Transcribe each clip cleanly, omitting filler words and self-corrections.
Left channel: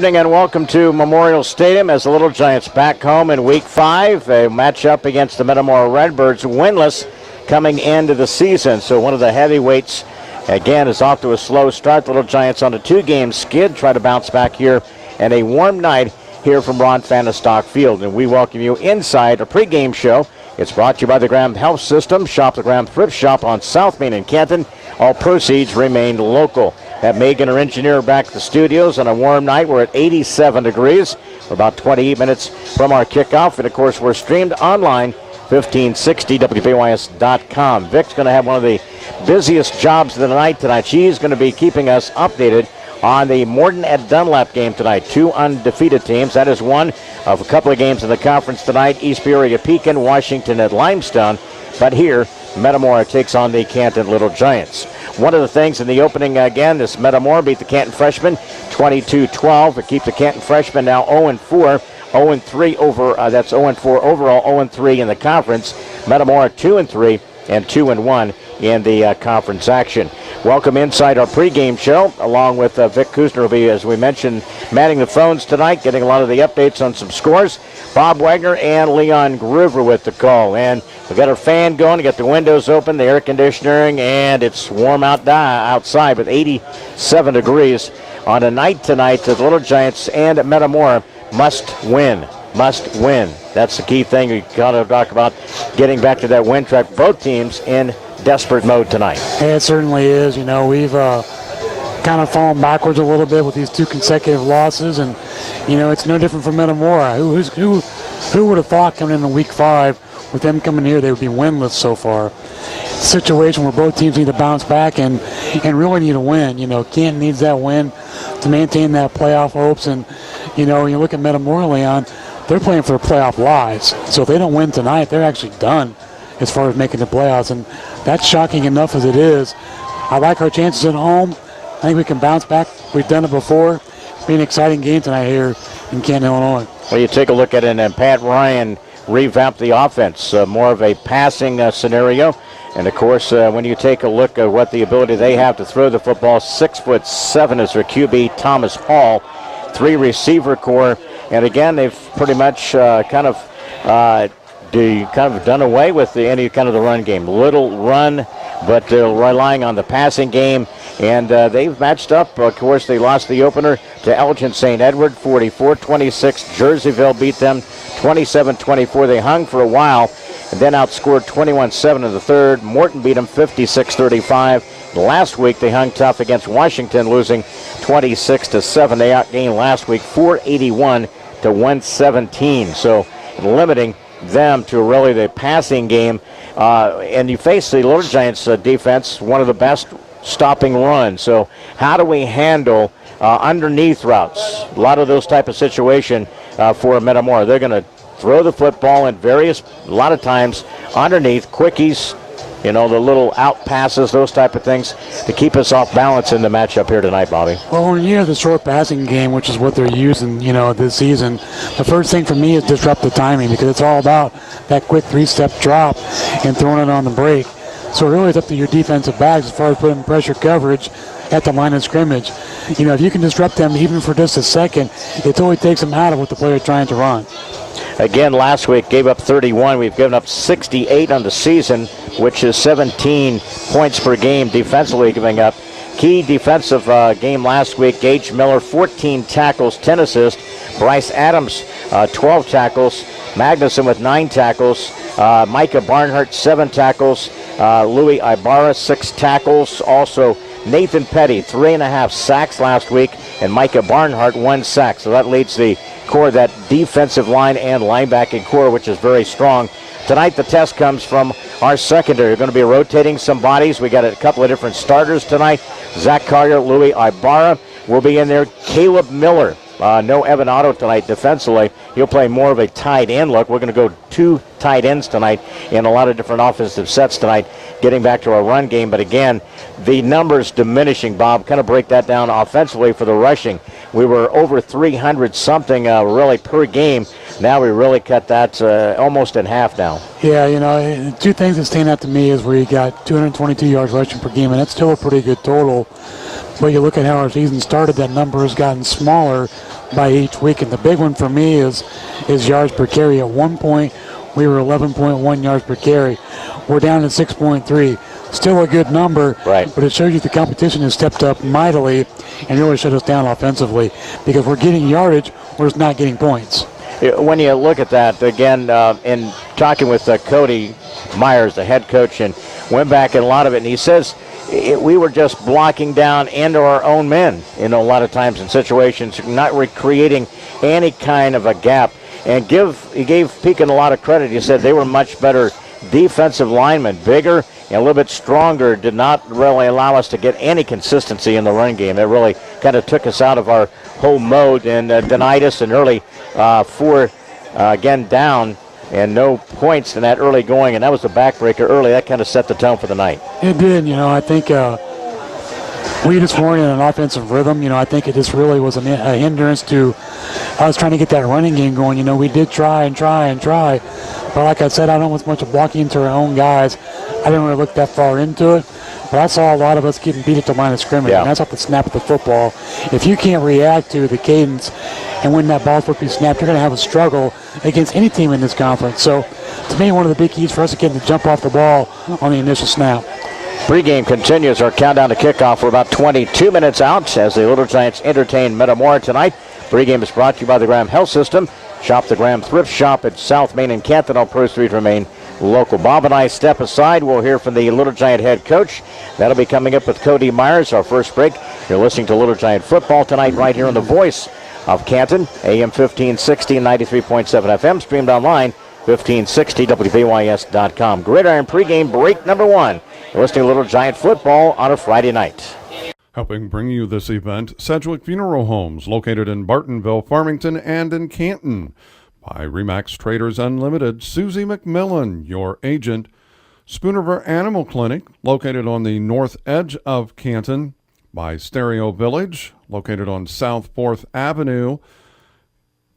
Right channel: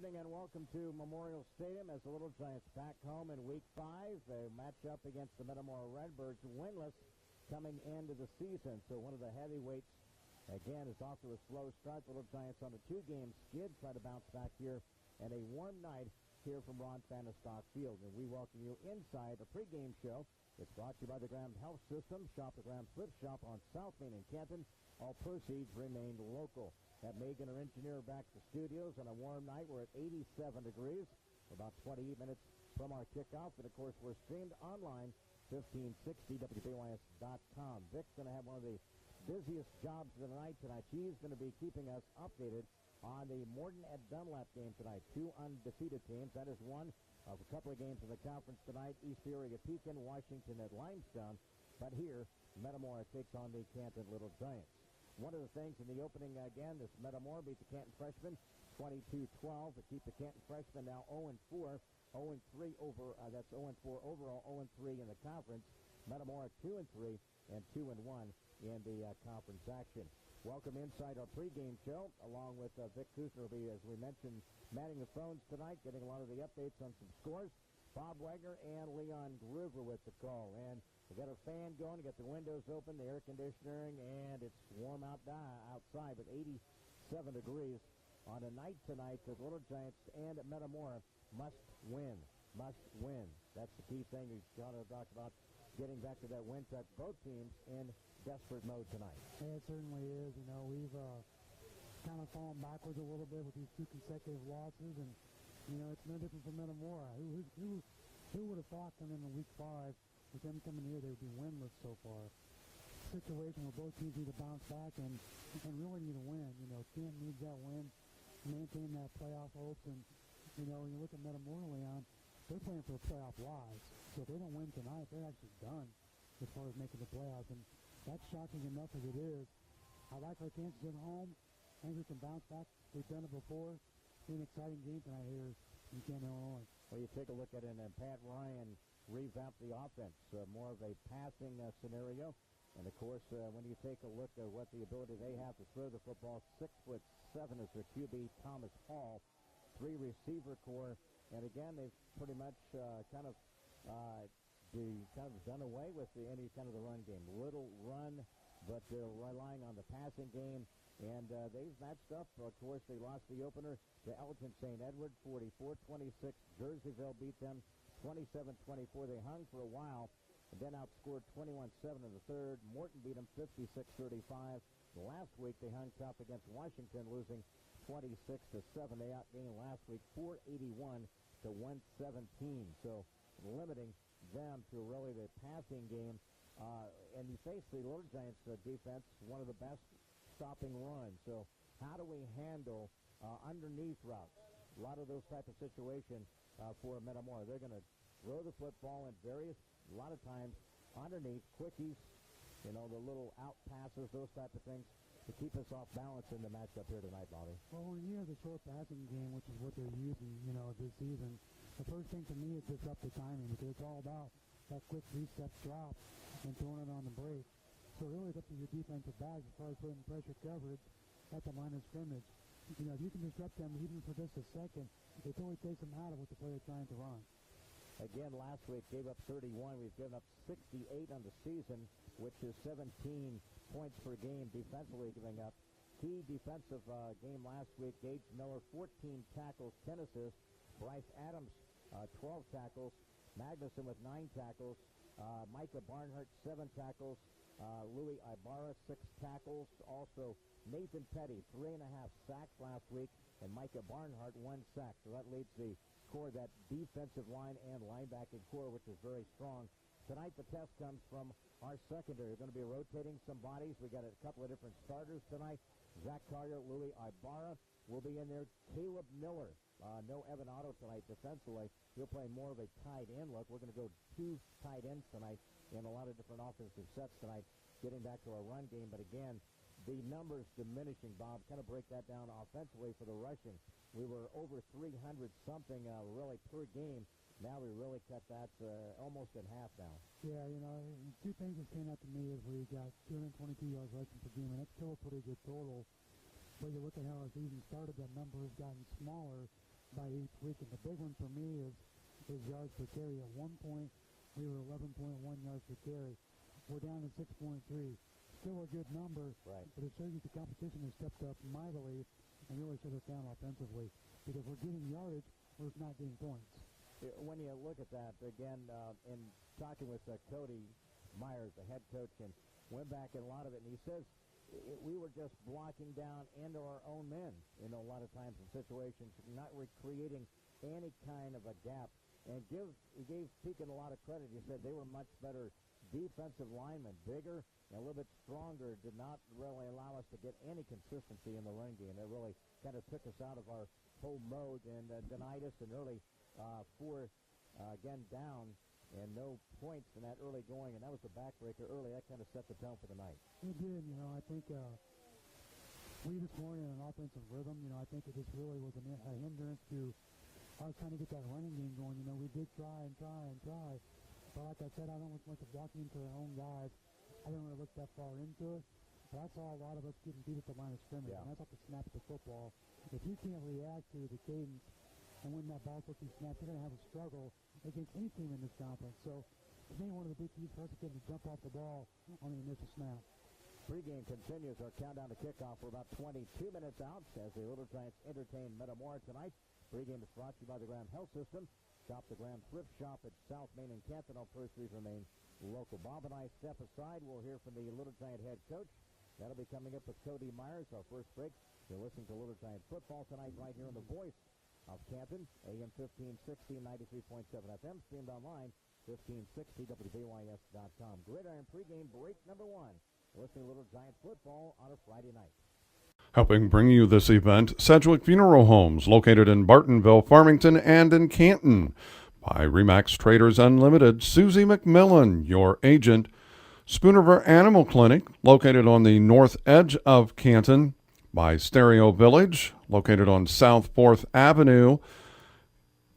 evening and welcome to Memorial Stadium as the Little Giants back home in Week 5. A matchup against the Metamora Redbirds, winless coming into the season. So one of the heavyweights, again, is off to a slow start. The Little Giants on a 2-game skid, try to bounce back here, and a warm night here from Ron Fahnestock Field. And we welcome you inside a pregame show. It's brought to you by the Graham Health System. Shop the Graham Thrift Shop on South Main in Canton. All proceeds remain local. Have Megan, our engineer, back at the studios on a warm night. We're at 87 degrees. We're about 28 minutes from our kickoff. And, of course, we're streamed online, 1560WBYS.com. Vic's going to have one of the busiest jobs of the night tonight. She's going to be keeping us updated on the Morton at Dunlap game tonight. 2 undefeated teams. That is one of a couple of games in the conference tonight. East Peoria Pekin, Washington at Limestone. But here, Metamora takes on the Canton Little Giants. One of the things in the opening, again, this Metamora beat the Canton freshmen 22-12. It keeps the Canton freshmen now 0-4, 0-3 over, that's 0-4 overall, 0-3 in the conference. Metamora 2-3 and 2-1 in the conference action. Welcome inside our pregame show, along with Vic Kuzner will be, as we mentioned, manning the phones tonight, getting a lot of the updates on some scores. Bob Wagner and Leon Groover with the call. And we've got our fan going, we got the windows open, the air conditioning, and it's warm outside with 87 degrees on a night tonight. The Little Giants and Metamora must win. Must win. That's the key thing. We got to talk about getting back to that win track. Both teams in desperate mode tonight. Yeah, it certainly is. You know, we've kind of fallen backwards a little bit with these 2 consecutive losses, and you know, it's no different for Metamora. Who would have thought coming into Week 5 with them coming here they would be winless so far? It's a situation where both teams need to bounce back and really need a win. You know, Canton needs that win to maintain that playoff hopes, and you know, you look at Metamora, Leon, they're playing for playoff lives. So if they don't win tonight, they're actually done as far as making the playoffs, and that's shocking enough as it is. I like our chances at home. I think we can bounce back. We've done it before. It'll be an exciting game tonight here in Canton, Illinois. Well, you take a look at it, and Pat Ryan revamped the offense, more of a passing scenario. And, of course, when you take a look at what the ability they have to throw the football, 6'7" is their QB, Thomas Hall, 3 receiver core. And, again, they've pretty much kind of done away with any kind of the run game. Little run, but they're relying on the passing game. And they've matched up. Of course, they lost the opener to Elgin St. Edward, 44-26. Jerseyville beat them 27-24. They hung for a while and then outscored 21-7 in the third. Morton beat them 56-35. Last week, they hung tough against Washington, losing 26-7. They outgained last week 481-117. So limiting them to really the passing game. And you face the Little Giants defense, one of the best stopping run. So how do we handle underneath routes? A lot of those type of situation for Metamora. They're going to throw the football in a lot of times underneath, quickies, you know, the little out passes, those type of things to keep us off balance in the matchup here tonight, Bobby. Well, when you have the short passing game, which is what they're using, you know, this season, the first thing for me is disrupt the timing, because it's all about that quick 3-step drop and throwing it on the break. So really it's up to your defensive backs as far as putting pressure coverage at the line of scrimmage. You know, if you can disrupt them even for just a second, it totally takes them out of what the player's trying to run. Again, last week gave up 31. We've given up 68 on the season, which is 17 points per game defensively giving up. Key defensive game last week, Gage Miller, 14 tackles, 10 assists. Bryce Adams, 12 tackles. Magnuson with 9 tackles. Micah Barnhart, 7 tackles. Louis Ibarra, 6 tackles. Also, Nathan Petty, 3.5 sacks last week. And Micah Barnhart, 1 sack. So that leads the core, that defensive line and linebacking core, which is very strong. Tonight, the test comes from our secondary. We're going to be rotating some bodies. We got a couple of different starters tonight. Zach Collier, Louis Ibarra will be in there. Caleb Miller. No Evan Otto tonight defensively. He'll play more of a tight end look. We're going to go 2 tight ends tonight in a lot of different offensive sets tonight, getting back to our run game. But again, the numbers diminishing, Bob. Kind of break that down offensively for the rushing. We were over 300 something really per game. Now we really cut that almost in half now. Yeah, you know, 2 things that stand out to me is we got 222 yards rushing per game, and that's still a pretty good total. But you look at how our season started, that number has gotten smaller by each week. And the big one for me is yards per carry. At one point, we were 11.1 yards per carry. We're down to 6.3. Still a good number, right, but it shows you the competition has stepped up mightily and really shut us down offensively because we're getting yardage, we're just not getting points. When you look at that, again, in talking with Cody Myers, the head coach, and went back in a lot of it, and he says we were just blocking down into our own men, a lot of times in situations, not creating any kind of a gap. And he gave Pekin a lot of credit. He said they were much better defensive linemen, bigger and a little bit stronger, did not really allow us to get any consistency in the run game. It really kind of took us out of our whole mode and denied us an early 4, again, down and no points in that early going, and that was the backbreaker early. That kind of set the tone for the night. It did. I think we just weren't in an offensive rhythm. I think it just really was a hindrance to us trying to get that running game going. We did try and try, but like I said, I don't want much of blocking into our own guys. I didn't really look that far into it, but I saw a lot of us getting beat at the line of scrimmage, and that's off the snap of the football. If you can't react to the cadence and when that ball's supposed to be snapped, you're going to have a struggle against any team in this conference. So, to me, one of the big keys for us is getting to jump off the ball on the initial snap. Pregame continues. Our countdown to kickoff. We're about 22 minutes out as the Little Giants entertain Metamora tonight. Pregame is brought to you by the Graham Health System. Shop the Graham Thrift Shop at South Main and Canton. All proceeds remain local. Bob and I step aside. We'll hear from the Little Giant head coach. That'll be coming up with Cody Myers. Our first break. You're listening to Little Giant football tonight right here on the voice of Canton, AM 1560 and 93.7 FM, streamed online, 1560wbys.com. Gridiron pregame break number 1. You're listening to Little Giant football on a Friday night. Helping bring you this event, Sedgwick Funeral Homes, located in Bartonville, Farmington, and in Canton. By Remax Traders Unlimited, Susie McMillan, your agent. Spoonerver Animal Clinic, located on the north edge of Canton. By Stereo Village, located on South 4th Avenue.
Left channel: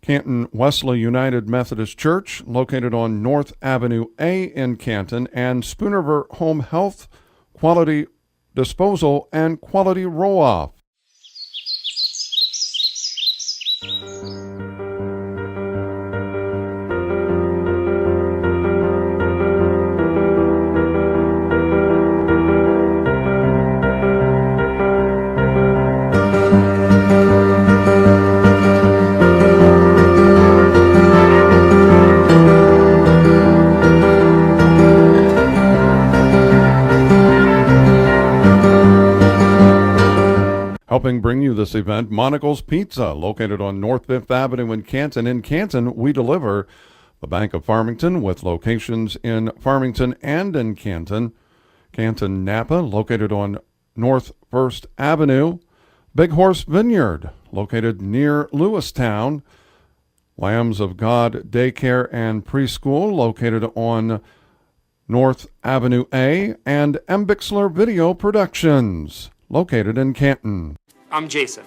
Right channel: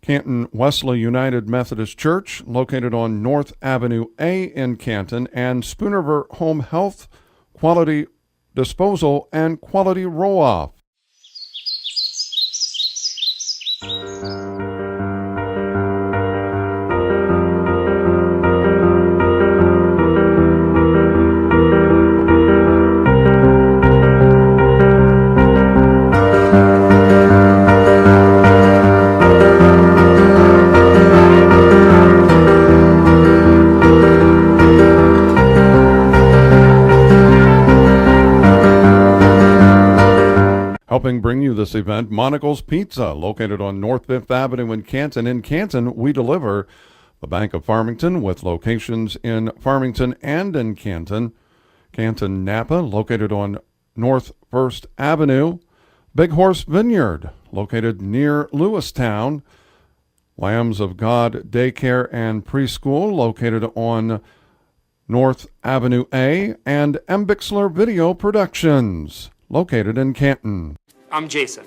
Canton Wesley United Methodist Church, located on North Avenue A in Canton. And Spoonerver Home Health, Quality Disposal, and Quality Roll-Off. Helping bring you this event, Monocle's Pizza, located on North 5th Avenue in Canton. In Canton, we deliver. The Bank of Farmington, with locations in Farmington and in Canton. Canton Napa, located on North 1st Avenue. Big Horse Vineyard, located near Lewistown. Lambs of God Daycare and Preschool, located on North Avenue A. And M. Bixler Video Productions, located in Canton. I'm Jason.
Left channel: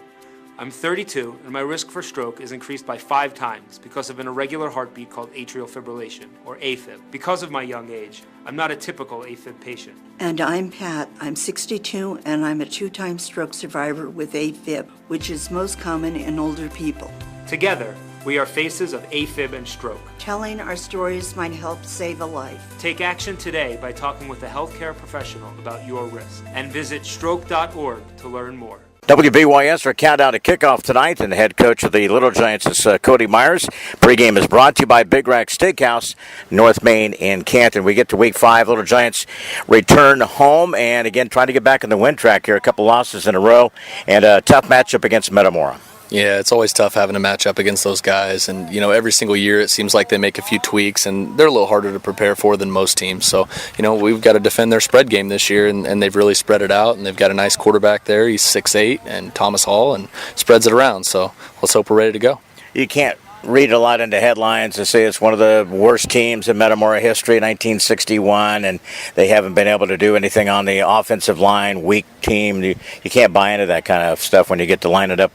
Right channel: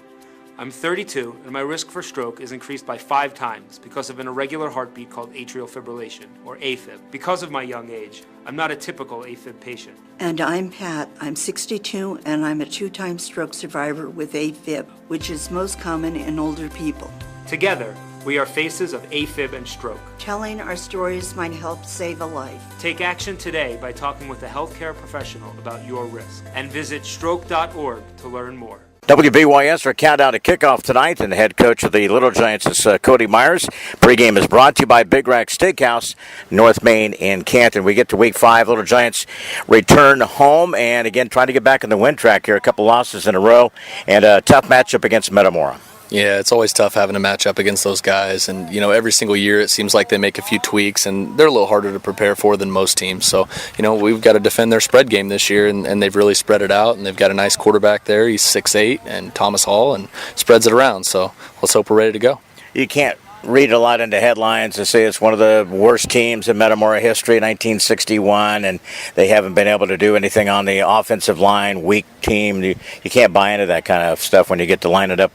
I'm 32, and my risk for stroke is increased by 5 times because of an irregular heartbeat called atrial fibrillation, or AFib. Because of my young age, I'm not a typical AFib patient. And I'm Pat. I'm 62, and I'm a 2-time stroke survivor with AFib, which is most common in older people. Together, we are faces of AFib and stroke. Telling our stories might help save a life. Take action today by talking with a healthcare professional about your risk, and visit stroke.org to learn more. WBYS, our countdown to kickoff tonight, and the head coach of the Little Giants is Cody Myers. Pregame is brought to you by Big Rack Steakhouse, North Main in Canton. We get to week 5. Little Giants return home, and again, trying to get back in the win track here. A couple losses in a row, and a tough matchup against Metamora. Yeah, it's always tough having a match up against those guys, and every single year it seems like they make a few tweaks, and they're a little harder to prepare for than most teams. So we've got to defend their spread game this year, and they've really spread it out, and they've got a nice quarterback there. He's 6'8", and Thomas Hall, and spreads it around. So let's hope we're ready to go. You can't read a lot into headlines to say it's one of the worst teams in Metamora history, 1961, and they haven't been able to do anything on the offensive line, weak team. You can't buy into that kind of stuff when you get to line it up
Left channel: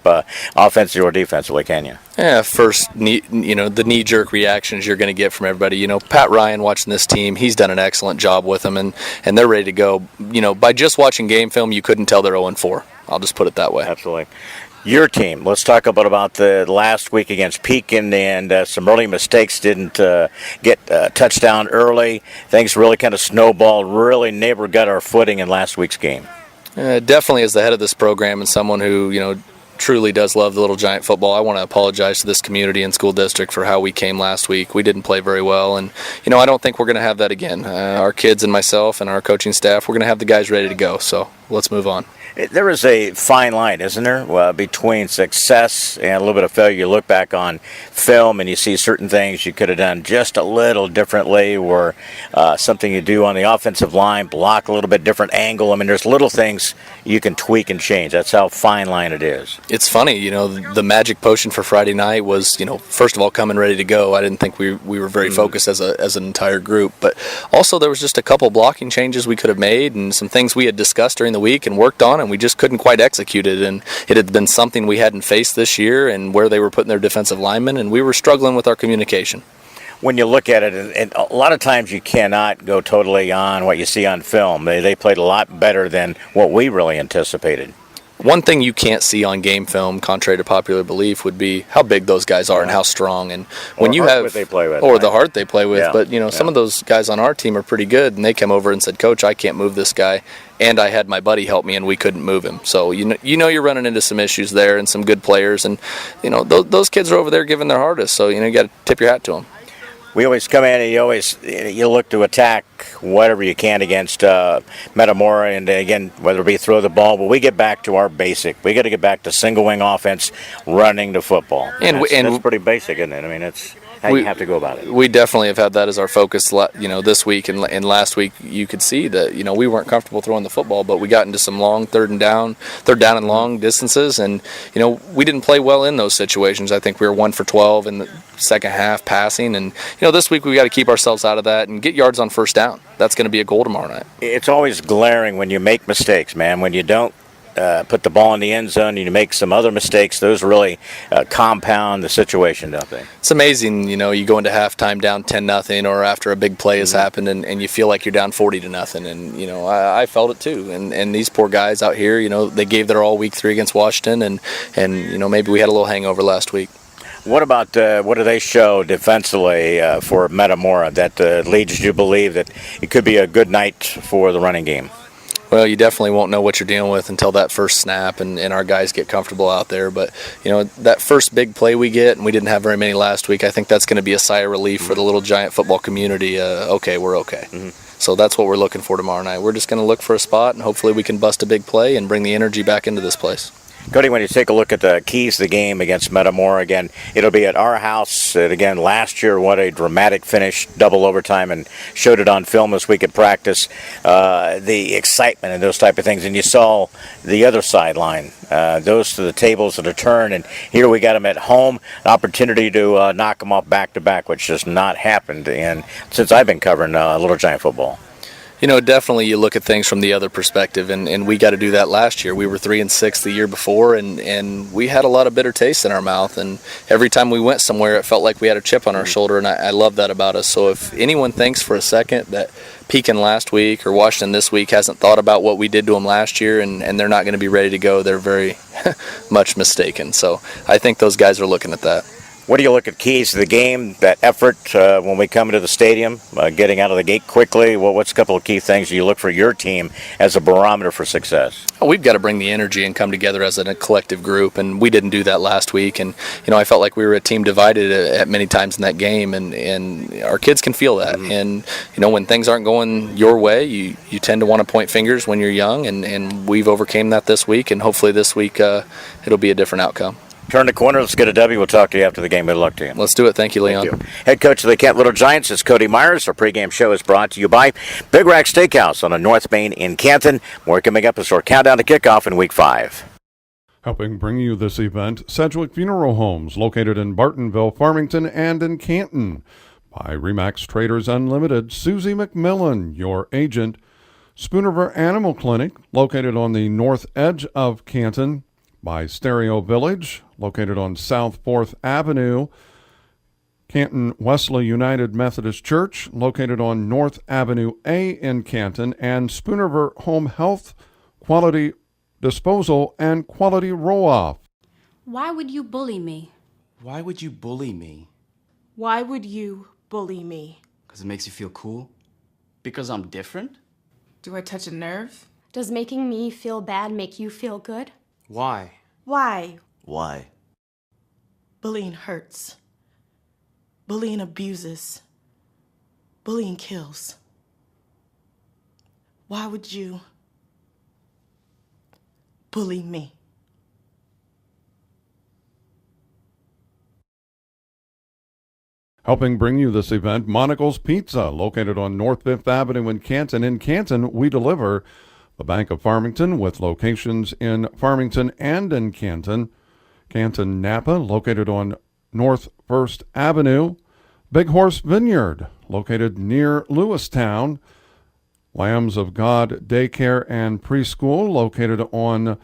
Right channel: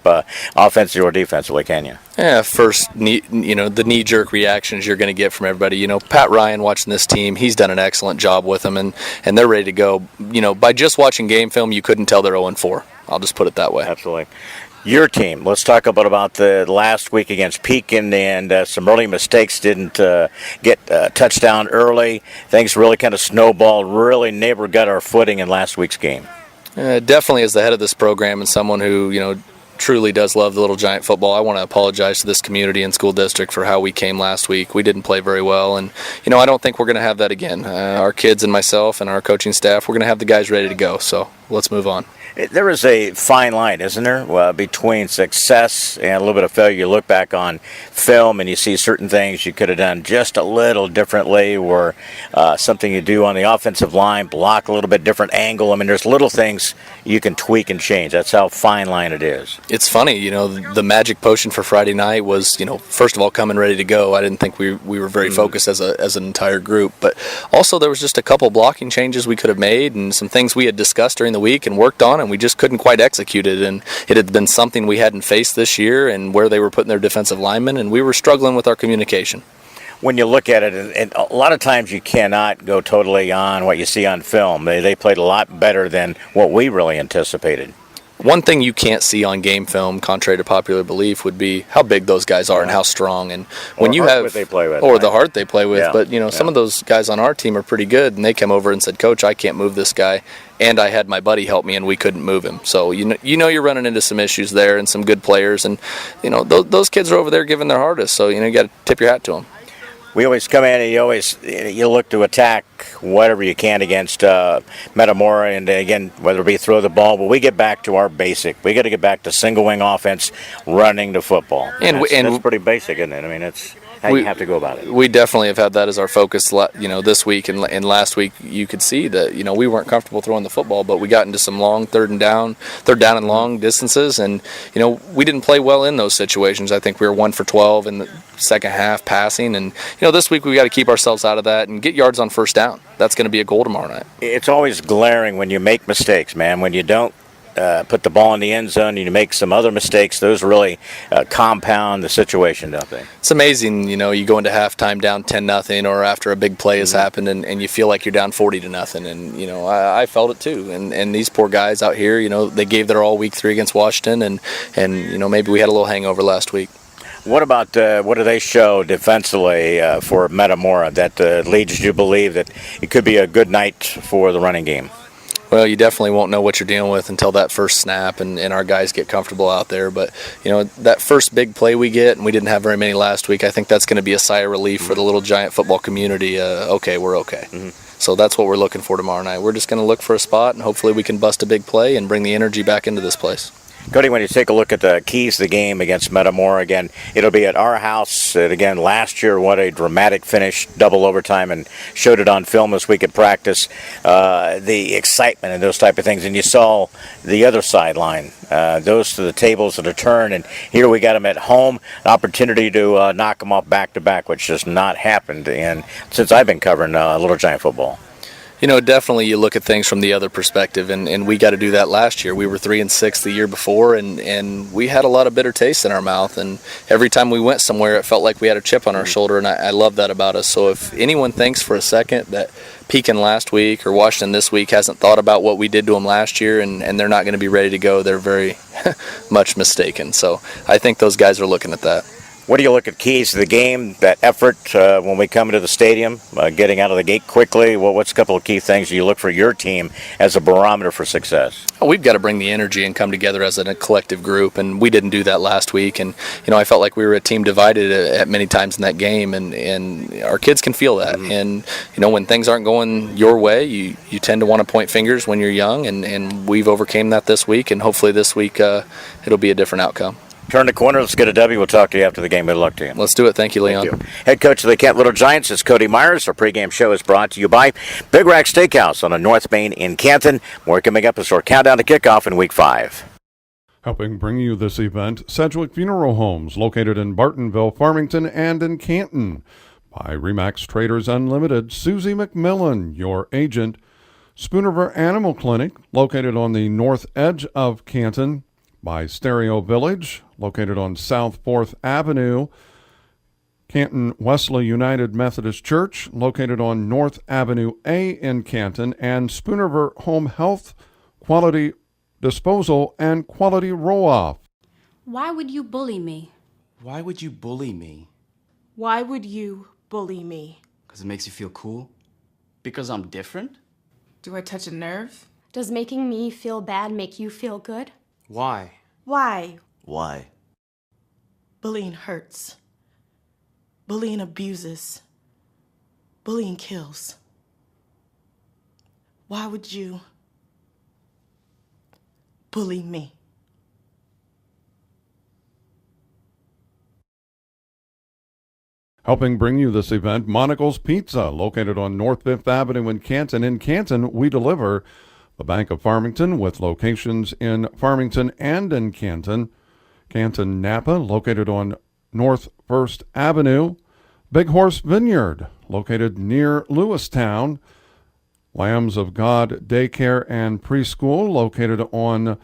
offensively or defensively, can you? Yeah, first, the knee-jerk reactions you're going to get from everybody. Pat Ryan watching this team, he's done an excellent job with them, and they're ready to go. By just watching game film, you couldn't tell they're 0-4. I'll just put it that way. Absolutely. Your team. Let's talk about the last week against Pekin and some early mistakes. Didn't get a touchdown early. Things really kind of snowballed. Really never got our footing in last week's game. Definitely, as the head of this program and someone who truly does love the Little Giant football, I want to apologize to this community and school district for how we came last week. We didn't play very well, and I don't think we're going to have that again. Our kids and myself and our coaching staff, we're going to have the guys ready to go. So let's move on. There is a fine line, isn't there, between success and a little bit of failure. You look back on film and you see certain things you could have done just a little differently, or something you do on the offensive line, block a little bit different angle. I mean, there's little things you can tweak and change. That's how fine line it is. It's funny, the magic potion for Friday night was, first of all, coming ready to go. I didn't think we were very focused as an entire group, but also there was just a couple blocking changes we could have made and some things we had discussed during the week and worked on, and we just couldn't quite execute it. And it had been something we hadn't faced this year, and where they were putting their defensive linemen, and we were struggling with our communication. When you look at it, and a lot of times you cannot go totally on what you see on film. They played a lot better than what we really anticipated. One thing you can't see on game film, contrary to popular belief, would be how big those guys are and how strong. And when you have, they play with, or right? The heart they play with. Yeah. But some of those guys on our team are pretty good, and they came over and said, "Coach, I can't move this guy," and I had my buddy help me, and we couldn't move him. So you're running into some issues there, and some good players, and those kids are over there giving their hardest. So you got to tip your hat to them. We always come in and you look to attack whatever you can against Metamora, and again, whether it be throw the ball, but we get back to our basic. We got to get back to single wing offense, running the football. And that's pretty basic, isn't it? I mean, it's how you have to go about it. We definitely have had that as our focus, this week and last week. You could see that we weren't comfortable throwing the football, but we got into some long third down and long distances, and we didn't play well in those situations. I think we were 1 for 12 in the second half passing, and this week we got to keep ourselves out of that and get yards on first down. That's going to be a goal tomorrow night. It's always glaring when you make mistakes, man. When you don't put the ball in the end zone, you make some other mistakes. Those really compound the situation, don't they? It's amazing, you go into halftime down 10-0, or after a big play has happened, and you feel like you're down 40-0. And I felt it too. And these poor guys out here, they gave their all week 3 against Washington, and maybe we had a little hangover last week. What about what do they show defensively for Metamora that leads you to believe that it could be a good night for the running game? Well, you definitely won't know what you're dealing with until that first snap and our guys get comfortable out there. But, that first big play we get, and we didn't have very many last week, I think that's going to be a sigh of relief for the Little Giant football community. Okay, we're okay. Mm-hmm. So that's what we're looking for tomorrow night. We're just going to look for a spot, and hopefully we can bust a big play and bring the energy back into this place. Cody, when you take a look at the keys to the game against Metamora, again, it'll be at our house. And again, last year, what a dramatic finish, double overtime, and showed it on film this week at practice. The excitement and those type of things. And you saw the other sideline, those to the tables at a turn. And here we got them at home, an opportunity to knock them off back-to-back, which has not happened since I've been covering Little Giant football. Definitely you look at things from the other perspective, and we got to do that last year. We were 3-6 the year before, and we had a lot of bitter taste in our mouth, and every time we went somewhere, it felt like we had a chip on our shoulder, and I love that about us. So if anyone thinks for a second that Pekin last week or Washington this week hasn't thought about what we did to them last year, and they're not going to be ready to go, they're very much mistaken. So I think those guys are looking at that. What do you look at keys to the game, that effort when we come into the stadium, getting out of the gate quickly? What's a couple of key things you look for your team as a barometer for success? We've got to bring the energy and come together as a collective group, and we didn't do that last week. And, I felt like we were a team divided at many times in that game, and our kids can feel that. Mm-hmm. And, when things aren't going your way, you tend to want to point fingers when you're young, and we've overcame that this week, and hopefully this week it'll be a different outcome. Turn the corner. Let's get a W. We'll talk to you after the game. Good luck to you. Let's do it. Thank you, Leon. Thank you. Head coach of the Canton Little Giants is Cody Myers. Our pregame show is brought to you by Big Rack Steakhouse on the North Main in Canton. More coming up as our countdown to kickoff in Week 5. Helping bring you this event, Sedgwick Funeral Homes, located in Bartonville, Farmington, and in Canton. By Remax Traders Unlimited, Susie McMillan, your agent. Spoonerver Animal Clinic, located on the north edge of Canton. By Stereo Village, located on South 4th Avenue. Canton Wesley United Methodist Church, located on North Avenue A in Canton. And Spoonerver Home Health, Quality Disposal, and Quality Roll-Off. Why would you bully me? Why would you bully me? Why would you bully me? Because it makes you feel cool? Because I'm different? Do I touch a nerve? Does making me feel bad make you feel good? Why? Why? Why? Bullying hurts. Bullying abuses. Bullying kills. Why would you bully me? Helping bring you this event, Monocle's Pizza, located on North 5th Avenue in Canton. In Canton, we deliver. The Bank of Farmington, with locations in Farmington and in Canton. Canton Napa, located on North 1st Avenue. Big Horse Vineyard, located near Lewistown. Lambs of God Daycare and Preschool, located on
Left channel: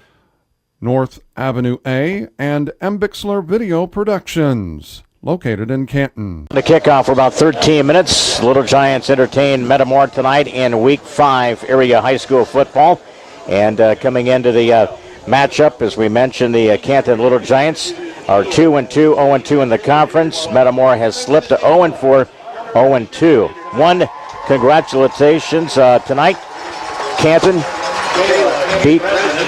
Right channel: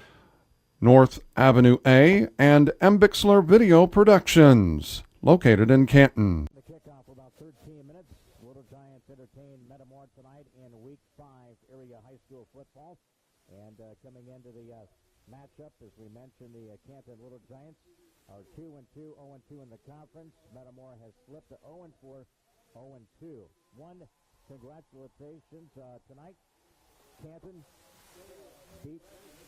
North Avenue A. And M. Bixler Video Productions, located in Canton. The kickoff for about 13 minutes. Little Giants entertain Metamora tonight in Week 5 area high school football. And coming into the matchup, as we mentioned, the Canton Little Giants are 2-2, 0-2 in the conference. Metamora has slipped to 0-4, 0-2. One, congratulations tonight. Canton beat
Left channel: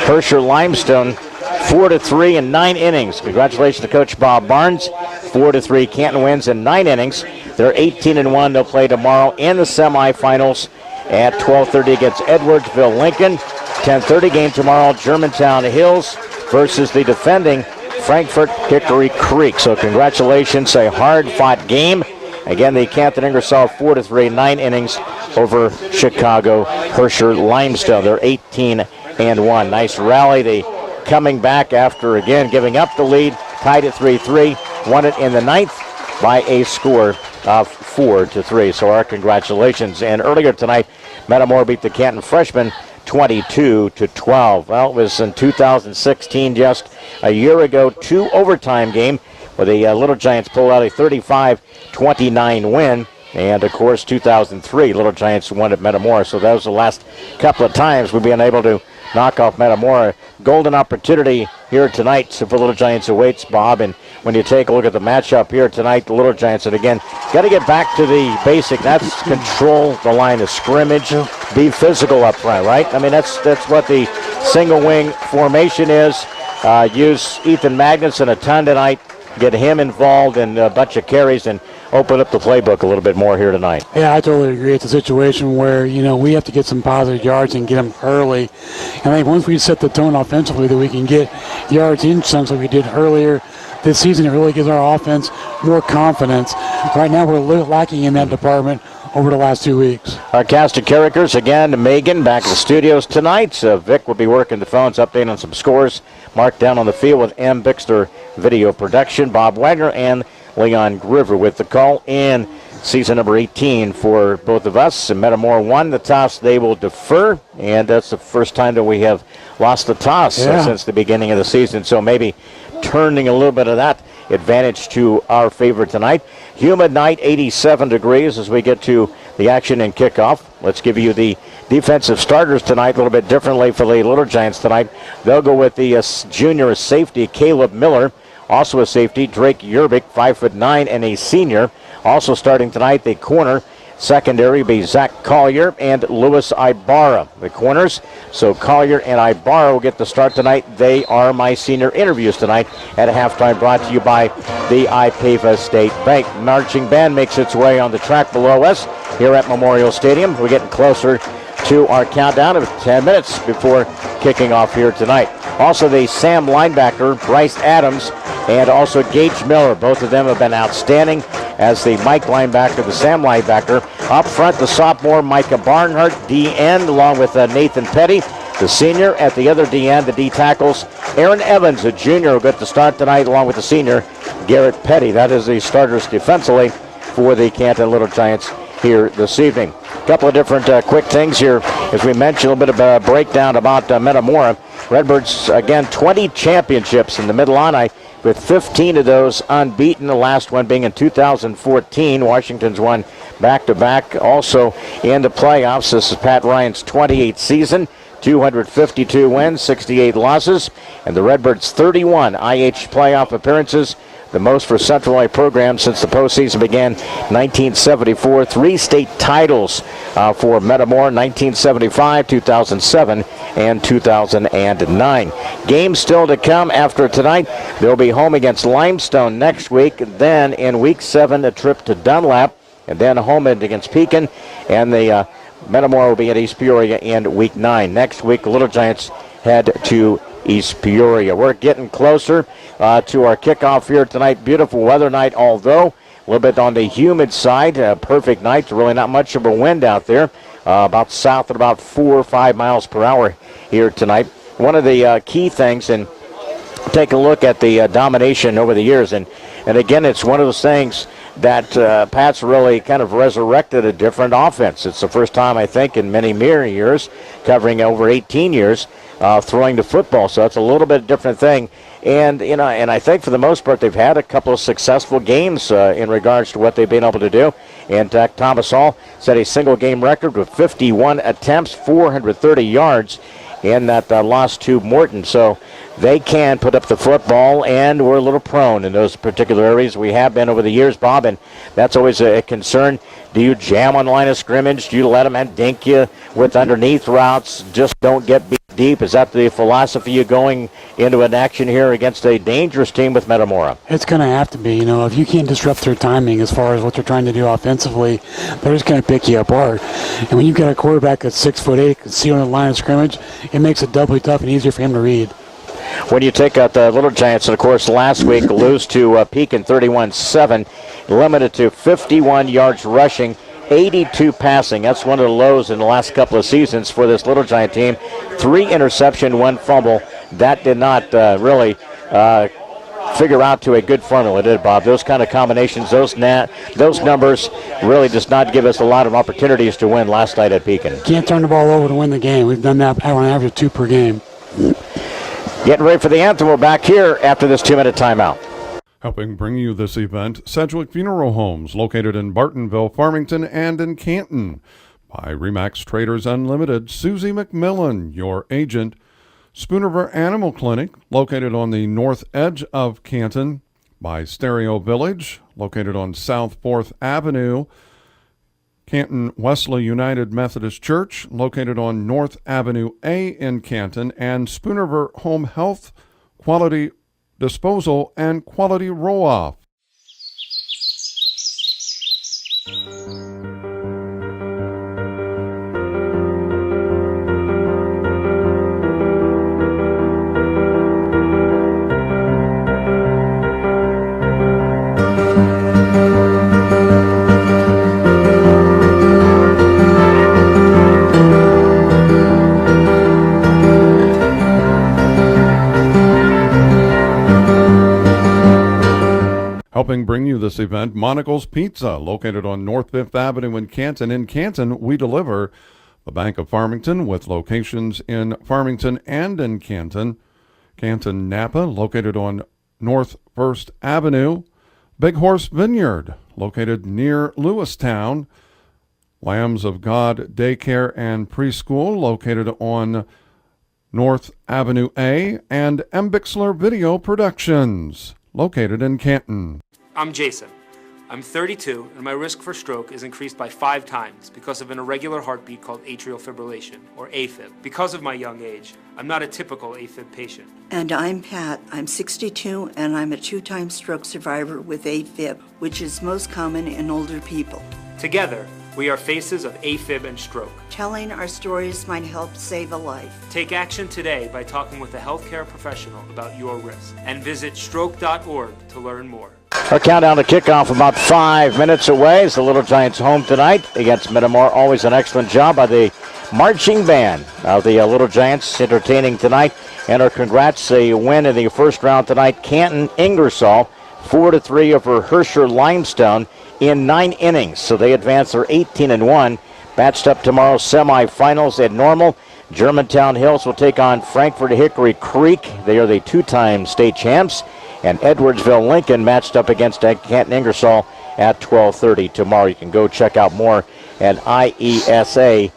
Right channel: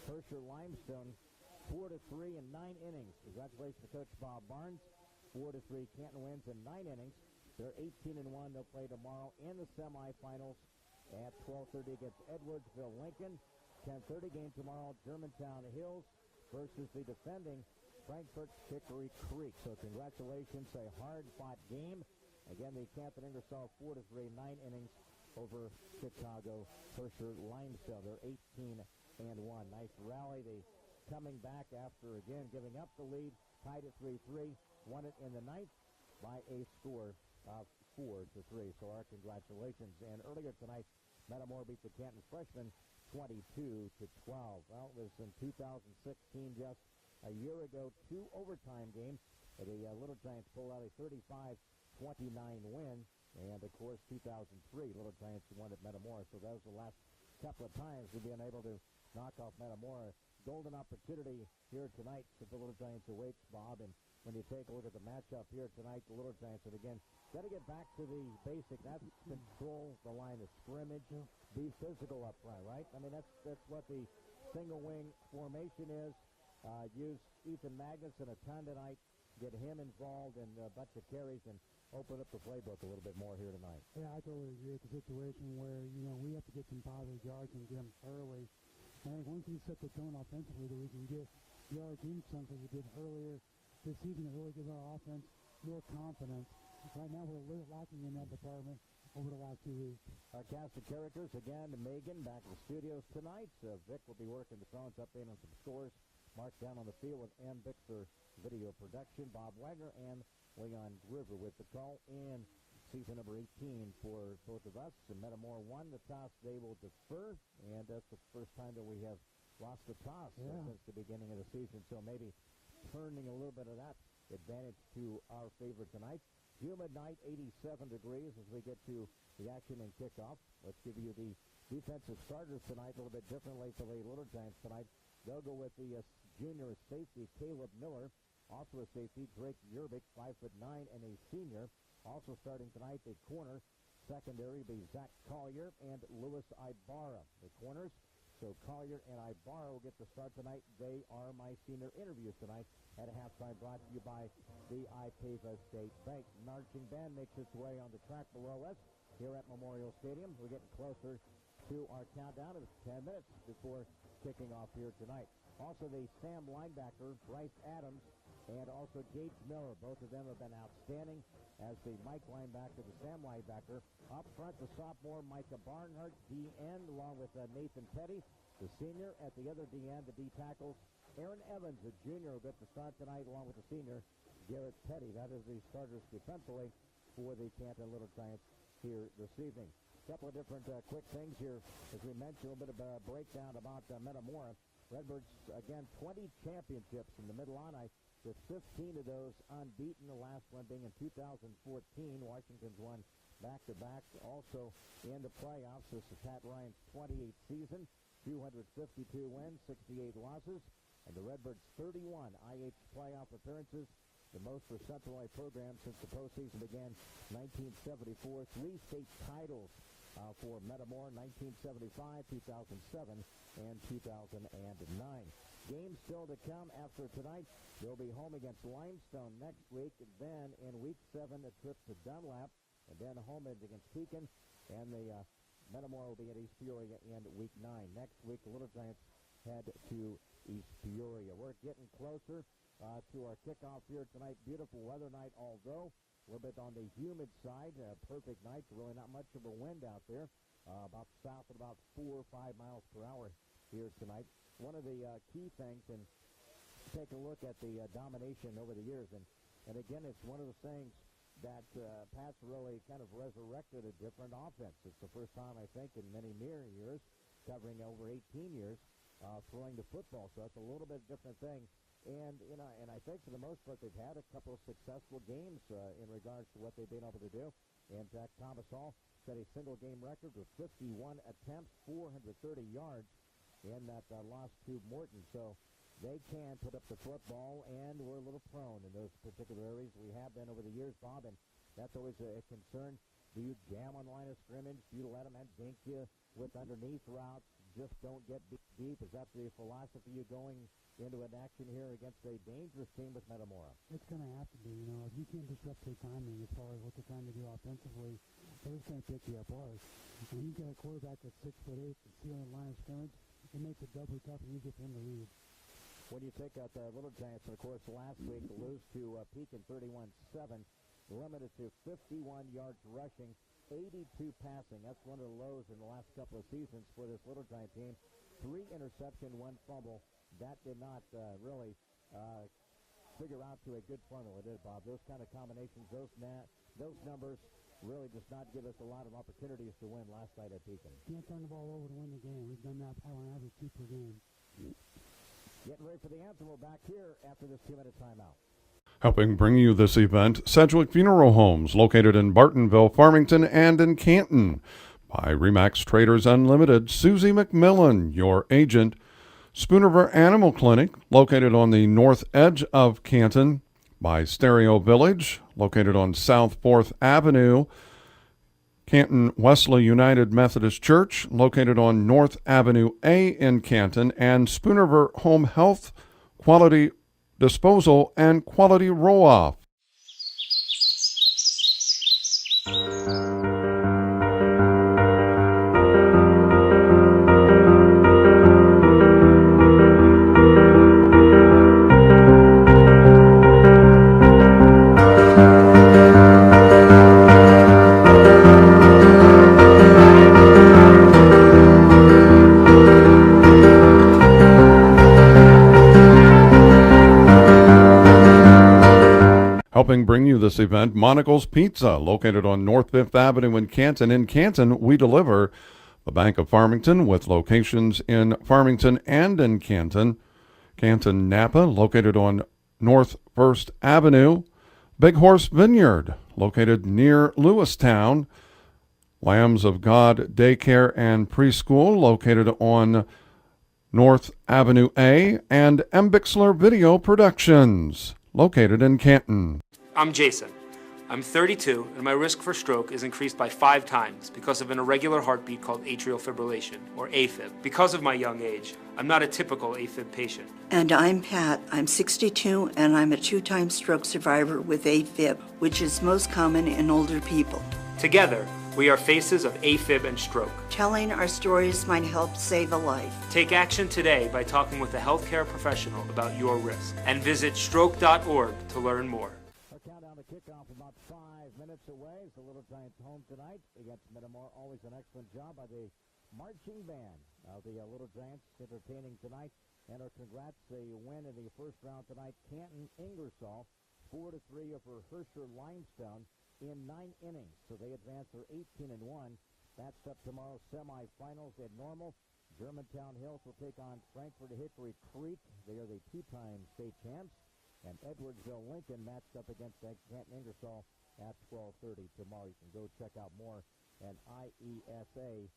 Herscher Limestone 4-3 in 9 innings. Congratulations to Coach Bob Barnes. 4-3. Canton wins in 9 innings. They're 18-1. They'll play tomorrow in the semifinals at 12:30 against Edwardsville Lincoln. 10:30 game tomorrow, Germantown Hills versus the defending Frankfort Hickory Creek. So congratulations, a hard-fought game. Again, the Canton Ingersoll 4-3, 9 innings over Chicago Herscher Limestone. They're 18-1. Nice rally. They coming back after, again, giving up the lead, tied at 3-3. Won it in the 9th by a score of 4-3. So our congratulations. And earlier tonight, Metamora beat the Canton freshmen 22-12. Well, it was in 2016, just a year ago, 2 overtime game where the Little Giants pulled out a 35-29 win. And, of course, 2003, Little Giants won at Metamora. So that was the last couple of times we've been able to knock off Metamora. Golden opportunity here tonight for Little Giants awaits, Bob. And when you take a look at the matchup here tonight, the Little Giants, and again, got to get back to the basic. That's control the line of scrimmage, be physical up front, right? I mean, that's what the single wing formation is. Use Ethan Magnuson a ton tonight. Get him involved in a bunch of carries and open up the playbook a little bit more here tonight. Yeah, I totally agree. It's a situation where, we have to get some positive yards and get them early. And I think once we set the tone offensively that we can get yards in chunks like we did earlier this season, it really gives our offense more confidence. Right now we're lacking in that department over the last 2 weeks. Our cast of characters, again, Megan back in the studios tonight. Vic will be working the phones, updating on some scores. Mark down on the field with M. Bixler Video Production. Bob Wagner and Leon Groover with the call in. Season number 18 for both of us. And Metamora won the toss. They will defer, and that's the first time that we have lost the toss since the beginning of the season. So maybe turning a little bit of that advantage to our favor tonight. Humid night, 87 degrees as we get to the action and kickoff. Let's give you the defensive starters tonight, a little bit differently for the Little Giants tonight. They'll go with the junior safety, Caleb Miller. Also a safety, Drake Yerbick, 5'9", and a senior. Also starting tonight, the corner secondary will be Zach Collier and Louis Ibarra, the corners. So Collier and Ibarra will get the start tonight. They are my senior interviews tonight at halftime, brought to you by the IPAVA State Bank. Marching band makes its way on the track below us here at Memorial Stadium. We're getting closer to our countdown of 10 minutes before kicking off here tonight. Also the Sam linebacker, Bryce Adams, and also Gage Miller. Both of them have been outstanding as the Mike linebacker, the Sam linebacker. Up front, the sophomore Micah Barnhart, D-end, along with Nathan Petty, the senior. At the other D-end, the D-tackles, Aaron Evans, a junior, will get the start tonight, along with the senior, Garrett Petty. That is the starters defensively for the Canton Little Giants here this evening. A couple of different quick things here. As we mentioned, a little bit of a breakdown about Metamora. Redbirds, again, 20 championships in the Mid-Illini, with 15 of those unbeaten, the last one being in 2014. Washington's won back-to-back. Also in the playoffs, this is Pat Ryan's 28th season. 252 wins, 68 losses, and the Redbirds 31 IH playoff appearances, the most for Central Illinois programs since the postseason began 1974. 3 state titles for Metamora, 1975, 2007, and 2009. Games still to come after tonight. They'll be home against Limestone next week. Then in week 7, a trip to Dunlap, and then home against Pekin, and the Metamora will be at East Peoria in week 9. Next week, the Little Giants head to East Peoria. We're getting closer to our kickoff here tonight. Beautiful weather night, although a little bit on the humid side. Perfect night. Really not much of a wind out there. About south at about 4 or 5 miles per hour here tonight. One of the key things, and take a look at the domination over the years, and again, it's one of those things that Pat's really kind of resurrected a different offense. It's the first time, I think, in many years, covering over 18 years, throwing the football. So it's a little bit different thing. And, and I think for the most part, they've had a couple of successful games in regards to what they've been able to do. And Thomas Hall set a single game record with 51 attempts, 430 yards in that loss to Morton. So they can put up the football, and we're a little prone in those particular areas. We have been over the years, Bob, and that's always a concern. Do you jam on the line of scrimmage? Do you let them dink you with underneath routes? Just don't get beat deep. Is that the philosophy you're going into an action here against a dangerous team with Metamora? It's going to have to be. If you can't disrupt their timing as far as what they're trying to do offensively, they're just going to pick you apart. And when you've got a quarterback that's 6'8", can see on the line of scrimmage, it makes it doubly tough and easier for him to read. When you take out the Little Giants, and of course last week lose to Pekin 31-7, limited to 51 yards rushing, 82 passing. That's one of the lows in the last couple of seasons for this Little Giant team. 3 interception, 1 fumble. That did not really figure out to a good formula, did it, Bob? Those kind of combinations, those numbers really does not give us a lot of opportunities to win last night at Pekin. Can't turn the ball over to win the game. We've done that on average 2 per game. Getting ready for the anthem. We're back here after this 2-minute timeout. Helping bring you this event, Sedgwick Funeral Homes, located in Bartonville, Farmington, and in Canton. By Remax Traders Unlimited, Susie McMillan, your agent. Spoonerver Animal Clinic, located on the north edge of Canton. By Stereo Village, located on South 4th Avenue. Canton Wesley United Methodist Church, located on North Avenue A in Canton, and Spoonerver Home Health, Quality Disposal, and Quality Roll-Off. Helping bring you this event, Monaco's Pizza, located on North 5th Avenue in Canton. In Canton, we deliver. The Bank of Farmington, with locations in Farmington and in Canton. Canton Napa, located on North 1st Avenue. Big Horse Vineyard, located near Lewistown. Lambs of God Daycare and Preschool, located on North Avenue A. And M. Bixler Video Productions, located in Canton. I'm Jason. I'm 32, and my risk for stroke is increased by 5 times because of an irregular heartbeat called atrial fibrillation, or AFib. Because of my young age, I'm not a typical AFib patient. And I'm Pat. I'm 62, and I'm a 2-time stroke survivor with AFib, which is most common in older people. Together, we are faces of AFib and stroke. Telling our stories might help save a life. Take action today by talking with a healthcare professional about your risk, and visit stroke.org to learn more. Our countdown to kickoff about 5 minutes away as the Little Giants home tonight against Metamora. Always an excellent job by the marching band of the Little Giants entertaining tonight. And our congrats, a win in the first round tonight. Canton Ingersoll 4-3 over Herscher Limestone in 9 innings. So they advance. They're 18-1. Matched up tomorrow's semifinals at Normal. Germantown Hills will take on Frankfort Hickory Creek. They are the 2-time state champs. And Edwardsville Lincoln matched up against Canton Ingersoll at 12:30 tomorrow. You can go check out more at IESA.org.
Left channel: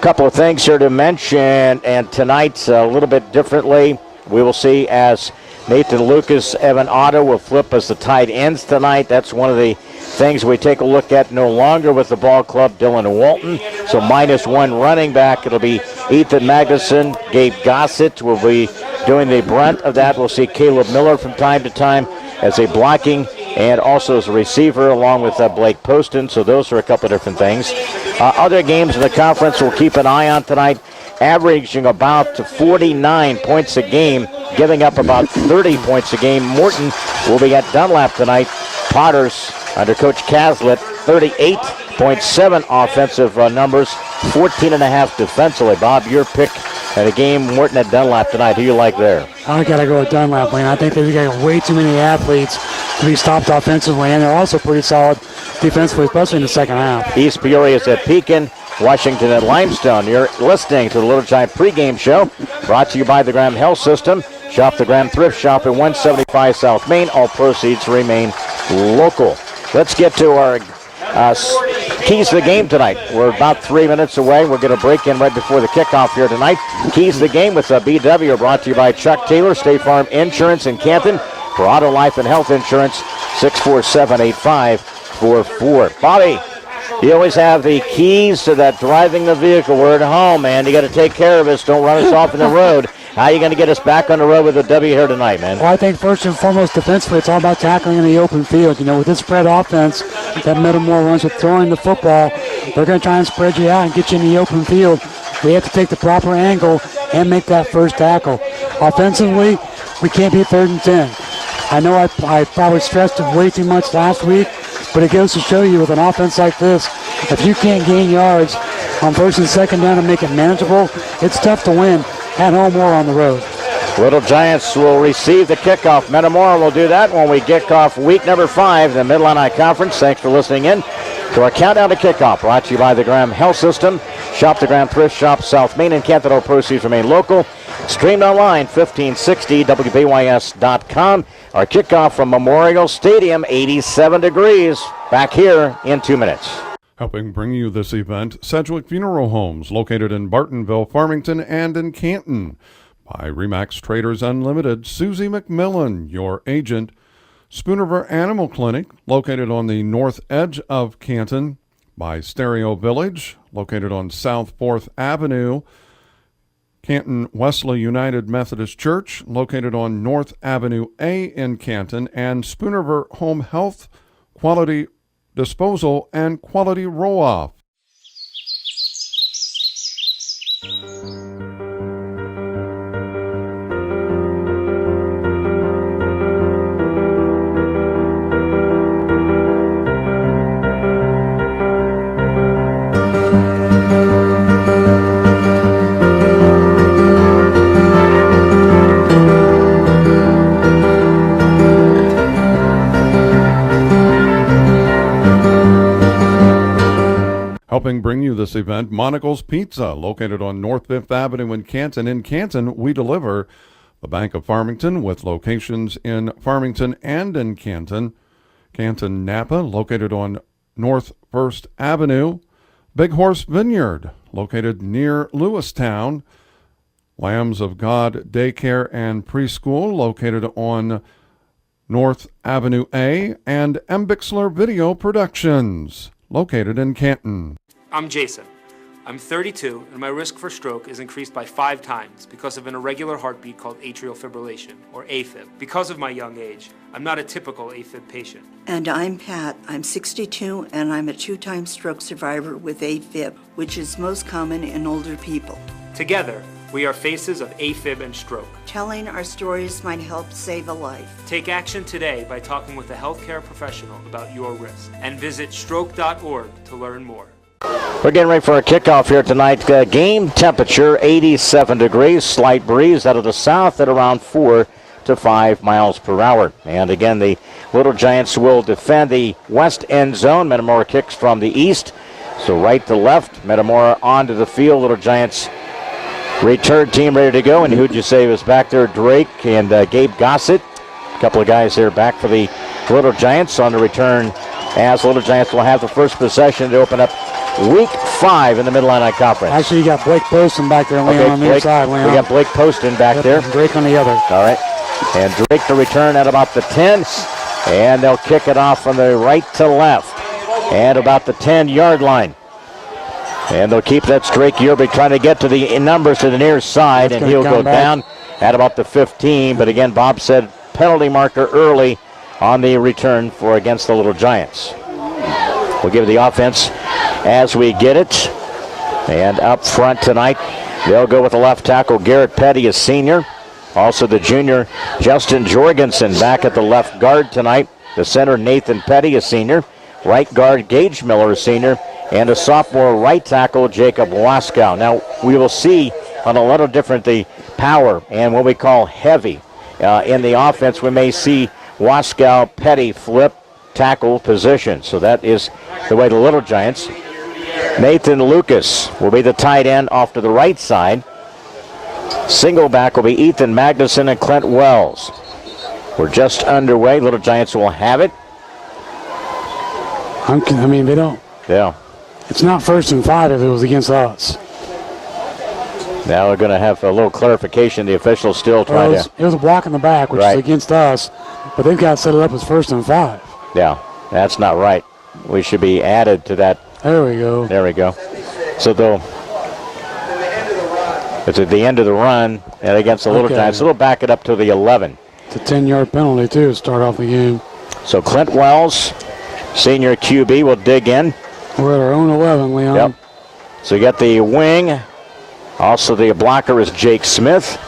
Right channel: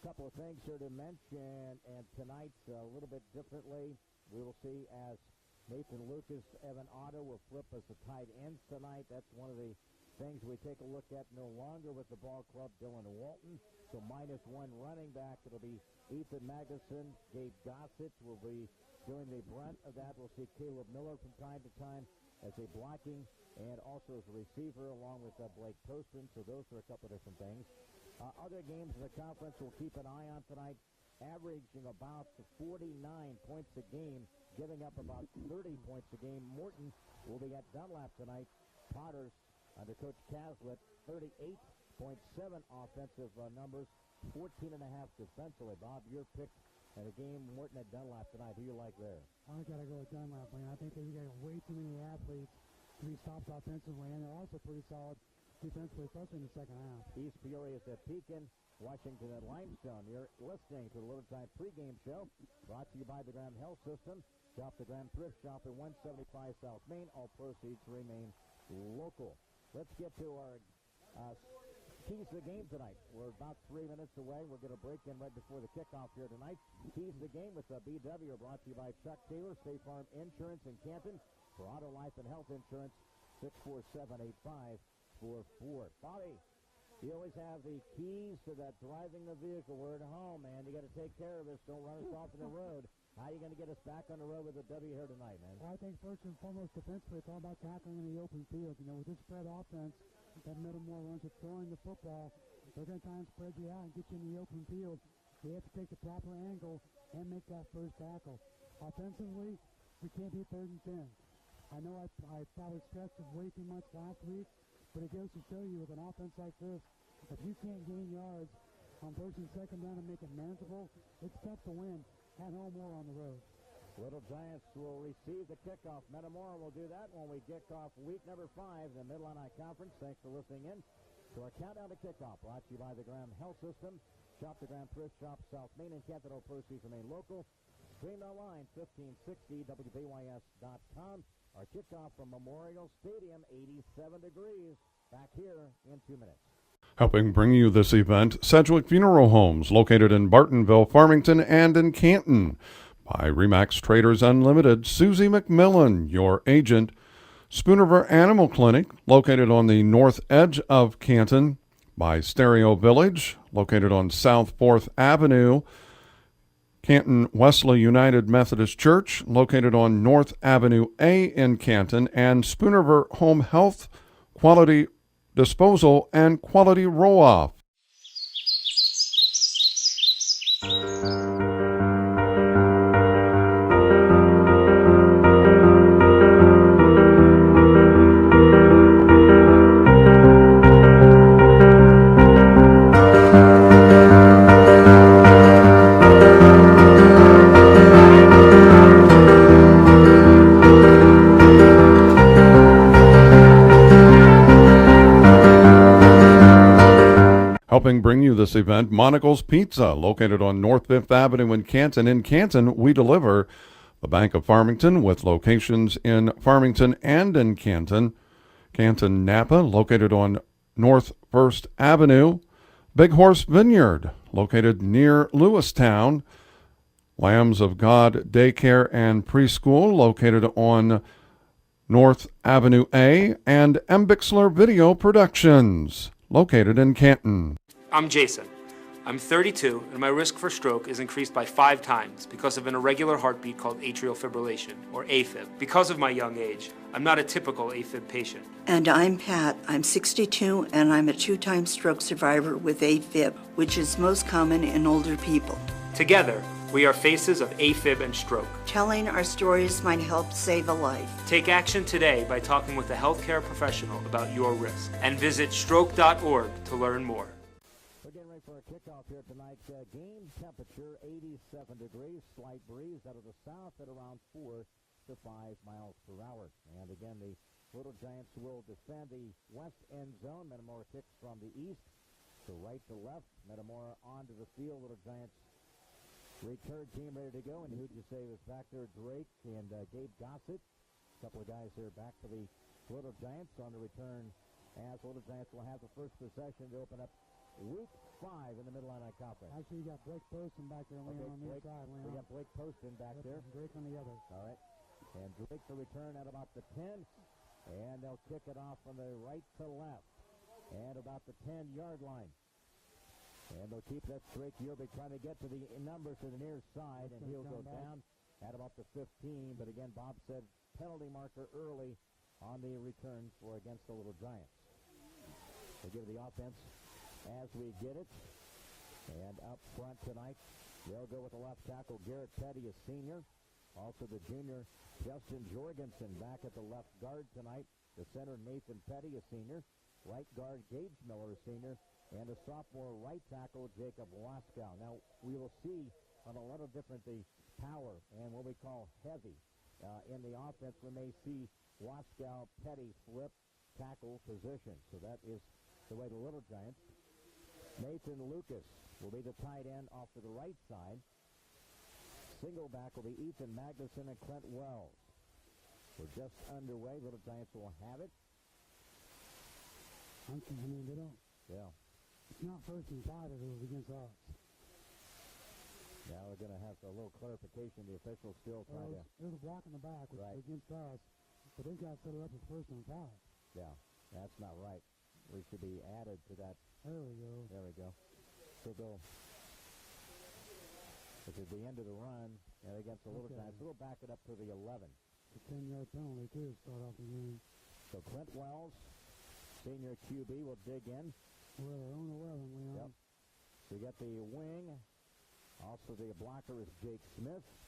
Couple of things here to mention, and tonight's a little bit differently. We will see as Nathan Lucas, Evan Otto will flip as the tight ends tonight. That's one of the things we take a look at. No longer with the ball club, Dylan Walton. So -1 running back. It'll be Ethan Magnuson. Gabe Gossett will be doing the brunt of that. We'll see Caleb Miller from time to time as a blocking and also as a receiver along with Blake Poston. So those are a couple of different things. Other games in the conference we'll keep an eye on tonight. Averaging about 49 points a game, giving up about 30 points a game. Morton will be at Dunlap tonight. Potters under Coach Caslett, 38.7 offensive numbers, 14.5 defensively. Bob, your pick at a game, Morton at Dunlap tonight. Who you like there? I got to go with Dunlap, Wayne. I think they've got way too many athletes to be stopped offensively, and they're also pretty solid defensively, especially in the second half. East Peoria is at Pekin. Washington at Limestone. You're listening to the Little Giant pregame show, brought to you by the Graham Health System. Shop the Graham Thrift Shop at 175 South Main. All proceeds remain local. Let's get to our keys to the game tonight. We're about 3 minutes away. We're going to break in right before the kickoff here tonight. Keys to the game with BW are brought to you by Chuck Taylor, State Farm Insurance in Canton. For auto, life, and health insurance, 647-8544. Bobby, you always have the keys to that driving the vehicle. We're at home, man. You got to take care of us. Don't run us off in the road. How are you going to get us back on the road with a W here tonight, man? Well, I think first and foremost, defensively, it's all about tackling in the open field. You know, with this spread offense that Metamora runs with throwing the football, they're going to try and spread you out and get you in the open field. We have to take the proper angle and make that first tackle. Offensively, we can't be 3rd and 10. I know I probably stressed it way too much last week, but it goes to show you with an offense like this, if you can't gain yards on 1st and 2nd down and make it manageable, it's tough to win at home or on the road. Little Giants will receive the kickoff. Metamora will do that when we kick off week number 5, the Mid-Illini Conference. Thanks for listening in to our countdown to kickoff, brought to you by the Graham Health System. Shop the Graham Thrift Shop, South Main and Canton. All proceeds remain local. Streamed online, 1560 WBYS.com. Our kickoff from Memorial Stadium, 87 degrees. Back here in 2 minutes. Helping bring you this event, Sedgwick Funeral Homes, located in Bartonville, Farmington, and in Canton. By Remax Traders Unlimited, Susie McMillan, your agent. Spoonerver Animal Clinic, located on the north edge of Canton. By Stereo Village, located on South 4th Avenue. Canton Wesley United Methodist Church, located on North Avenue A in Canton. And Spoonerver Home Health, Quality Disposal, and Quality Roll-Off. Helping bring you this event, Monocle's Pizza, located on North 5th Avenue in Canton. In Canton, we deliver. The Bank of Farmington, with locations in Farmington and in Canton. Canton Napa, located on North 1st Avenue. Big Horse Vineyard, located near Lewistown. Lambs of God Daycare and Preschool, located on North Avenue A. And M. Bixler Video Productions, located in Canton. I'm Jason. I'm 32, and my risk for stroke is increased by 5 times because of an irregular heartbeat called atrial fibrillation, or AFib. Because of my young age, I'm not a typical AFib patient. And I'm Pat. I'm 62, and I'm a 2-time stroke survivor with AFib, which is most common in older people. Together, we are faces of AFib and stroke. Telling our stories might help save a life. Take action today by talking with a healthcare professional about your risk, and visit stroke.org to learn more. We're getting ready for a kickoff here tonight. Game temperature 87 degrees, slight breeze out of the south at around 4 to 5 miles per hour. And again, the Little Giants will defend the west end zone. Metamora kicks from the east, so right to left. Metamora onto the field. Little Giants return team ready to go. And who'd you say was back there? Drake and Gabe Gossett. A couple of guys there back for the Little Giants on the return, as Little Giants will have the first possession to open up Week 5 in the Mid-Illini Conference. Actually, you got Blake Poston back there, Leon, on the Blake, inside, Leon. we got Blake Poston back there. And Drake on the other. All right. And Drake to return at about the 10. And they'll kick it off from the right to left. And about the 10-yard line. And they'll keep that Drake Yerbig trying to get to the numbers to the near side. That's and he'll go back down at about the 15. But again, Bob said penalty marker early on the return for against the Little Giants. We'll give the offense as we get it. And up front tonight, they'll go with the left tackle, Garrett Petty, a senior. Also the junior, Justin Jorgensen, back at the left guard tonight. The center, Nathan Petty, a senior. Right guard, Gage Miller, a senior. And a sophomore right tackle, Jacob Waskow. Now, we will see on a little different the power and what we call heavy in the offense. We may see Waskow, Petty flip tackle position. So that is the way the Little Giants. Nathan Lucas will be the tight end off to the right side. Single back will be Ethan Magnuson and Clint Wells. We're just underway. Little Giants will have it. I mean, they don't. Yeah. It's not 1st and 5 if it was against us. Now we're going to have a little clarification. The officials still trying to. It was a block in the back, which is against us, but they've got to set it up as 1st and 5. Yeah, that's not right. We should be added to that. There we go. There we go. So they'll. It's at the end of the run and against the Little Giants. So they'll back it up to the 11. It's a 10-yard penalty, too, to start off the game. So Clint Wells, senior QB, will dig in. We're at our own 11, Leon. Yep. So you got the wing. Also the blocker is Jake Smith.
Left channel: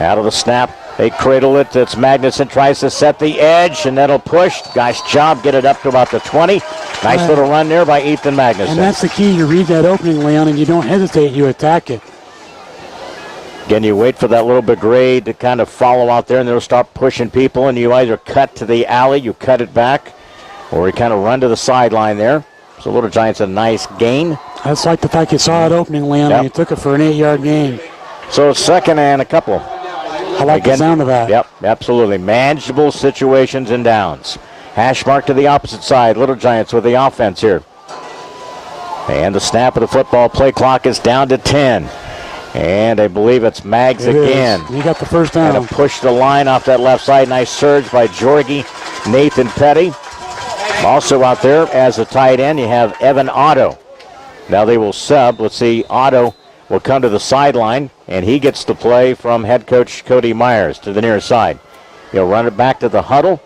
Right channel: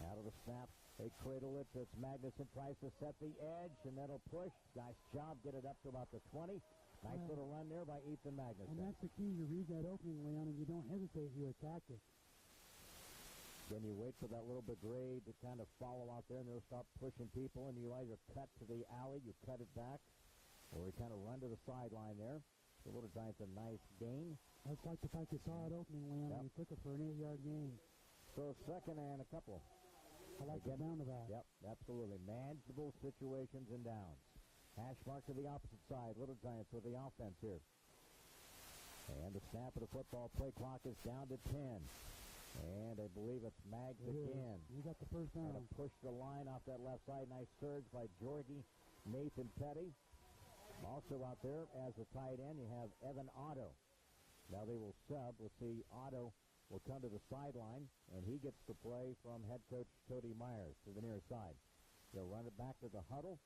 Out of the snap, they cradle it. It's Magnuson, tries to set the edge, and that'll push. Nice job, get it up to about the 20. Nice little run there by Ethan Magnuson. And that's the key. You read that opening, Leon, and you don't hesitate. You attack it. Again, you wait for that little brigade to kind of follow out there, and they'll start pushing people, and you either cut to the alley, you cut it back, or you kind of run to the sideline there. So Little Giants a nice gain. That's like the fact you saw it opening, Leon, and you took it for an 8-yard gain. So it's 2nd and a couple. I like the sound of that. Yep, absolutely. Manageable situations and downs. Hash mark to the opposite side. Little Giants with the offense here. And the snap of the football. Play clock is down to 10. And I believe it's Mags again. He got the first down. And push the line off that left side. Nice surge by Jorgie, Nathan Petty. Also out there as a tight end, you have Evan Otto. Now they will sub. Let's see, Otto will come to the sideline, and he gets the play from head coach Cody Myers to the near side. He'll run it back to the huddle.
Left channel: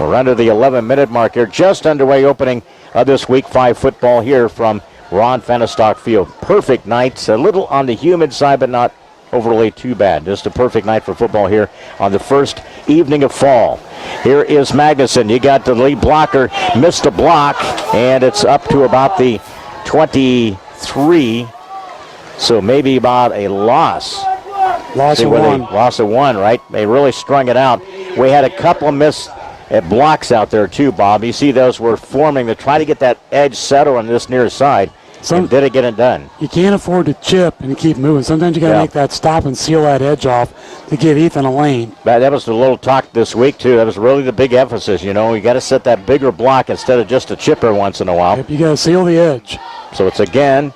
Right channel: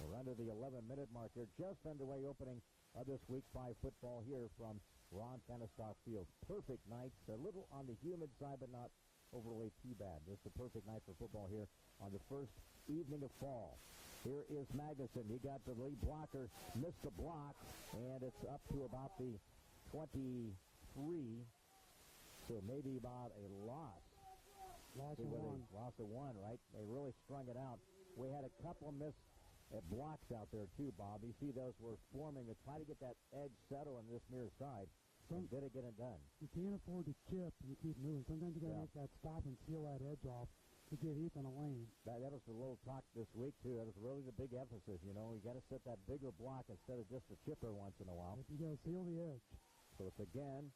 We're under the 11-minute mark here, just underway opening of this Week 5 football here from Ron Fahnestock Field. Perfect night, a little on the humid side, but not overly too bad. Just a perfect night for football here on the first evening of fall. Here is Magnuson. You got the lead blocker, missed a block, and it's up to about the 23. So maybe about a loss. Loss of one. Loss of one, right? They really strung it out. We had a couple of missed blocks out there too, Bob. You see those were forming to try to get that edge settled on this near side. And did it get it done? You can't afford to chip and keep moving. Sometimes you got to make that stop and seal that edge off to give Ethan a lane. That was the little talk this week, too. That was really the big emphasis, you know. You got to set that bigger block instead of just a chipper once in a while. Yep, you got to seal the edge. So it's again.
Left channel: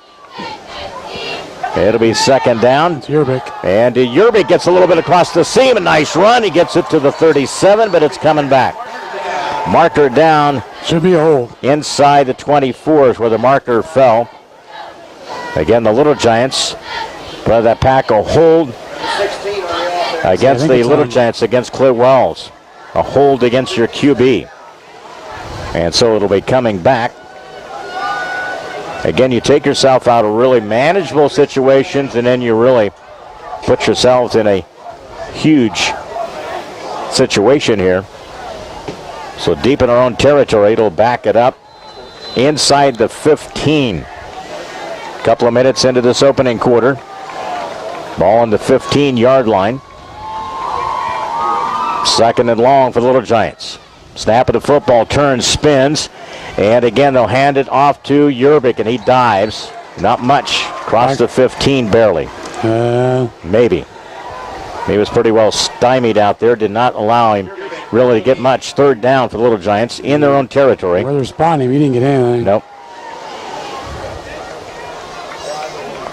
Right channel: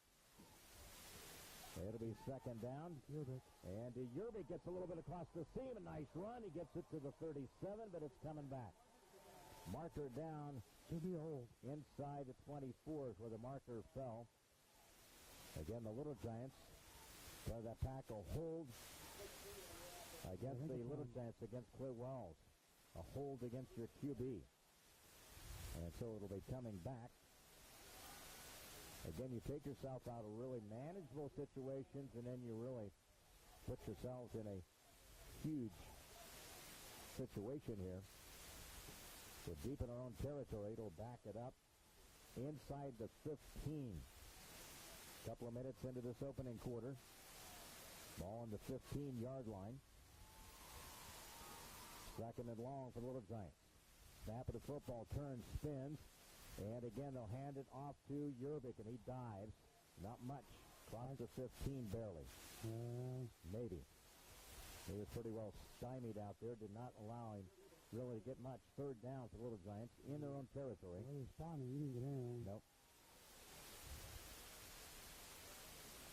It'll be 2nd down. It's Yerbig. And Yerbig gets a little bit across the seam. A nice run. He gets it to the 37, but it's coming back. Marker down. Should be a hold. Inside the 24 is where the marker fell. Again, the Little Giants, but that pack will hold against the Little Giants against Clint Wells. A hold against your QB. And so it'll be coming back. Again, you take yourself out of really manageable situations, and then you really put yourselves in a huge situation here. So deep in our own territory, it'll back it up inside the 15. Couple of minutes into this opening quarter. Ball on the 15-yard line. 2nd and long for the Little Giants. Snap of the football, turns, spins. And again, they'll hand it off to Yerbig, and he dives. Not much. Across the 15, barely. Maybe. He was pretty well stymied out there. Did not allow him really to get much. 3rd down for the Little Giants in their own territory. Where they're spotting him, he didn't get anything. Nope.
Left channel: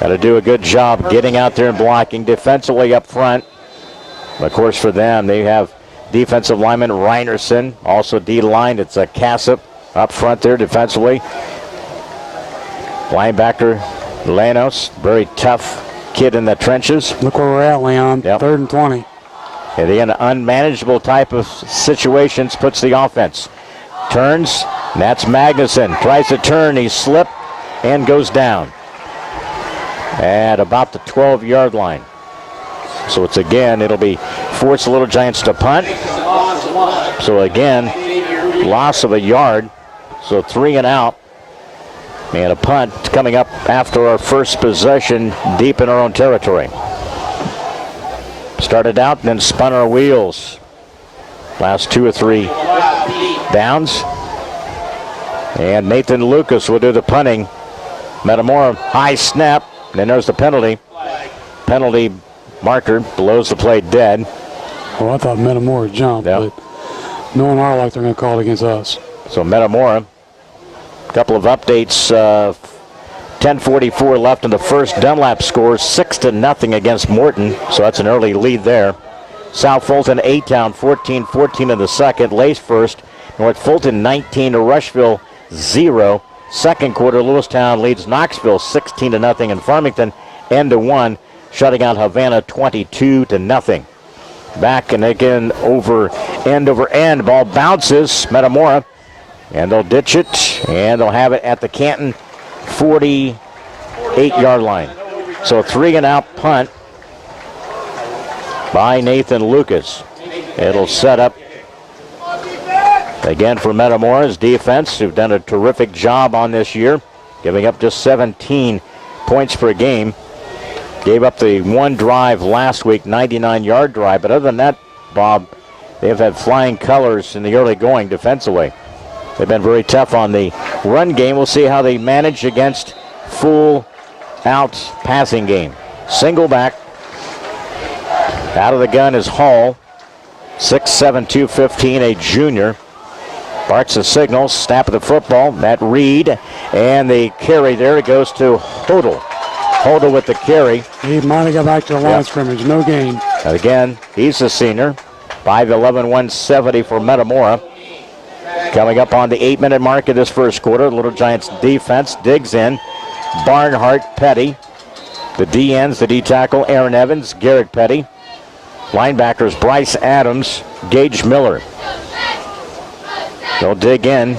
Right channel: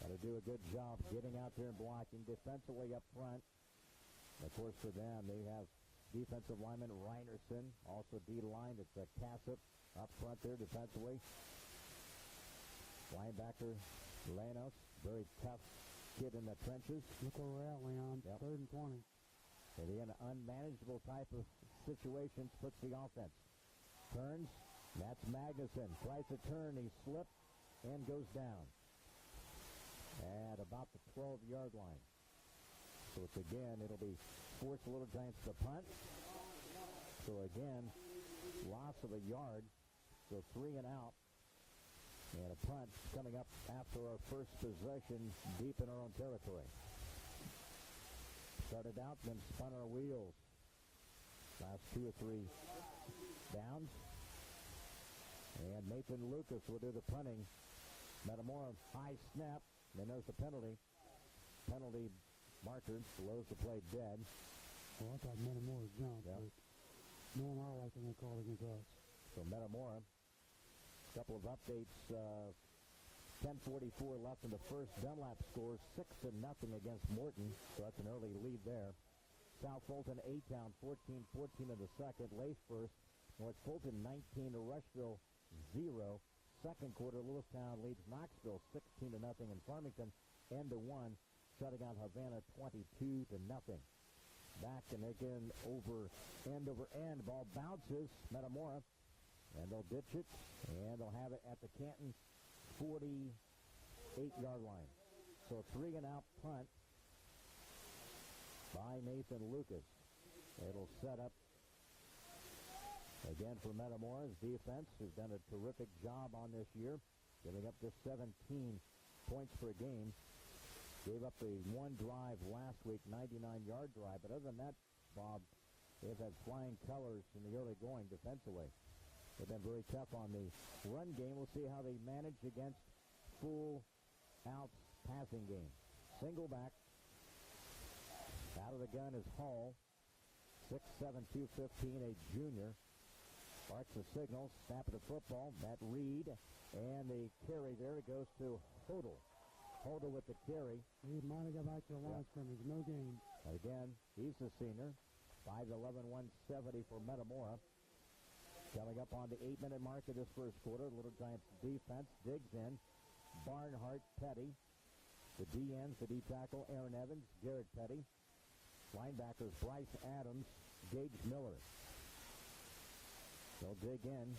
Got to do a good job getting out there and blocking defensively up front. Of course, for them, they have defensive lineman Reinerson, also D-line. It's a Cassip up front there defensively. Linebacker Lanos, very tough kid in the trenches. Look where we're at, Leon. Yep. 3rd and 20. And in unmanageable type of situations, puts the offense. Turns, and that's Magnuson. Tries to turn, he slipped and goes down at about the 12-yard line. So it's again, it'll be force the Little Giants to punt. So again, loss of a yard. So 3 and out. And a punt coming up after our first possession deep in our own territory. Started out and then spun our wheels. Last 2 or 3 downs. And Nathan Lucas will do the punting. Metamora, high snap. And then there's the penalty. Penalty marker blows the play dead. Well, I thought Metamora jumped, but no one are like they're going to call it against us. So Metamora, a couple of updates. 10:44 left in the first. Dunlap scores 6-0 against Morton, so that's an early lead there. South Fulton 8-down, 14-14 in the second. Lace first. North Fulton 19 to Rushville 0. Second quarter, Lewistown leads Knoxville 16-0 in Farmington, end to 1, shutting out Havana 22-0. Back and again over end. Ball bounces. Metamora, and they'll ditch it, and they'll have it at the Canton 48-yard line. So 3 and out punt by Nathan Lucas. It'll set up again for Metamora's defense, who've done a terrific job on this year, giving up just 17 points per game. Gave up the one drive last week, 99-yard drive. But other than that, Bob, they've had flying colors in the early going defensively. They've been very tough on the run game. We'll see how they manage against full-out passing game. Single back. Out of the gun is Hall. 6'7", 215, a junior. Barks the signal, snap of the football. Matt Reed, and the carry there. It goes to Hodel. Hodel with the carry. He might have got back to the line of scrimmage. No gain. And again, he's a senior. 5'11", 170 for Metamora. Coming up on the 8-minute mark of this first quarter, Little Giants defense digs in. Barnhart, Petty. The D-ends, the D-tackle, Aaron Evans, Garrett Petty. Linebackers, Bryce Adams, Gage Miller. They'll dig in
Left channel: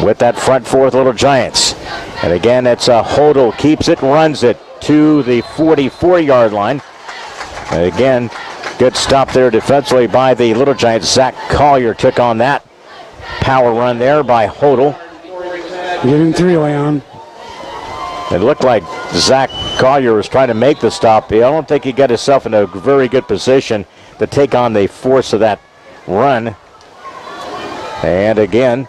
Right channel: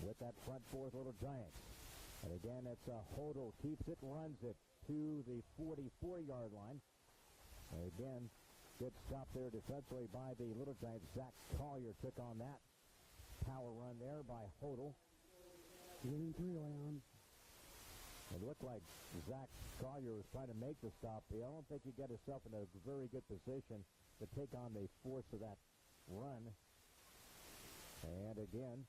with that front fourth Little Giants. And again, it's Hodel keeps it, runs it to the 44-yard line. And again, good stop there defensively by the Little Giants. Zach Collier took on that power run there by Hodel. Give him 3, Leon. It looked like Zach Collier was trying to make the stop. I don't think he got himself in a very good position to take on the force of that run. And again,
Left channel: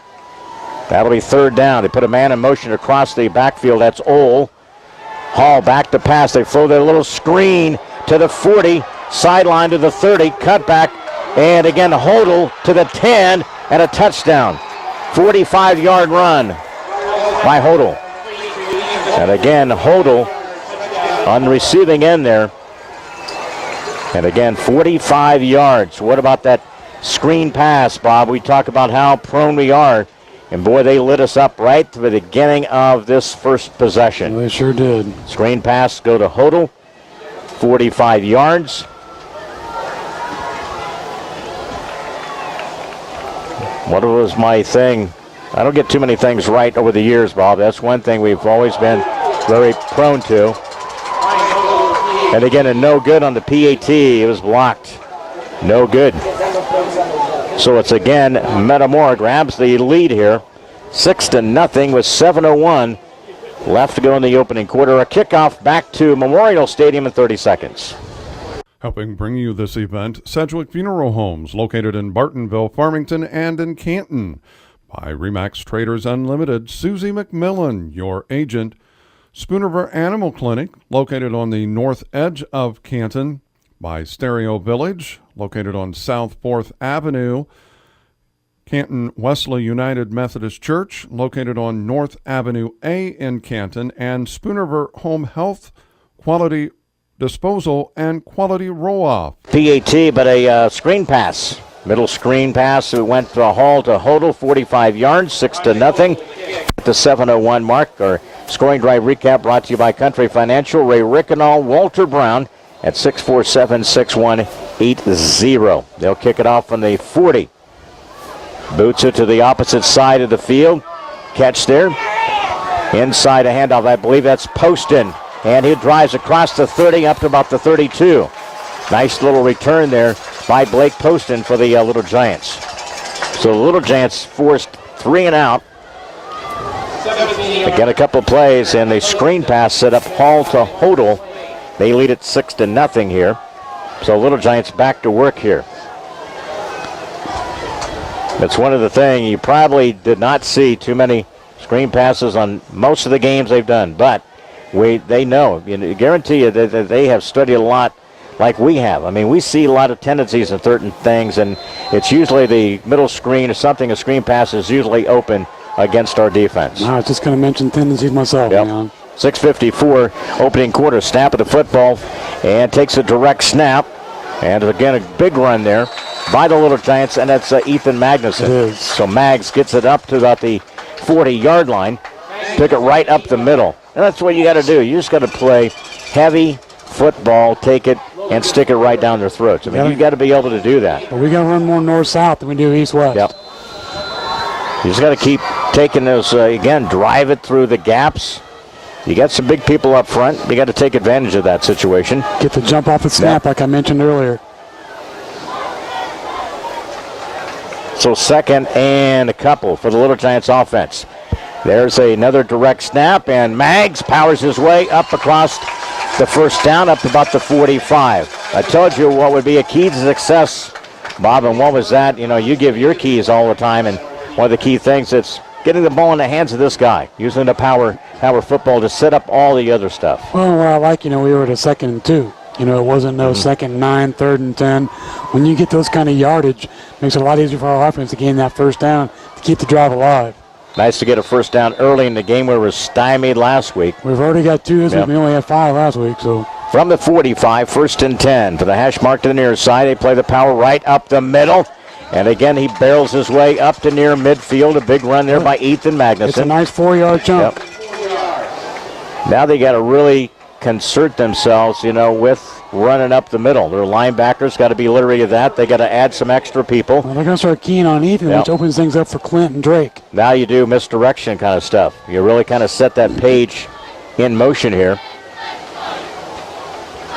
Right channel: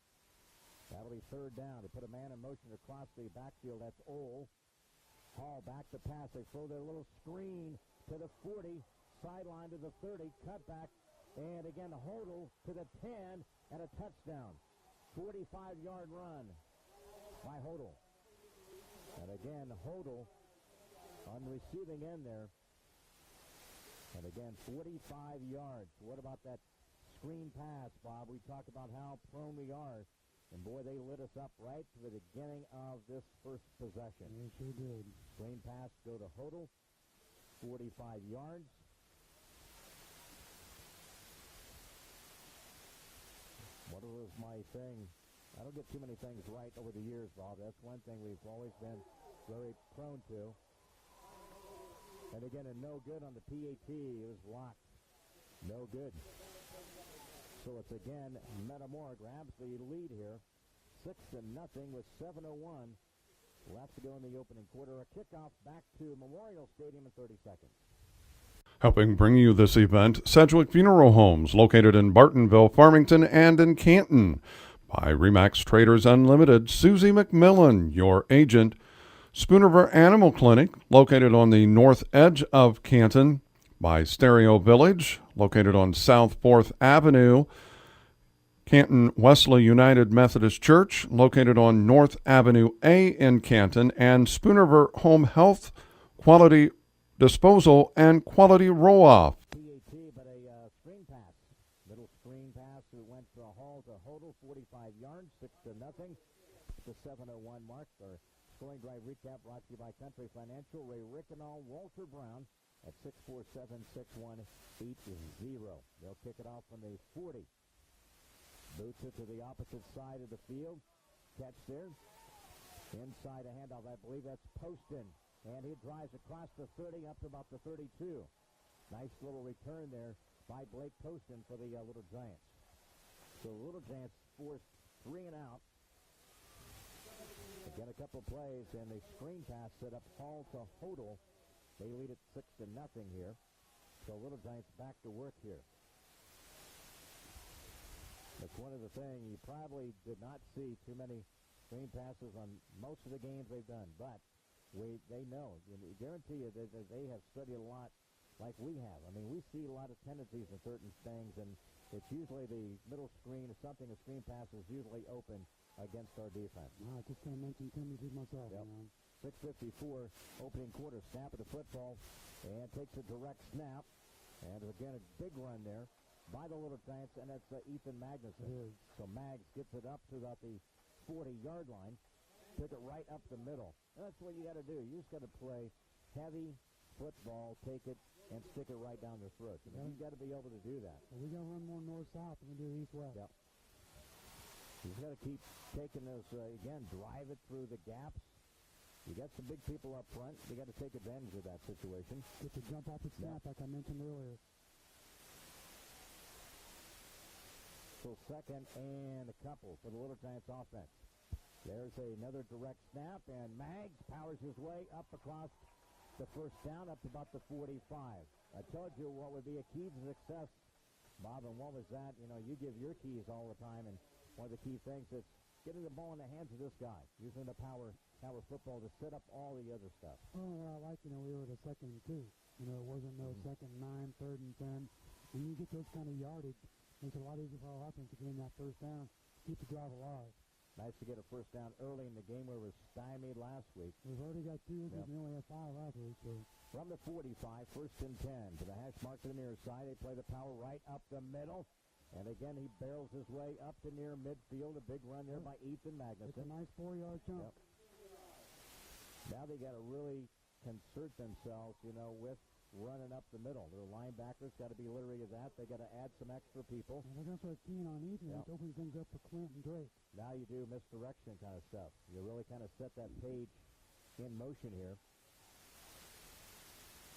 that'll be 3rd down. They put a man in motion across the backfield. That's Ole. Hall back to pass. They throw their little screen to the 40, sideline to the 30, cutback, and again Hodel to the 10, and a touchdown. 45-yard run by Hodel. And again, Hodel on the receiving end there. And again, 45 yards. What about that screen pass, Bob? We talk about how prone we are. And boy, they lit us up right to the beginning of this first possession. They sure did. Screen pass go to Hodel. 45 yards. What was my thing? I don't get too many things right over the years, Bob. That's one thing we've always been very prone to. And again, a no good on the PAT. It was blocked. No good. So it's again, Metamora grabs the lead here. 6-0 with 7:01 left to go in the opening quarter. A kickoff back to Memorial Stadium in 30 seconds. Helping bring you this event, Sedgwick Funeral Homes, located in Bartonville, Farmington, and in Canton. By Remax Traders Unlimited, Susie McMillan, your agent. Spoonerver Animal Clinic, located on the north edge of Canton. By Stereo Village, located on South 4th Avenue. Canton Wesley United Methodist Church, located on North Avenue A in Canton. And Spoonerver Home Health quality disposal, and quality roll-off. PAT, but a screen pass. Middle screen pass. It went to Hall to Hodel, 45 yards, 6-0. At the 7:01 mark, our scoring drive recap brought to you by Country Financial, Ray Rickenall, Walter Brown at 647-6180. They'll kick it off from the 40. Boots it to the opposite side of the field. Catch there. Inside a handoff, I believe that's Poston. And he drives across the 30 up to about the 32. Nice little return there by Blake Poston for the Little Giants. So the Little Giants forced 3 and out. Again, a couple plays, and the screen pass set up Hall to Hodel. They lead it 6-0 here. So Little Giants back to work here. That's one of the things. You probably did not see too many screen passes on most of the games they've done, but they know. I guarantee you that they have studied a lot like we have. I mean, we see a lot of tendencies in certain things, and it's usually the middle screen or something. A screen pass is usually open against our defense. I was just going to mention tendencies myself. Yep. 6:54 opening quarter. Snap of the football, and takes a direct snap. And again, a big run there by the Little Giants, and that's Ethan Magnuson. It is. So Mags gets it up to about the 40-yard line. Took it right up the middle. And that's what you got to do. You just got to play heavy football, take it, and stick it right down their throats. I mean, you got to be able to do that. But we got to run more north-south than we do east-west. Yep. You just got to keep taking those, again, drive it through the gaps. You got some big people up front. You got to take advantage of that situation. Get the jump off the snap, like I mentioned earlier. So 2nd and a couple for the Little Giants offense. There's another direct snap, and Mags powers his way up across the first down, up to about the 45. I told you what would be a key to success, Bob, and what was that? You know, you give your keys all the time, and one of the key things is getting the ball in the hands of this guy, using the power football to set up all the other stuff. Well, what I like, we were at a 2nd and 2. It wasn't no 2nd and 9, 3rd and 10. When you get those kind of yardage, it makes it a lot easier for our offense to gain that first down to keep the drive alive. Nice to get a first down early in the game where we were stymied last week. We've already got 2 this week. We only had 5 last week. So from the 45, 1st and 10. For the hash mark to the near side, they play the power right up the middle. And again, he barrels his way up to near midfield. A big run there by Ethan Magnuson. It's a nice 4-yard jump. Yep. Now they got to really concert themselves, with running up the middle. Their linebackers got to be literally that. They got to add some extra people. Well, they're going to start keying on Ethan, which opens things up for Clint and Drake. Now you do misdirection kind of stuff. You really kind of set that page in motion here.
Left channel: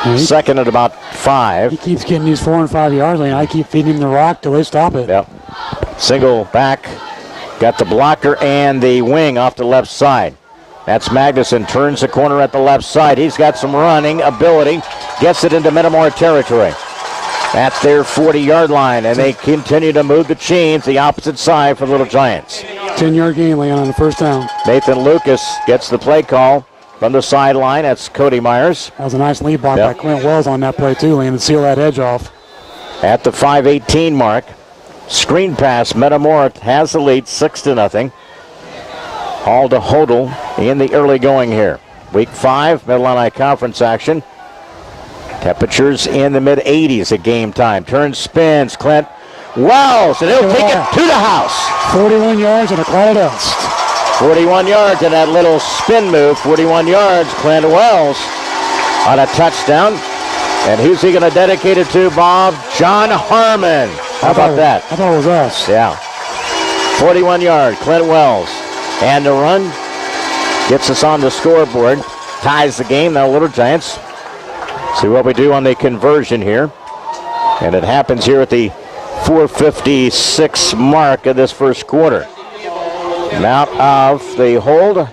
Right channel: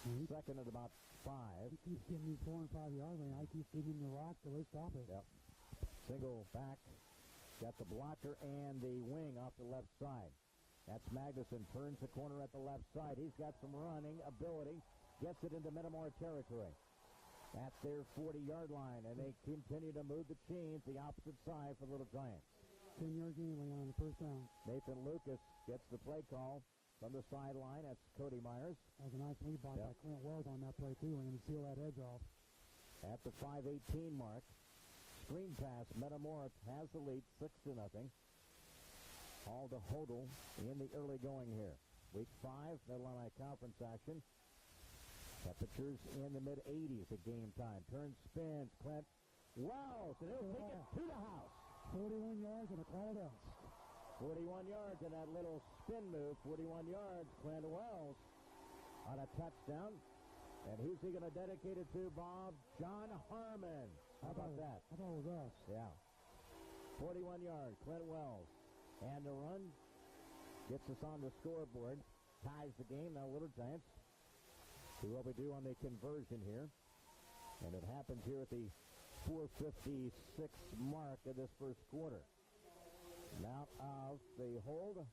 2nd at about 5. He keeps getting these 4 and 5 yards lane. I keep feeding him the rock till they stop it. Yep. Single back. Got the blocker and the wing off the left side. That's Magnuson. Turns the corner at the left side. He's got some running ability. Gets it into Metamora territory. That's their 40-yard line, and they continue to move the chains the opposite side for the Little Giants. 10-yard gain, Leon, on the first down. Nathan Lucas gets the play call from the sideline. That's Cody Myers. That was a nice lead block by Clint Wells on that play, too, Leon, to seal that edge off. At the 5:18 mark, screen pass. Metamora has the lead, 6-0. Hall to Hodel in the early going here. Week 5, Mid-Illini Conference action. Temperatures in the mid-80s at game time. Turns, spins, Clint Wells, and he'll take it to the house. 41 yards and a cloud of dust. 41 yards and that little spin move. 41 yards, Clint Wells on a touchdown. And who's he going to dedicate it to, Bob? John Harmon. How about that? I thought it was us. Yeah. 41 yard, Clint Wells. And the run gets us on the scoreboard. Ties the game. Now Little Giants. See what we do on the conversion here. And it happens here at the 4:56 mark of this first quarter. Now of the hold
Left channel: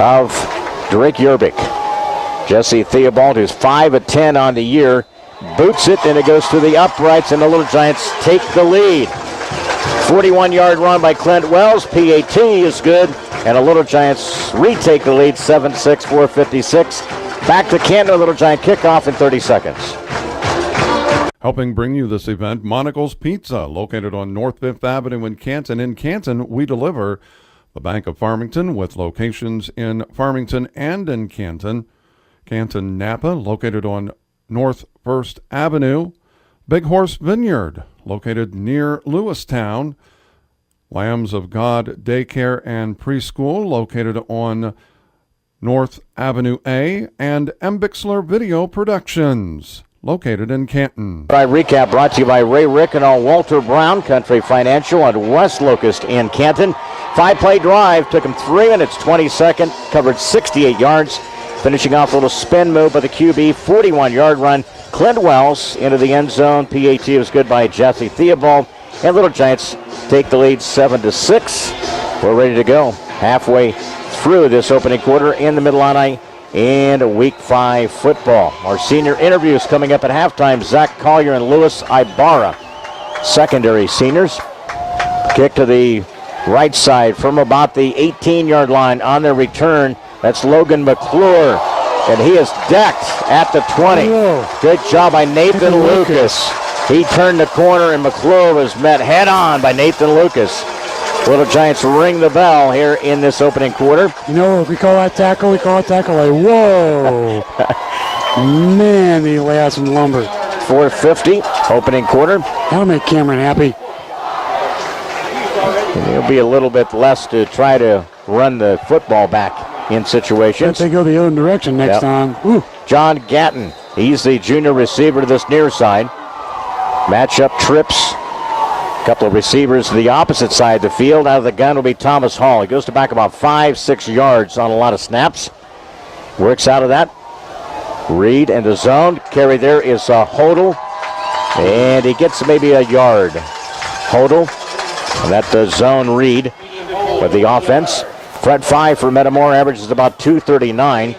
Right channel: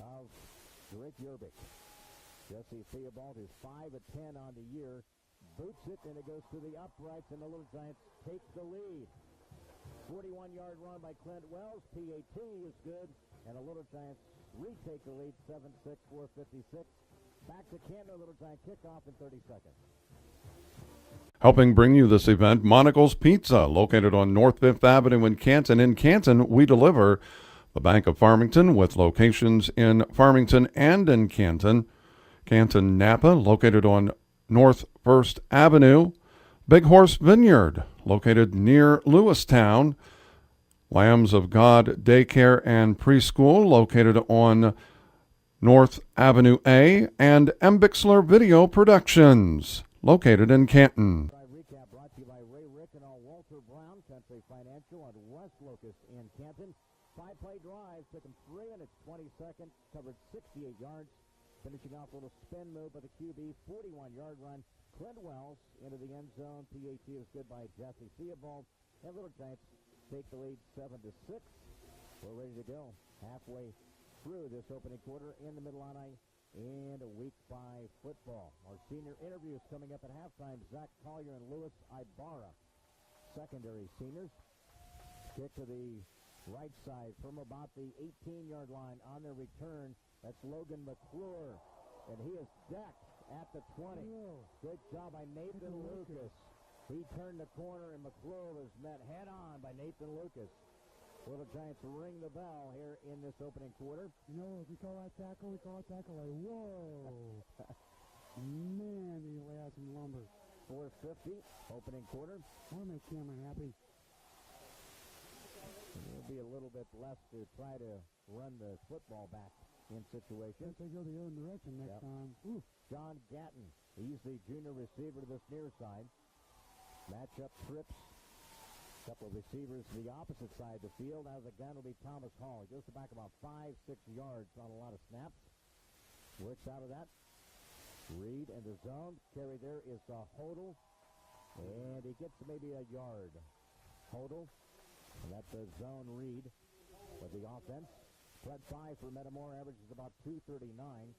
of Drake Yerbick. Jesse Theobald, who's 5 of 10 on the year, boots it, and it goes to the uprights, and the Little Giants take the lead. 41-yard run by Clint Wells. PAT is good, and the Little Giants retake the lead, 7-6, 4:56. Back to Canton, Little Giant kickoff in 30 seconds. Helping bring you this event, Monocle's Pizza, located on North 5th Avenue in Canton. In Canton, we deliver. The Bank of Farmington, with locations in Farmington and in Canton. Canton Napa, located on North First Avenue. Big Horse Vineyard, located near Lewistown. Lambs of God Daycare and Preschool, located on North Avenue A. And M. Bixler Video Productions, located in Canton. Our recap brought to you by Ray Rickon, Walter Brown, Country Financial, and West Locust in Canton. 5-play drive, took him 3 minutes, 20 seconds, covered 68 yards. Finishing off a little spin move by the QB, 41-yard run. Clint Wells into the end zone. PAT was good by Jesse Theobald. And Little Giants take the lead 7-6. We're ready to go. Halfway through this opening quarter in the Mid-Illini and Week 5 football. Our senior interviews coming up at halftime. Zach Collier and Louis Ibarra, secondary seniors. Kick to the right side from about the 18-yard line on their return. That's Logan McClure, and he is decked at the 20. Good job by Nathan Lucas. He turned the corner, and McClure was met head-on by Nathan Lucas. Little Giants ring the bell here in this opening quarter. You know, if we call that tackle, we call it tackle like, whoa. Man, he lay out some lumber. 4:50, opening quarter. That'll make Cameron happy. And it'll be a little bit less to try to run the football back in situations. If they go the other direction next time. Ooh. John Gatton, he's the junior receiver to this near side. Matchup trips. A couple of receivers to the opposite side of the field. Out of the gun will be Thomas Hall. He goes to back about 5-6 yards on a lot of snaps. Works out of that. Reed and the zone. Carry there is Hodel. And he gets maybe a yard. Hodel. And that zone Reed with the offense. Front 5 for Metamora averages about 239.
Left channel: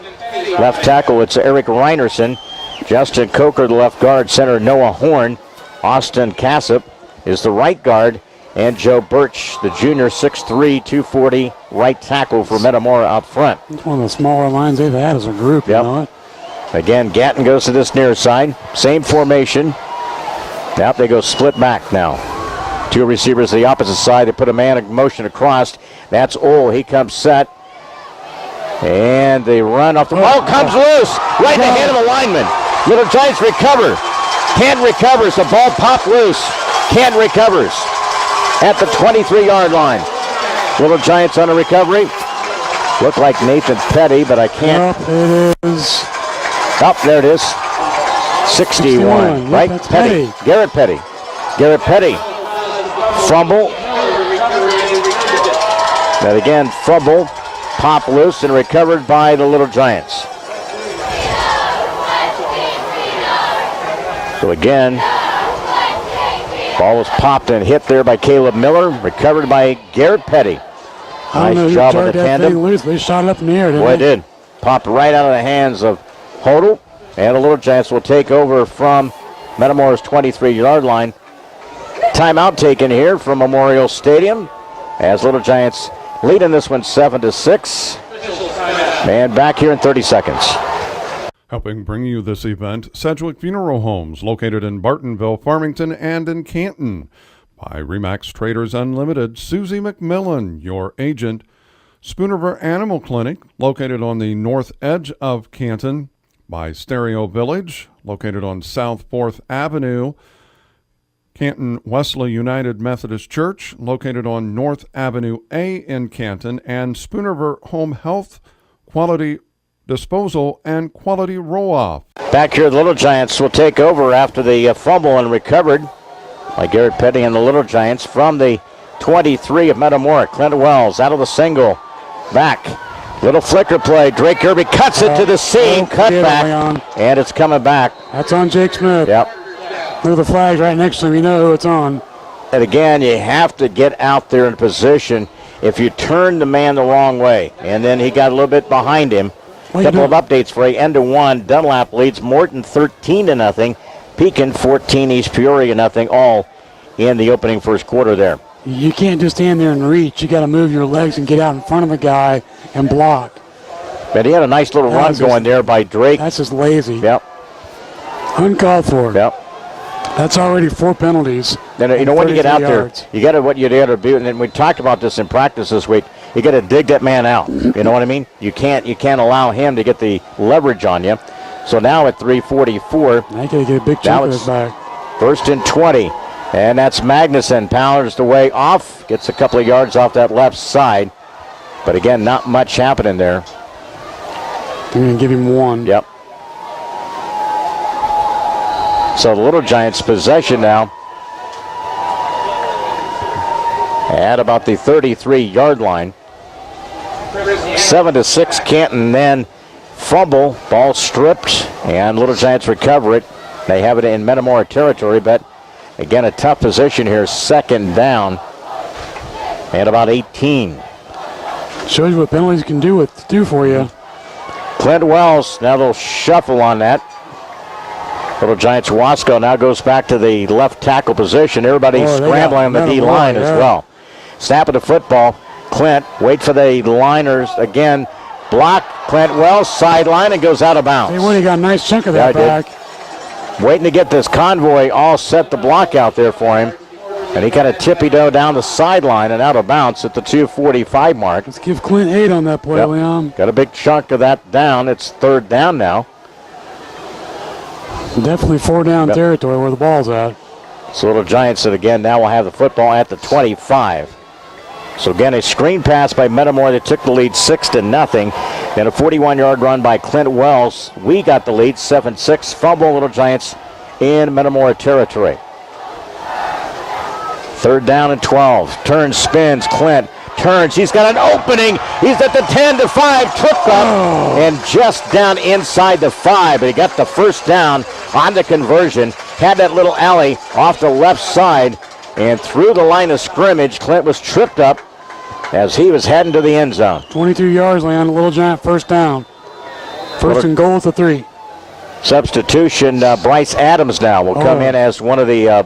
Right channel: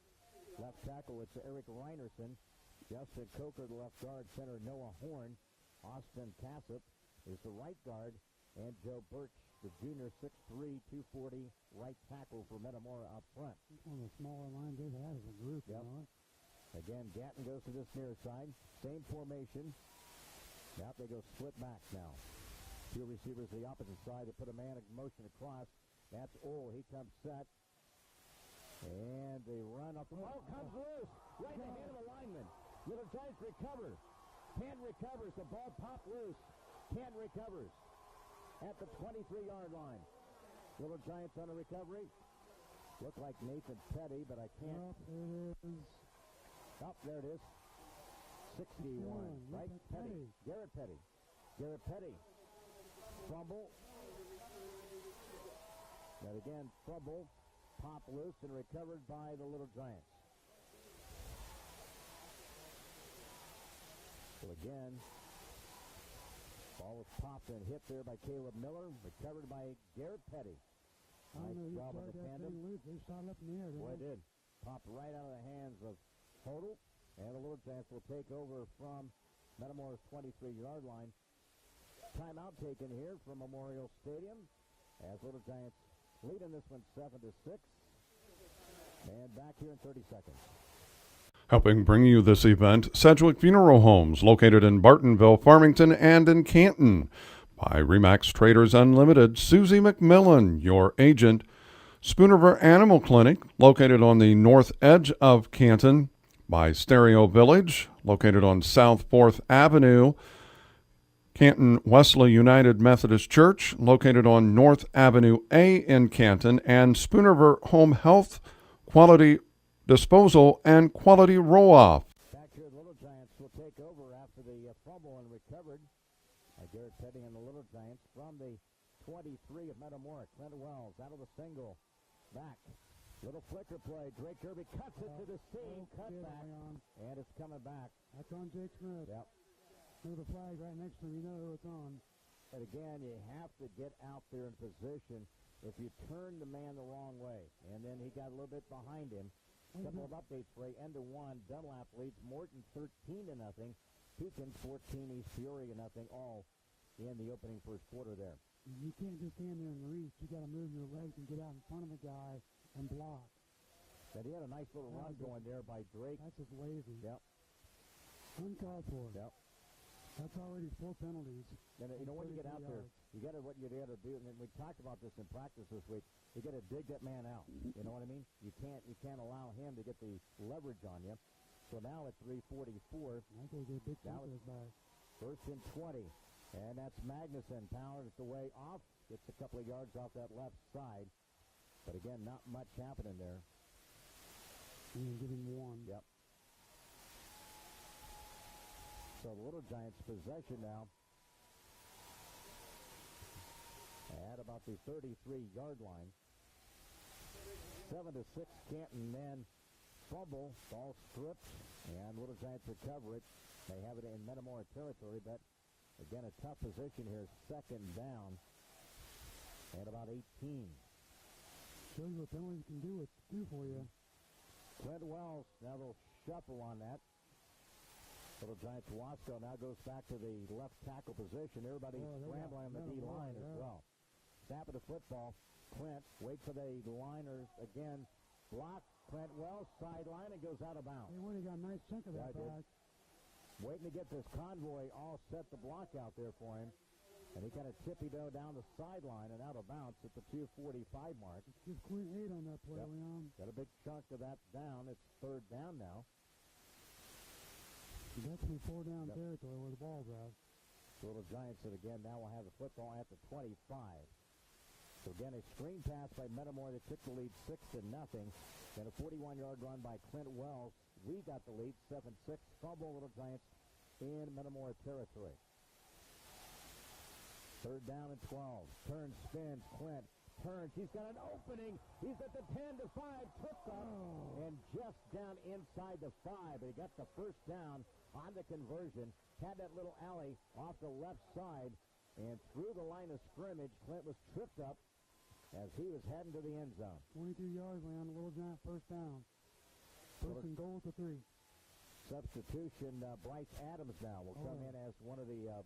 Left tackle, it's Eric Reinerson. Justin Coker, the left guard. Center Noah Horn. Austin Cassip is the right guard. And Joe Birch, the junior, 6'3", 240, right tackle for Metamora up front. It's one of the smaller lines they've had as a group, you know it. Again, Gatton goes to this near side. Same formation. Now they go split back now. 2 receivers to the opposite side. They put a man in motion across. That's Ole. He comes set. And they run off the ball. Comes loose. Right in the hand of the lineman. Little Giants recover. Can't recovers. The ball popped loose. Can't recovers. At the 23-yard line. Little Giants on a recovery. Look like Nathan Petty, but I can't. It is. Oh, there it is. 61. Yep, Right? that's Petty. Garrett Petty. Garrett Petty. Fumble. That again, fumble. Pop loose and recovered by the Little Giants. So again, ball was popped and hit there by Caleb Miller. Recovered by Garrett Petty. Nice job on the tandem. Loose. They shot it up in the air, didn't Boy, it they? did. Popped right out of the hands of Hodel. And the Little Giants will take over from Metamora's 23-yard line. Timeout taken here from Memorial Stadium as Little Giants lead in this one 7-6. And back here in 30 seconds. Helping bring you this event, Sedgwick Funeral Homes, located in Bartonville, Farmington, and in Canton. By Remax Traders Unlimited, Susie McMillan, your agent. Spoonerville Animal Clinic, located on the north edge of Canton. By Stereo Village, located on South 4th Avenue. Canton Wesley United Methodist Church, located on North Avenue A in Canton. And Spoonerville Home Health, Quality Disposal, and Quality Roll-Off. Back here, the Little Giants will take over after the fumble and recovered by Garrett Petty and the Little Giants from the 23 of Metamora. Clint Wells out of the single. Back. Little flicker play. Drake Kirby cuts it to the seam. Cut back. And it's coming back. That's on Jake Smith. Yep. Look at the flag right next to him. You know who it's on. And again, you have to get out there in position. If you turn the man the wrong way, and then he got a little bit behind him. A couple of updates for you. End of 1. Dunlap leads Morton 13-0. Pekin 14. East Peoria 0. All in the opening first quarter there. You can't just stand there and reach. You got to move your legs and get out in front of the guy and block. But he had a nice little run going there by Drake. That's just lazy. Yep. Uncalled for. Yep. That's already 4 penalties. Then, you know, when you get out yards. there, you got to what you got to do. And then we talked about this in practice this week. you got to dig that man out. You know what I mean? You can't allow him to get the leverage on you. So now at 3:44, I got to get a big chunk of this back. 1st and 20. And that's Magnuson, powers the way off, gets a couple of yards off that left side. But again, not much happening there. I'm going to give him 1. Yep. So the Little Giants possession now at about the 33-yard line. 7-6 Canton, then fumble, ball stripped, and Little Giants recover it. They have it in Metamora territory, but again, a tough position here, 2nd down and about 18. Shows you what penalties can do for you. Clint Wells, now they'll shuffle on that. Little Giants Wasco now goes back to the left tackle position. Everybody's scrambling on the D-line as well. Snap of the football. Clint, wait for the liners again. Block, Clint Wells, sideline, and goes out of bounds. Hey, Woody got a nice chunk of that back. Waiting to get this convoy all set the block out there for him. And he kind of tippy-toe down the sideline and out of bounds at the 2:45 mark. Let's give Clint 8 on that play, Leon. Got a big chunk of that down. It's 3rd down now. Definitely 4-down territory where the ball's at. So Little Giants that again now will have the football at the 25. So again, a screen pass by Metamora that took the lead 6-0. Then a 41-yard run by Clint Wells. We got the lead 7-6. Fumble, Little Giants in Metamora territory. 3rd down and 12. Turns, spins. Clint turns. He's got an opening. He's at the 10-5. Tripped up and just down inside the 5. But he got the 1st down on the conversion. Had that little alley off the left side. And through the line of scrimmage, Clint was tripped up as he was heading to the end zone. 22 yards, Leon. Little Giant 1st down. 1st and goal at the 3. Substitution, Bryce Adams now will come in as one of the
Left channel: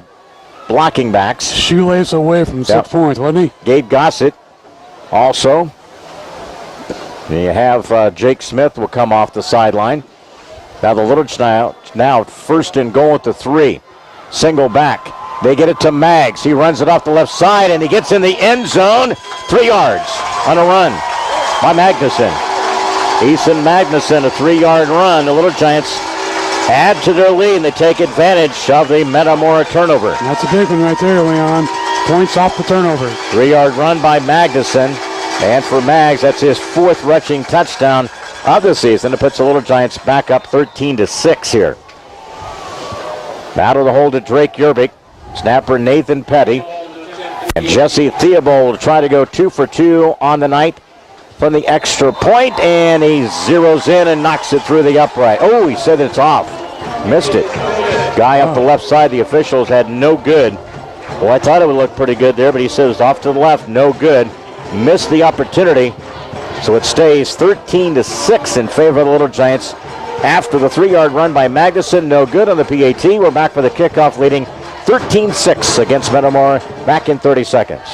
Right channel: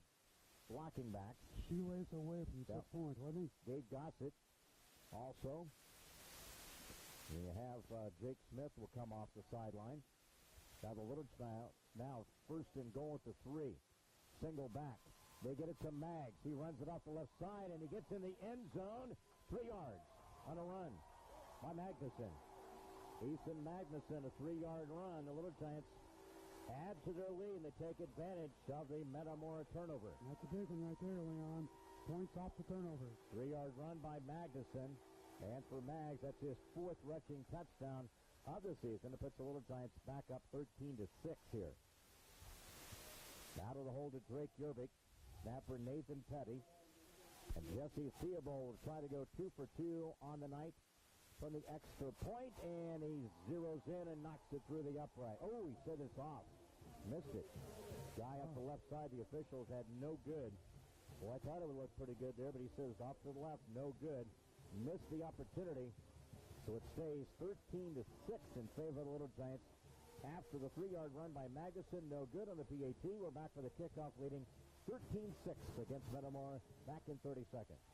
blocking backs. Shoelace away from 6 points, wasn't he? Gabe Gossett also. And you have Jake Smith will come off the sideline. Now the Little Giants now 1st and goal at the 3. Single back. They get it to Maggs. He runs it off the left side, and he gets in the end zone. 3 yards on a run by Magnuson. Eason Magnuson, a 3-yard run. The Little Giants add to their lead, and they take advantage of the Metamora turnover. That's a big one right there, Leon. Points off the turnover. 3-yard run by Magnuson. And for Maggs, that's his 4th rushing touchdown of the season. It puts the Little Giants back up 13-6 here. Out of the hole to Drake Yerbick. Snapper Nathan Petty. And Jesse Theobald will try to go 2 for 2 on the night from the extra point, and he zeroes in and knocks it through the upright. Oh, he said it's off. Missed it. Guy up the left side, the officials had no good. Well, I thought it would look pretty good there, but he says it's off to the left, no good. Missed the opportunity. So it stays 13-6 in favor of the Little Giants. After the 3-yard run by Magnuson, no good on the PAT. We're back for the kickoff, leading 13-6 against Metamora. Back in 30 seconds.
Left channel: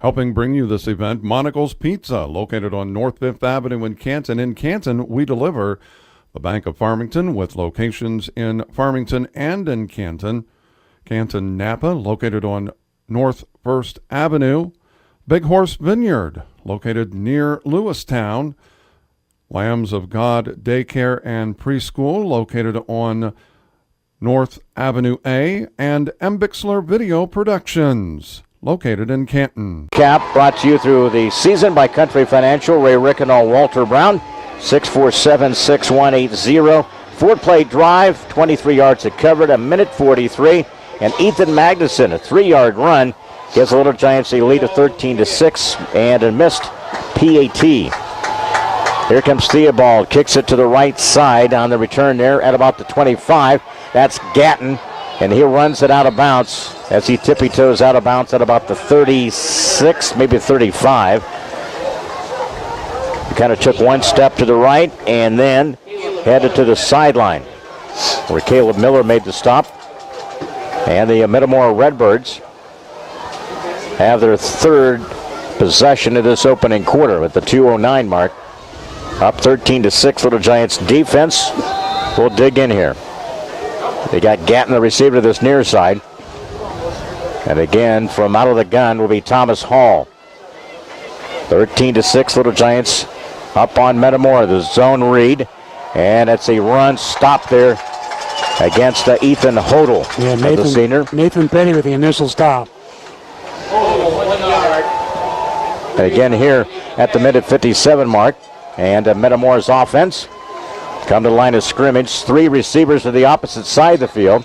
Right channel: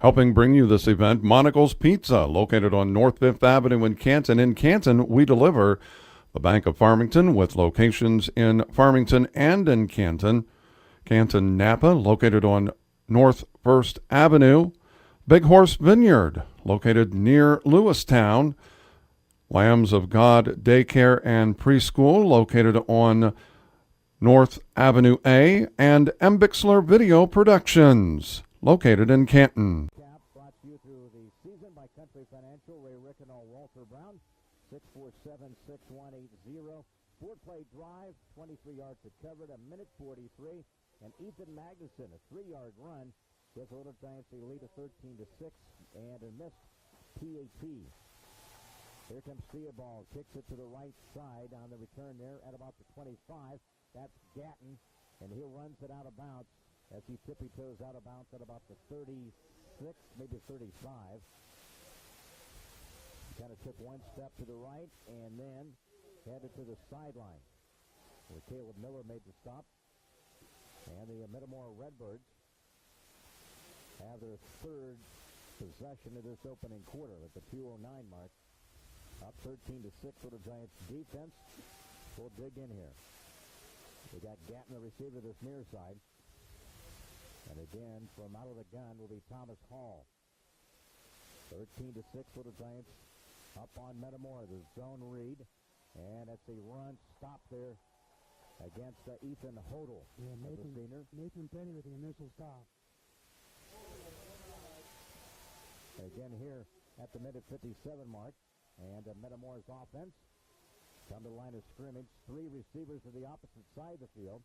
Helping bring you this event, Monocle's Pizza, located on North 5th Avenue in Canton. In Canton, we deliver. The Bank of Farmington, with locations in Farmington and in Canton. Canton Napa, located on North 1st Avenue. Big Horse Vineyard, located near Lewistown. Lambs of God Daycare and Preschool, located on North Avenue A. And Embixler Video Productions, located in Canton. Cap brought to you through the season by Country Financial, Ray Rickenow, Walter Brown, 647-6180. 4-play drive, 23 yards it covered, a minute 43. And Ethan Magnuson, a 3-yard run, gives the Little Giants a lead of 13-6 and a missed PAT. Here comes Theobald, kicks it to the right side on the return there at about the 25. That's Gatton, and he runs it out of bounds as he tippy-toes out of bounds at about the 36, maybe 35. He kind of took one step to the right and then headed to the sideline where Caleb Miller made the stop. And the Metamora Redbirds have their 3rd possession of this opening quarter at the 2:09 mark. Up 13-6, Little Giants defense. We'll dig in here. They got Gatton, the receiver, to this near side. And again, from out of the gun will be Thomas Hall. 13-6, Little Giants up on Metamora. The zone read, and it's a run stop there against Ethan Hodel, the senior. Nathan Petty with the initial stop. Again here at the minute 57 mark, and Metamora's offense come to the line of scrimmage. 3 receivers to the opposite side of the field.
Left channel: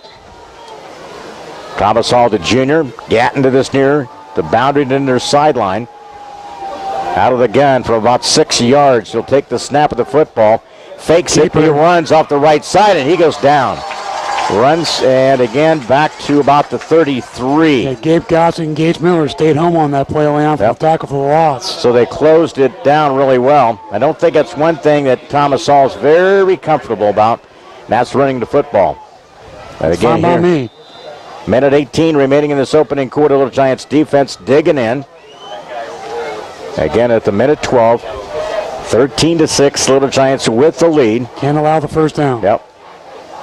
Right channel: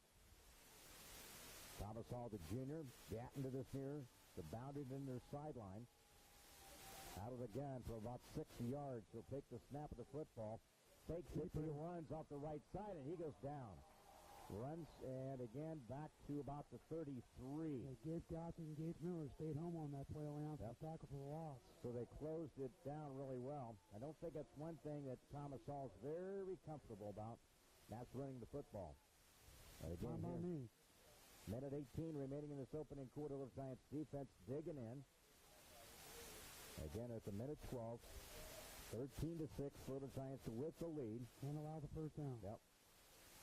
Thomas Hall, the junior, Gatton to this near the boundary to their sideline. Out of the gun from about 6 yards. He'll take the snap of the football, fakes it, he runs off the right side, and he goes down. Runs, and again, back to about the 33. Yeah, Gabe Gossett and Gage Miller stayed home on that play line for the tackle for the loss. So they closed it down really well. I don't think that's one thing that Thomas Hall's very comfortable about, and that's running the football. And again here, me. Minute 18 remaining in this opening quarter. Little Giants defense digging in. Again at the minute 12. 13-6, Little Giants with the lead. Can't allow the first down. Yep.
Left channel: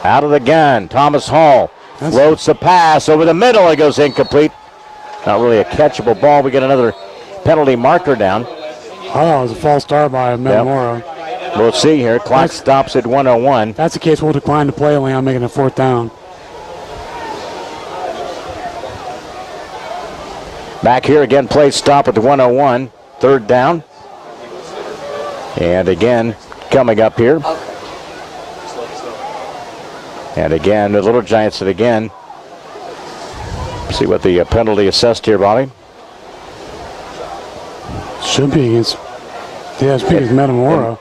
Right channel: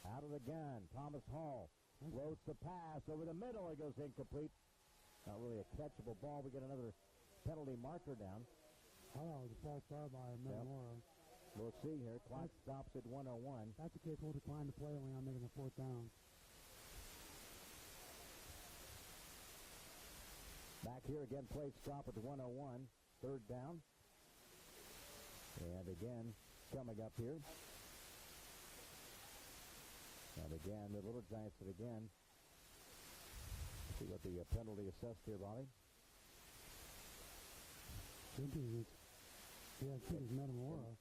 Out of the gun, Thomas Hall floats the pass over the middle. It goes incomplete. Not really a catchable ball. We get another penalty marker down. Oh, it was a false start by Metamora. Yep. We'll see here. Clock stops at 1:01. That's the case. We'll decline the play line, making a 4th down. Back here again, play stop at the 1:01. 3rd down. And again, coming up here. And again, the Little Giants it again. See what the penalty assessed here, Bobby. Should be against, it's against Metamora.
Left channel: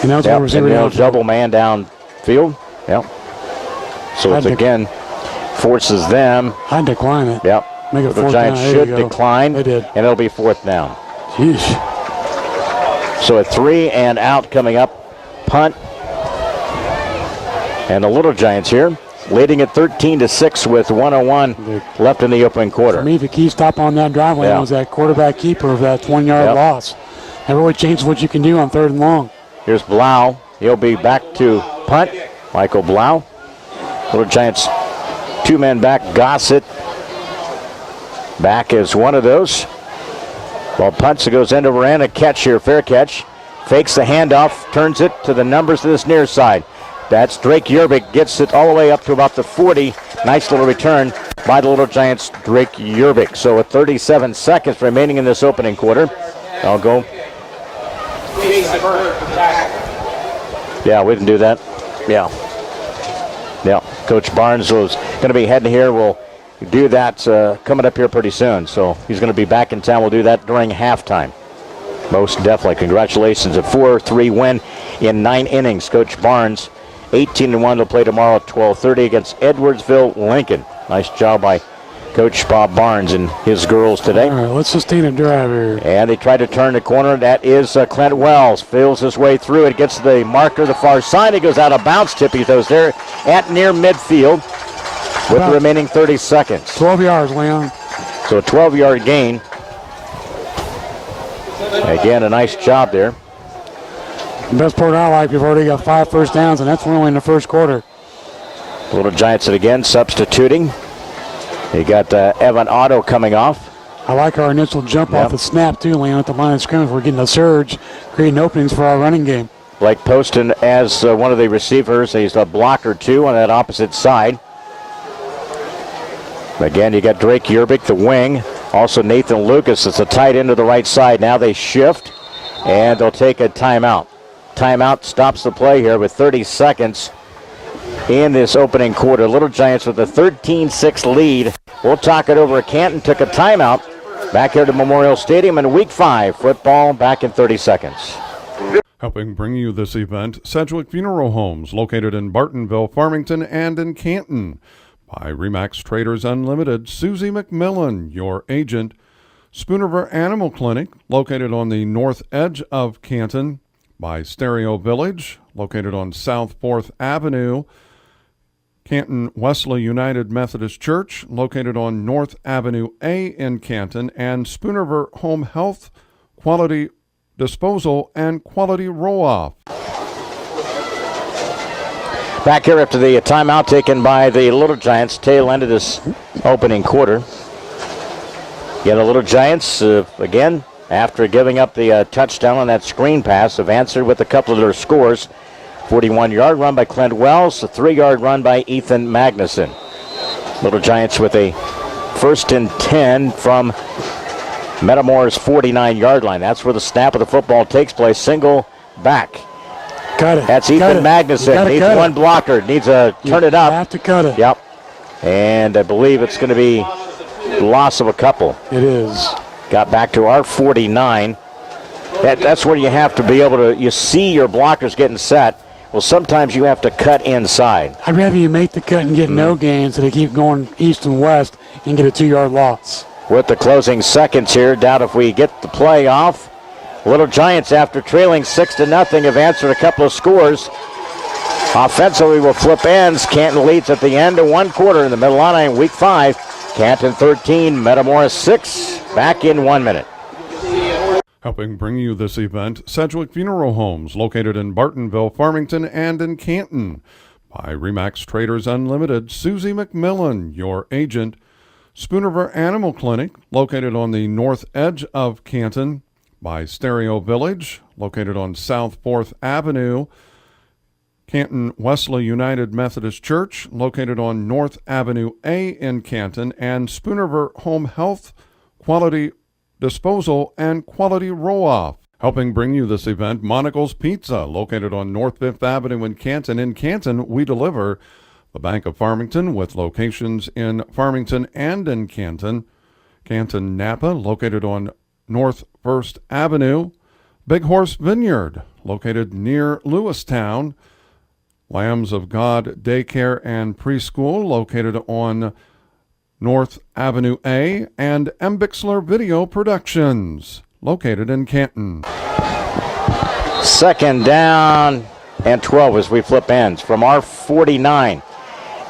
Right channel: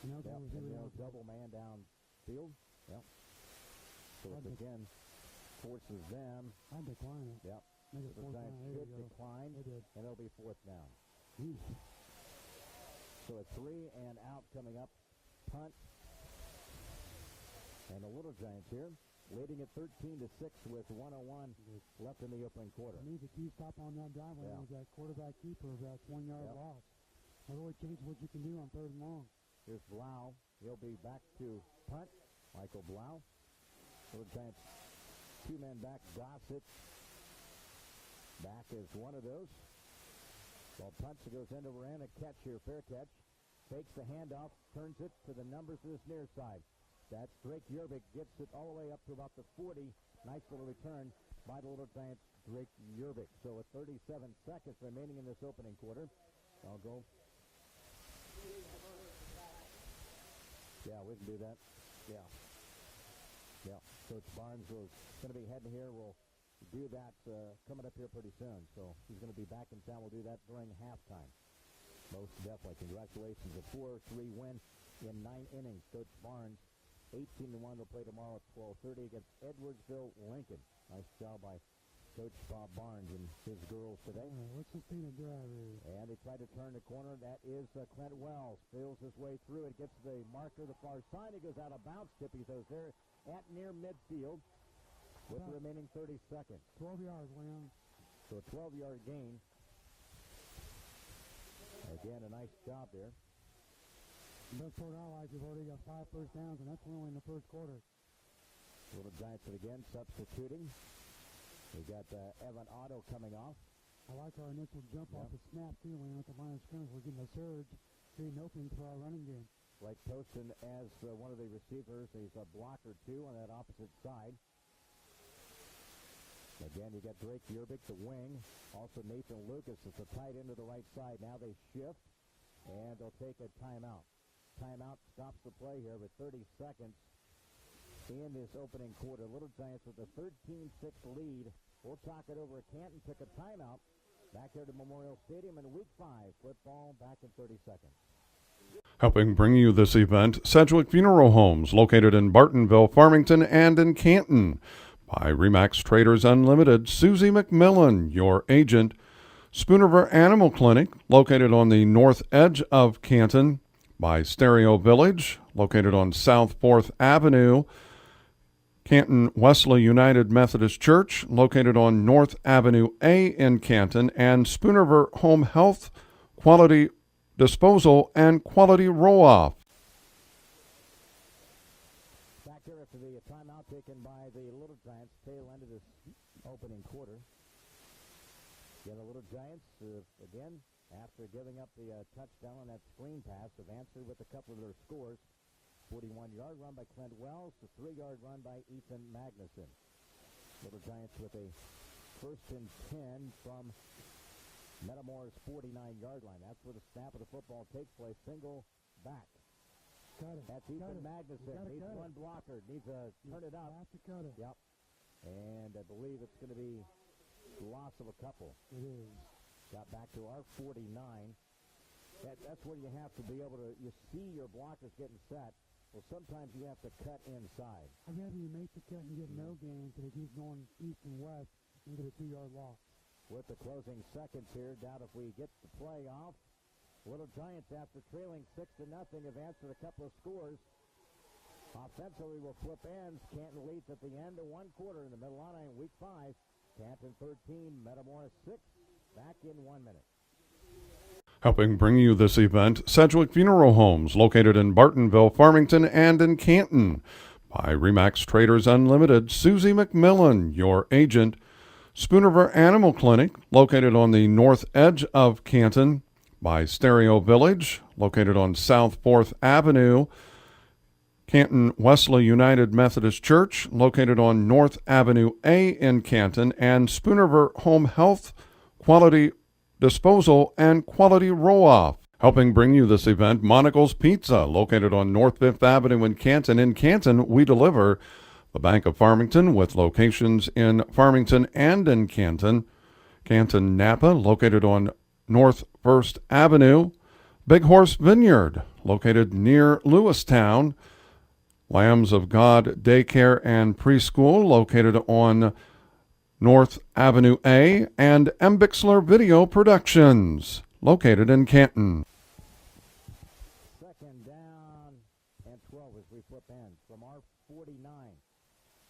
And now it's double man downfield. Yep. So it's again forces them. I'd decline it. Yep. Make it the Giants should decline. They did. And it'll be 4th down. Jeez. So a 3 and out coming up. Punt. And the Little Giants here leading at 13-6 with 1:01 left in the opening quarter. For me, the key stop on that drive lane was that quarterback keeper of that 1-yard loss. That really changes what you can do on 3rd and long. Here's Blau. He'll be back to punt. Michael Blau. Little Giants 2 men back. Gossett back as one of those. Well, punts, it goes end over end. A catch here, fair catch. Fakes the handoff, turns it to the numbers to this near side. That's Drake Yerbick, gets it all the way up to about the 40. Nice little return by the Little Giants, Drake Yerbick. So with 37 seconds remaining in this opening quarter, I'll go. Yeah, we didn't do that. Yeah. Coach Barnes was going to be heading here. We'll do that coming up here pretty soon. So he's going to be back in town. We'll do that during halftime. Most definitely. Congratulations. A 4-3 win in 9 innings. Coach Barnes, 18-1. They'll play tomorrow at 12:30 against Edwardsville Lincoln. Nice job by Coach Bob Barnes and his girls today. All right, let's sustain a drive here. And they try to turn the corner. That is Clint Wells. Feels his way through it. Gets the marker the far side. He goes out of bounds. Tippy goes there at near midfield with the remaining 30 seconds. 12 yards, Leon. So a 12-yard gain. Again, a nice job there. The best part I like, we've already got 5 first downs, and that's only in the first quarter. Little Giants again substituting. You got Evan Otto coming off. I like our initial jump off the snap, too, Leon, at the line of scrimmage. We're getting a surge, creating openings for our running game. Blake Poston as one of the receivers. He's a blocker, too, on that opposite side. Again, you got Drake Yerbick, the wing. Also Nathan Lucas. It's a tight end to the right side. Now they shift, and they'll take a timeout. Timeout stops the play here with 30 seconds in this opening quarter. Little Giants with a 13-6 lead. We'll talk it over. Canton took a timeout back here to Memorial Stadium in Week 5. Football back in 30 seconds. Helping bring you this event, Sedgwick Funeral Homes, located in Bartonville, Farmington, and in Canton. By Remax Traders Unlimited, Susie McMillan, your agent. Spoonerver Animal Clinic, located on the north edge of Canton. By Stereo Village, located on South 4th Avenue. Canton Wesley United Methodist Church, located on North Avenue A in Canton. And Spoonerver Home Health, Quality Disposal, and Quality Roll-Off. Back here after the timeout taken by the Little Giants, tail end of this opening quarter. Again, the Little Giants, again, after giving up the touchdown on that screen pass, have answered with a couple of their scores. 41-yard run by Clint Wells, a 3-yard run by Ethan Magnuson. Little Giants with a 1st and 10 from Metamora's 49-yard line. That's where the snap of the football takes place. Single back. Cut it. That's Ethan Magnuson. Needs one blocker. Needs a turn it up. Have to cut it. Yep. And I believe it's going to be loss of a couple. It is. Got back to our 49. That's where you have to be able to, you see your blockers getting set. Well, sometimes you have to cut inside. I'd rather you make the cut and get no gains than to keep going east and west and get a 2-yard loss. With the closing seconds here, doubt if we get the play off. Little Giants, after trailing 6-0, have answered a couple of scores. Offensively will flip ends. Canton leads at the end of one quarter in the Mid-Illini in Week 5. Canton 13, Metamora 6. Back in 1 minute. Helping bring you this event, Sedgwick Funeral Homes, located in Bartonville, Farmington, and in Canton. By Remax Traders Unlimited, Susie McMillan, your agent. Spoonerver Animal Clinic, located on the north edge of Canton. By Stereo Village, located on South 4th Avenue. Canton Wesley United Methodist Church, located on North Avenue A in Canton. And Spoonerver Home Health, Quality Disposal, and Quality Roll-Off. Helping bring you this event, Monocle's Pizza, located on North 5th Avenue in Canton. In Canton, we deliver. The Bank of Farmington, with locations in Farmington and in Canton. Canton Napa, located on North 1st Avenue. Big Horse Vineyard, located near Lewistown. Lambs of God Daycare and Preschool, located on North Avenue A, and M. Bixler Video Productions, located in Canton. 2nd down and 12 as we flip ends from our 49.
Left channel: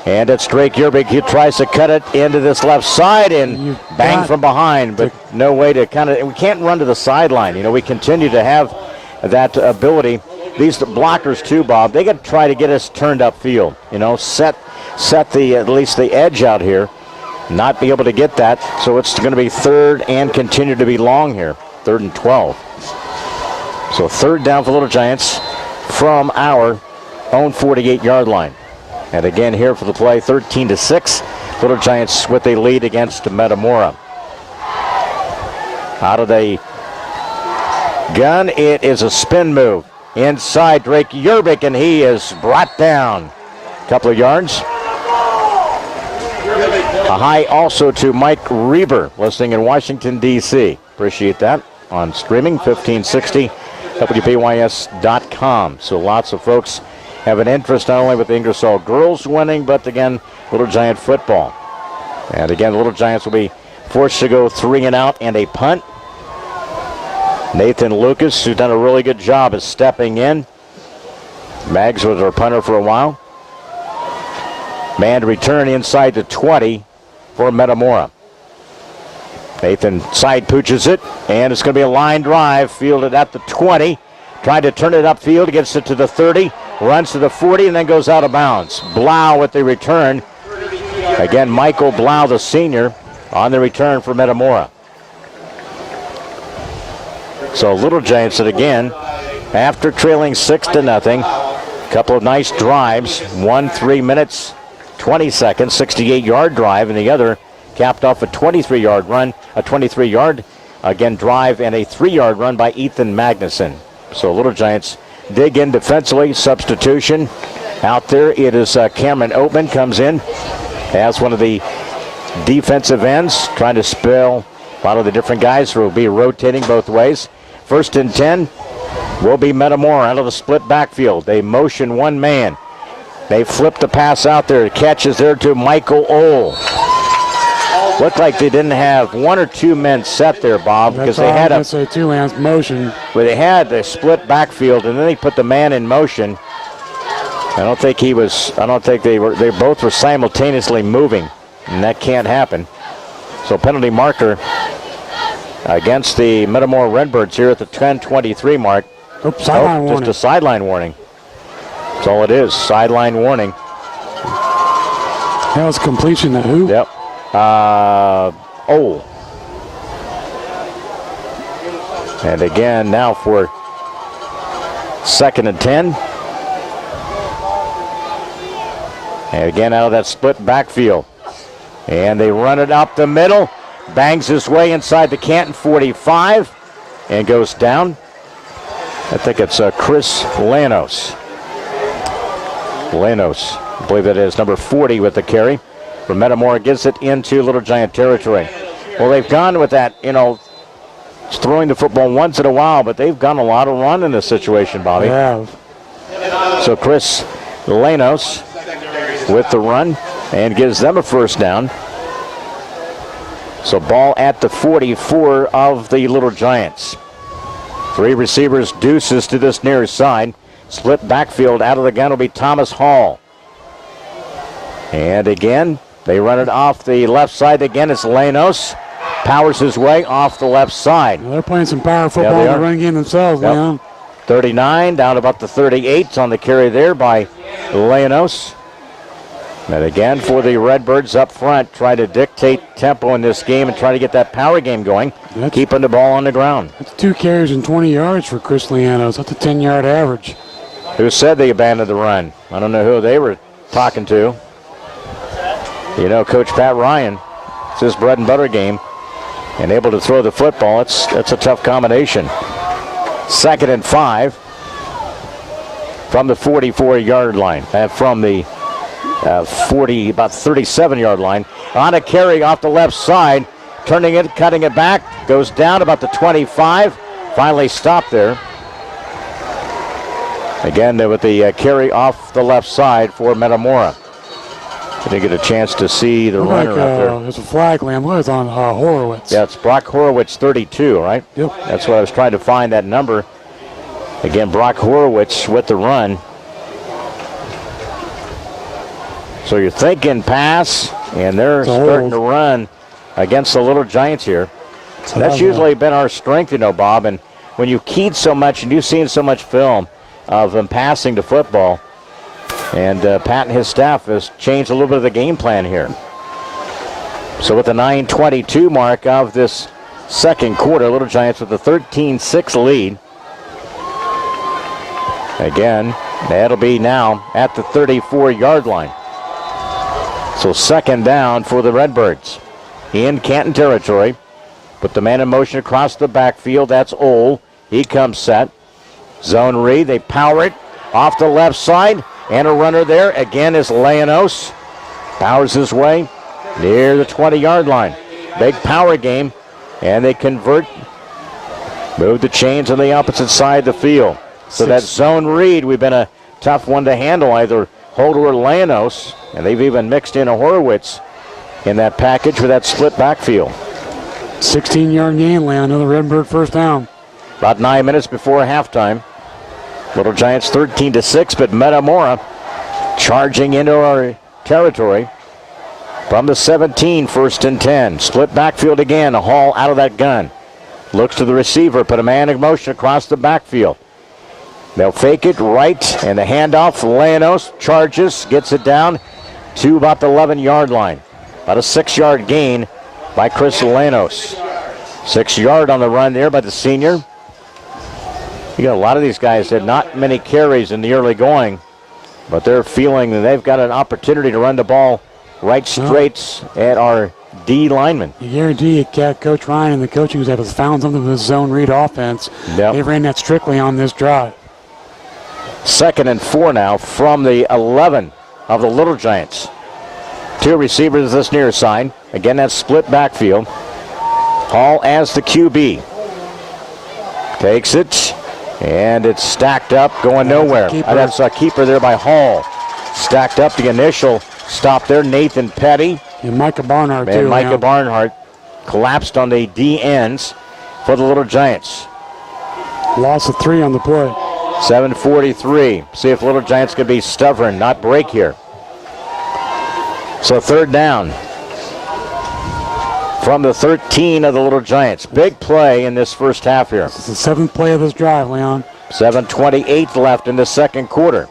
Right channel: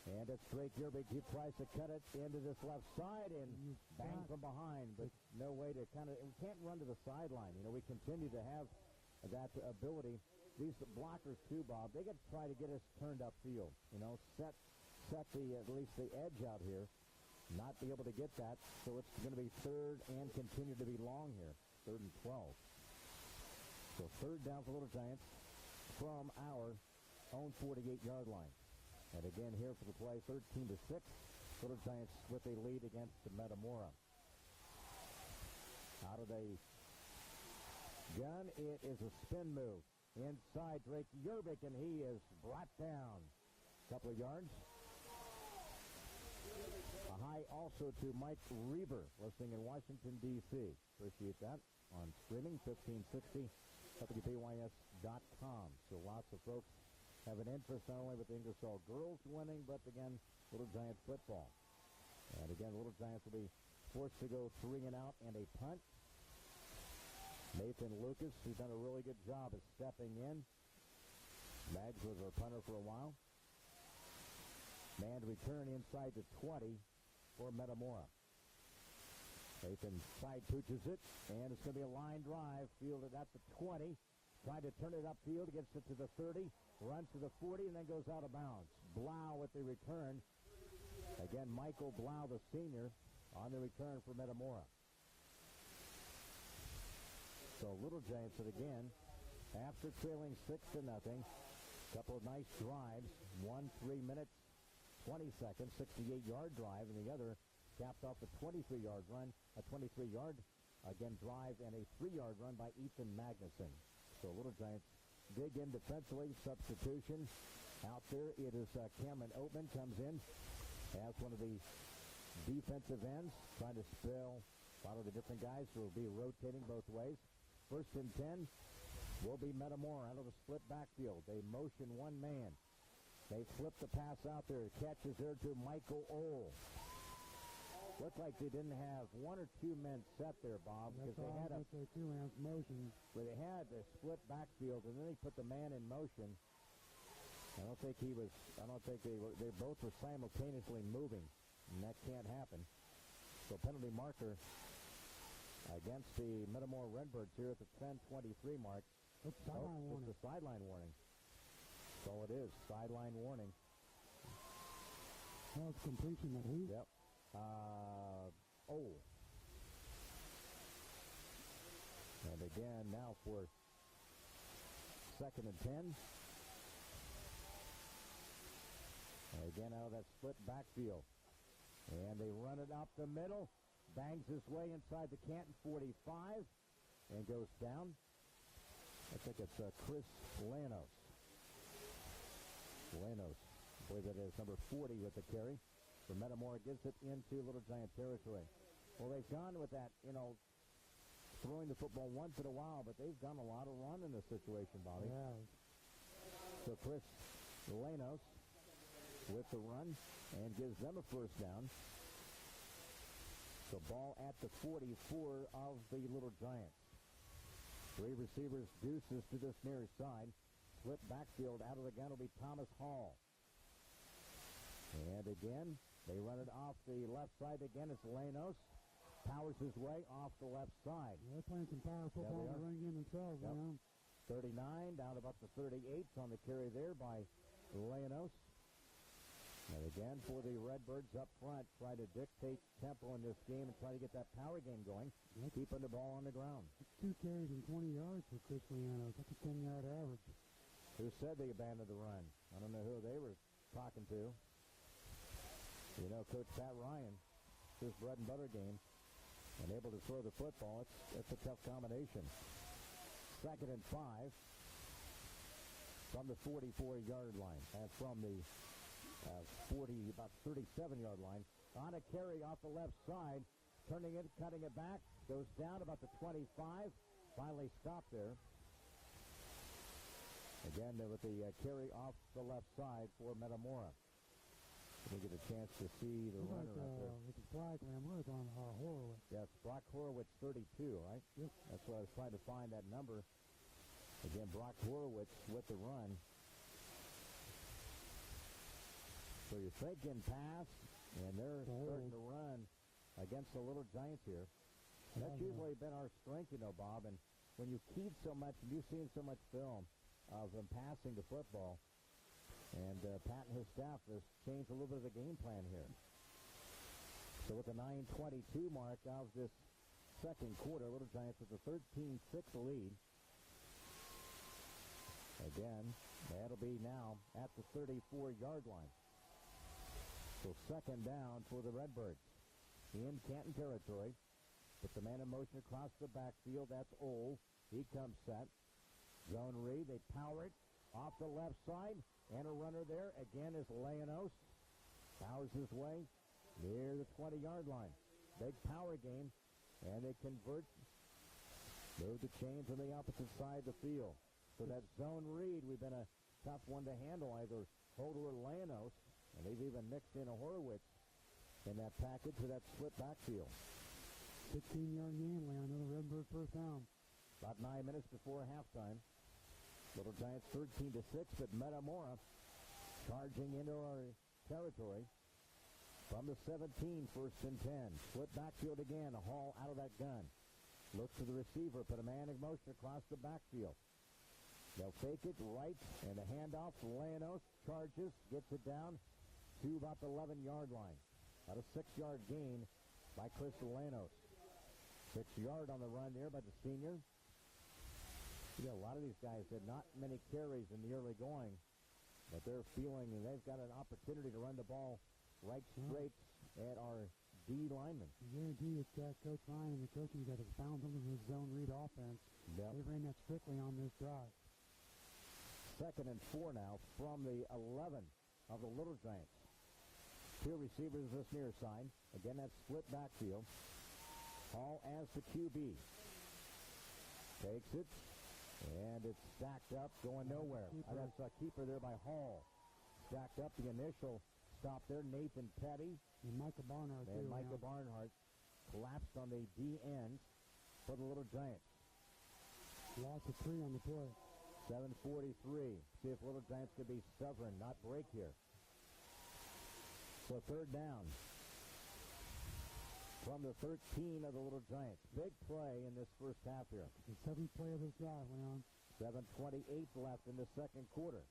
And it's Drake Yerbig. He tries to cut it into this left side and bang from behind, but no way to we can't run to the sideline. You know, we continue to have that ability. These blockers too, Bob, they got to try to get us turned upfield. You know, set the at least the edge out here. Not be able to get that, so it's going to be 3rd and continue to be long here. 3rd and 12. So 3rd down for Little Giants from our own 48-yard line. And again here for the play, 13-6. Little Giants with a lead against Metamora. Out of the gun, it is a spin move. Inside Drake Yerbig, and he is brought down. A couple of yards. A high also to Mike Reber, listening in Washington, D.C. Appreciate that. On streaming, 1560, WBYS.com. So lots of folks have an interest not only with the Ingersoll girls winning, but again, Little Giant football. And again, Little Giants will be forced to go 3 and out and a punt. Nathan Lucas, who's done a really good job, is stepping in. Maggs was our punter for a while. Man to return inside the 20 for Metamora. Nathan side pooches it, and it's going to be a line drive, fielded at the 20. Trying to turn it upfield, gets it to the 30, runs to the 40, and then goes out of bounds. Blau with the return. Again, Michael Blau, the senior, on the return for Metamora. So Little Giants, again, after trailing 6-0, couple of nice drives. One 3 minutes, 20 seconds, 68-yard drive, and the other capped off a 23-yard run, a 23-yard, again, drive, and a 3-yard run by Ethan Magnuson. So Little Giants dig in defensively. Substitution out there. It is Cameron Oatman comes in as one of the defensive ends, trying to spell a lot of the different guys who will be rotating both ways. 1st and 10 will be Metamora out of the split backfield. They motion one man. They flip the pass out there. Catches there to Michael Ohl. Looked like they didn't have 1 or 2 men set there, Bob, because they had a 2-man motion. Where they had the split backfield, and then they put the man in motion. I don't think they both were simultaneously moving, and that can't happen. So penalty marker against the Metamora Redbirds here at the 10:23 mark. Oops, sideline warning. Just a sideline warning. That's all it is, sideline warning. That was completion to who? Yep. And again, now for 2nd and 10. And again, out of that split backfield. And they run it up the middle. Bangs his way inside the Canton 45 and goes down. I think it's Chris Lanos. Lanos, I believe that is number 40 with the carry. From Metamora gets it into Little Giant territory. Well, they've gone with that, throwing the football once in a while, but they've gone a lot of run in this situation, Bobby. Yeah. So Chris Lanos with the run and gives them a first down. So ball at the 44 of the Little Giants. 3 receivers, deuces to this near side. Split backfield out of the gun will be Thomas Hall. And again, they run it off the left side. Again, it's Lanos. Powers his way off the left side. Well, they're playing some power football in the run game themselves, Leon. 39 down about the 38 on the carry there by Lanos. And again, for the Redbirds up front, try to dictate tempo in this game and try to get that power game going, keeping the ball on the ground. That's 2 carries and 20 yards for Chris Lianos. That's a 10-yard average. Who said they abandoned the run? I don't know who they were talking to. Coach Pat Ryan, it's his bread and butter game, and able to throw the football. It's a tough combination. 2nd and 5 from the 44-yard line, from the about 37-yard line. On a carry off the left side, turning it, cutting it back, goes down about the 25, finally stopped there. Again, with the carry off the left side for Metamora. Didn't get a chance to see the runner up there. There's a flag, Lamb. It's on Horowitz. Yeah, it's Brock Horowitz, 32, right? Yep. That's what I was trying to find, that number. Again, Brock Horowitz with the run. So you're thinking pass, and they're starting to run against the Little Giants here. So that's usually been our strength, Bob. And when you've keyed so much and you've seen so much film of them passing the football, and Pat and his staff has changed a little bit of the game plan here. So with the 9:22 mark of this second quarter, Little Giants with a 13-6 lead. Again, that'll be now at the 34-yard line. So 2nd down for the Redbirds in Canton territory. Put the man in motion across the backfield. That's Ole. He comes set. Zone read. They power it off the left side. And a runner there. Again is Lanos. Powers his way near the 20-yard line. Big power game. And they convert. Move the chains on the opposite side of the field. So that zone read, we've been a tough one to handle, either Holder or Lanos. And they've even mixed in a Horowitz in that package for that split backfield. 16-yard gain, Leon. Another Redbird first down. About 9 minutes before halftime. Little Giants 13-6, but Metamora charging into our territory from the 17, 1st and 10. Split backfield again. A Hall out of that gun. Looks to the receiver, put a man in motion across the backfield. They'll fake it right, and the handoff. Lanos charges, gets it down to about the 11-yard line. About a 6-yard gain by Chris Lanos. 6-yard on the run there by the senior. You got a lot of these guys that not many carries in the early going, but they're feeling that they've got an opportunity to run the ball right straight at our D linemen. You guarantee Coach Ryan and the coaching staff has found something with this zone read offense. Yep. They ran that strictly on this drive. 2nd and 4 now from the 11 of the Little Giants. 2 receivers this near side. Again, that split backfield. Hall as the QB. Takes it. And it's stacked up, going nowhere. That's a keeper there by Hall. Stacked up the initial stop there. Nathan Petty. And Micah Barnhart, and Micah Barnhart collapsed on the D ends for the Little Giants. Loss of 3 on the play. 7:43. See if Little Giants can be stubborn, not break here. So 3rd down from the 13 of the Little Giants. Big play in this first half here. It's the 7th play of this drive, Leon. 7:28 left in the second quarter.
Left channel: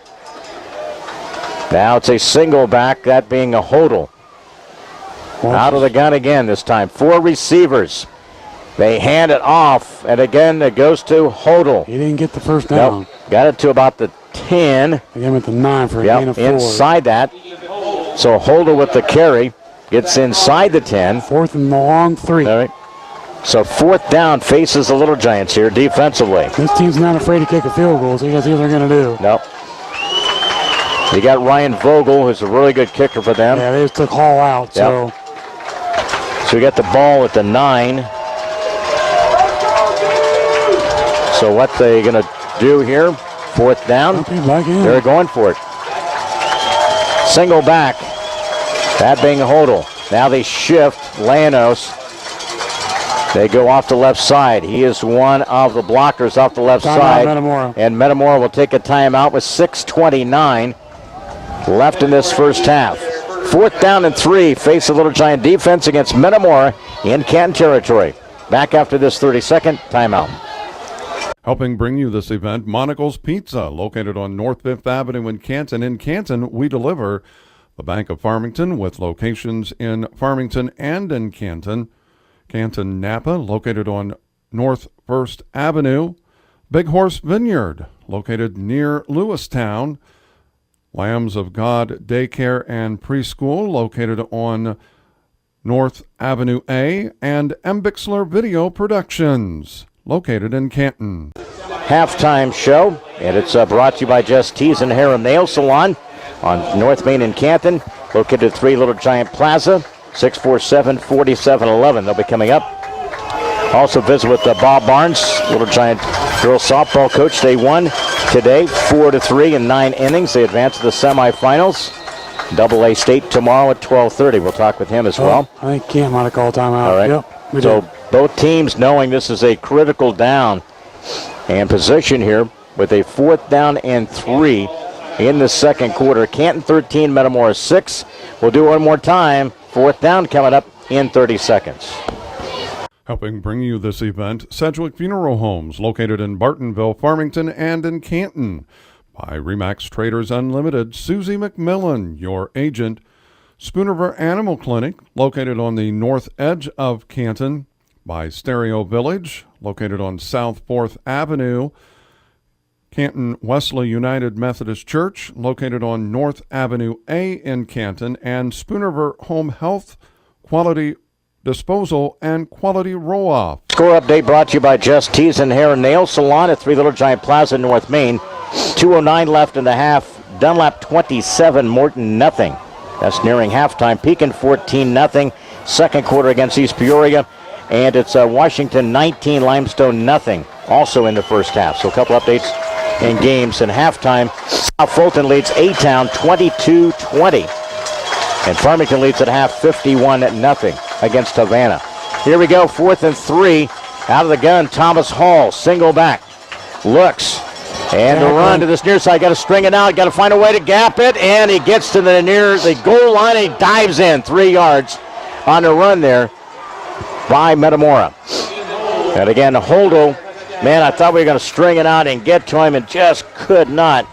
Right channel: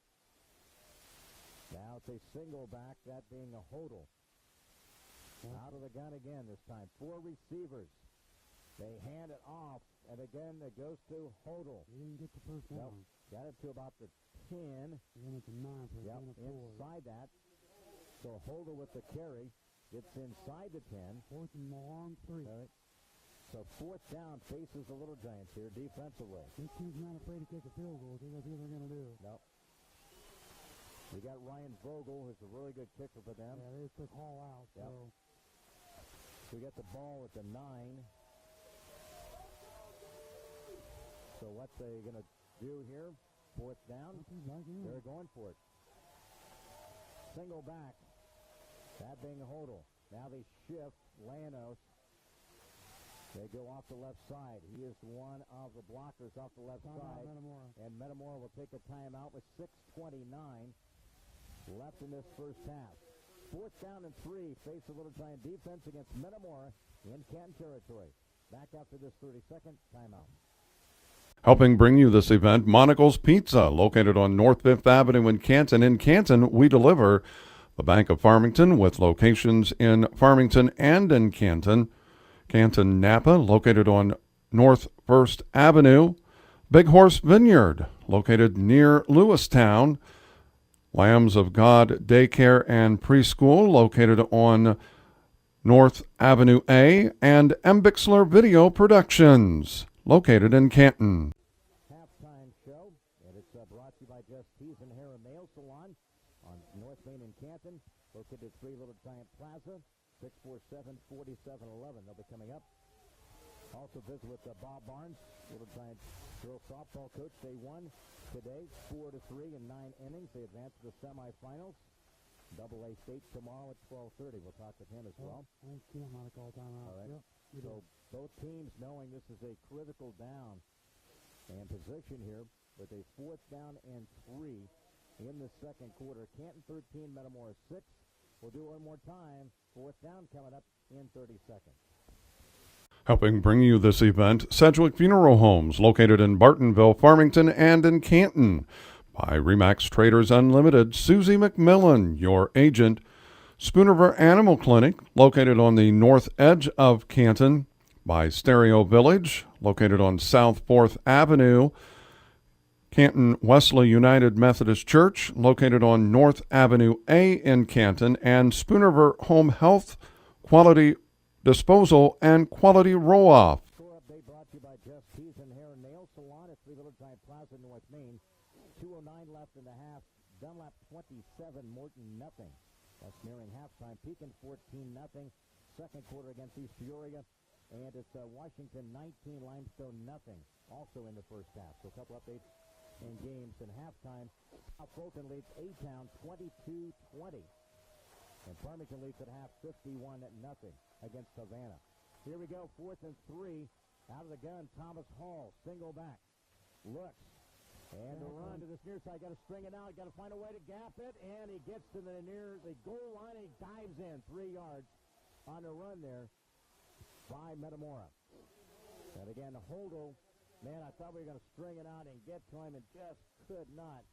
Now it's a single back, that being a Hodel. Out of the gun again this time. 4 receivers. They hand it off, and again it goes to Hodel. He didn't get the first down. Nope. Got it to about the 10. They gave him at the 9 for a gain of 4. Inside that. So Hodel with the carry. Gets inside the 10. 4th and the long 3. All right. So 4th down faces the Little Giants here defensively. This team's not afraid to kick a field goal, so you guys see what they're going to do. Nope. You got Ryan Vogel, who's a really good kicker for them. Yeah, they just took Hall out, so. So we got the ball at the 9. So what they going to do here? 4th down. They're going for it. Single back. That being Hodel. Now they shift. Lanos. They go off the left side. He is one of the blockers off the left side. Metamora. And Metamora will take a timeout with 6:29 left in this first half. 4th down and 3. Face the Little Giant defense against Metamora in Canton territory. Back after this 30-second timeout. Helping bring you this event, Monical's Pizza, located on North 5th Avenue in Canton. In Canton, we deliver. The Bank of Farmington, with locations in Farmington and in Canton. Canton Napa, located on North 1st Avenue. Big Horse Vineyard, located near Lewistown. Lambs of God Daycare and Preschool, located on North Avenue A. And M. Bixler Video Productions, located in Canton. Halftime show, and it's brought to you by Just Tees and Hair and Nail Salon on North Main in Canton, located at 3 Little Giant Plaza, 647-4711. They'll be coming up. Also visit with Bob Barnes, Little Giant girls softball coach. They won today 4-3 in 9 innings. They advance to the semifinals. AA State tomorrow at 12:30. We'll talk with him as well. I think Cam might have called timeout. All right. Yep, so both teams knowing this is a critical down and position here with a 4th down and 3 in the second quarter. Canton 13, Metamora 6. We'll do one more time. 4th down coming up in 30 seconds. Helping bring you this event, Sedgwick Funeral Homes, located in Bartonville, Farmington, and in Canton. By Remax Traders Unlimited, Susie McMillan, your agent. Spooniver Animal Clinic, located on the north edge of Canton. By Stereo Village, located on South 4th Avenue. Canton Wesley United Methodist Church, located on North Avenue A in Canton. And Spooniver Home Health, Quality Disposal, and Quality Roll-Off. Score update brought to you by Just Tees and Hair and Nail Salon at 3 Little Giant Plaza, North Main. 2:09 left in the half. Dunlap 27, Morton nothing. That's nearing halftime. Pekin 14-0. Second quarter against East Peoria. And it's Washington 19, Limestone nothing. Also in the first half. So a couple updates in games. In halftime, South Fulton leads A-Town 22-20. And Farmington leads at half 51-0 against Havana. Here we go, 4th and 3. Out of the gun, Thomas Hall, single back. Looks. And the run to this near side. Got to string it out. Got to find a way to gap it. And he gets to the goal line. And he dives in 3 yards on the run there by Metamora. And again, Holdel, man, I thought we were going to string it out and get to him and just could not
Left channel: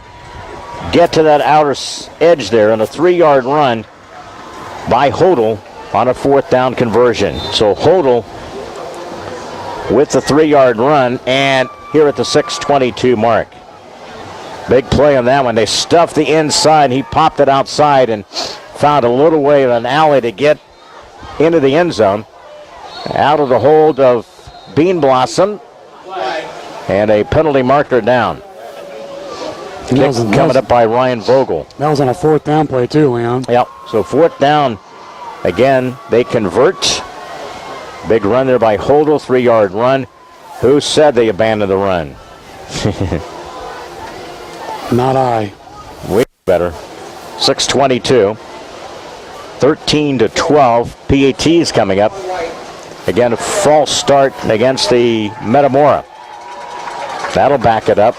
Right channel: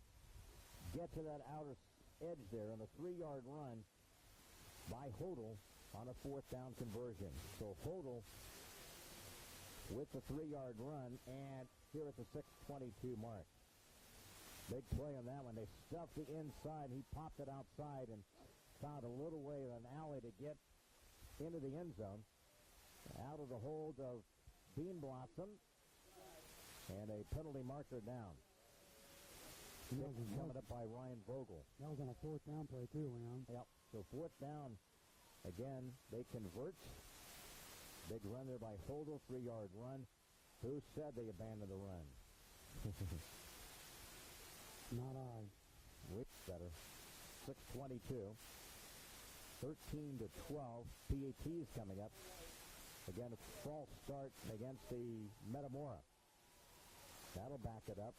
get to that outer edge there on a 3-yard run by Hodel on a 4th down conversion. So Hodel with the 3-yard run, and here at the 6:22 mark. Big play on that one. They stuffed the inside. He popped it outside and found a little way of an alley to get into the end zone. Out of the hold of Bean Blossom, and a penalty marker down. Kick coming up by Ryan Vogel. That was on a 4th down play too, Leon. Yep, so 4th down. Again, they convert. Big run there by Hodel, 3-yard run. Who said they abandoned the run? Not I. Way better. 6:22. 13-12. PAT's coming up. Again, a false start against the Metamora. That'll back it up.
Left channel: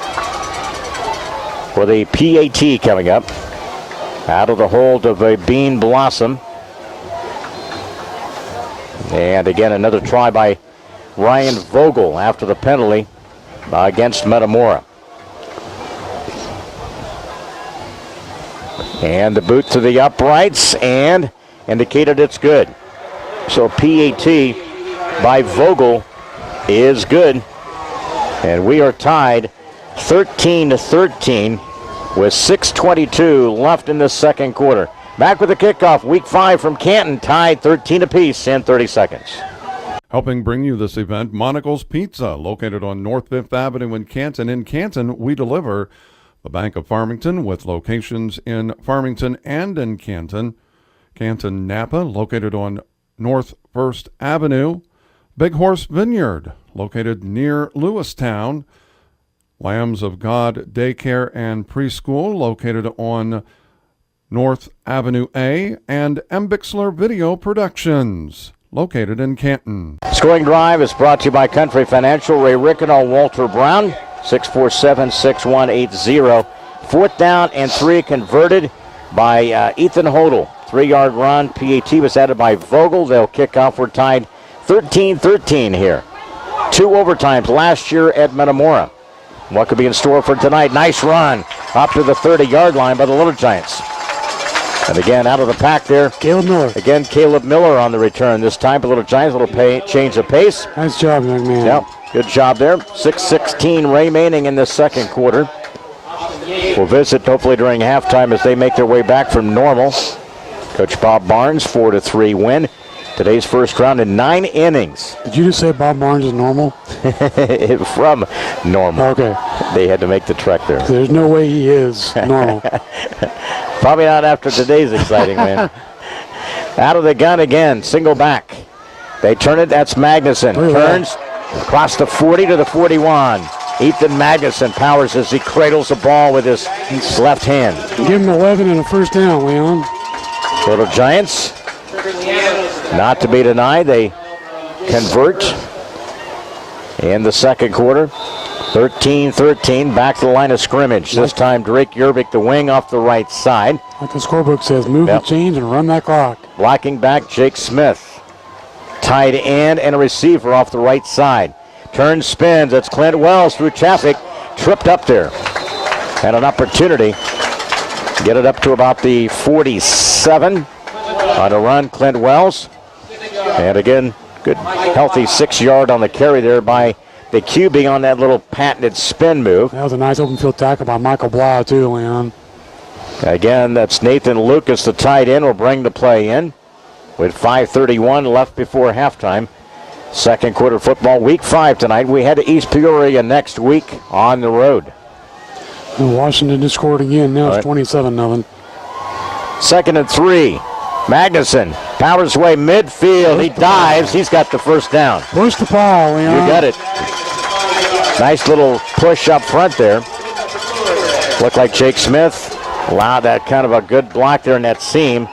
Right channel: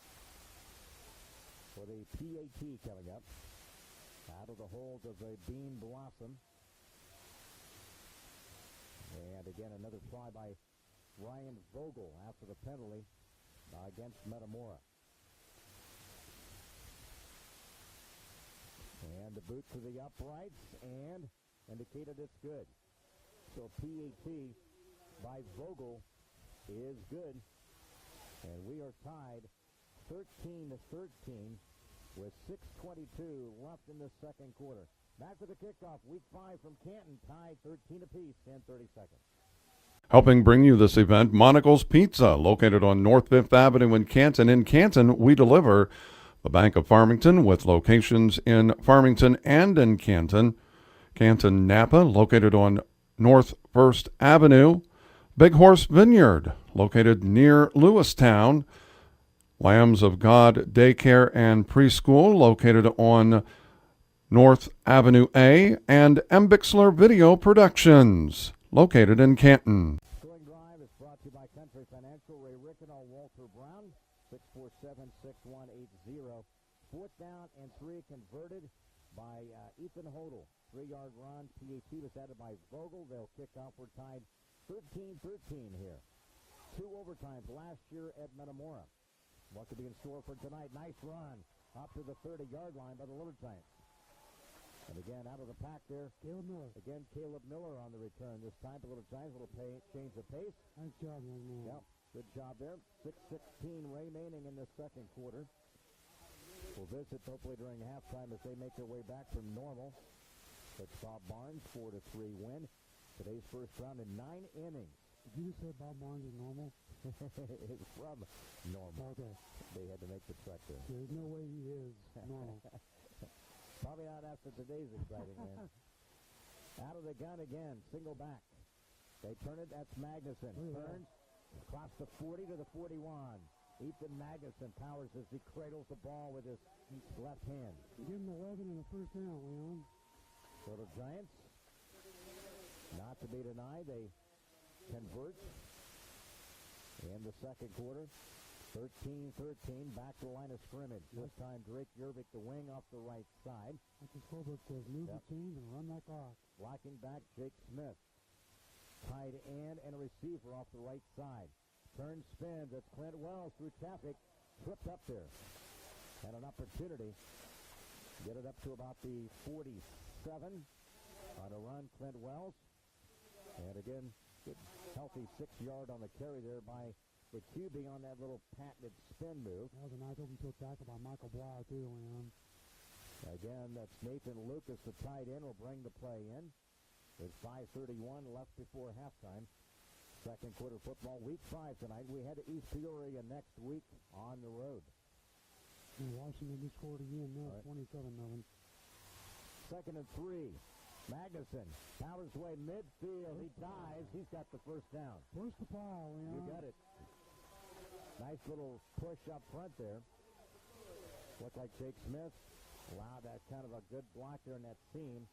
For the PAT coming up. Out of the hold of a Bean Blossom. And again, another try by Ryan Vogel after the penalty against Metamora. And the boot to the uprights and indicated it's good. So PAT by Vogel is good. And we are tied 13-13 with 6:22 left in the second quarter. Back with the kickoff, week 5 from Canton, tied 13 apiece in 30 seconds. Helping bring you this event, Monocle's Pizza, located on North 5th Avenue in Canton. In Canton, we deliver. The Bank of Farmington, with locations in Farmington and in Canton. Canton Napa, located on North 1st Avenue. Big Horse Vineyard, located near Lewistown. Lambs of God Daycare and Preschool, located on North Avenue A. And M. Bixler Video Productions, located in Canton. Scoring drive is brought to you by Country Financial, Ray Rickino, Walter Brown, 647-6180. 4th down and 3 converted by Ethan Hodel. 3-yard run. PAT was added by Vogel. They'll kick off. We're tied 13-13 here. 2 overtimes last year at Metamora. What could be in store for tonight? Nice run up to the 30-yard line by the Little Giants. And again, out of the pack there, Caleb Miller. Again, Caleb Miller on the return. This time, the Little Giants, a little change of pace. Nice job, young man. Yep, good job there. 6:16 remaining in the second quarter. We'll visit hopefully during halftime as they make their way back from normal. Coach Bob Barnes, 4-3 win. Today's first round in 9 innings. Did you just say Bob Barnes is normal? From normal. Okay. They had to make the trek there. There's no way he is normal. Probably not after today's exciting win. Out of the gun again, single back. They turn it, that's Magnuson. Turns across the 40 to the 41. Ethan Magnuson powers as he cradles the ball with his left hand. Give him 11 and a first down, Leon. Little Giants, not to be denied, they convert in the second quarter. 13-13, back to the line of scrimmage. This time Drake Yerbick, the wing, off the right side. Like the scorebook says, move the chains and run that clock. Blocking back, Jake Smith. Tight end and a receiver off the right side. Turns, spins, it's Clint Wells through traffic. Tripped up there. Had an opportunity. Get it up to about the 47. On a run, Clint Wells. And again, good healthy 6-yard on the carry there by the QB on that little patented spin move. That was a nice open field tackle by Michael Blau too, Leon. Again, that's Nathan Lucas, the tight end, will bring the play in with 5:31 left before halftime. Second quarter football, week 5 tonight. We head to East Peoria next week on the road. And Washington just scored again. Now it's 27-0. 2nd and 3. Magnuson powers away midfield. He dives. He's got the first down. Push the pile, Leon. You got it. Nice little push up front there. Looked like Jake Smith allowed that kind of a good block there in that seam.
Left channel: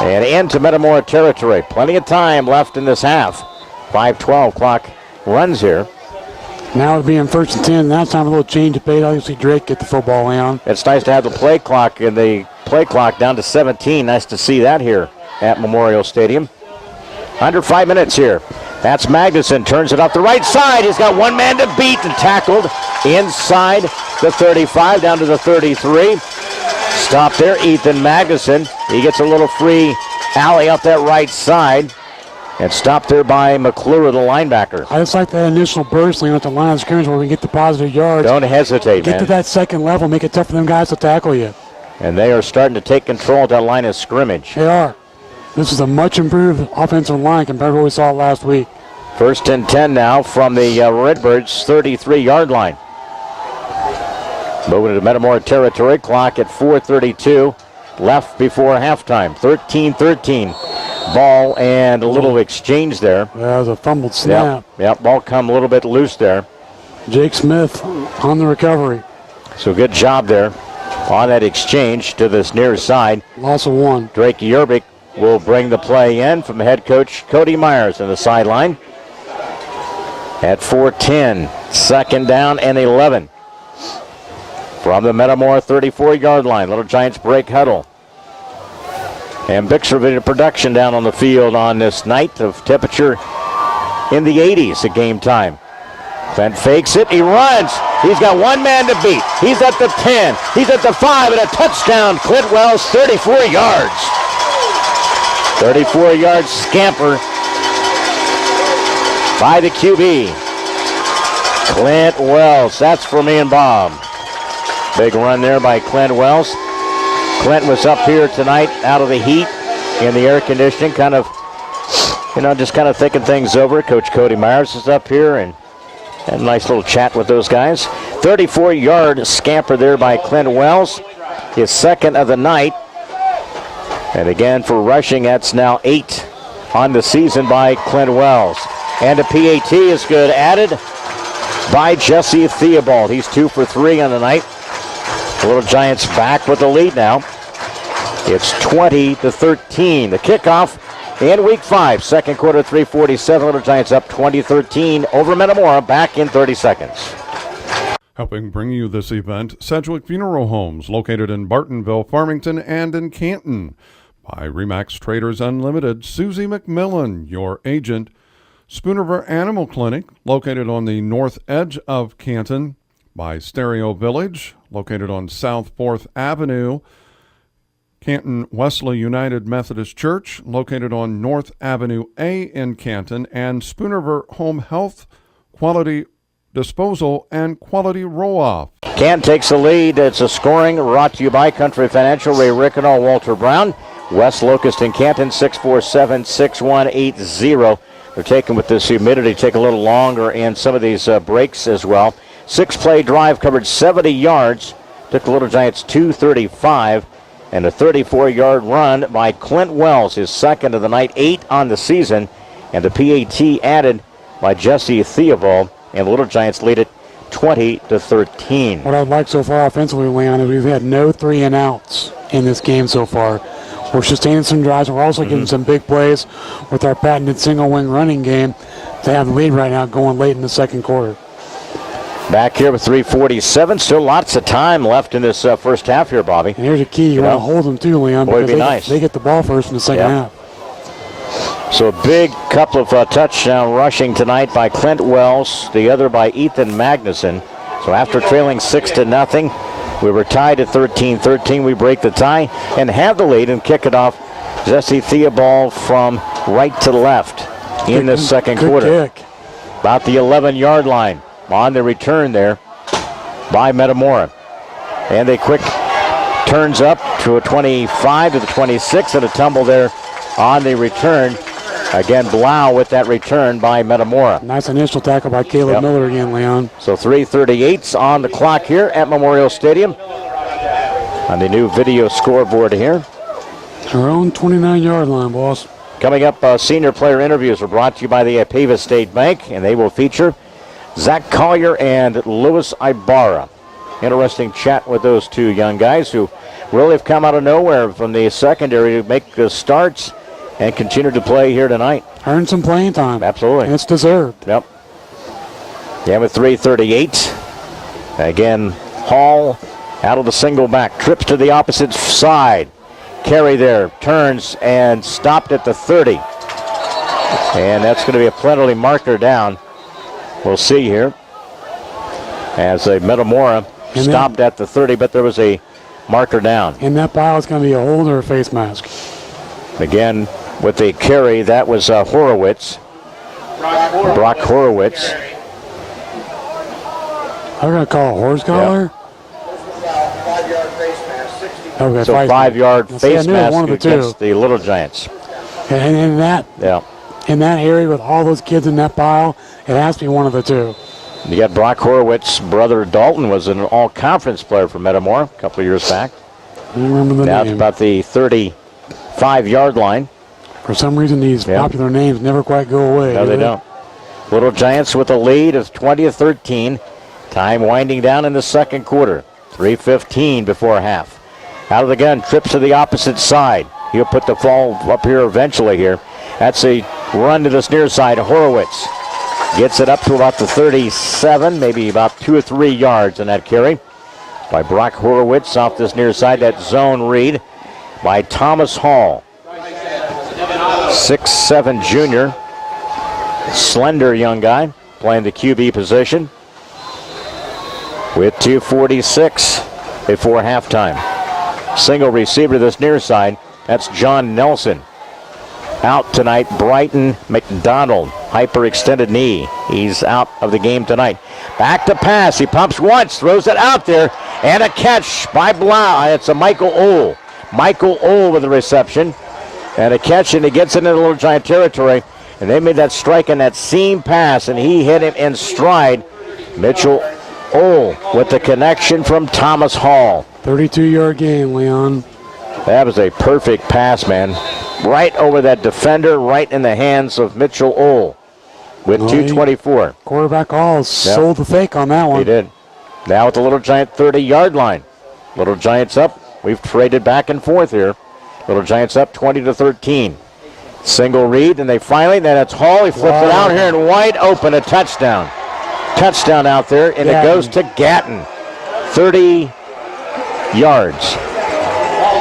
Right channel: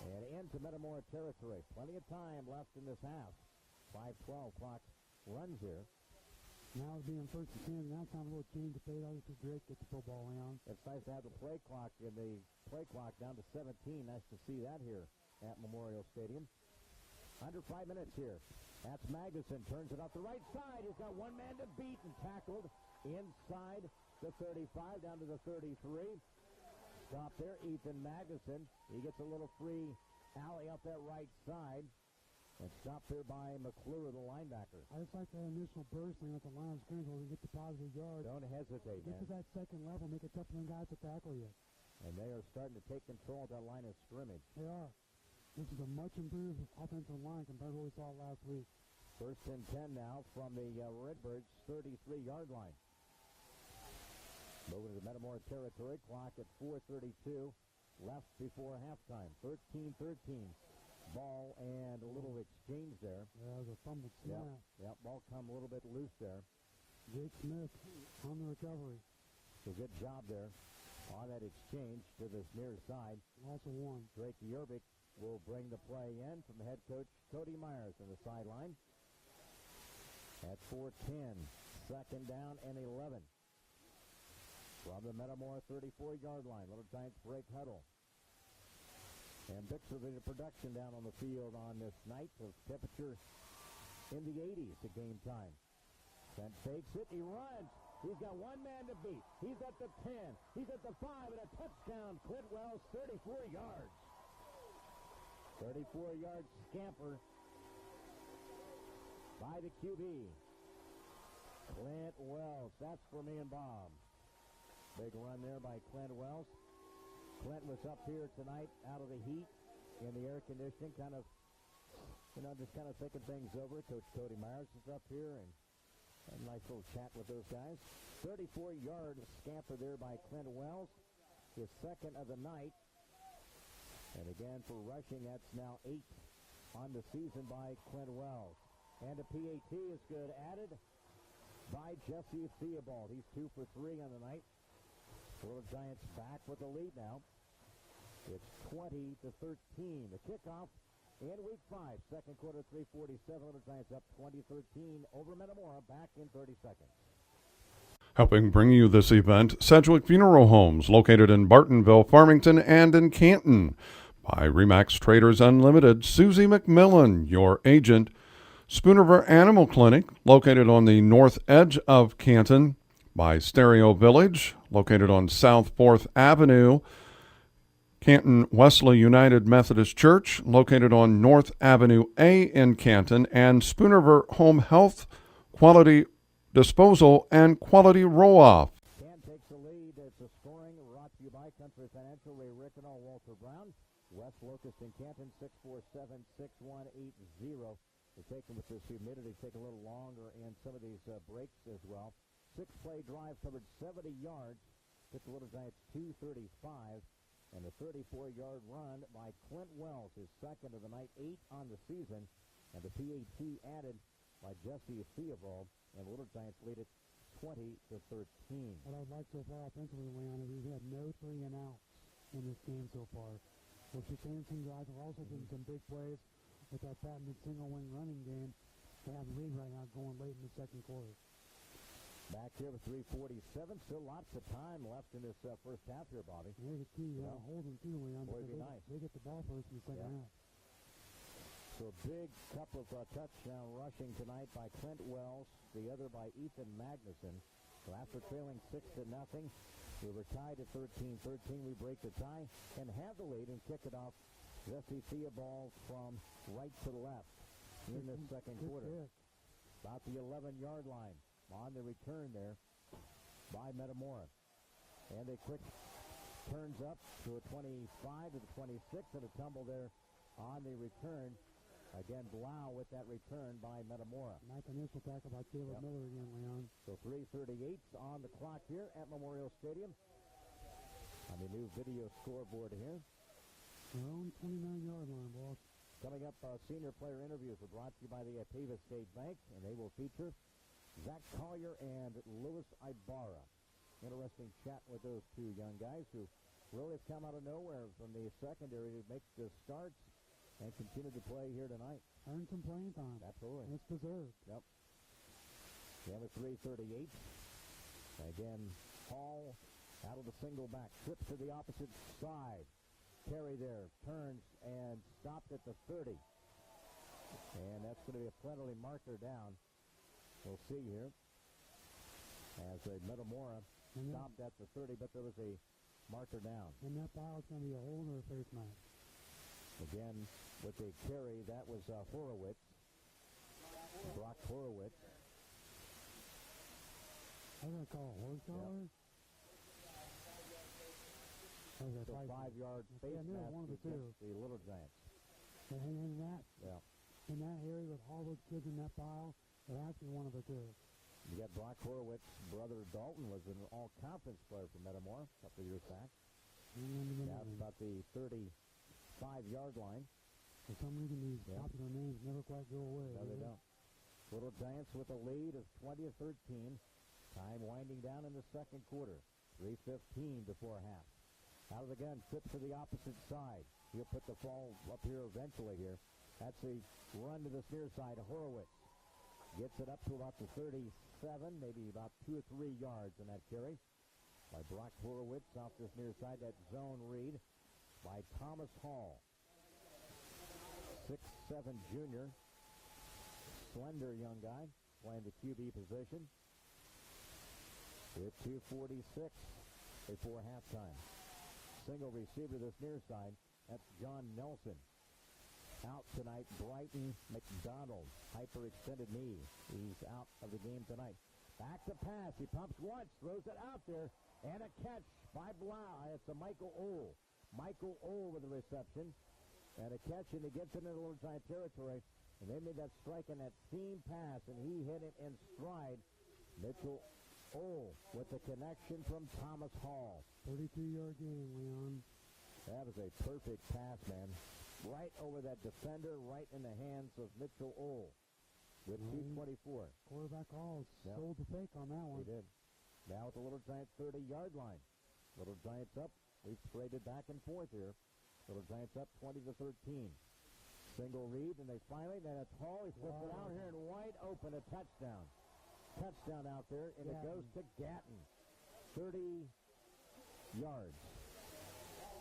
And into Metamora territory. Plenty of time left in this half. 5:12 clock runs here. Now it'll be in 1st and 10. Now it's time for a little change of pace. Obviously, Drake get the football, Leon. It's nice to have the play clock down to 17. Nice to see that here at Memorial Stadium. Under 5 minutes here. That's Magnuson. Turns it up the right side. He's got one man to beat and tackled inside the 35 down to the 33. Stop there, Ethan Magnuson. He gets a little free alley up that right side. And stopped there by McClure, the linebacker. I just like that initial burst, Leon, at the line of scrimmage where we get the positive yards. Don't hesitate, Get man. to that second level, make it tough for them guys to tackle you. And they are starting to take control of that line of scrimmage. They are. This is a much improved offensive line compared to what we saw last week. 1st and 10 now from the Redbirds' 33-yard line. Moving to Metamora territory, clock at 4:32 left before halftime. 13-13. Ball and a little exchange there. That was a fumbled snap. Yep, ball come a little bit loose there. Jake Smith on the recovery. So good job there on that exchange to this near side. Loss of 1. Drake Yerbick will bring the play in from head coach Cody Myers on the sideline. At 4:10, 2nd down and 11. From the Metamora 34-yard line, Little Giants break huddle. And Bixler video production down on the field on this night of temperature in the 80s at game time. Clint fakes it, he runs. He's got one man to beat. He's at the 10, he's at the 5, and a touchdown. Clint Wells, 34 yards. 34-yard scamper. by the QB, Clint Wells. That's for me and Bob. Big run there by Clint Wells. Clint was up here tonight out of the heat in the air conditioning, kind of, just kind of thinking things over. Coach Cody Myers is up here and had a nice little chat with those guys. 34-yard scamper there by Clint Wells, his second of the night. And again, for rushing, that's now 8 on the season by Clint Wells. And a PAT is good, added by Jesse Theobald. He's 2 for 3 on the night. The Little Giants back with the lead now. It's 20-13. The kickoff in week 5, second quarter, 3:47. Little Giants up 20-13 over Metamora. Back in 30 seconds. Helping bring you this event, Sedgwick Funeral Homes, located in Bartonville, Farmington, and in Canton. By Remax Traders Unlimited, Susie McMillan, your agent. Spoonerville Animal Clinic, located on the north edge of Canton. By Stereo Village, located on South 4th Avenue. Canton Wesley United Methodist Church, located on North Avenue A in Canton. And Spoonerville Home Health, Quality Disposal, and Quality Roll-Off. Canton takes the lead. It's a scoring brought to you by Country Financial, Ray Rickenow, Walter Brown. West Locust in Canton, 647-6180. They're taking with this humidity, take a little longer and some of these breaks as well. 6-play drive covered 70 yards. Took the Little Giants 235. And a 34-yard run by Clint Wells, his second of the night, 8 on the season. And the PAT added by Jesse Theobald. And the Little Giants lead it 20-13. What I'd like so far offensively, Leon, is we've had no 3-and-outs in this game so far. We're sustaining some drives. We're also getting some big plays with our patented single-wing running game. They have the lead right now going late in the second quarter. Back here with 3:47. Still lots of time left in this first half here, Bobby. And here's a key. You want to hold them too, Leon, Boy, because they get the ball first in the second half. So a big couple of touchdown rushing tonight by Clint Wells, the other by Ethan Magnuson. So after trailing 6-0, we were tied at 13-13. We break the tie and have the lead and kick it off. Jesse Theobald from right to left in the second quarter. Kick. About the 11-yard line on the return there by Metamora. And a quick turns up to a 25 to the 26 and a tumble there on the return. Again, Blau with that return by Metamora. Nice initial tackle by Caleb Miller again, Leon. So 3:38's on the clock here at Memorial Stadium. On the new video scoreboard here. Our own 29-yard line, boss. Coming up, senior player interviews are brought to you by the Pavas State Bank, and they will feature Zach Collier and Louis Ibarra. Interesting chat with those two young guys who really have come out of nowhere from the secondary to make the starts and continue to play here tonight. Earn some playing time. Absolutely. And it's deserved. Yep. Yeah, with 3:38. Again, Hall out of the single back. Trips to the opposite side. Carry there. Turns and stopped at the 30. And that's going to be a penalty marker down. We'll see here. As a Metamora stopped at the 30, but there was a marker down. And that pile is going to be a holder face mask. Again, with the carry, that was Horowitz. Brock Horowitz. I'm going to call a horse collar. Okay, so 5-yard face mask against the Little Giants. And in that area with all those kids in that pile, it has to be one of the two. You got Brock Horowitz's brother Dalton was an all-conference player for Metamora a couple of years back. I remember the now name. It's about the 35-yard line. For some reason, these popular names never quite go away. No, they don't. Little Giants with a lead of 20-13. Time winding down in the second quarter. 3:15 before half. Out of the gun, trips to the opposite side. He'll put the ball up here eventually here. That's a run to this near side. Horowitz gets it up to about the 37, maybe about 2 or 3 yards in that carry by Brock Horowitz off this near side. That zone read by Thomas Hall. 6'7" junior. Slender young guy playing the QB position. With 2:46 before halftime. Single receiver to this near side. That's John Nelson. Out tonight, Brighton McDonald. hyperextended knee. He's out of the game tonight. Back to pass. He pumps once, throws it out there, and a catch by Blau. It's a Michael Ohl. Michael Ohl with the reception. And a catch, and he gets into Little Giant territory. And they made that strike and that seam pass, and he hit him in stride. Mitchell Ohl with the connection from Thomas Hall. 32-yard gain, Leon. That was a perfect pass, man. Right over that defender, right in the hands of Mitchell Ohl with 2:24. Quarterback Hall sold the fake on that one. He did. Now at the Little Giant 30-yard line. Little Giants up. We've traded back and forth here. Little Giants up 20-13. Single read, and then it's Hall. He flips it out here and wide open, a touchdown. Touchdown out there, and it goes to Gatton. 30 yards.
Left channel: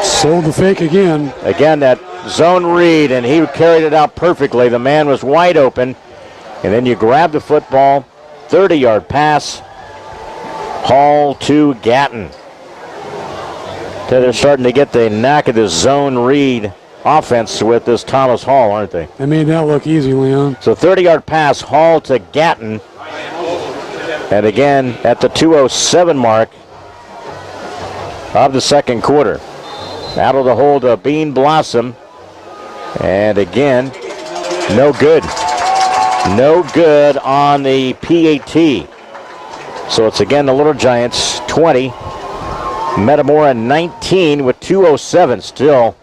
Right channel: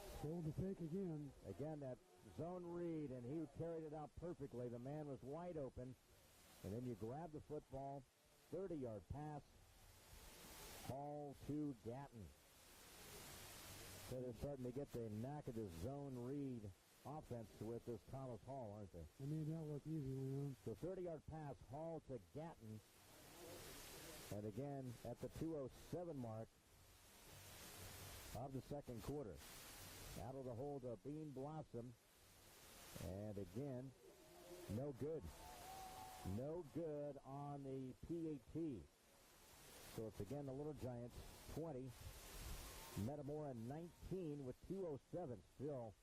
Sold the fake again. Again, that zone read, and he carried it out perfectly. The man was wide open, and then you grab the football. 30-yard pass. Hall to Gatton. So they're starting to get the knack of this zone read offense with this Thomas Hall, aren't they? They made that look easy, Leon. So 30-yard pass, Hall to Gatton. And again, at the 2:07 mark of the second quarter. Out of the hold of Bean Blossom. And again, no good. No good on the PAT. So it's again the Little Giants 20. Metamora 19 with 2:07 still.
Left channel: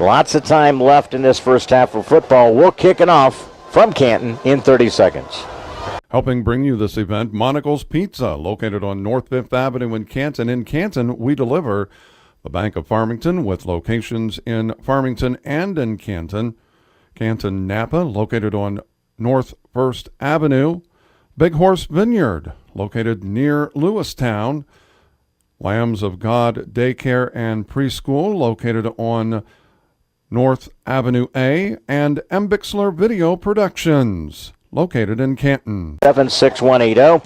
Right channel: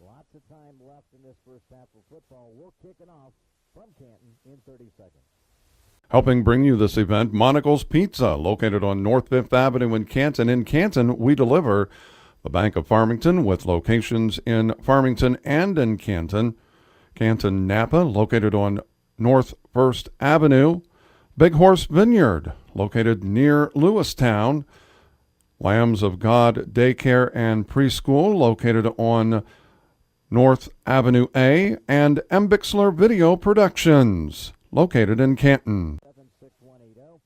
Lots of time left in this first half of football. We'll kick it off from Canton in 30 seconds. Helping bring you this event, Monocle's Pizza, located on North 5th Avenue in Canton. In Canton, we deliver. The Bank of Farmington, with locations in Farmington and in Canton. Canton Napa, located on North 1st Avenue. Big Horse Vineyard, located near Lewistown. Lambs of God Daycare and Preschool, located on North Avenue A. And M. Bixler Video Productions, located in Canton. 76180.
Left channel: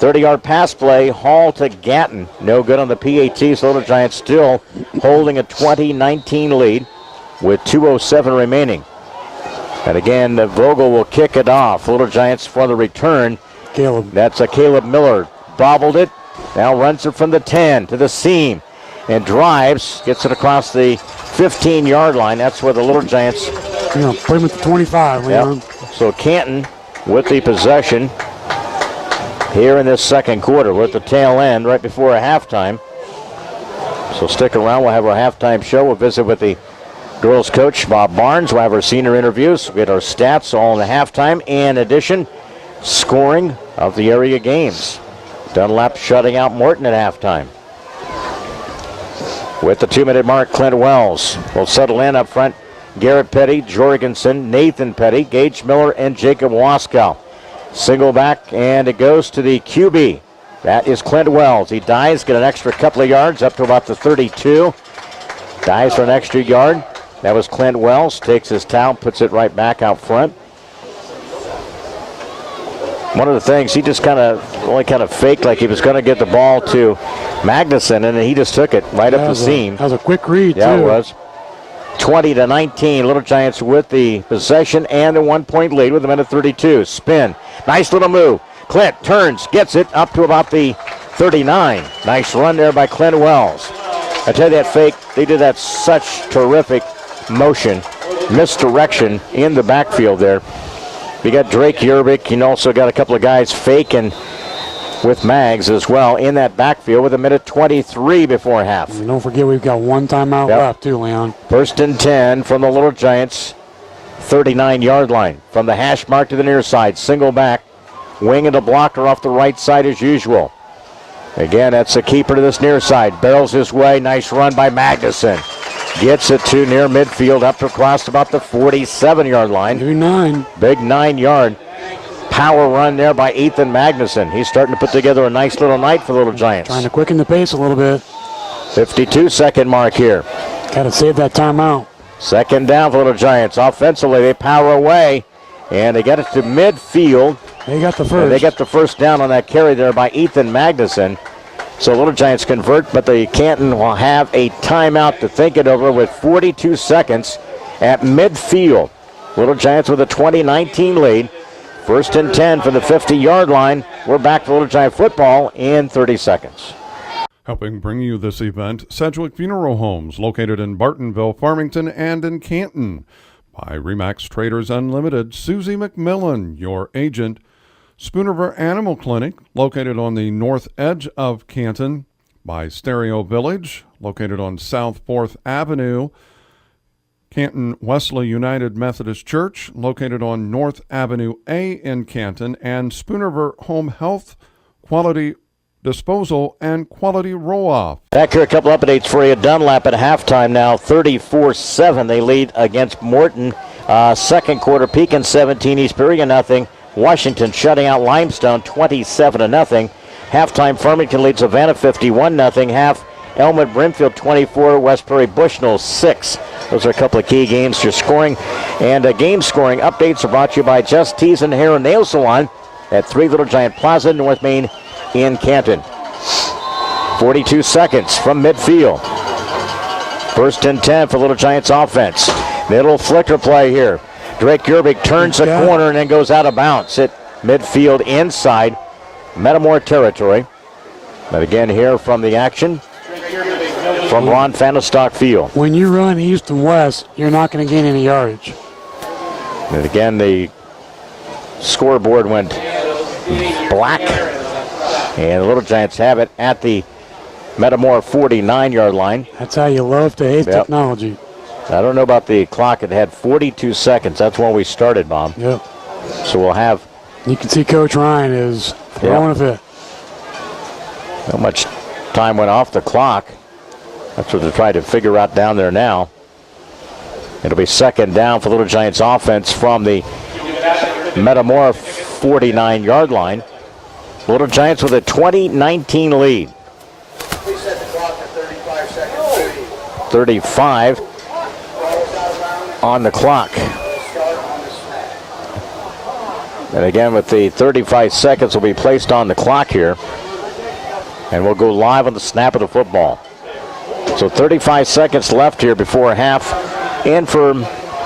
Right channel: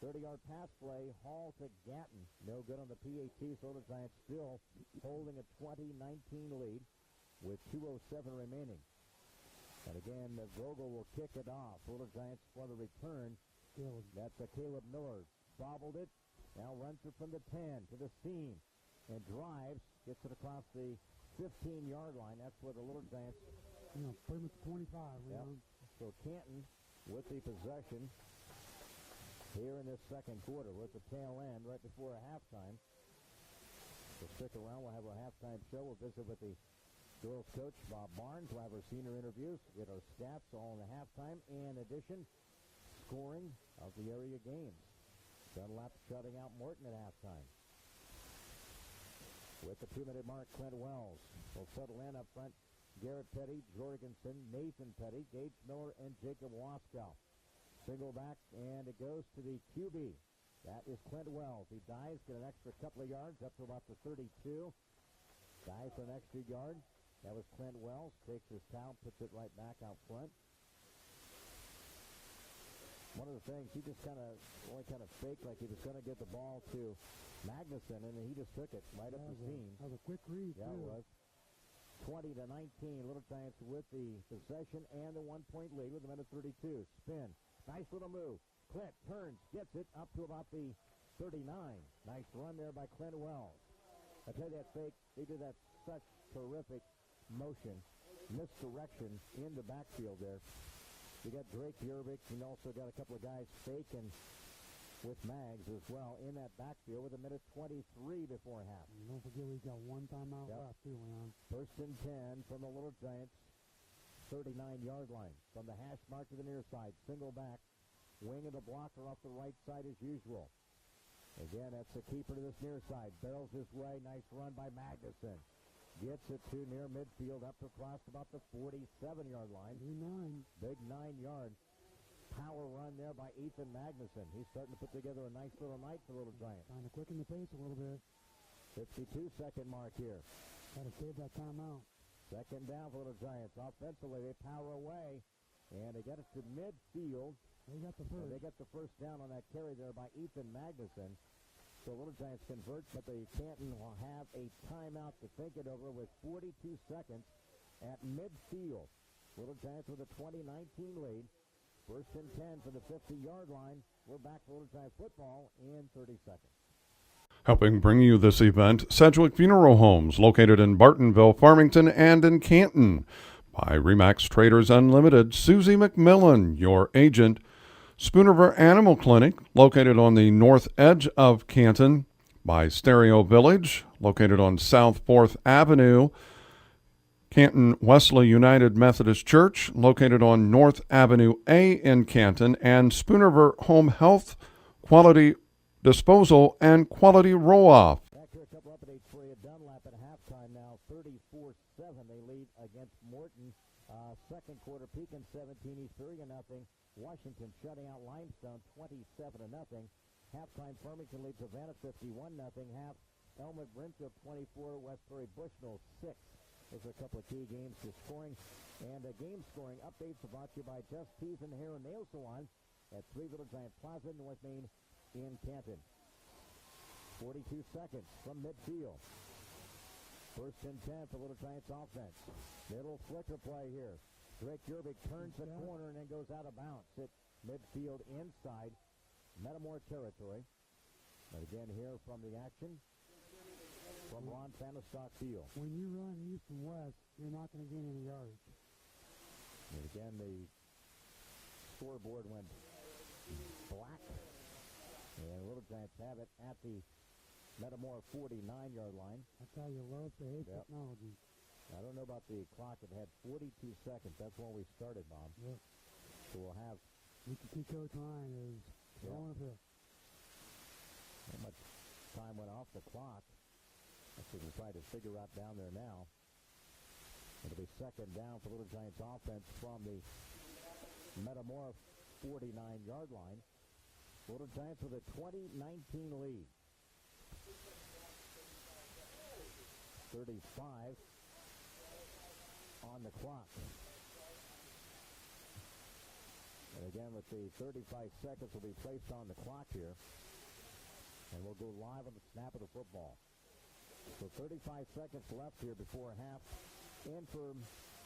30-yard pass play, Hall to Gatton. No good on the PAT, so Little Giants still holding a 20-19 lead with 2:07 remaining. And again, Vogel will kick it off. Little Giants for the return. Caleb. That's a Caleb Miller. Bobbled it. Now runs it from the 10 to the seam and drives. Gets it across the 15-yard line. That's where the Little Giants. Put him at the 25, Leon. Yep. So Canton with the possession here in this second quarter. We're at the tail end right before a halftime. So stick around. We'll have our halftime show. We'll visit with the girls coach, Bob Barnes. We'll have our senior interviews. We'll get our stats all in the halftime. And in addition, scoring of the area games. Dunlap shutting out Morton at halftime. With the 2-minute mark, Clint Wells will settle in up front. Garrett Petty, Jorgensen, Nathan Petty, Gage Miller, and Jacob Waskow. Single back, and it goes to the QB. That is Clint Wells. He dives, get an extra couple of yards up to about the 32. Dives for an extra yard. That was Clint Wells. Takes his towel, puts it right back out front. One of the things, he just only kind of faked like he was going to get the ball to Magnuson, and he just took it right up the seam. That was a quick read, yeah, too. It was. 20-19, Little Giants with the possession and the 1-point lead with a minute 32. Spin. Nice little move. Clint turns, gets it up to about the 39. Nice run there by Clint Wells. I tell you, that fake, they did that such terrific motion, misdirection in the backfield there. We got Drake Yerbick, and also got a couple of guys faking with Mags as well in that backfield with a minute 23 before half. And don't forget we've got one timeout left too, Leon. First and 10 from the Little Giants 39-yard line. From the hash mark to the near side. Single back. Wing and the blocker off the right side as usual. Again, that's the keeper to this near side. Barrels his way. Nice run by Magnuson. Gets it to near midfield up to across about the 47-yard line. Big 9. Big 9-yard power run there by Ethan Magnuson. He's starting to put together a nice little night for the Little Giants. Trying to quicken the pace a little bit. 52-second mark here. Got to save that timeout. Second down for Little Giants. Offensively, they power away, and they get it to midfield. They got the first. And they get the first down on that carry there by Ethan Magnuson. So Little Giants convert, but the Canton will have a timeout to think it over with 42 seconds at midfield. Little Giants with a 20-19 lead. First and 10 from the 50-yard line. We're back to Little Giant football in 30 seconds. Helping bring you this event, Sedgwick Funeral Homes, located in Bartonville, Farmington, and in Canton. By Remax Traders Unlimited, Susie McMillan, your agent. Spoon River Animal Clinic, located on the north edge of Canton. By Stereo Village, located on South 4th Avenue. Canton Wesley United Methodist Church, located on North Avenue A in Canton. And Spoon River Home Health, Quality Disposal, and Quality Roll-Off. Back here, a couple updates for you. Dunlap at halftime now, 34-7. They lead against Morton. Second quarter, Pekin 17, East Peoria nothing. Washington shutting out Limestone 27-0. Halftime, Farmington leads Savannah 51-0. Half, Elmwood Brimfield 24, West Prairie Bushnell 6. Those are a couple of key games for scoring. And game scoring updates are brought to you by Just Tees and Hair and Nail Salon at 3 Little Giant Plaza, North Main in Canton. 42 seconds from midfield. First and 10 for Little Giants offense. Middle flicker play here. Drake Yerbick turns the corner and then goes out of bounds at midfield inside Metamora territory. But again here from the action from Ron Fahnestock Field. When you run east and west, you're not going to gain any yardage. And again, the scoreboard went black. And the Little Giants have it at the Metamora 49-yard line. That's how you love to hate technology. I don't know about the clock. It had 42 seconds. That's when we started, Bob. Yep. So we'll have... You can see Coach Ryan is throwing a fit. How much time went off the clock. That's what they're trying to figure out down there now. It'll be second down for Little Giants offense from the Metamora 49-yard line. Little Giants with a 20-19 lead. 35 on the clock. And again, with the 35 seconds will be placed on the clock here. And we'll go live on the snap of the football. So 35 seconds left here before half and for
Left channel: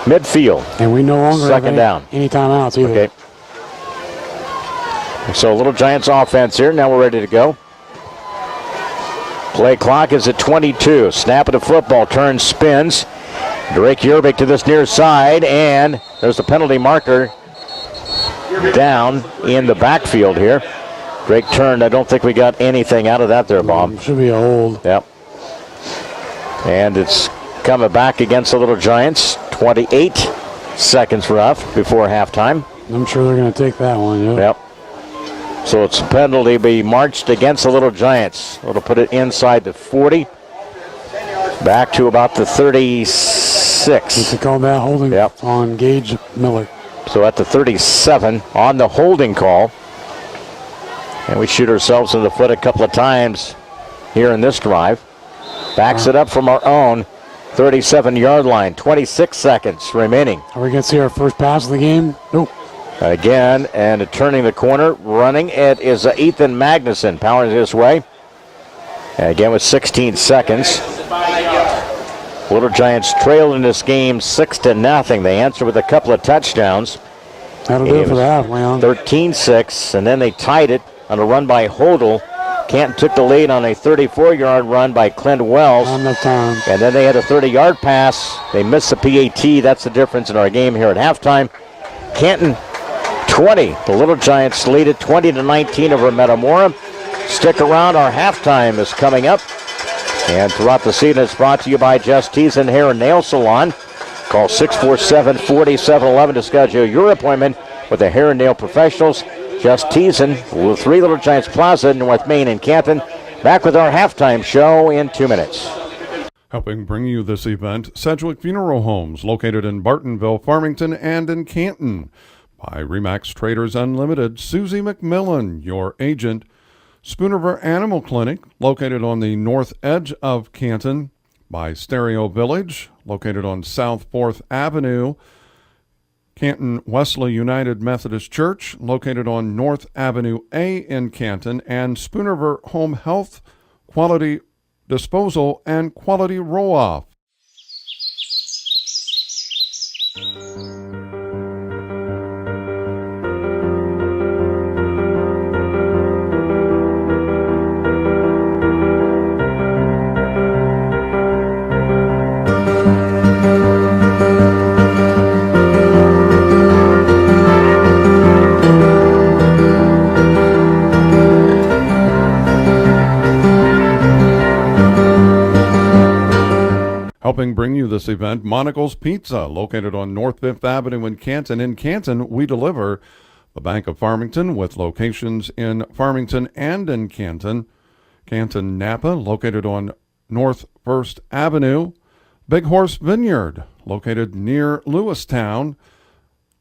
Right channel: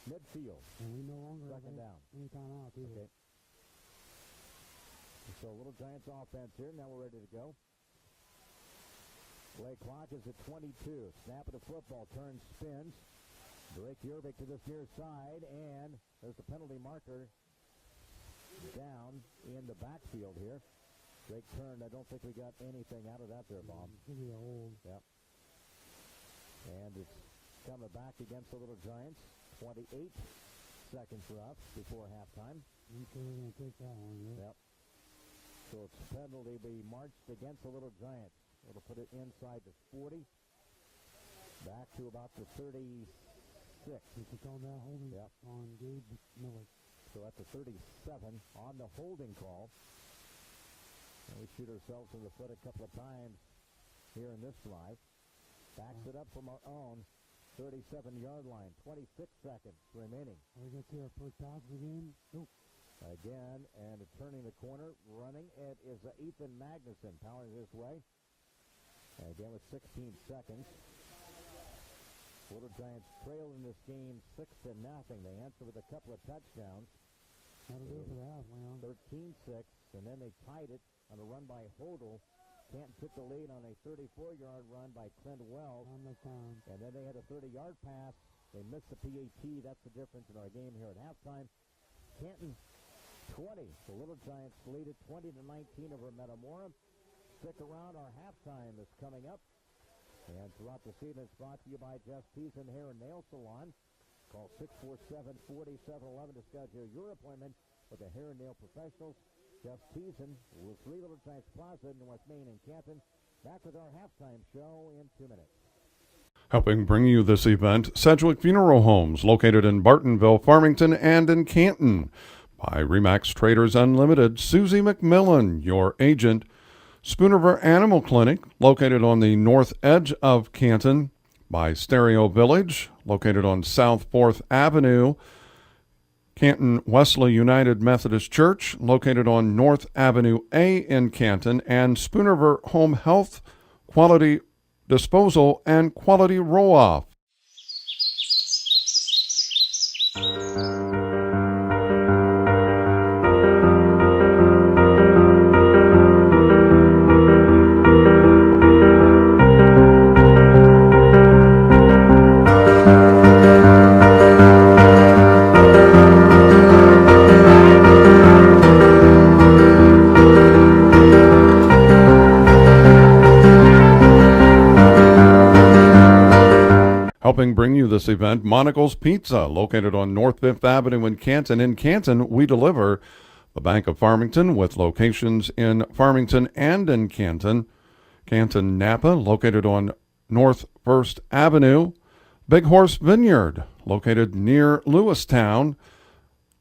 midfield. And we no longer second have down. any timeouts either. Okay. So Little Giants offense here. Now we're ready to go. Play clock is at 22. Snap of the football. Turns, spins. Drake Yerbick to this near side. And there's the penalty marker down in the backfield here. Drake turned. I don't think we got anything out of that there, Bob. Should be a hold. Yep. And it's coming back against the Little Giants. 28 seconds left before halftime. I'm sure they're going to take that one. Yep. So it's a penalty be marched against the Little Giants. It'll put it inside the 40. Back to about the 36. They call that holding on Gage Miller. So at the 37 on the holding call. And we shoot ourselves in the foot a couple of times here in this drive. Backs it up from our own 37-yard line. 26 seconds remaining. Are we going to see our first pass of the game? Nope. Again, and turning the corner, running it is Ethan Magnuson powering this way. And again with 16 seconds. Little Giants trail in this game 6-0. They answer with a couple of touchdowns. That'll do it for the half, Leon. 13-6, and then they tied it on a run by Hodel. Canton took the lead on a 34-yard run by Clint Wells. Not enough time. And then they had a 30-yard pass. They missed the PAT. That's the difference in our game here at halftime. Canton 20. The Little Giants lead it 20-19 over Metamora. Stick around. Our halftime is coming up. And throughout the season, it's brought to you by Just Tees and Hair and Nail Salon. Call 647-4711 to schedule your appointment with the hair and nail professionals. Just Teasing with 3 Little Giants Plaza, North Main in Canton. Back with our halftime show in 2 minutes. Helping bring you this event, Sedgwick Funeral Homes, located in Bartonville, Farmington, and in Canton. By Remax Traders Unlimited, Susie McMillan, your agent. Spoon River Animal Clinic, located on the north edge of Canton. By Stereo Village, located on South 4th Avenue. Canton Wesley United Methodist Church, located on North Avenue A in Canton. And Spoon River Home Health, Quality Disposal, and Quality Roll-Off. Helping bring you this event, Monocle's Pizza, located on North 5th Avenue in Canton. In Canton, we deliver. The Bank of Farmington, with locations in Farmington and in Canton. Canton Napa, located on North 1st Avenue. Big Horse Vineyard, located near Lewistown.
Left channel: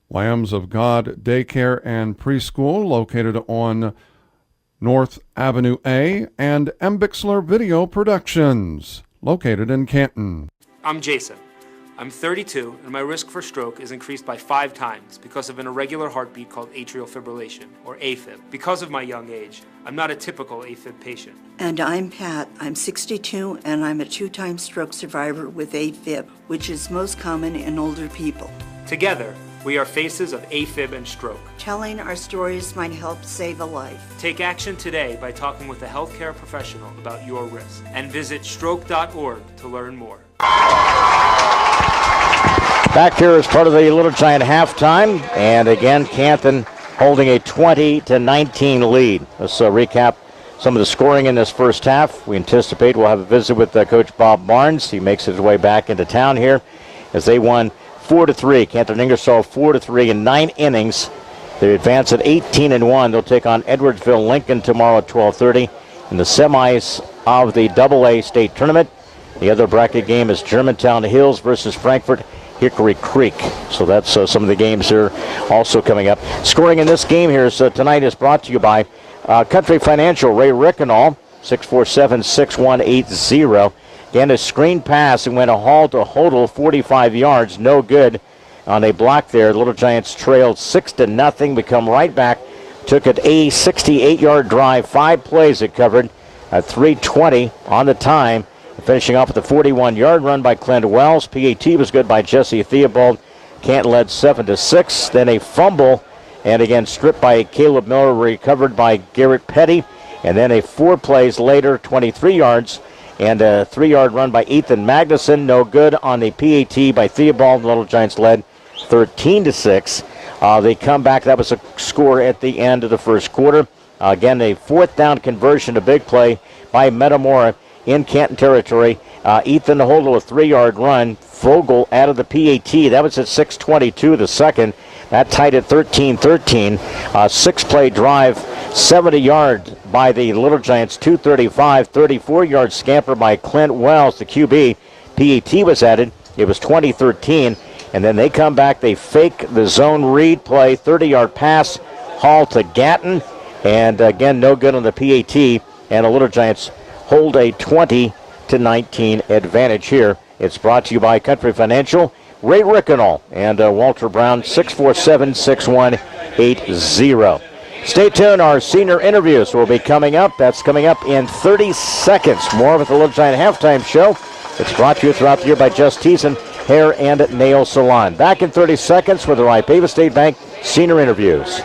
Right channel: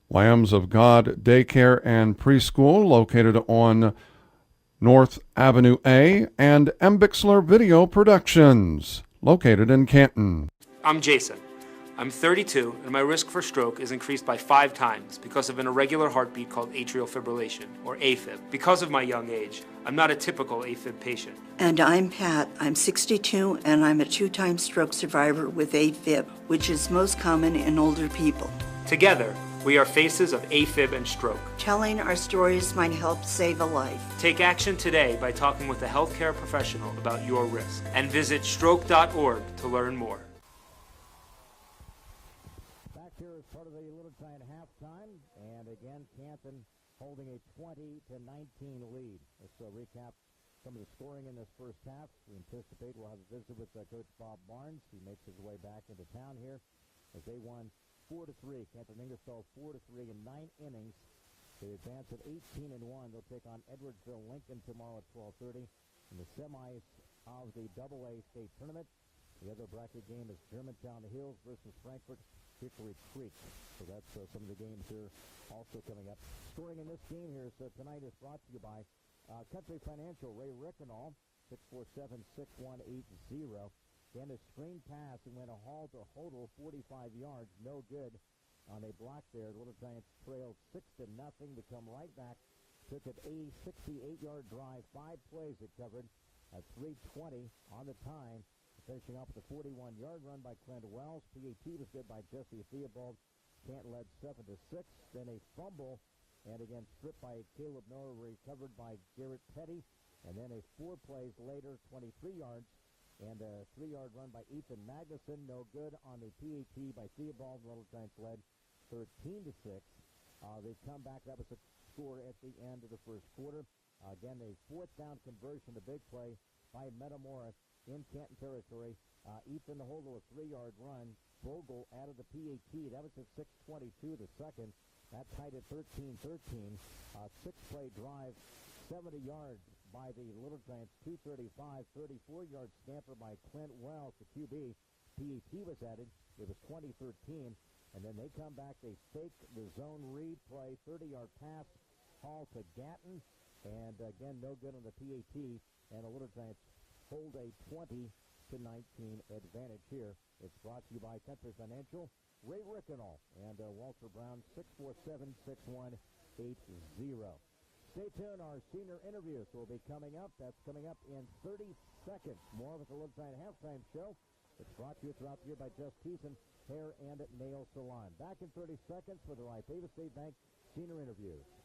Lambs of God Daycare and Preschool, located on North Avenue A. And M. Bixler Video Productions, located in Canton. I'm Jason. I'm 32, and my risk for stroke is increased by 5 times because of an irregular heartbeat called atrial fibrillation, or AFib. Because of my young age, I'm not a typical AFib patient. And I'm Pat. I'm 62, and I'm a 2-time stroke survivor with AFib, which is most common in older people. Together, we are faces of AFib and stroke. Telling our stories might help save a life. Take action today by talking with a healthcare professional about your risk, and visit stroke.org to learn more. Back here as part of the Little Giant halftime, and again, Canton holding a 20-19 lead. Let's recap some of the scoring in this first half. We anticipate we'll have a visit with Coach Bob Barnes. He makes his way back into town here as they won 4-3. Canton Ingersoll 4-3 in 9 innings. They advance at 18-1. They'll take on Edwardsville Lincoln tomorrow at 12:30 in the semis of the AA state tournament. The other bracket game is Germantown Hills versus Frankfort Hickory Creek. So that's some of the games here also coming up. Scoring in this game here tonight is brought to you by Country Financial. Ray Rickenall, 647-6180. Again, a screen pass and went a haul to Hodel, 45 yards, no good on a block there. The Little Giants trailed 6-0. We come right back. Took it a 68-yard drive, 5 plays it covered at 3:20 on the time. Finishing off with a 41-yard run by Clint Wells. PAT was good by Jesse Theobald. Canton led 7-6. Then a fumble, and again stripped by Caleb Miller, recovered by Garrett Petty. And then a 4 plays later, 23 yards, and a 3-yard run by Ethan Magnuson. No good on the PAT by Theobald. The Little Giants led 13-6. They come back. That was a score at the end of the first quarter. Again, a 4th down conversion, a big play by Metamora in Canton territory. Ethan Hodel, a 3-yard run. Vogel out of the PAT. That was at 6:22 the second. That tied at 13-13. 6-play drive, 70 yards by the Little Giants, 235. 34-yard scamper by Clint Wells, the QB. PAT was added. It was 20-13. And then they come back. They fake the zone read play. 30-yard pass, haul to Gatton. And again, no good on the PAT. And the Little Giants hold a 20-19 advantage here. It's brought to you by Country Financial, Ray Rickenall, and Walter Brown, 647-6180. Stay tuned. Our senior interviews will be coming up. That's coming up in 30 seconds. More with the Little Giant halftime show. It's brought to you throughout the year by Just Thiessen Hair and Nail Salon. Back in 30 seconds with the Ipava State Bank senior interviews.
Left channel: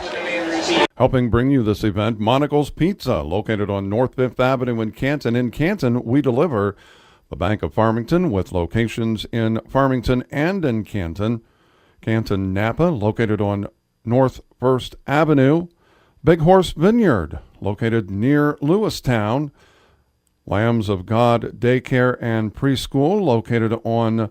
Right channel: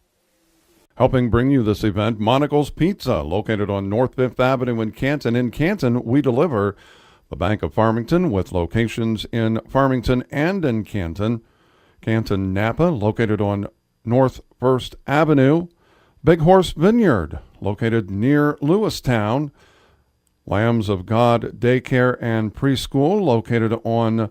Helping bring you this event, Monocle's Pizza, located on North 5th Avenue in Canton. In Canton, we deliver. The Bank of Farmington, with locations in Farmington and in Canton. Canton Napa, located on North 1st Avenue. Big Horse Vineyard, located near Lewistown. Lambs of God Daycare and Preschool, located on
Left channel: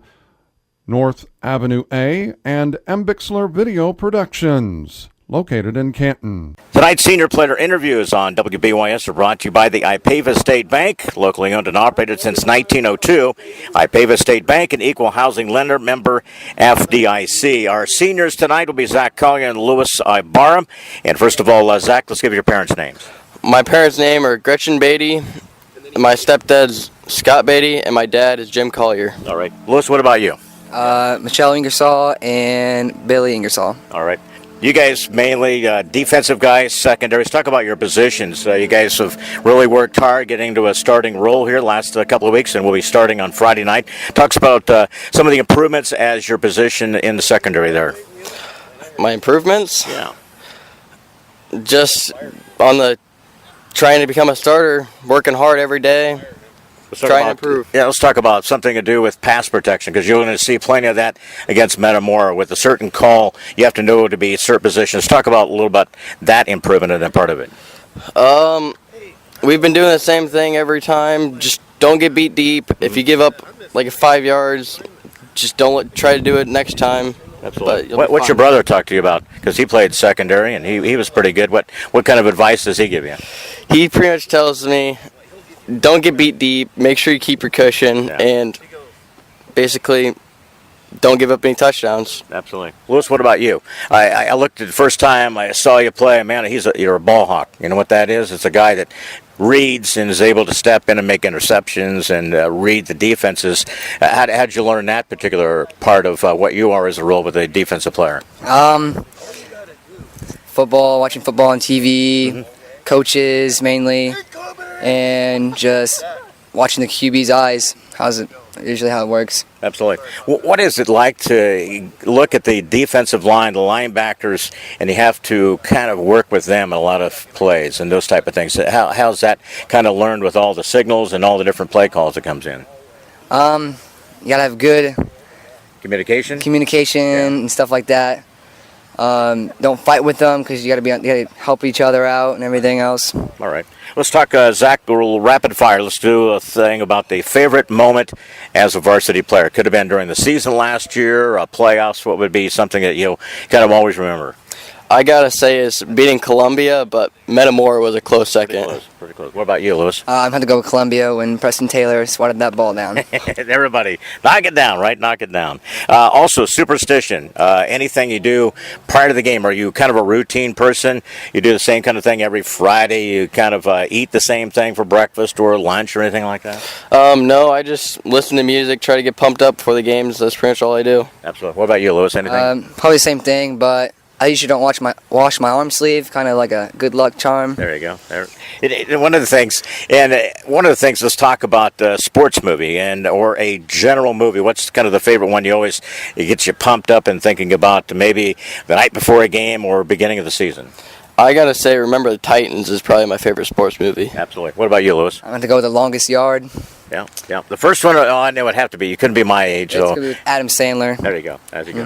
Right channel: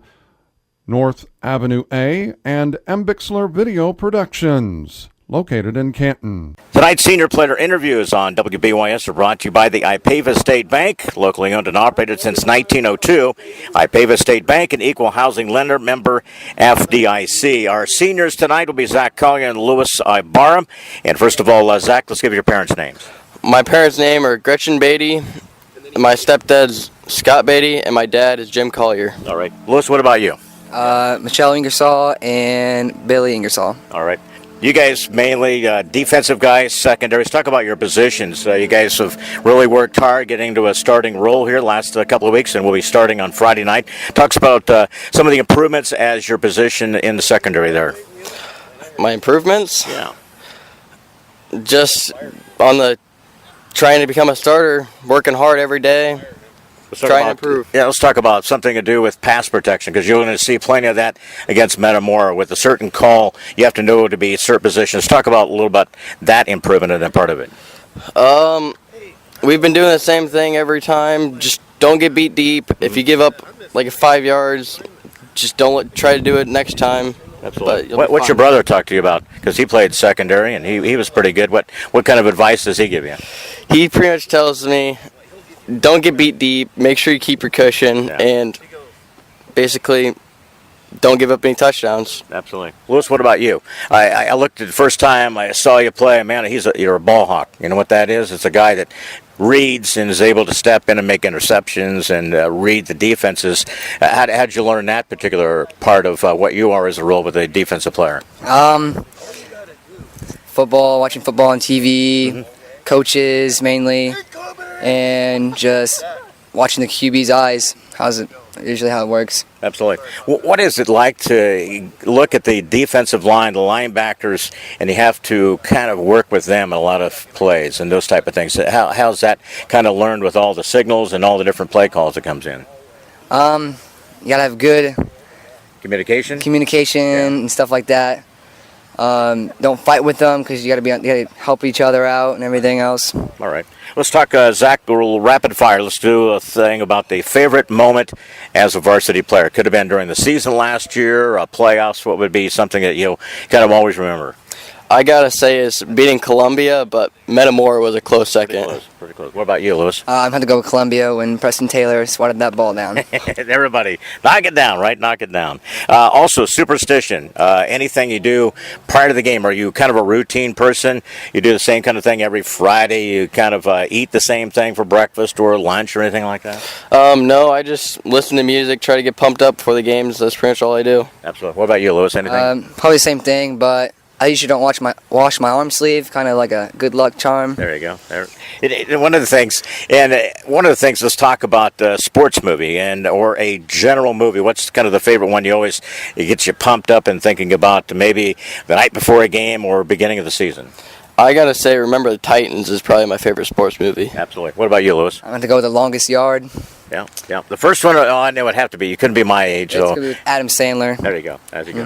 North Avenue A. And M. Bixler Video Productions, located in Canton. Tonight's senior player interviews on WBYS are brought to you by the Ipava State Bank, locally owned and operated since 1902. Ipava State Bank, an equal housing lender, member FDIC. Our seniors tonight will be Zach Collier and Louis Ibarra. And first of all, Zach, let's give your parents' names. My parents' name are Gretchen Beatty, my stepdad's Scott Beatty, and my dad is Jim Collier. All right. Louis, what about you? Michelle Ingersoll and Billy Ingersoll. All right. You guys mainly defensive guys, secondaries. Talk about your positions. You guys have really worked hard getting to a starting role here the last couple of weeks, and we'll be starting on Friday night. Talks about some of the improvements as your position in the secondary there. My improvements? Yeah. Just on the trying to become a starter, working hard every day. Trying to improve. Yeah, let's talk about something to do with pass protection, because you're going to see plenty of that against Metamora. With a certain call, you have to know to be at certain positions. Talk about a little bit that improvement and that part of it. We've been doing the same thing every time. Just don't get beat deep. If you give up like 5 yards. Just don't try to do it next time. Absolutely. What's your brother talk to you about? Because he played secondary and he was pretty good. What kind of advice does he give you? He pretty much tells me, don't get beat deep, make sure you keep your cushion, and basically don't give up any touchdowns. Absolutely. Lewis, what about you? I looked at the first time I saw you play, man, you're a ball hawk. You know what that is? It's a guy that reads and is able to step in and make interceptions and read the defenses. How'd you learn that particular part of what you are as a role with a defensive player? Football, watching football on TV, coaches mainly, and just watching the QB's eyes. Usually how it works. Absolutely. What is it like to look at the defensive line, the linebackers, and you have to kind of work with them in a lot of plays and those type of things? How's that kind of learned with all the signals and all the different play calls that comes in? You gotta have good communication and stuff like that. Don't fight with them because you gotta help each other out and everything else. All right. Let's talk, Zach, a little rapid fire. Let's do a thing about the favorite moment as a varsity player. Could have been during the season last year, playoffs. What would be something that you kind of always remember? I gotta say is beating Columbia, but Metamora was a close second. Pretty close. What about you, Lewis? I'm going to go with Columbia when Preston Taylor swatted that ball down. Everybody, knock it down, right? Knock it down. Also, superstition. Anything you do prior to the game, are you kind of a routine person? You do the same kind of thing every Friday? You kind of eat the same thing for breakfast or lunch or anything like that? No, I just listen to music, try to get pumped up for the games. That's pretty much all I do. Absolutely. What about you, Lewis? Anything? Probably the same thing, but I usually don't wash my arm sleeve, kind of like a good luck charm. There you go. One of the things, let's talk about a sports movie or a general movie. What's kind of the favorite one it gets you pumped up and thinking about maybe the night before a game or beginning of the season? I gotta say, Remember the Titans is probably my favorite sports movie. Absolutely. What about you, Lewis? I'm going to go with The Longest Yard. Yeah. The first one, I know it would have to be. You couldn't be my age, though. It's going to be with Adam Sandler. There you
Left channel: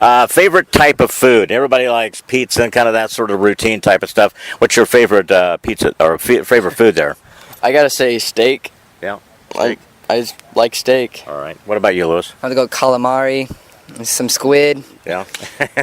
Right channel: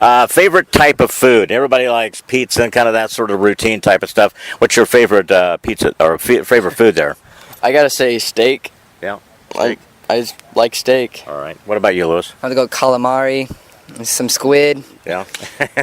go. Favorite type of food? Everybody likes pizza and kind of that sort of routine type of stuff. What's your favorite pizza or favorite food there? I gotta say steak. Yeah. I just like steak. All right. What about you, Lewis? I'm going to go calamari. Some squid. Yeah.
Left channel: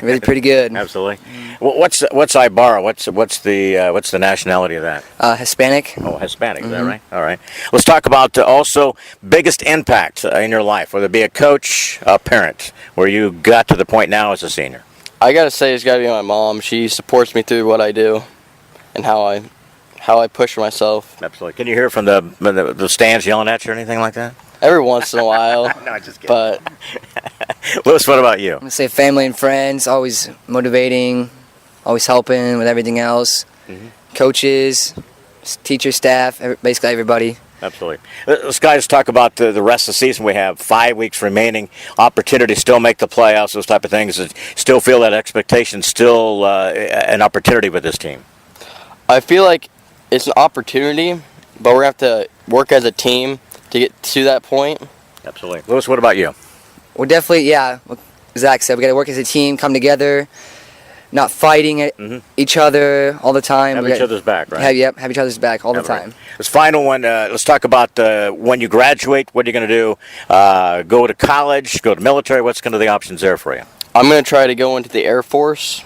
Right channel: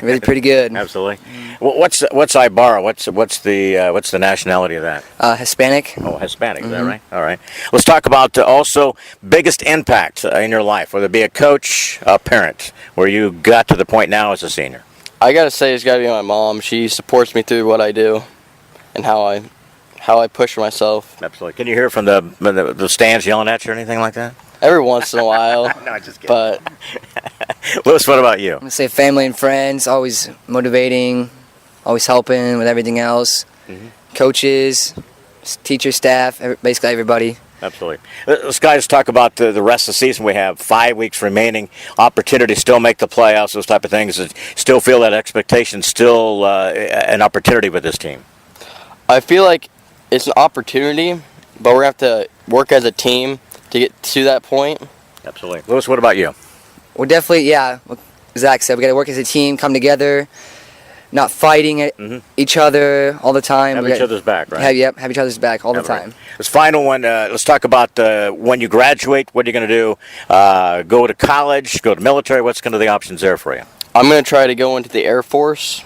Really pretty good. Absolutely. What's Ibarra? What's the nationality of that? Hispanic. Oh, Hispanic. Is that right? All right. Let's talk about also biggest impact in your life, whether it be a coach, a parent, where you got to the point now as a senior. I gotta say it's gotta be my mom. She supports me through what I do and how I push myself. Absolutely. Can you hear from the stands yelling at you or anything like that? Every once in a while. No, just kidding. But Lewis, what about you? I'm going to say family and friends, always motivating, always helping with everything else. Coaches, teacher, staff, basically everybody. Absolutely. Let's guys talk about the rest of the season. We have 5 weeks remaining. Opportunity to still make the playoffs, those type of things. Still feel that expectation, still an opportunity with this team. I feel like it's an opportunity, but we're going to have to work as a team to get to that point. Absolutely. Lewis, what about you? We're definitely, like Zach said, we got to work as a team, come together, not fighting at each other all the time. Have each other's back, right? Have each other's back all the time. This final one, let's talk about when you graduate, what are you going to do? Go to college, go to military? What's kind of the options there for you? I'm going to try to go into the Air Force.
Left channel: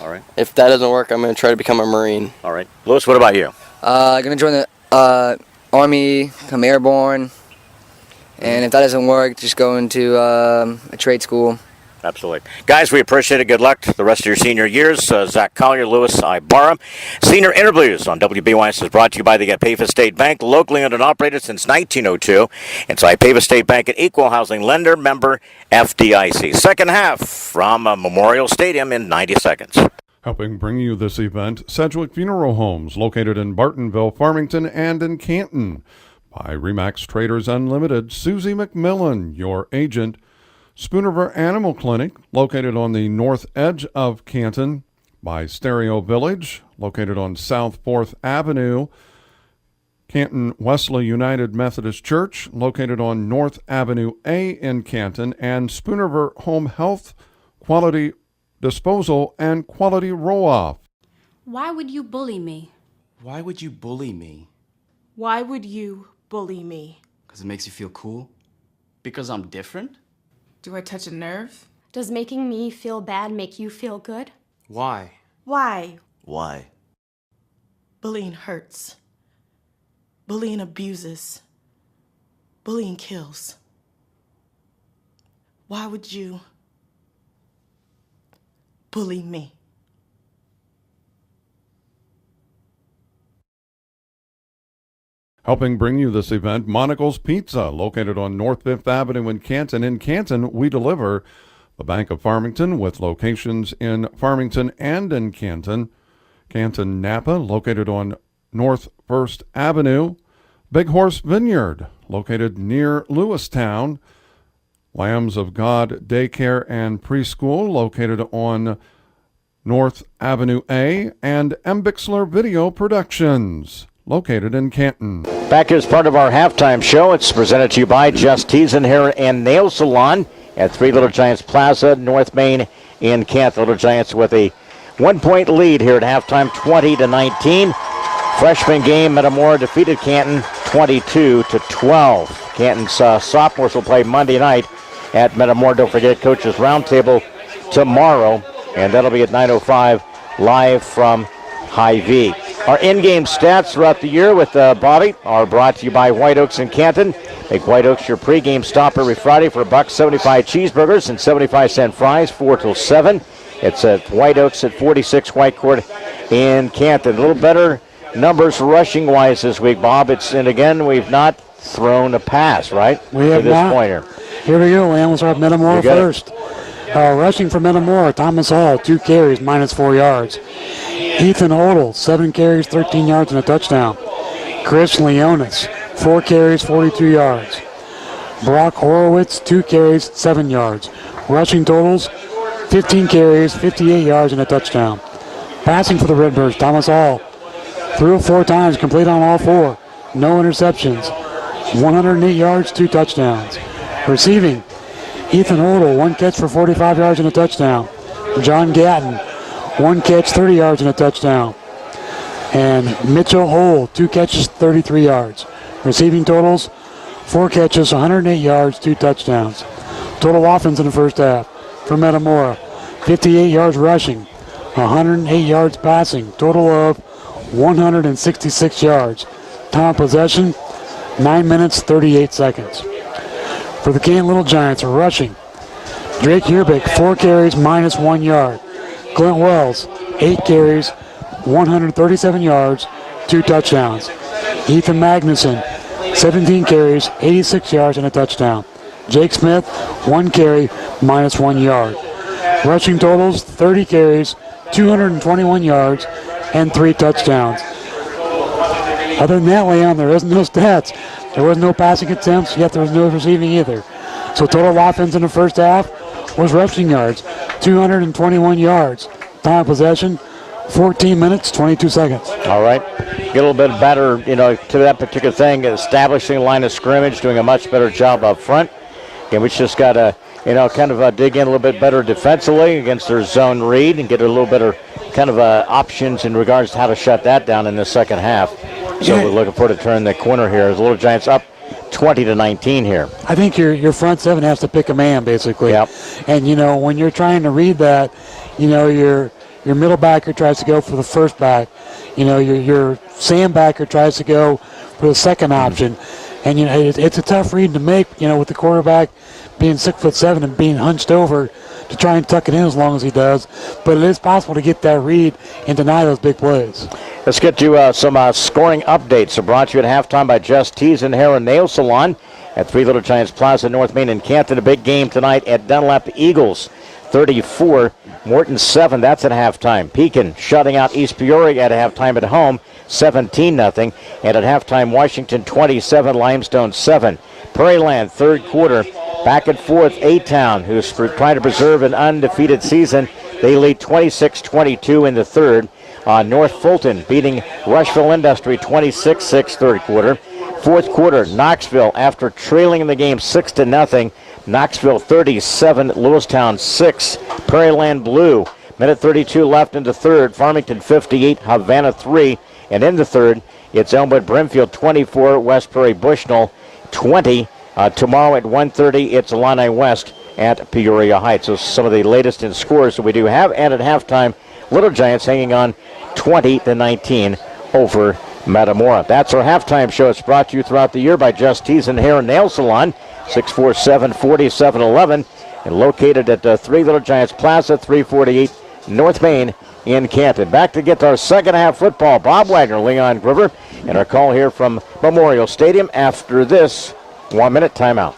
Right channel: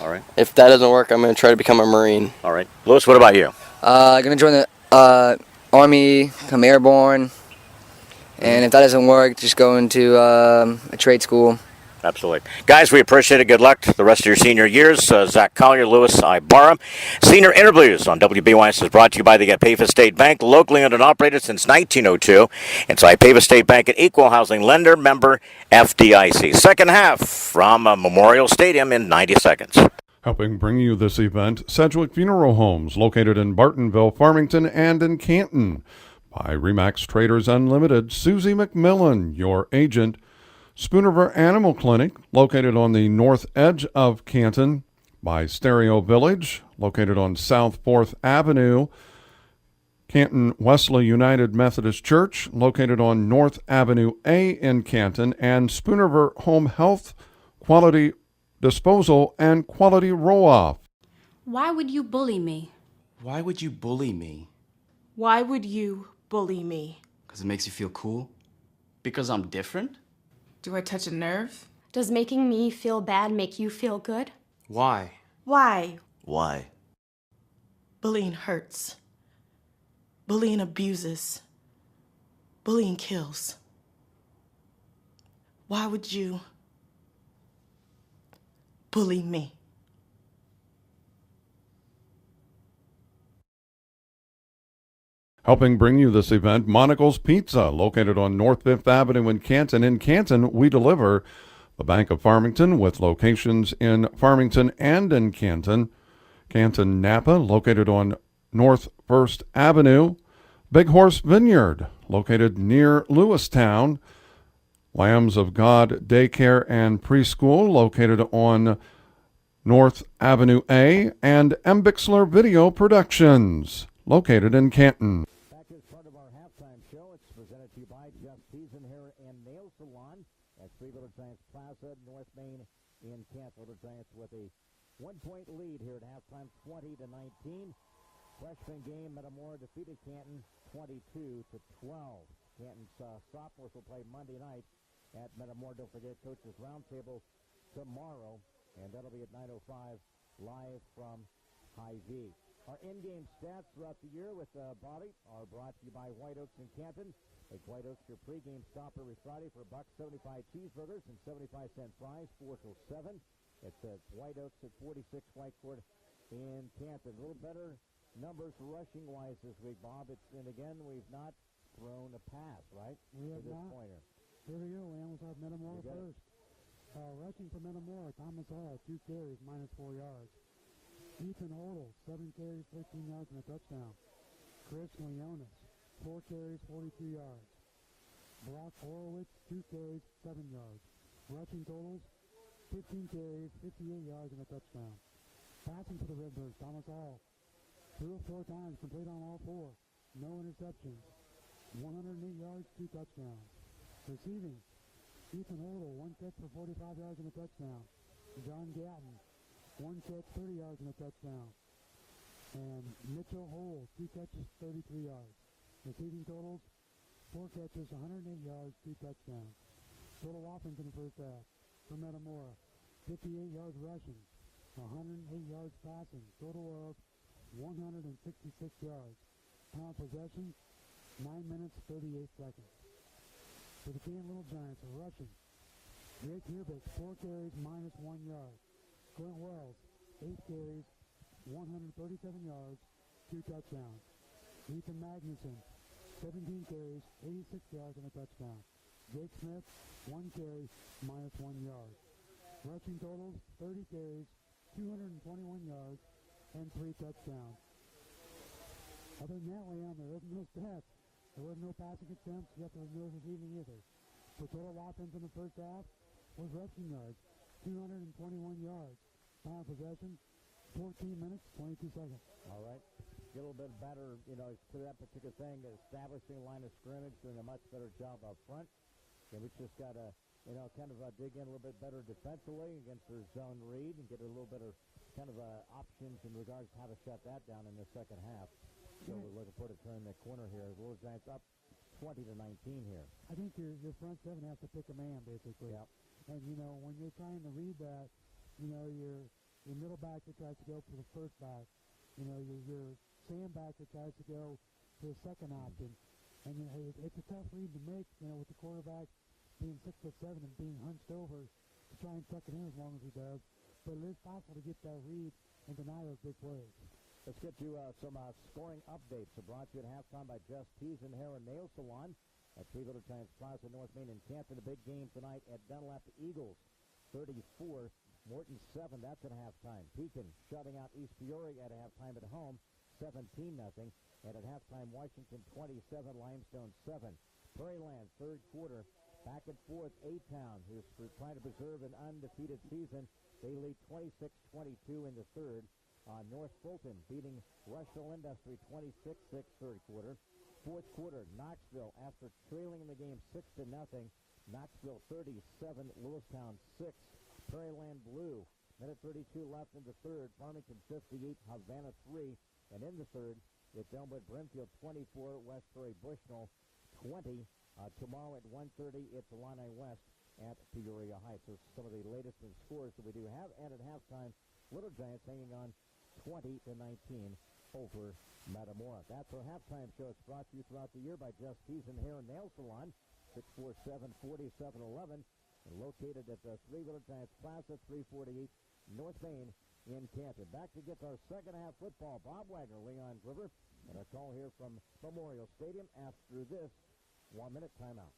All right. If that doesn't work, I'm going to try to become a Marine. All right. Lewis, what about you? I'm going to join the Army, become airborne. And if that doesn't work, just go into a trade school. Absolutely. Guys, we appreciate it. Good luck the rest of your senior years. Zach Collier, Lewis Ibarra. Senior Interviews on WBYS is brought to you by the Ipava State Bank, locally owned and operated since 1902. It's Ipava State Bank, an equal housing lender, member FDIC. Second half from Memorial Stadium in 90 seconds. Helping bring you this event, Sedgwick Funeral Homes, located in Bartonville, Farmington, and in Canton. By Remax Traders Unlimited, Susie McMillan, your agent. Spooniver Animal Clinic, located on the north edge of Canton. By Stereo Village, located on South 4th Avenue. Canton Wesley United Methodist Church, located on North Avenue A in Canton. And Spooniver Home Health, Quality Disposal, and Quality Roll-Off. Why would you bully me? Why would you bully me? Why would you bully me? Because it makes you feel cool? Because I'm different? Do I touch a nerve? Does making me feel bad make you feel good? Why? Why? Why? Bullying hurts. Bullying abuses. Bullying kills. Why would you bully me? Helping bring you this event, Monocle's Pizza, located on North 5th Avenue in Canton. In Canton, we deliver. The Bank of Farmington, with locations in Farmington and in Canton. Canton Napa, located on North 1st Avenue. Big Horse Vineyard, located near Lewistown. Lambs of God Daycare and Preschool, located on North Avenue A. And M. Bixler Video Productions, located in Canton. Back as part of our halftime show, it's presented to you by Just Teasin Hair and Nail Salon at 3 Little Giants Plaza, North Main in Canton. Little Giants with a 1-point lead here at halftime, 20-19. Freshman game, Metamora defeated Canton 22-12. Canton's sophomores will play Monday night at Metamora. Don't forget, Coaches Roundtable tomorrow, and that'll be at 9:05 live from Hy-Vee. Our in-game stats throughout the year with Bobby are brought to you by White Oaks in Canton. Make White Oaks your pregame stop every Friday for $1.75 cheeseburgers and 75-cent fries, 4 till 7. It's at White Oaks at 46 White Court in Canton. A little better numbers rushing-wise this week, Bob. And again, we've not thrown a pass, right? We have to this not. point here. Here we go, Lamb. We'll start Metamora first. Rushing for Metamora, Thomas Hall, 2 carries, -4 yards. Ethan Odell, 7 carries, 13 yards and a touchdown. Chris Leonis, 4 carries, 42 yards. Brock Horowitz, 2 carries, 7 yards. Rushing totals, 15 carries, 58 yards and a touchdown. Passing for the Redbirds, Thomas Hall, threw 4 times, complete on all 4. No interceptions. 108 yards, 2 touchdowns. Receiving, Ethan Odell, 1 catch for 45 yards and a touchdown. John Gatton, 1 catch, 30 yards and a touchdown. And Mitchell Hole, 2 catches, 33 yards. Receiving totals, 4 catches, 108 yards, 2 touchdowns. Total offense in the first half for Metamora, 58 yards rushing, 108 yards passing, total of 166 yards. Time of possession, 9 minutes, 38 seconds. For the Canton Little Giants, rushing, Drake Yerbick, 4 carries, -1 yard. Clint Wells, 8 carries, 137 yards, 2 touchdowns. Ethan Magnuson, 17 carries, 86 yards and a touchdown. Jake Smith, 1 carry, -1 yard. Rushing totals, 30 carries, 221 yards, and 3 touchdowns. Other than that, Leon, there is no stats. There was no passing attempts, yet there was no receiving either. So total offense in the first half was rushing yards, 221 yards. Time of possession, 14 minutes, 22 seconds. All right. Get a little bit better, to that particular thing, establishing line of scrimmage, doing a much better job up front. And we just got to, dig in a little bit better defensively against their zone read and get a little better options in regards to how to shut that down in the second half. So we're looking forward to turning the corner here as the Little Giants up 20-19 here. I think your front seven has to pick a man, basically. Yep. And, when you're trying to read that, your middle backer tries to go for the first back. Your Sam backer tries to go for the second option. And, it's a tough read to make, with the quarterback being 6'7" and being hunched over to try and tuck it in as long as he does. But it is possible to get that read and deny those big plays. Let's get to some scoring updates. So brought to you at halftime by Just Teasin Hair and Nail Salon at 3 Little Giants Plaza, North Main in Canton. A big game tonight at Dunlap Eagles, 34, Morton 7. That's at halftime. Pekin shutting out East Peoria at halftime at home, 17-0. And at halftime, Washington 27, Limestone 7. Prairieland, third quarter, back and forth. A-Town, who's trying to preserve an undefeated season, they lead 26-22 in the third. North Fulton beating Rushville Industry 26-6 third quarter. Fourth quarter, Knoxville, after trailing in the game 6-0, Knoxville 37, Lewistown 6. Prairieland Blue, minute 32 left in the third. Farmington 58, Havana 3. And in the third, it's Elmwood Brimfield 24, West Prairie Bushnell 20. Tomorrow at 1:30, it's Illini West at Peoria Heights. So some of the latest in scores that we do have. And at halftime, Little Giants hanging on 20-19 over Metamora. That's our halftime show. It's brought to you throughout the year by Just Tees and Hair and Nail Salon, 647-4711, and located at 3 Little Giants Plaza, 348 North Main in Canton. Back to get our second half football. Bob Wagner, Leon Groover, and our call here from Memorial Stadium after this 1-minute timeout.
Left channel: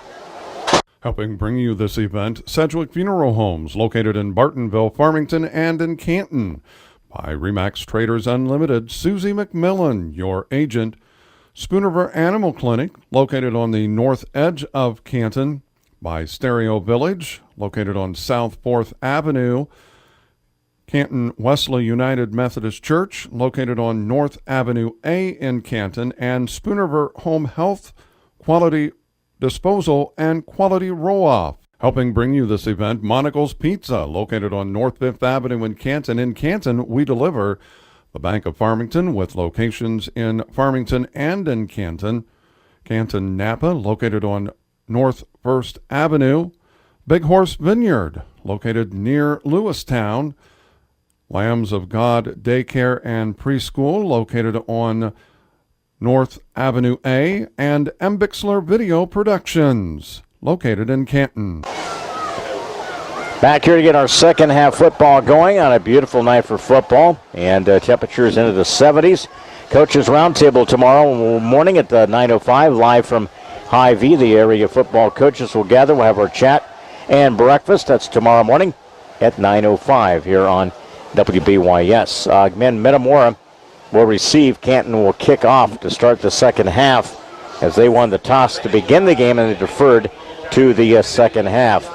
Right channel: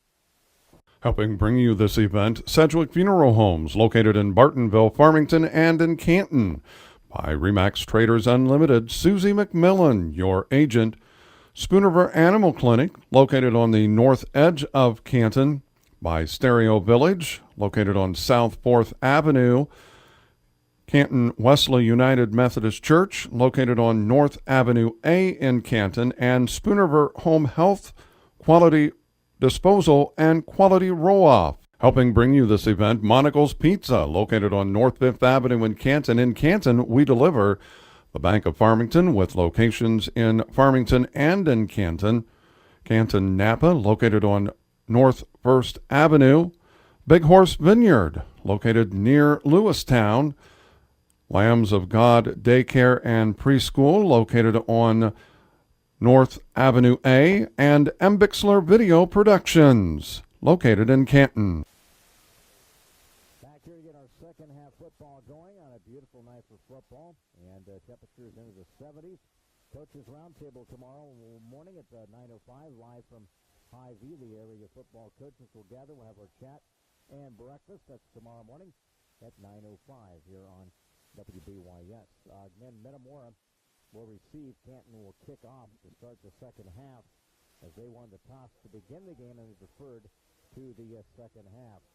Helping bring you this event, Sedgwick Funeral Homes, located in Bartonville, Farmington, and in Canton. By Remax Traders Unlimited, Susie McMillan, your agent. Spoonerver Animal Clinic, located on the north edge of Canton. By Stereo Village, located on South 4th Avenue. Canton Wesley United Methodist Church, located on North Avenue A in Canton. And Spoonerver Home Health, Quality Disposal, and Quality Roll-Off. Helping bring you this event, Monocle's Pizza, located on North 5th Avenue in Canton. In Canton, we deliver. The Bank of Farmington, with locations in Farmington and in Canton. Canton Napa, located on North 1st Avenue. Big Horse Vineyard, located near Lewistown. Lambs of God Daycare and Preschool, located on North Avenue A. And M. Bixler Video Productions, located in Canton. Back here to get our second half football going on a beautiful night for football, and temperatures into the 70s. Coaches Roundtable tomorrow morning at 9:05, live from Hy-Vee. The area football coaches will gather. We'll have our chat and breakfast. That's tomorrow morning at 9:05 here on WBYS. Men, Metamora will receive. Canton will kick off to start the second half as they won the toss to begin the game and they deferred to the second half.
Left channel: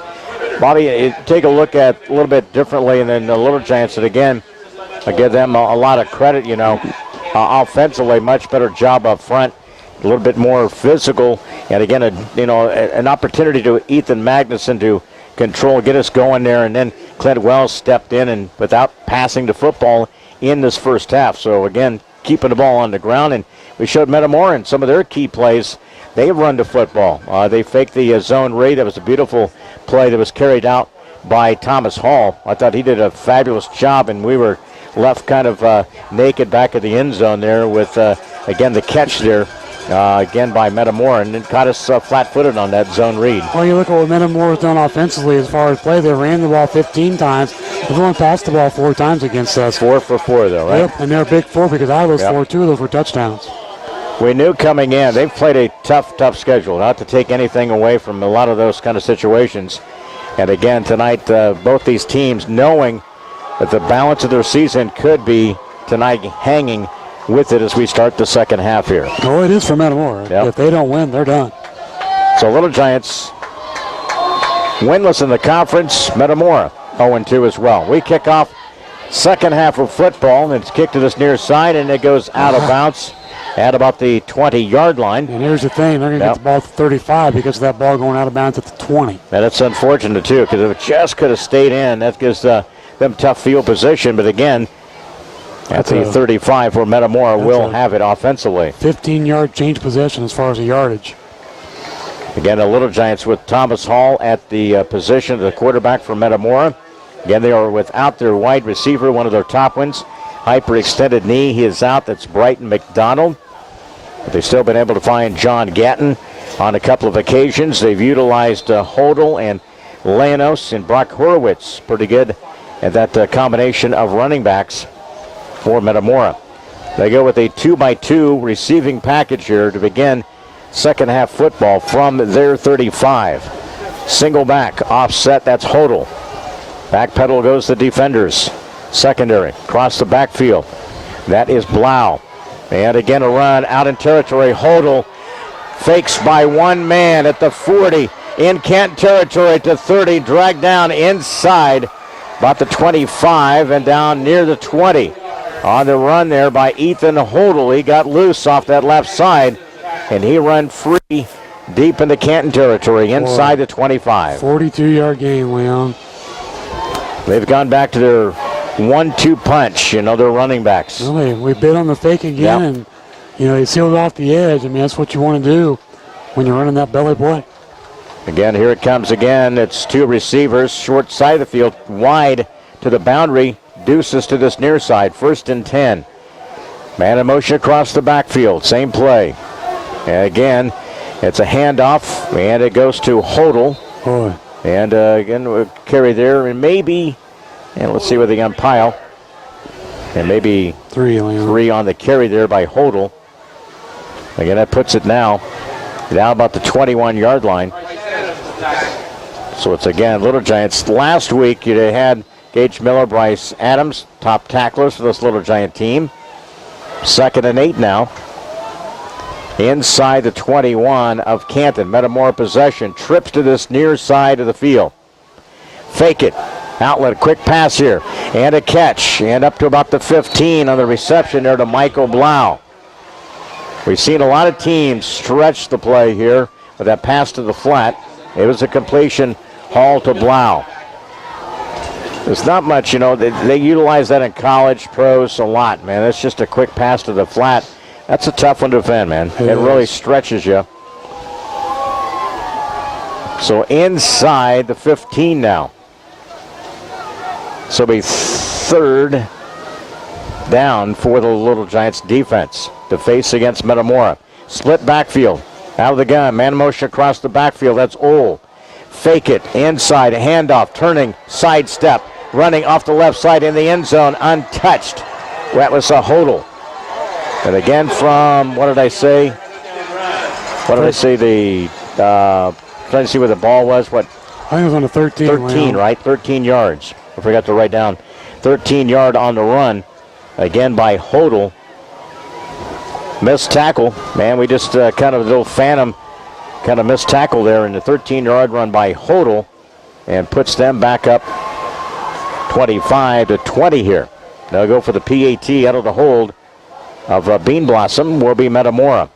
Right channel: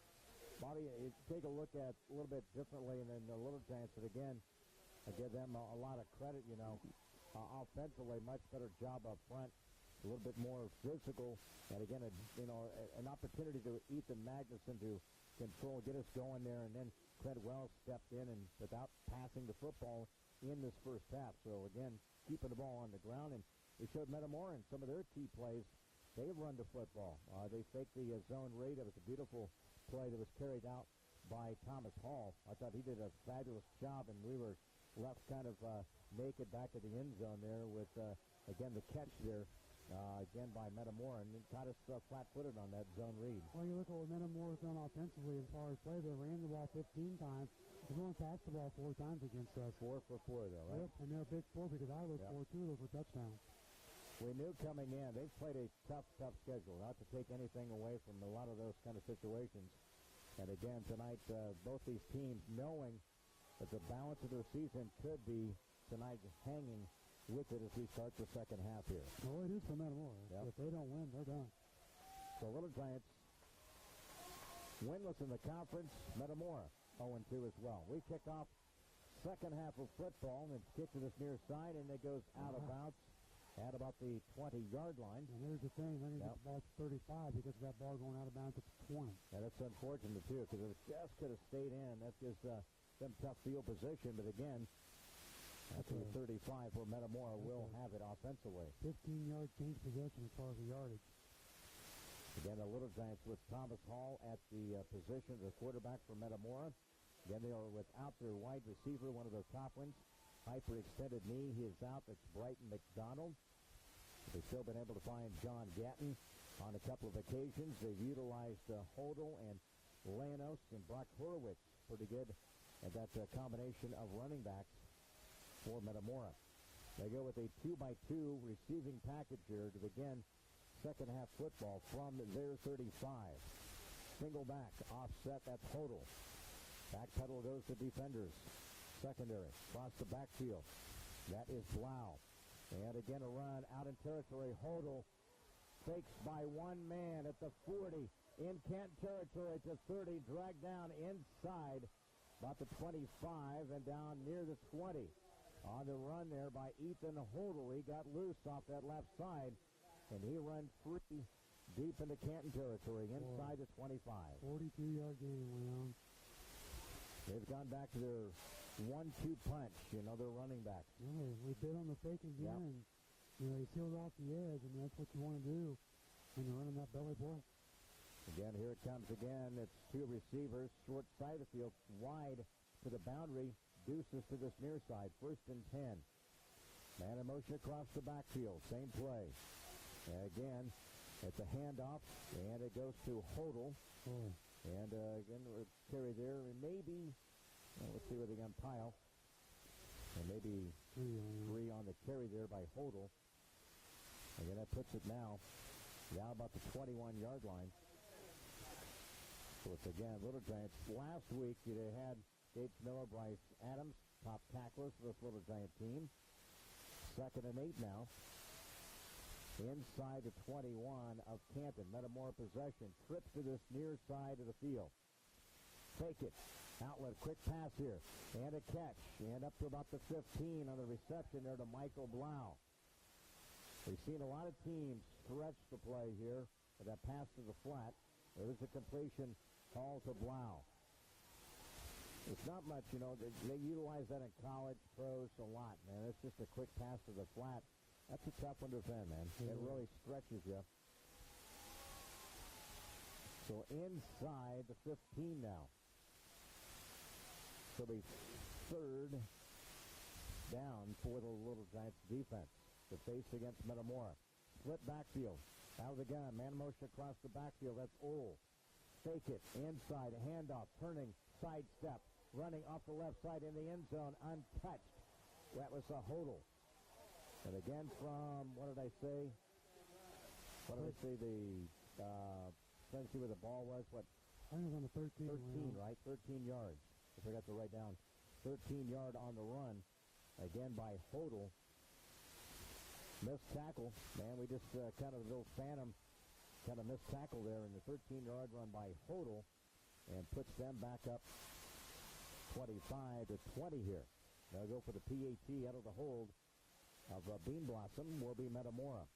Bobby, take a look at a little bit differently, and then the Little Giants, and again, I give them a lot of credit, offensively, much better job up front, a little bit more physical, and again, an opportunity to Ethan Magnuson to control, get us going there, and then Clint Wells stepped in and without passing the football in this first half. So again, keeping the ball on the ground, and we showed Metamora in some of their key plays. They run the football. They faked the zone read. That was a beautiful play that was carried out by Thomas Hall. I thought he did a fabulous job, and we were left kind of naked back at the end zone there with, again, the catch there, again by Metamora, and it caught us flat-footed on that zone read. Well, you look at what Metamora's done offensively as far as play. They ran the ball 15 times. They've only passed the ball 4 times against us. 4 for 4, though, right? Yep, and they're a big 4 because out of those 4, 2 of those were touchdowns. We knew coming in, they've played a tough schedule, not to take anything away from a lot of those kind of situations. And again, tonight, both these teams knowing that the balance of their season could be tonight hanging with it as we start the second half here. Oh, it is for Metamora. Yep. If they don't win, they're done. So Little Giants winless in the conference. Metamora 0-2 as well. We kick off second half of football, and it's kicked to this near side, and it goes out of bounds at about the 20-yard line. And here's the thing, they're going to get the ball to 35 because of that ball going out of bounds at the 20. And that's unfortunate, too, because if it just could have stayed in, that gives them tough field position. But again, at the 35 where Metamora will have it offensively. 15-yard change possession as far as the yardage. Again, the Little Giants with Thomas Hall at the position of the quarterback for Metamora. Again, they are without their wide receiver, one of their top ones. Hyperextended knee, he is out. That's Brighton McDonald. But they've still been able to find John Gatton on a couple of occasions. They've utilized Hodel and Lanos and Brock Horowitz. Pretty good at that combination of running backs for Metamora. They go with a 2x2 receiving package here to begin second half football from their 35. Single back, offset, that's Hodel. Back pedal goes the defenders. Secondary, across the backfield. That is Blau. And again a run out in territory. Hodel fakes by one man at the 40. In Kent territory to 30. Dragged down inside about the 25 and down near the 20. On the run there by Ethan Hodel. He got loose off that left side. And he ran free deep into Canton territory inside the 25. 42-yard game, Leon. They've gone back to their 1-2 punch, their running backs. Really, we bid on the fake again, and, they sealed off the edge. I mean, that's what you want to do when you're running that belly play. Again, here it comes again. It's two receivers, short side of the field, wide to the boundary. Deuces to this near side, 1st and 10. Man in motion across the backfield, same play. And again, it's a handoff, and it goes to Hodel. Boy. And again, we'll carry there, and maybe, and let's see where they umpire. And maybe three on the carry there by Hodel. Again, that puts it now about the 21-yard line. So it's again Little Giants. Last week you had Gage Miller, Bryce Adams, top tacklers for this Little Giant team. 2nd and 8 now. Inside the 21 of Canton. Metamora possession. Trips to this near side of the field. Fake it. Outlet. Quick pass here. And a catch. And up to about the 15 on the reception there to Michael Blau. We've seen a lot of teams stretch the play here with that pass to the flat. It was a completion haul to Blau. There's not much, they utilize that in college pros a lot, man. It's just a quick pass to the flat. That's a tough one to defend, man. It really stretches you. So inside the 15 now. So it'll be 3rd down for the Little Giants defense to face against Metamora. Split backfield. Out of the gun. Man in motion across the backfield. That's Ole. Fake it. Inside. A handoff. Turning. Sidestep. Running off the left side in the end zone. Untouched. That was a Hodel. And again from, what did I say? The, trying to see where the ball was. What? I think it was on the 13. 13, right? 13 yards. I forgot to write down. 13-yard on the run. Again by Hodel. Missed tackle. Man, we just kind of a little phantom kind of missed tackle there in the 13-yard run by Hodel and puts them back up 25-20 here. They'll go for the PAT out of the hold of Bean Blossom will be Metamora.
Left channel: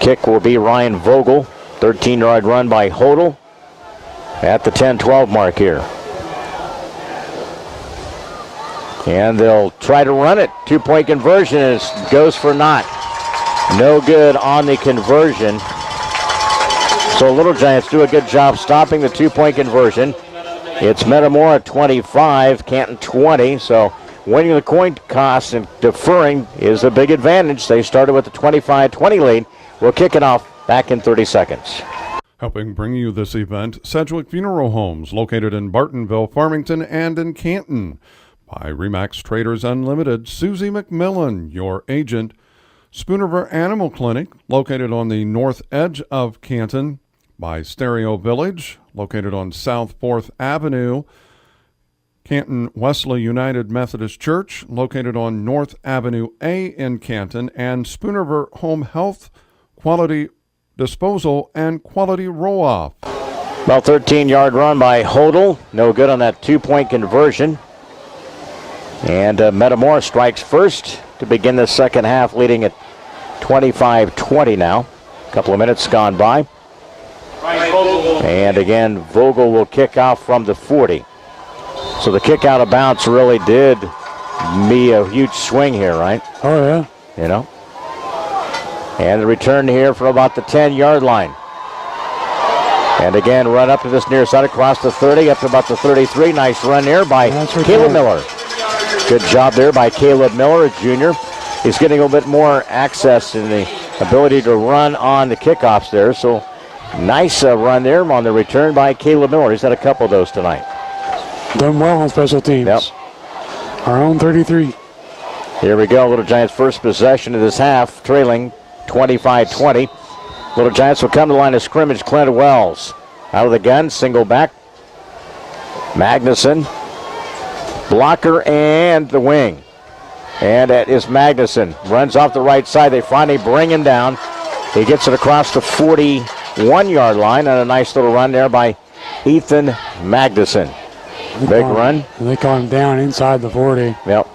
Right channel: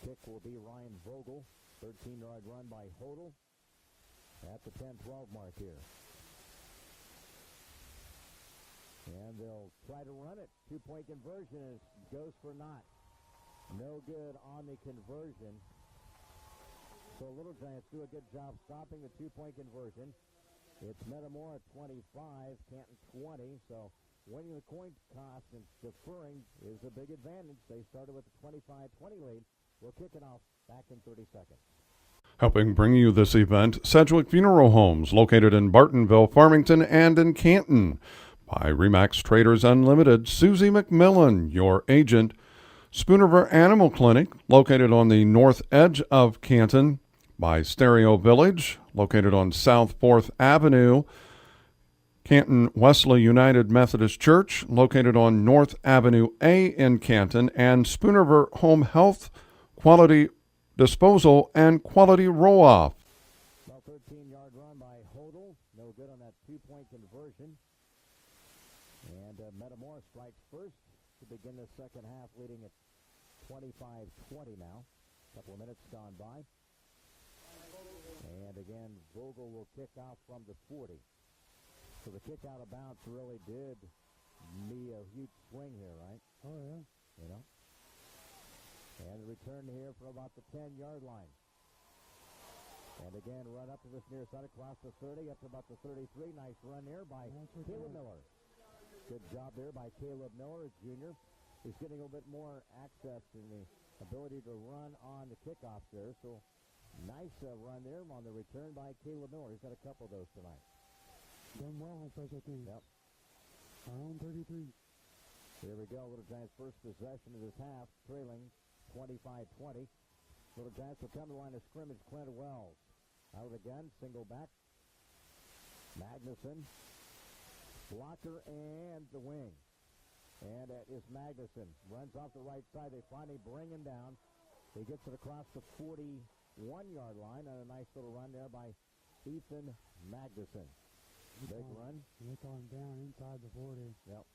Kick will be Ryan Vogel. 13-yard run by Hodel at the 10-12 mark here. And they'll try to run it. 2-point conversion and it goes for naught. No good on the conversion. So Little Giants do a good job stopping the 2-point conversion. It's Metamora 25, Canton 20. So winning the coin toss and deferring is a big advantage. They started with a 25-20 lead. We'll kick it off back in 30 seconds. Helping bring you this event, Sedgwick Funeral Homes, located in Bartonville, Farmington, and in Canton. By Remax Traders Unlimited, Susie McMillan, your agent. Spoonerver Animal Clinic, located on the north edge of Canton. By Stereo Village, located on South 4th Avenue. Canton Wesley United Methodist Church, located on North Avenue A in Canton. And Spoonerver Home Health, Quality Disposal, and Quality Roll-Off. Well, 13-yard run by Hodel. No good on that 2-point conversion. And Metamora strikes first to begin the second half, leading at 25-20 now. A couple of minutes gone by. And again, Vogel will kick off from the 40. So the kick out of bounds really did me a huge swing here, right? Oh, yeah. And the return here from about the 10-yard line. And again, run up to this near side across the 30, up to about the 33. Nice run there by Caleb Miller. Good job there by Caleb Miller, a junior. He's getting a little bit more access and the ability to run on the kickoffs there. So nice run there on the return by Caleb Miller. He's had a couple of those tonight. Done well on special teams. Yep. Our own 33. Here we go. Little Giants' first possession of this half, trailing 25-20. Little Giants will come to the line of scrimmage. Clint Wells out of the gun, single back. Magnuson. Blocker and the wing. And that is Magnuson. Runs off the right side. They finally bring him down. He gets it across the 41-yard line. And a nice little run there by Ethan Magnuson. Big run. And they caught him down inside the 40. Yep.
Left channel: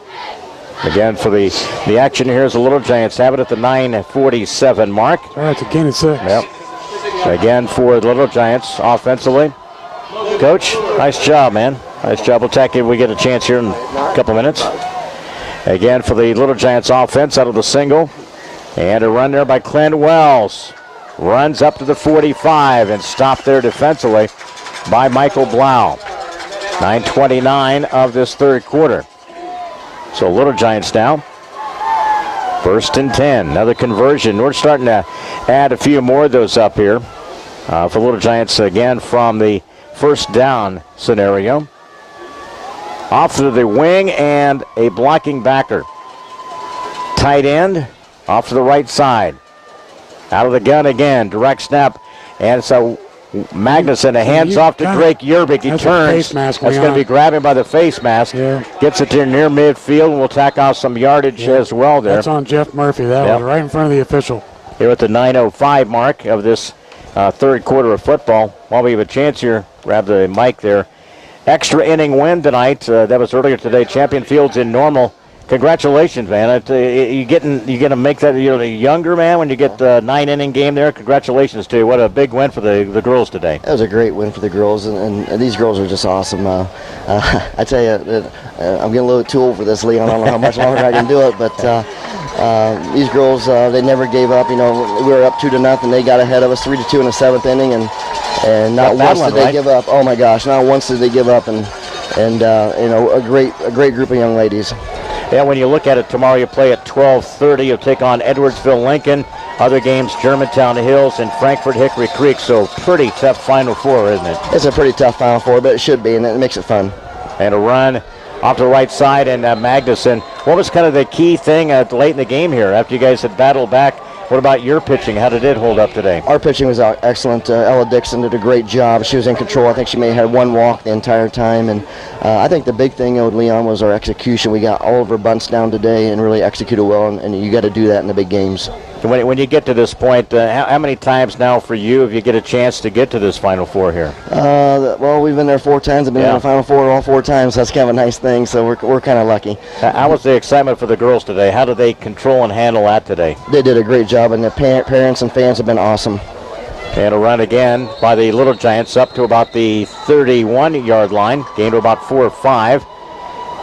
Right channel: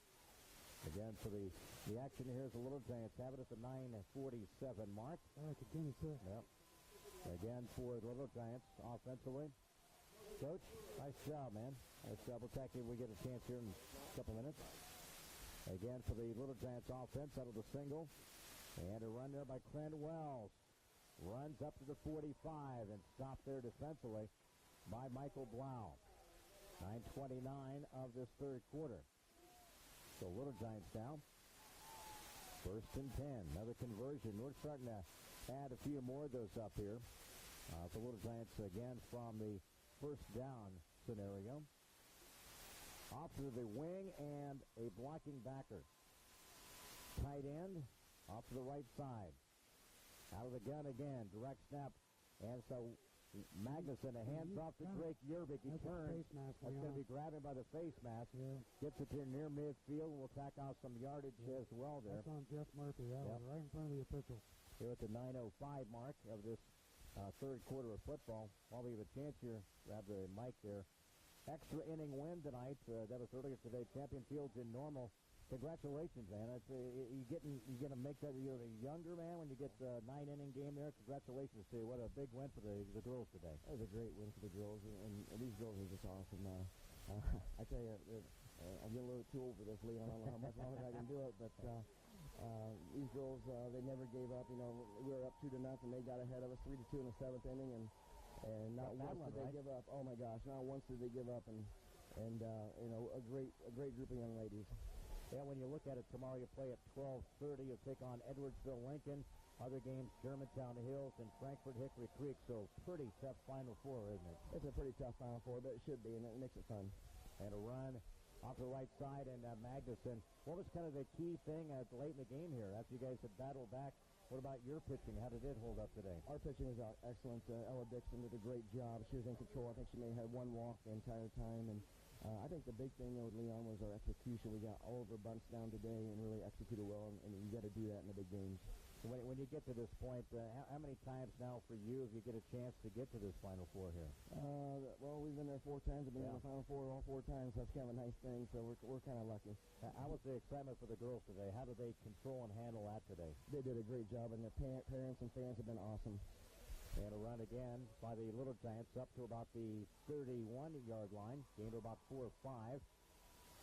Again, for the action here is the Little Giants have it at the 9:47 mark. All right, it's again at 6. Yep. Again for the Little Giants offensively. Coach, nice job, man. Nice job. We'll tack if we get a chance here in a couple minutes. Again for the Little Giants offense out of the single. And a run there by Clint Wells. runs up to the 45 and stopped there defensively by Michael Blau. 9:29 of this third quarter. So Little Giants now. 1st and 10. Another conversion. We're starting to add a few more of those up here for Little Giants again from the first down scenario. Off to the wing and a blocking backer. Tight end off to the right side. Out of the gun again. Direct snap. And so Magnuson, a hands off to Drake Yerbick. He turns. That's going to be grabbing by the face mask. Yeah. Gets it to near midfield, and we'll tack off some yardage as well there. That's on Jeff Murphy. That was right in front of the official. Here at the 9:05 mark of this third quarter of football. While we have a chance here, grab the mic there. Extra inning win tonight. That was earlier today. Champion Fields in Normal. Congratulations, man. You get to make that, you're younger, man, when you get the 9-inning game there. Congratulations to you. What a big win for the girls today. That was a great win for the girls, and these girls are just awesome. I tell you, I'm getting a little too old for this, Leon. I don't know how much longer I can do it, but these girls, they never gave up. You know, we were up 2-0. They got ahead of us 3-2 in the 7th inning, and not once did they give up. Oh my gosh, not once did they give up, and you know, a great group of young ladies. Yeah, when you look at it, tomorrow you play at 12:30. You'll take on Edwardsville Lincoln. Other games, Germantown Hills and Frankfort Hickory Creek. So pretty tough Final Four, isn't it? It's a pretty tough Final Four, but it should be, and it makes it fun. And a run off to the right side, and Magnuson. What was kind of the key thing late in the game here after you guys had battled back? What about your pitching? How did it hold up today? Our pitching was excellent. Ella Dixon did a great job. She was in control. I think she may have had one walk the entire time. And I think the big thing with Leon was our execution. We got all of our bunts down today and really executed well, and you got to do that in the big games. When you get to this point, how many times now for you if you get a chance to get to this Final Four here? Well, we've been there 4 times. I've been in the Final Four all 4 times. That's kind of a nice thing, so we're kind of lucky. How was the excitement for the girls today? How did they control and handle that today? They did a great job, and the parents and fans have been awesome. And a run again by the Little Giants up to about the 31-yard line. Gained to about 4 or 5.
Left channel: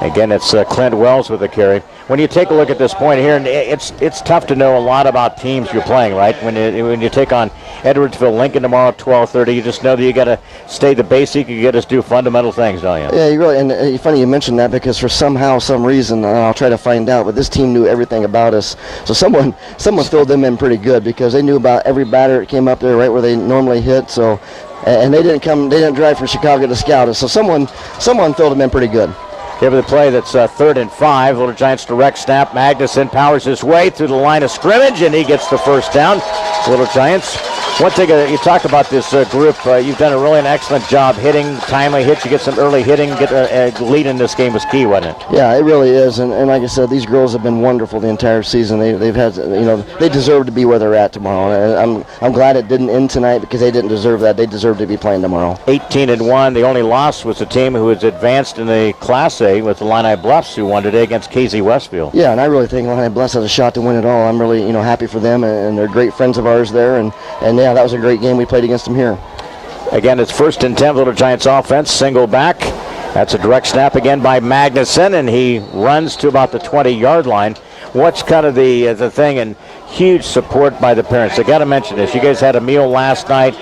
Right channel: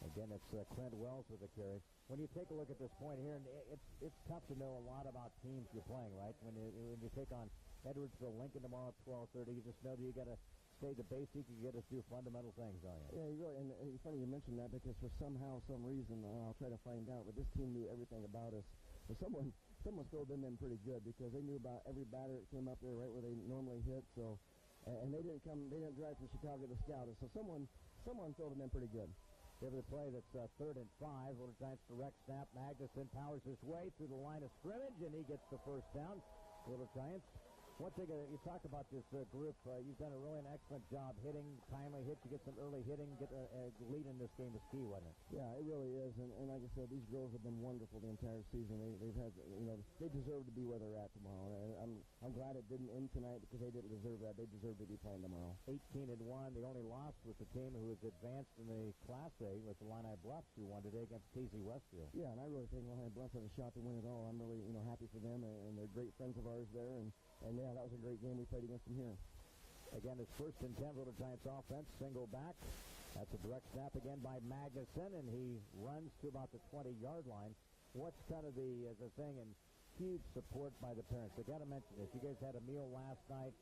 Again, it's Clint Wells with the carry. When you take a look at this point here, and it's tough to know a lot about teams you're playing, right? When you take on Edwardsville Lincoln tomorrow at 12:30, you just know that you got to stay the basic. You got to do fundamental things, don't you? Yeah, you really. And it's funny you mentioned that because for some reason, and I'll try to find out, but this team knew everything about us. So someone filled them in pretty good because they knew about every batter that came up there right where they normally hit. So, and they didn't drive from Chicago to scout us. So someone filled them in pretty good. Give it the play that's 3rd and 5. Little Giants direct snap. Magnuson powers his way through the line of scrimmage, and he gets the first down. Little Giants. One thing you talk about this group, you've done an excellent job hitting, timely hits. You get some early hitting, get a lead in this game was key, wasn't it? Yeah, it really is. And like I said, these girls have been wonderful the entire season. They've had, they deserve to be where they're at tomorrow. And I'm glad it didn't end tonight because they didn't deserve that. They deserve to be playing tomorrow. 18-1. The only loss was the team who was advanced in the Class A with the Illini Bluffs, who won today against KZ Westfield. Yeah, and I really think Illini Bluffs has a shot to win it all. I'm really, happy for them, and they're great friends of ours there. And yeah, that was a great game we played against them here. Again, it's 1st and 10, Little Giants offense, single back. That's a direct snap again by Magnuson, and he runs to about the 20-yard line. What's kind of the thing, and huge support by the parents. I got to mention this. You guys had a meal last night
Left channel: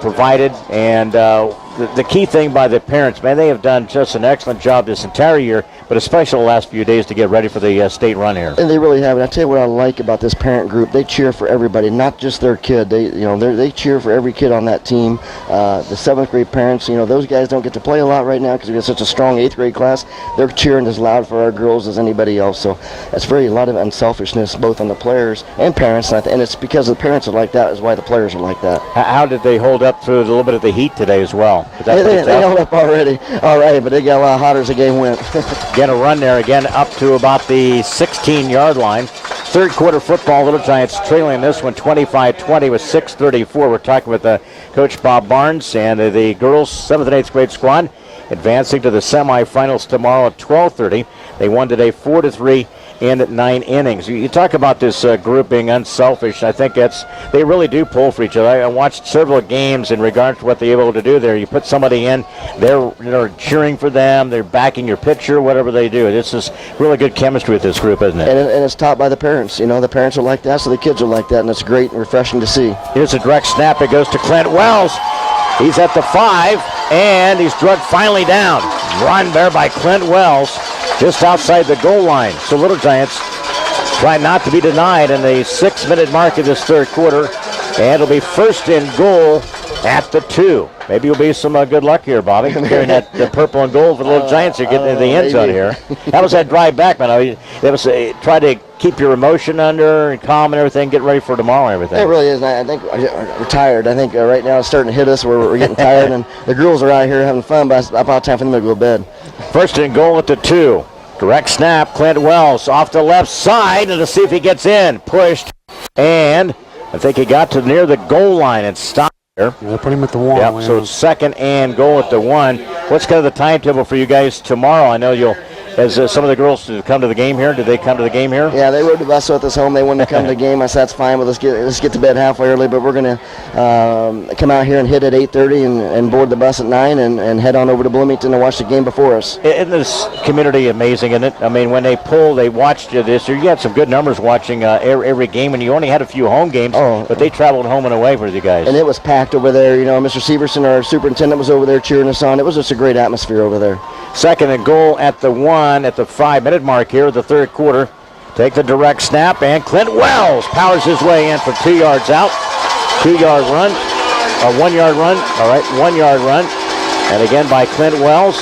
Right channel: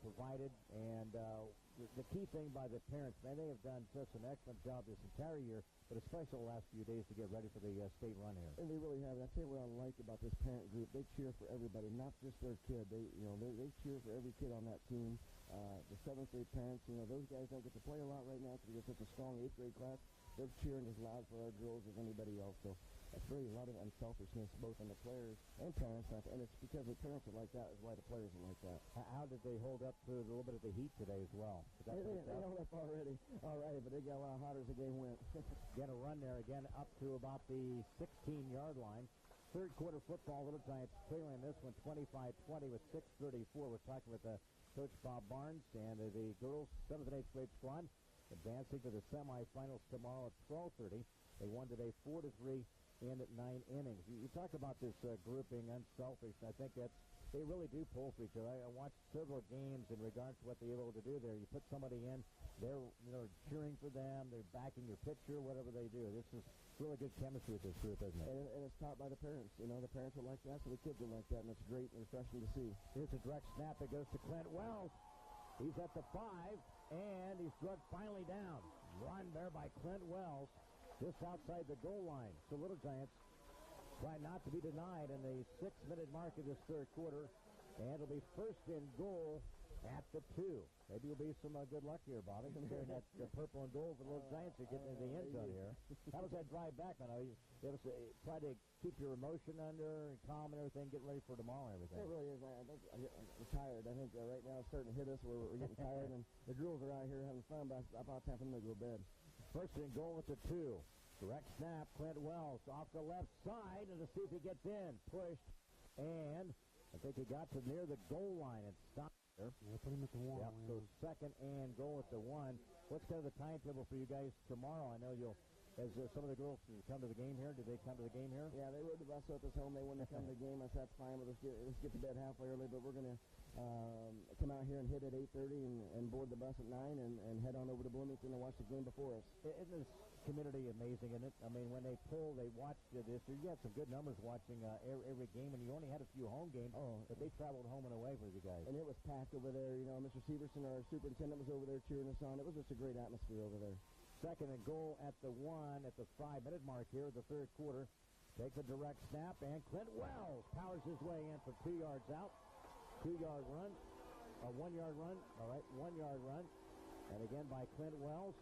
provided, and the key thing by the parents, man, they have done just an excellent job this entire year, but especially the last few days to get ready for the state run here. And they really have. And I tell you what I like about this parent group. They cheer for everybody, not just their kid. They cheer for every kid on that team. The 7th grade parents, those guys don't get to play a lot right now because we have such a strong 8th grade class. They're cheering as loud for our girls as anybody else. So that's a lot of unselfishness both on the players and parents. And it's because the parents are like that is why the players are like that. How did they hold up through a little bit of the heat today as well? They held up already. All right, but they got a lot hotter as the game went. Get a run there again up to about the 16-yard line. Third quarter football, Little Giants trailing this one 25-20 with 6:34. We're talking with Coach Bob Barnes and the girls 7th and 8th grade squad advancing to the semifinals tomorrow at 12:30. They won today 4-3 in 9 innings. You talk about this group being unselfish. I think they really do pull for each other. I watched several games in regard to what they're able to do there. You put somebody in, they're cheering for them, they're backing your pitcher, whatever they do. This is really good chemistry with this group, isn't it? And it's taught by the parents. The parents are like that, so the kids are like that, and it's great and refreshing to see. Here's a direct snap. It goes to Clint Wells. He's at the 5, and he's drugged finally down. Run there by Clint Wells, just outside the goal line. So Little Giants try not to be denied in the 6-minute mark of this third quarter, and it'll be first and goal at the 2. Maybe you'll be some good luck here, Bobby, carrying that the purple and gold for the Little Giants to get into the end zone here. That was that drive back, man. That was try to keep your emotion under and calm and everything, get ready for tomorrow and everything. It really is. I think we're tired. I think right now it's starting to hit us. We're getting tired, and the girls are out here having fun, but it's about time for them to go to bed. First and goal at the 2. Direct snap, Clint Wells off the left side, and to see if he gets in. Pushed, and I think he got to near the goal line and stopped there. Yeah, put him at the 1. Yep, so it's second and goal at the 1. What's kind of the timetable for you guys tomorrow? I know you'll, as some of the girls come to the game here. Did they come to the game here? Yeah, they rode the bus with us home. They wanted to come to the game. I said, that's fine, but let's get to bed halfway early. But we're going to come out here and hit at 8:30 and board the bus at 9 and head on over to Bloomington to watch the game before us. Isn't this community amazing, isn't it? I mean, when they watched you this year, you had some good numbers watching every game, and you only had a few home games, but they traveled home and away for you guys. And it was packed over there. Mr. Severson, our superintendent, was over there cheering us on. It was just a great atmosphere over there. Second and goal at the 1 at the 5-minute mark here of the third quarter. Take the direct snap, and Clint Wells powers his way in for 2 yards out. 2-yard run, a 1-yard run. All right, 1-yard run. And again by Clint Wells.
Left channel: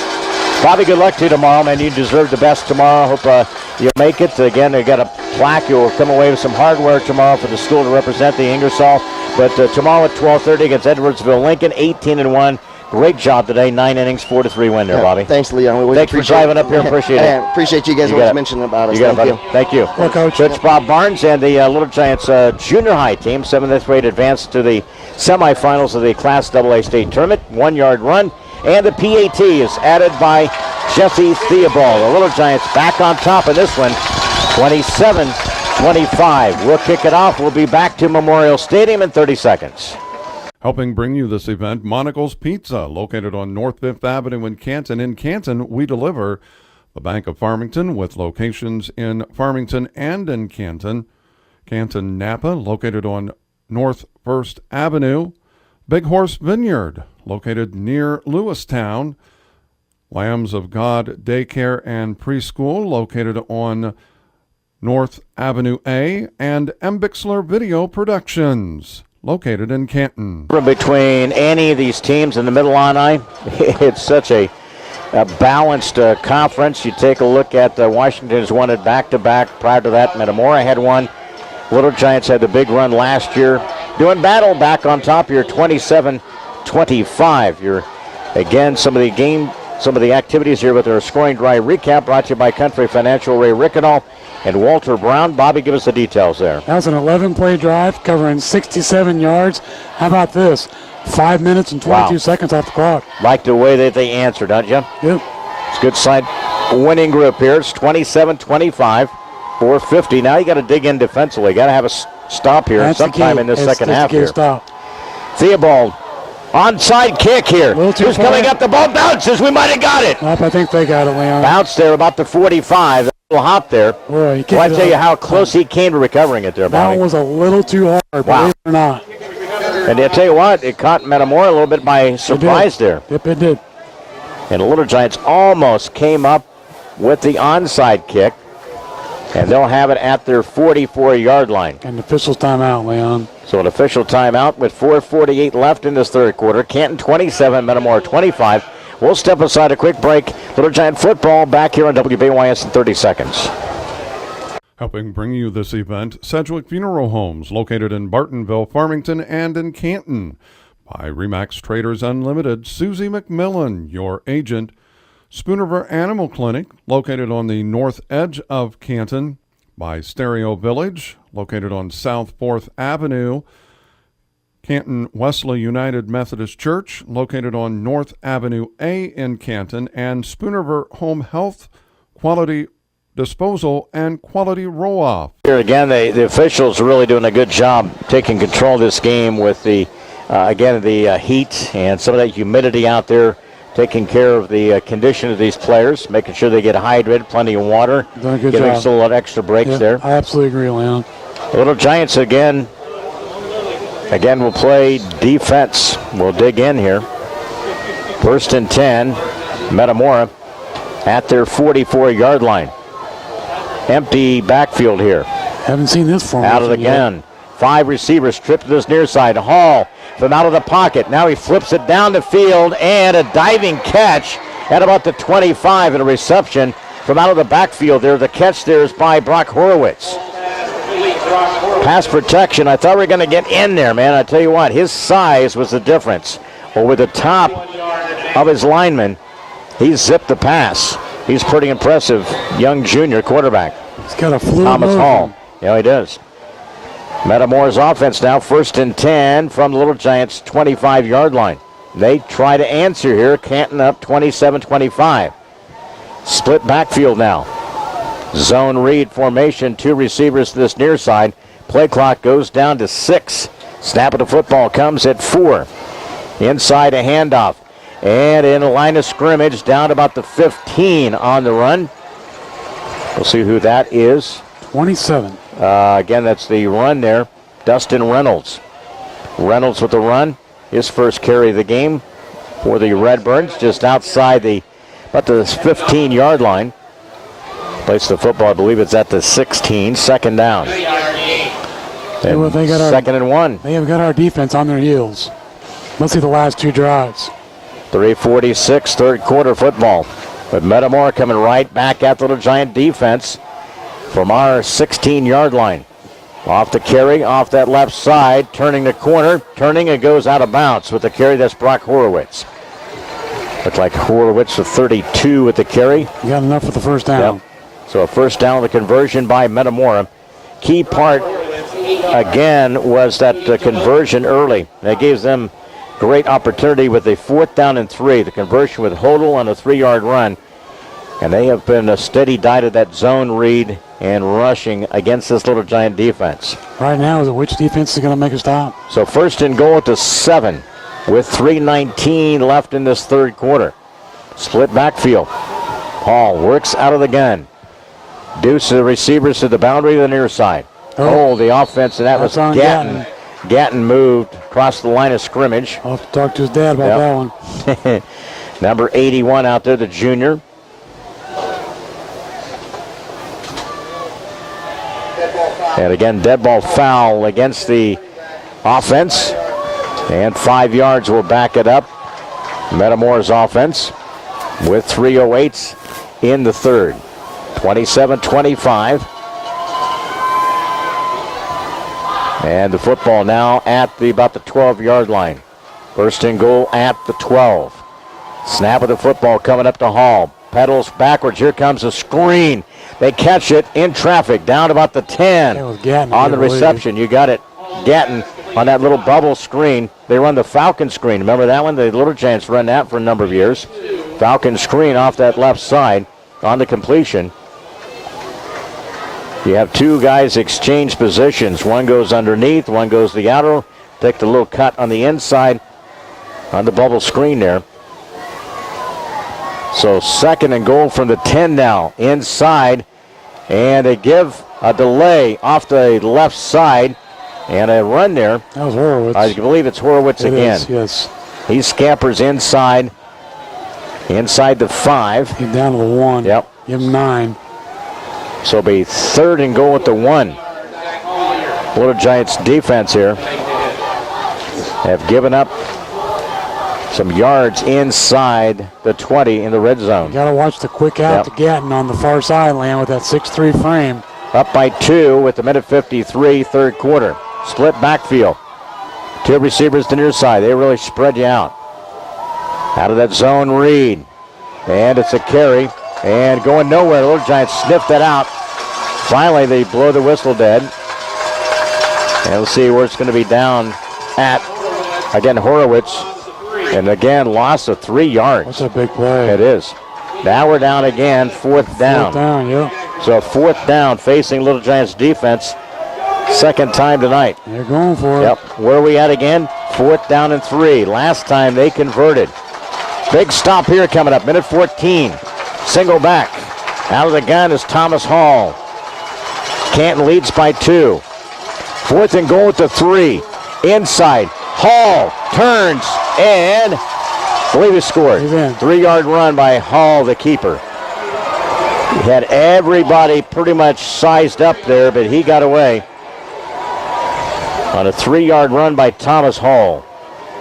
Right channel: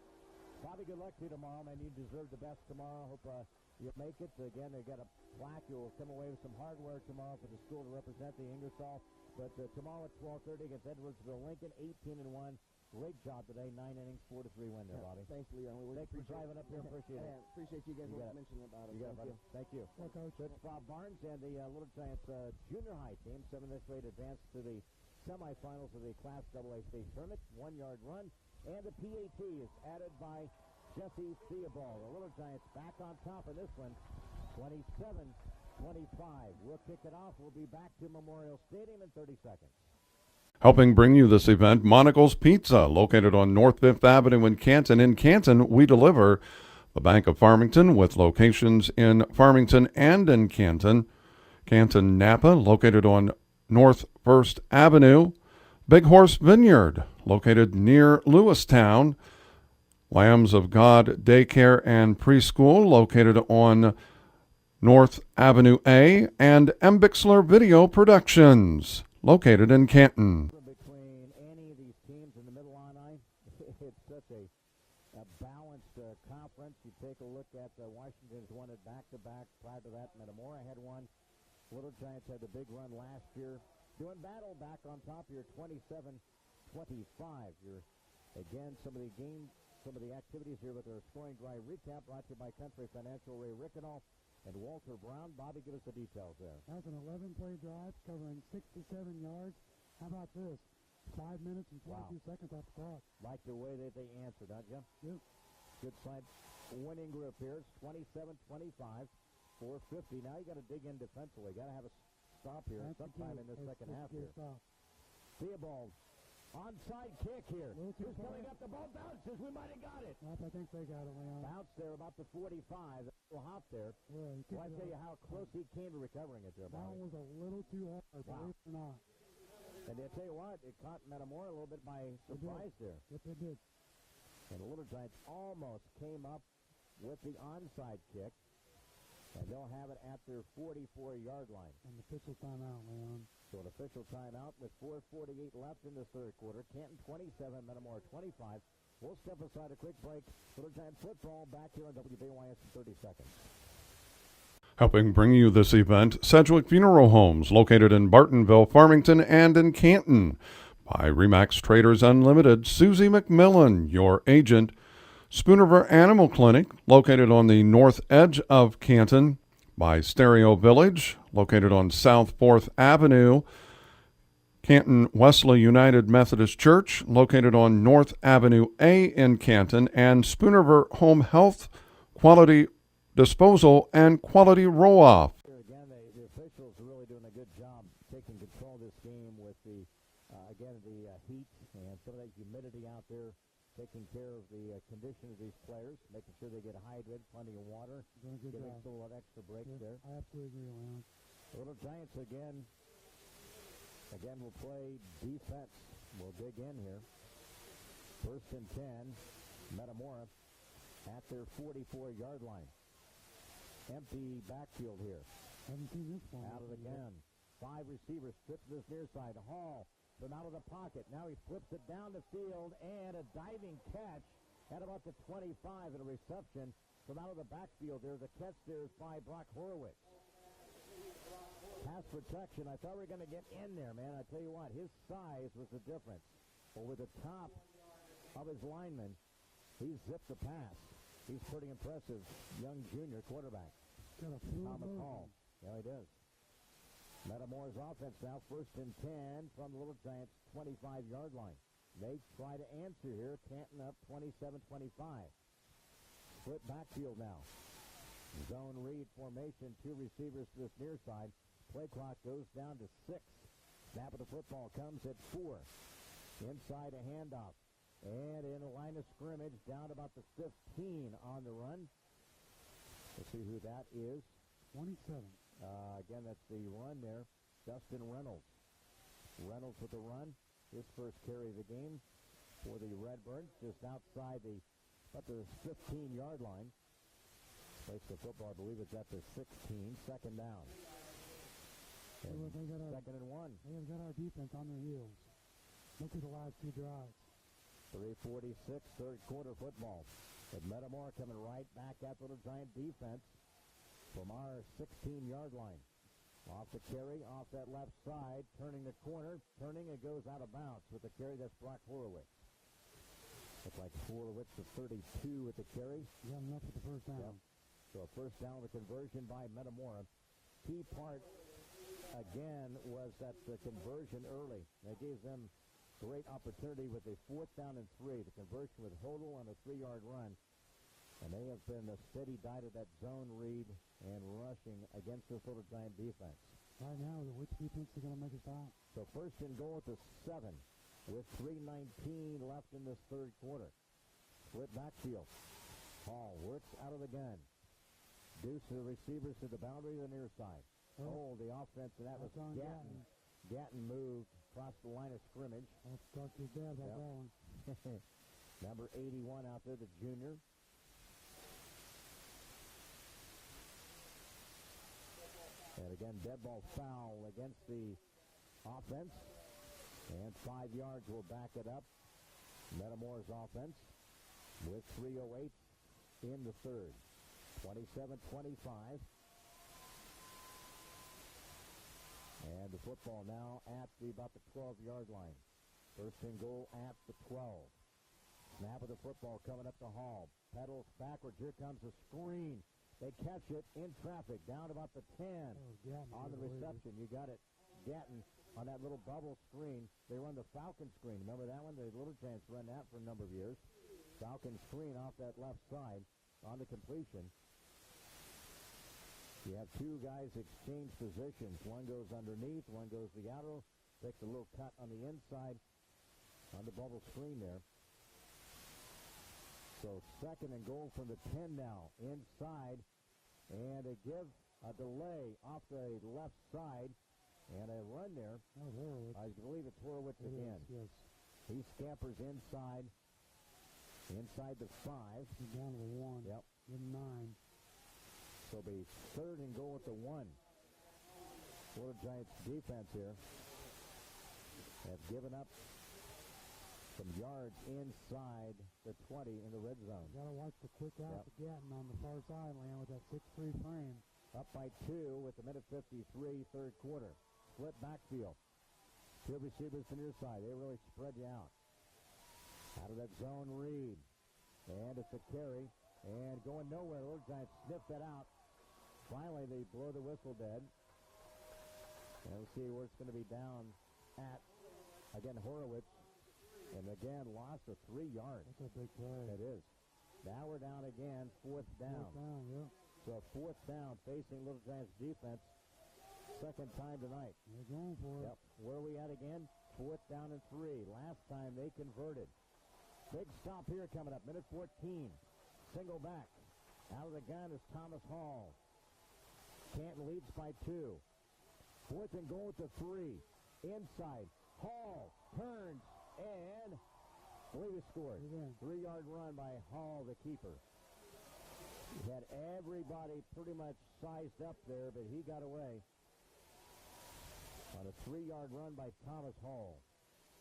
Bobby, good luck to you tomorrow, man. You deserve the best tomorrow. Hope you make it. Again, they got a plaque. You'll come away with some hardware tomorrow for the school to represent the Ingersoll. But tomorrow at 12:30 against Edwardsville Lincoln, 18-1. Great job today. 9 innings, 4-3 win there, Bobby. Thanks, Leon. Thanks for driving up here. Appreciate it. Appreciate you guys always mentioning about us. Thank you. Well, Coach. Coach Bob Barnes and the Little Giants junior high team, 7th grade, advanced to the semifinals of the Class AA state tournament. 1-yard run. And the PAT is added by Jesse Theobald. The Little Giants back on top of this one, 27-25. We'll kick it off. We'll be back to Memorial Stadium in 30 seconds. Helping bring you this event, Monocle's Pizza, located on North 5th Avenue in Canton. In Canton, we deliver. The Bank of Farmington, with locations in Farmington and in Canton. Canton Napa, located on North 1st Avenue. Big Horse Vineyard, located near Lewistown. Lambs of God Daycare and Preschool, located on North Avenue A. And M. Bixler Video Productions, located in Canton. Between any of these teams in the Mid-Illini, it's such a balanced conference. You take a look at Washington's won it back-to-back. Prior to that, Metamora had one. Little Giants had the big run last year. Doing battle back on top here, 27-25. You're, again, some of the activities here with our scoring drive recap brought to you by Country Financial, Ray Rickenall and Walter Brown. Bobby, give us the details there. That was an 11-play drive covering 67 yards. How about this? 5 minutes and 22 seconds off the clock. Like the way that they answered, don't you? Yep. It's a good side winning group here. It's 27-25, 450. Now you got to dig in defensively. You got to have a stop here sometime in this second half here. Stop. Theobald, onside kick here. Who's coming up? The ball bounces. We might have got it. Nope, I think they got it, Leon. Bounce there about the 45. A little hop there. Boy, I tell you how close he came to recovering it there, Bobby. That one was a little too hard, believe it or not. And I tell you what, it caught Metamora a little bit by surprise there. Yep, it did. And the Little Giants almost came up with the onside kick. And they'll have it at their 44-yard line. And official timeout, Leon. So an official timeout with 4:48 left in this third quarter. Canton 27, Metamora 25. We'll step aside a quick break. Little Giant football back here on WBYS in 30 seconds. Helping bring you this event, Sedgwick Funeral Homes, located in Bartonville, Farmington, and in Canton. By Remax Traders Unlimited, Susie McMillan, your agent. Spoonerver Animal Clinic, located on the north edge of Canton. By Stereo Village, located on South 4th Avenue. Canton Wesley United Methodist Church, located on North Avenue A in Canton. And Spoonerver Home Health Quality disposal, and quality roll-off. Here again, the officials are really doing a good job taking control of this game with the heat and some of that humidity out there, taking care of the condition of these players, making sure they get hydrated, plenty of water, giving still a lot of extra breaks there. I absolutely agree, Leon. The Little Giants again will play defense. We'll dig in here. 1st and 10, Metamora at their 44-yard line. Empty backfield here. Haven't seen this formation out of the gun. 5 receivers tripped to this near side. Hall from out of the pocket. Now he flips it down the field, and a diving catch at about the 25, and a reception from out of the backfield there. The catch there is by Brock Horowitz. Pass protection. I thought we were going to get in there, man. I tell you what, his size was the difference. Over the top of his lineman, he zipped the pass. He's pretty impressive, young junior quarterback. He's got a fluid Thomas motion. Hall. Yeah, he does. Metamora's offense now 1st and 10 from the Little Giants' 25-yard line. They try to answer here. Canton up 27-25. Split backfield now. Zone read formation. 2 receivers to this near side. Play clock goes down to 6. Snap of the football comes at 4. Inside a handoff. And in a line of scrimmage down about the 15 on the run. We'll see who that is. 27. Again, that's the run there. Dustin Reynolds. Reynolds with the run. His first carry of the game for the Redbirds, just outside about the 15-yard line. Place the football, I believe it's at the 16. 2nd down. Well, they got 2nd and 1. They have got our defense on their heels. Let's see the last 2 drives. 3:46, 3rd quarter football. But Metamora coming right back at the Little Giant defense from our 16-yard line. Off the carry, off that left side, turning the corner, and goes out of bounds with the carry. That's Brock Horowitz. Looks like Horowitz with 32 with the carry. You got enough for the first down. Yep. So a first down, the conversion by Metamora. Key part, again, was that conversion early. That gives them great opportunity with a 4th down and 3. The conversion with Hodel on a 3-yard run. And they have been a steady diet of that zone read and rushing against this Little Giant defense. Right now, which defense is going to make a stop? So 1st and goal to 7 with 3:19 left in this 3rd quarter. Split backfield. Hall works out of the gun. Deuce the receivers to the boundary of the near side. Oh, the offense, and that was Gatton. Gatton moved across the line of scrimmage. I'll have to talk to his dad about that one. Number 81 out there, the junior. And again, dead ball foul against the offense. And 5 yards will back it up. Metamora's offense with 3:08 in the 3rd. 27-25. And the football now at about the 12-yard line. 1st and goal at the 12. Snap of the football coming up to Hall. Pedals backwards. Here comes a screen. They catch it in traffic down about the 10 on the reception. You got it. Gatton on that little bubble screen. They run the Falcon screen. Remember that one? The Little Giants run that for a number of years. Falcon screen off that left side on the completion. You have 2 guys exchange positions. One goes underneath, one goes the outer. Take the little cut on the inside on the bubble screen there. So 2nd and goal from the 10 now. Inside. And they give a delay off the left side. And a run there. That was Horowitz. I believe it's Horowitz again. Yes. He scampers inside the 5. He's down to the 1. Yep. Give him 9. So it'll be 3rd and goal at the 1. Little Giants defense here have given up some yards inside the 20 in the red zone. You got to watch the quick out to Gatton on the far sideline with that 6'3" frame. Up by 2 with the minute 53, 3rd quarter. Split backfield. 2 receivers to near side. They really spread you out. Out of that zone read. And it's a carry. And going nowhere. The Little Giants sniffed that out. Finally, they blow the whistle dead. And we'll see where it's going to be down at, again, Horowitz. And again, loss of 3 yards. That's a big play. It is. Now we're down again, 4th down. 4th down, yeah. So 4th down facing Little Giants defense. Second time tonight. They're going for it. Yep. Where are we at again? 4th down and 3. Last time they converted. Big stop here coming up. Minute 14. Single back. Out of the gun is Thomas Hall. Canton leads by 2. 4th and goal at the 3. Inside. Hall turns and I believe he scored. 3-yard run by Hall, the keeper. He had everybody pretty much sized up there, but he got away on a 3-yard run by Thomas Hall.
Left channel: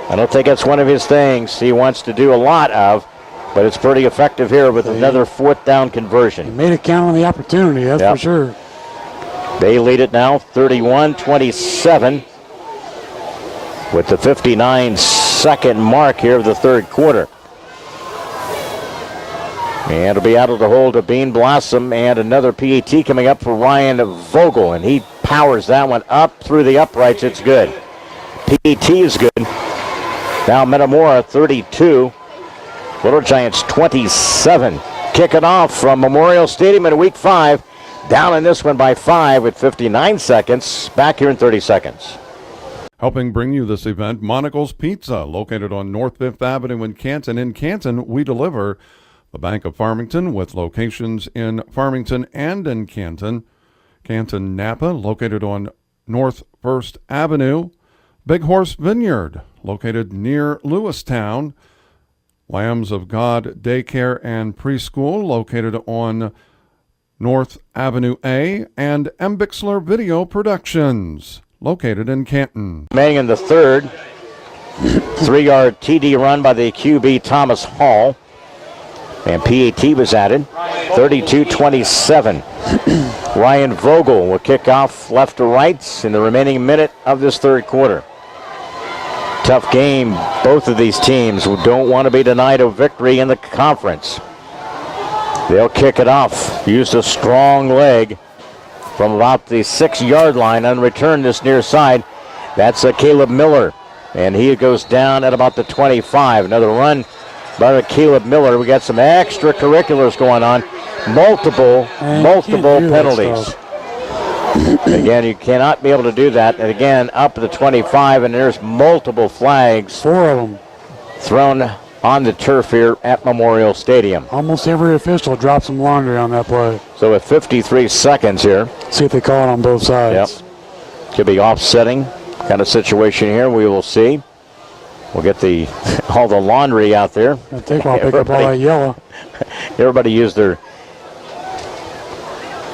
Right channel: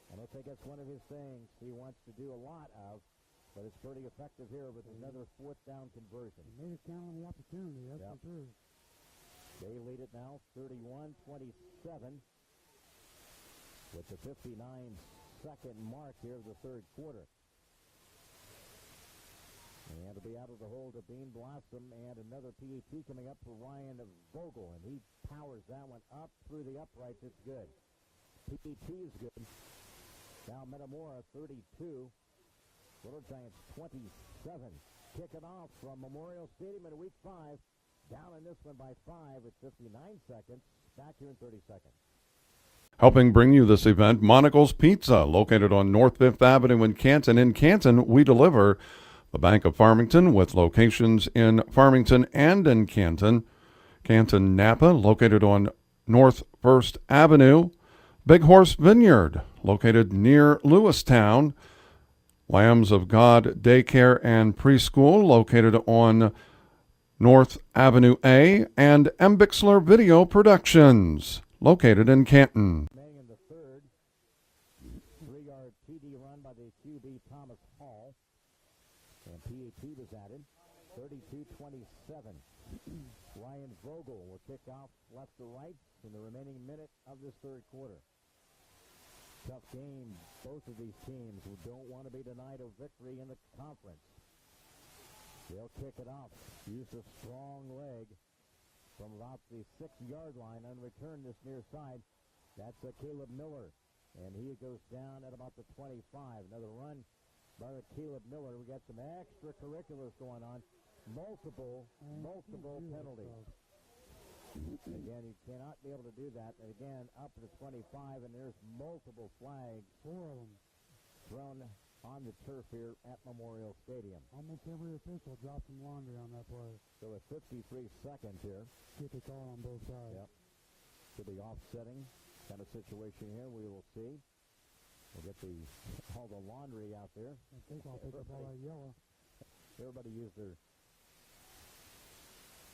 I don't think that's one of his things he wants to do a lot of, but it's pretty effective here with another 4th down conversion. He made it count on the opportunity, that's for sure. They lead it now 31-27 with the 59-second mark here of the third quarter. And it'll be out of the hole to Bean Blossom, and another PAT coming up for Ryan Vogel, and he powers that one up through the uprights. It's good. PAT is good. Now Metamora 32, Little Giants 27. Kick it off from Memorial Stadium in week 5. Down in this one by 5 with 59 seconds. Back here in 30 seconds. Helping bring you this event, Monocle's Pizza, located on North 5th Avenue in Canton. In Canton, we deliver. The Bank of Farmington, with locations in Farmington and in Canton. Canton Napa, located on North 1st Avenue. Big Horse Vineyard, located near Lewistown. Lambs of God Daycare and Preschool, located on North Avenue A. And M. Bixler Video Productions, located in Canton. Remaining in the third, 3-yard TD run by the QB Thomas Hall. And PAT was added, 32-27. Ryan Vogel will kick off left to right in the remaining minute of this third quarter. Tough game. Both of these teams who don't want to be denied a victory in the conference. They'll kick it off. Used a strong leg from about the 6-yard line on return this near side. That's Caleb Miller. And he goes down at about the 25. Another run by Caleb Miller. We got some extracurriculars going on. Multiple penalties. Again, you cannot be able to do that. And again, up to the 25, and there's multiple flags. 4 of them. Thrown on the turf here at Memorial Stadium. Almost every official dropped some laundry on that play. So with 53 seconds here. See if they call it on both sides. Yep. Could be offsetting kind of situation here. We will see. We'll get all the laundry out there. It'll take a while to pick up all that yellow. Everybody used their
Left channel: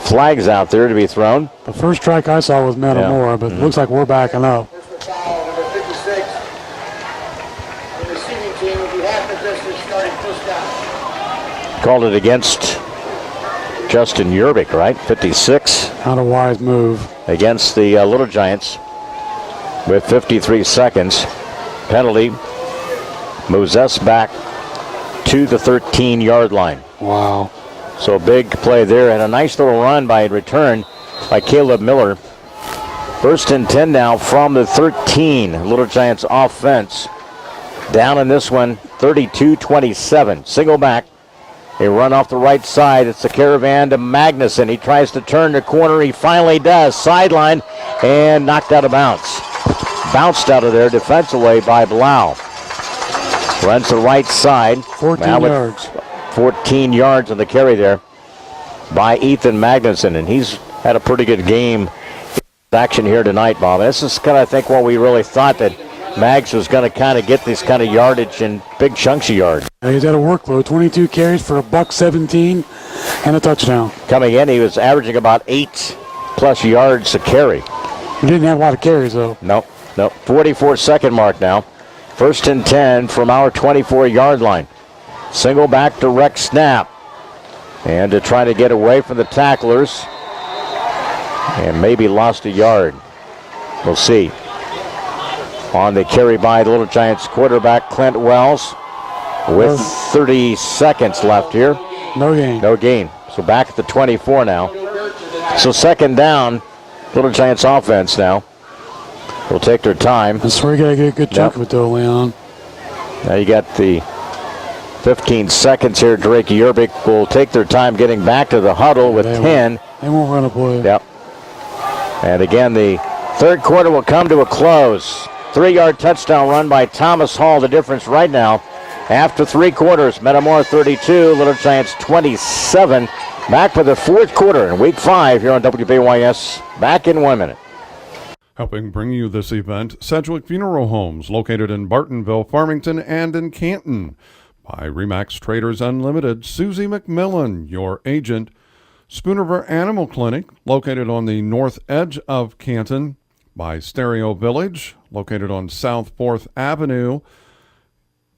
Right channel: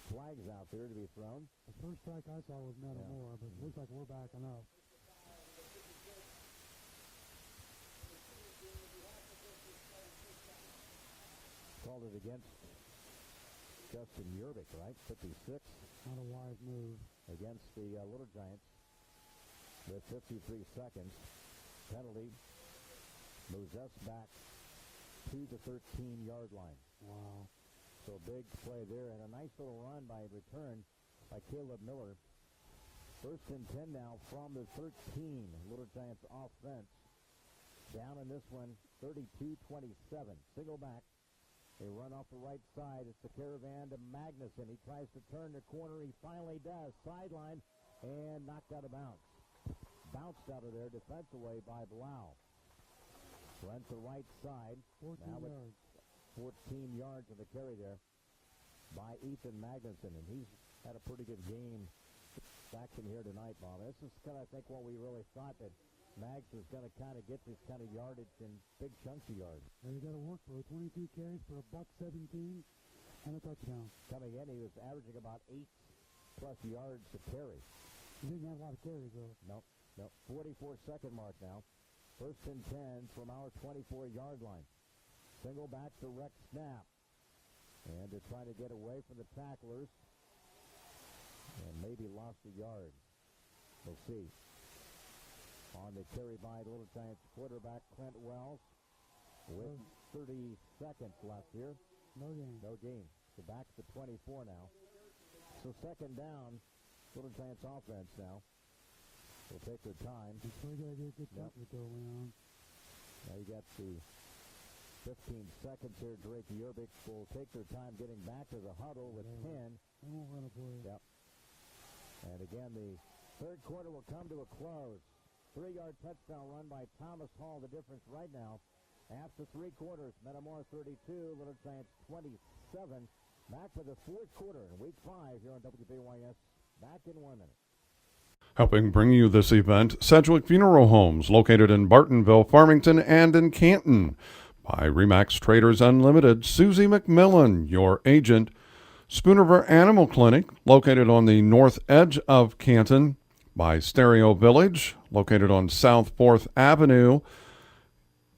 flags out there to be thrown. The first strike I saw was Metamora, but it looks like we're backing up. Called it against Justin Yerbick, right? 56. Not a wise move. Against the Little Giants with 53 seconds. Penalty moves us back to the 13-yard line. Wow. So big play there, and a nice little run by return by Caleb Miller. First and 10 now from the 13. Little Giants offense. Down in this one, 32-27. Single back. A run off the right side. It's the Caravan to Magnuson. He tries to turn the corner. He finally does. Sideline and knocked out of bounds. Bounced out of there defensively by Blau. Runs the right side. 14 yards. 14 yards on the carry there by Ethan Magnuson, and he's had a pretty good game action here tonight, Bob. This is kind of, I think, what we really thought, that Mags was going to kind of get this kind of yardage and big chunks of yards. He's had a workload, 22 carries for $117 and a touchdown. Coming in, he was averaging about 8+ yards a carry. He didn't have a lot of carries, though. No. 44-second mark now. First and 10 from our 24-yard line. Single back direct snap. And to try to get away from the tacklers. And maybe lost a yard. We'll see. On the carry by the Little Giants quarterback, Clint Wells. With 30 seconds left here. No gain. No gain. So back at the 24 now. So second down, Little Giants offense now. Will take their time. That's where you got to get a good chunk of it, though, Leon. Now you got the 15 seconds here. Drake Yerbick will take their time getting back to the huddle with 10. They won't run a play. Yep. And again, the third quarter will come to a close. 3-yard touchdown run by Thomas Hall. The difference right now, after 3 quarters, Metamora 32, Little Giants 27. Back for the fourth quarter in Week 5 here on WBYS. Back in 1 minute. Helping bring you this event, Sedgwick Funeral Homes, located in Bartonville, Farmington, and in Canton. By Remax Traders Unlimited, Susie McMillan, your agent. Spoonerver Animal Clinic, located on the north edge of Canton. By Stereo Village, located on South 4th Avenue.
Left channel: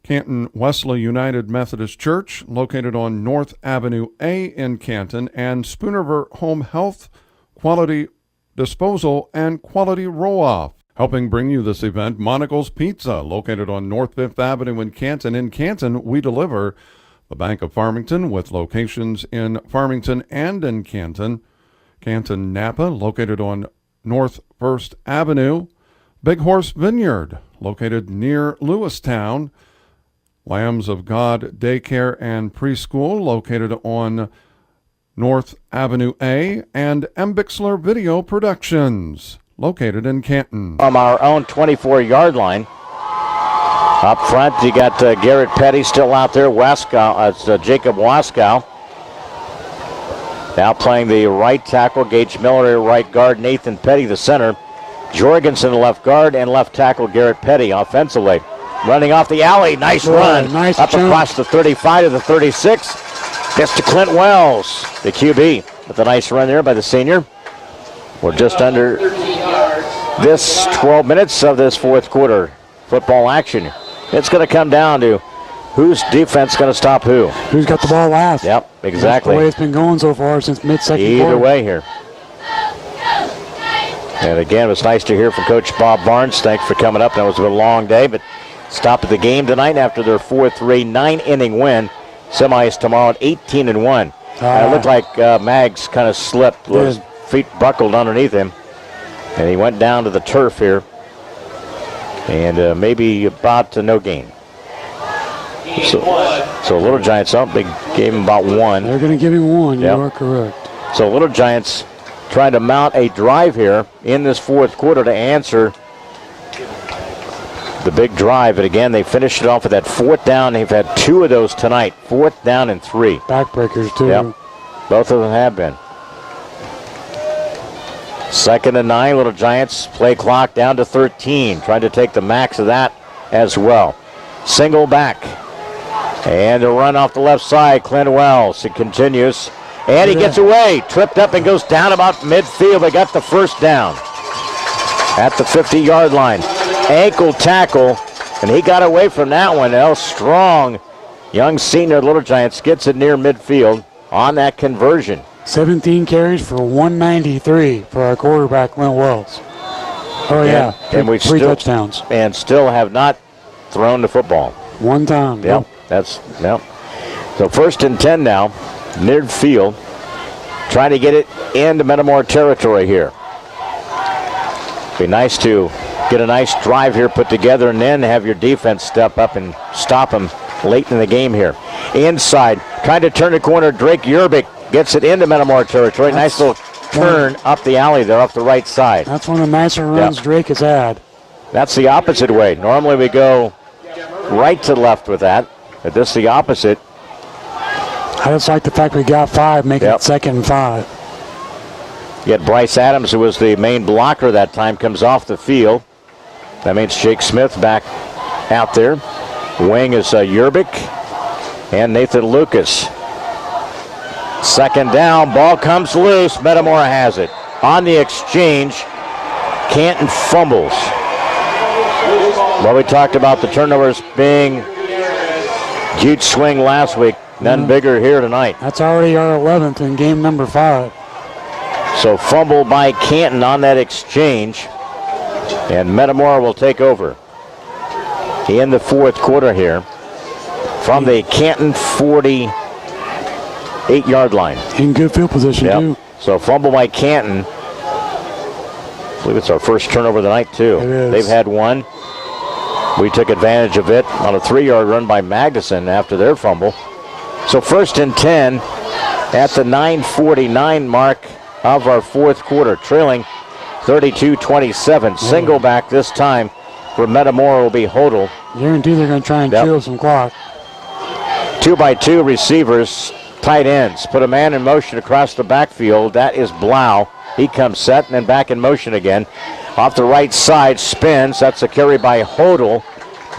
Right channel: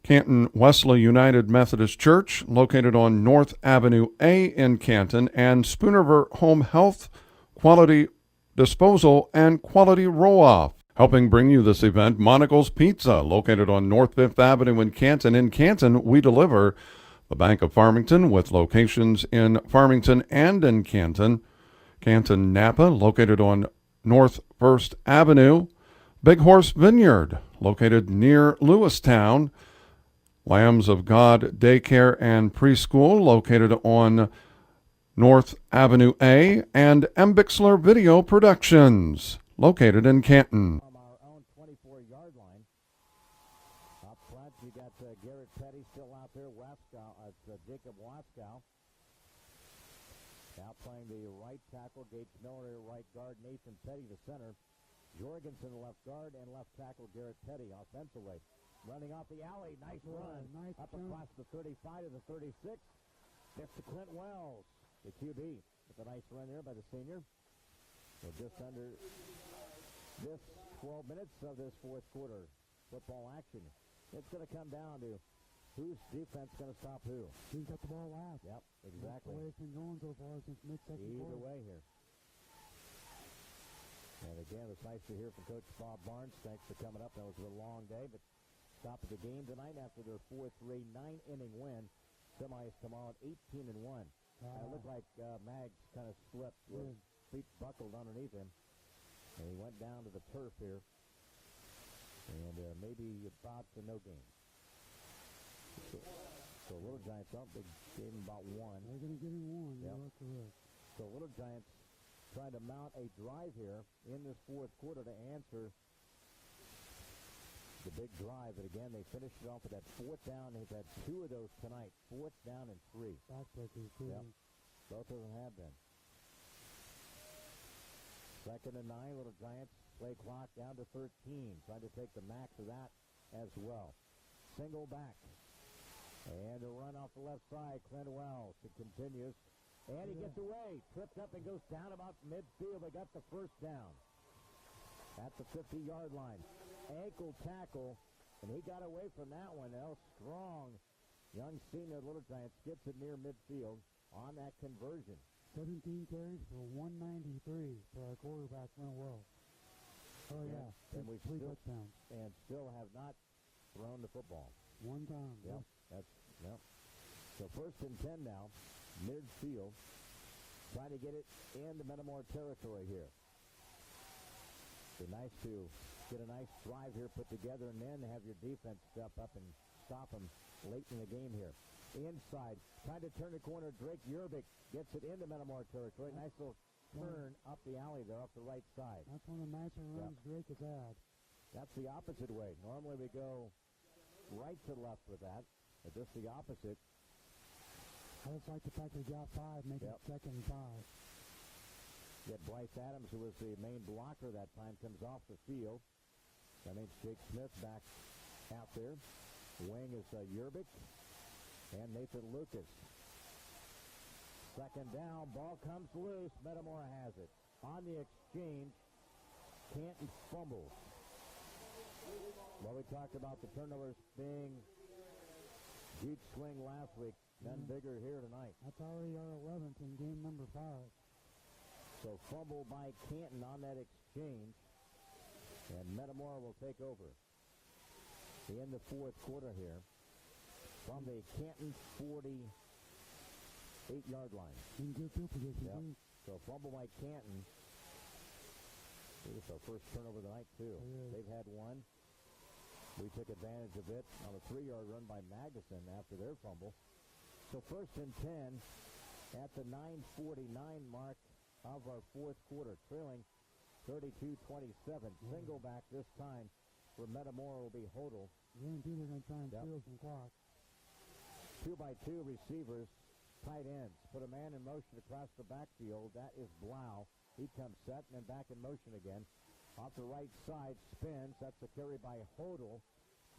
Canton Wesley United Methodist Church, located on North Avenue A in Canton. And Spoonerver Home Health, Quality Disposal, and Quality Roll-Off. Helping bring you this event, Monocle's Pizza, located on North 5th Avenue in Canton. In Canton, we deliver. The Bank of Farmington, with locations in Farmington and in Canton. Canton Napa, located on North 1st Avenue. Big Horse Vineyard, located near Lewistown. Lambs of God Daycare and Preschool, located on North Avenue A. And M. Bixler Video Productions, located in Canton. From our own 24-yard line. Up front, you got Garrett Petty still out there. Jacob Waskow. Now playing the right tackle. Gage Miller, right guard. Nathan Petty, the center. Jorgensen, left guard, and left tackle Garrett Petty offensively. Running off the alley. Nice run. Nice up jump. Across the 35 to the 36. Gets to Clint Wells, the QB. With a nice run there by the senior. We're just under this 12 minutes of this fourth quarter football action. It's going to come down to whose defense going to stop who. Who's got the ball last? Yep, exactly. That's the way it's been going so far since mid-second quarter. Either way here. And again, it was nice to hear from Coach Bob Barnes. Thanks for coming up. That was a long day, but stop at the game tonight after their 4-3 9-inning win. Semis tomorrow at 18-1. And it looked like Maggs kind of slipped. His feet buckled underneath him. And he went down to the turf here. And maybe about no gain. So Little Giants up. They gave him about 1. They're going to give him 1. Yep. You are correct. So Little Giants trying to mount a drive here in this fourth quarter to answer the big drive. And again, they finished it off with that 4th down. They've had 2 of those tonight. 4th down and 3. Backbreakers, too. Yep. Both of them have been. 2nd and 9, Little Giants. Play clock down to 13. Trying to take the max of that as well. Single back. And a run off the left side. Clint Wells. It continues. And he gets away. Tripped up and goes down about midfield. They got the first down at the 50-yard line. Ankle tackle. And he got away from that one. Strong young senior Little Giants gets it near midfield on that conversion. 17 carries for 193 for our quarterback, Clint Wells. Oh, yeah. And we three still, touchdowns. And still have not thrown the football. 1 time. Yep. So 1st and 10 now. Near field. Trying to get it into Metamora territory here. Be nice to get a nice drive here put together and then have your defense step up and stop them late in the game here. Inside. Trying to turn the corner. Drake Yerbick gets it into Metamora territory. Nice little turn up the alley there off the right side. That's one of the nicer runs Drake has had. That's the opposite way. Normally we go right to left with that, but this is the opposite. I just like the fact we got 5, making it 2nd and 5. Yet Bryce Adams, who was the main blocker that time, comes off the field. That means Jake Smith back out there. Wing is Yerbick and Nathan Lucas. 2nd down, ball comes loose. Metamora has it. On the exchange, Canton fumbles. Well, we talked about the turnovers being huge swing last week. None bigger here tonight. That's already our 11th in game number 5. So fumble by Canton on that exchange. And Metamora will take over in the fourth quarter here from the Canton 48-yard line. In good field position, too. So fumble by Canton. I believe it's our first turnover of the night, too. It is. They've had 1. We took advantage of it on a 3-yard run by Magnuson after their fumble. So 1st and 10 at the 9:49 mark of our fourth quarter, trailing 32-27. Single back this time for Metamora will be Hodel. Guarantee they're going to try and kill some clock. 2x2 receivers, tight ends. Put a man in motion across the backfield. That is Blau. He comes set and then back in motion again. Off the right side, spins. That's a carry by Hodel.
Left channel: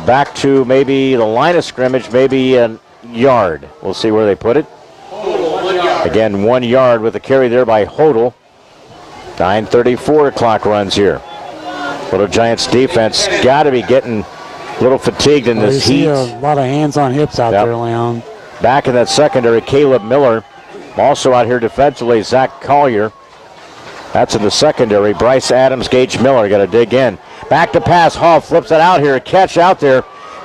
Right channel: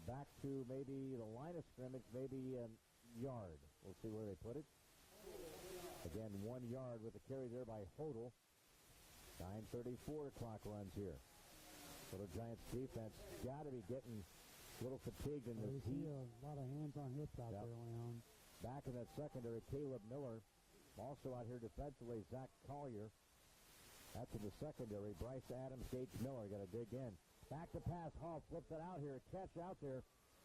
Back to maybe the line of scrimmage, maybe a yard. We'll see where they put it. Again, 1 yard with a carry there by Hodel. 9:34 clock runs here. Little Giants defense got to be getting a little fatigued in this heat. A lot of hands on hips out there, Leon. Back in that secondary, Caleb Miller. Also out here defensively, Zach Collier. That's in the secondary. Bryce Adams, Gage Miller got to dig in. Back to pass. Hall flips it out here. A catch out there.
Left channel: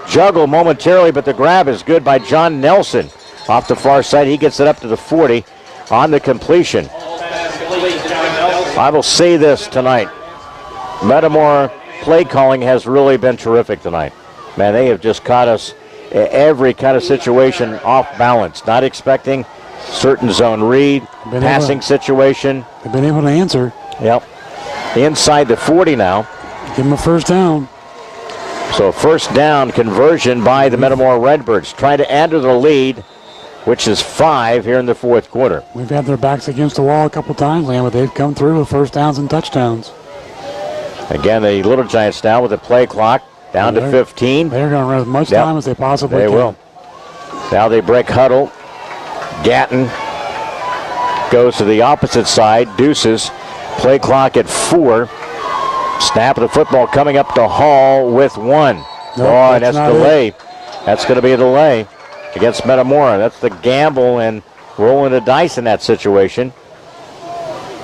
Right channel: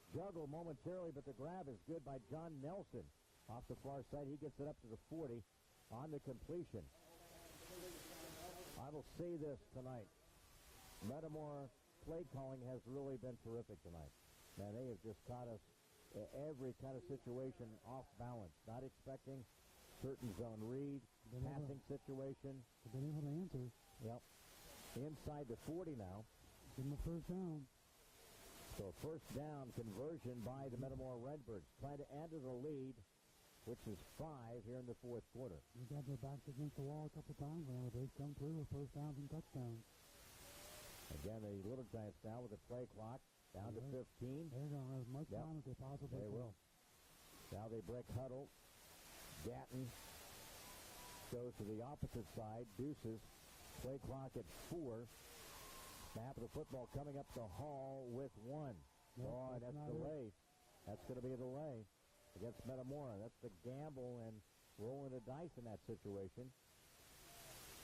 Juggle momentarily, but the grab is good by John Nelson. Off the far side, he gets it up to the 40 on the completion. I will say this tonight. Metamora play calling has really been terrific tonight. Man, they have just caught us every kind of situation off balance. Not expecting certain zone read, passing situation. They've been able to answer. Yep. Inside the 40 now. Give them a first down. So first down conversion by the Metamora Redbirds. Trying to add to the lead, which is 5 here in the fourth quarter. We've had their backs against the wall a couple times, Liam, but they've come through with first downs and touchdowns. Again, the Little Giants now with the play clock down to 15. They're going to run as much time as they possibly can. They will. Now they break huddle. Gatton goes to the opposite side. Deuces. Play clock at 4. Snap of the football coming up to Hall with 1. And that's delay. That's going to be a delay against Metamora. That's the gamble and rolling the dice in that situation.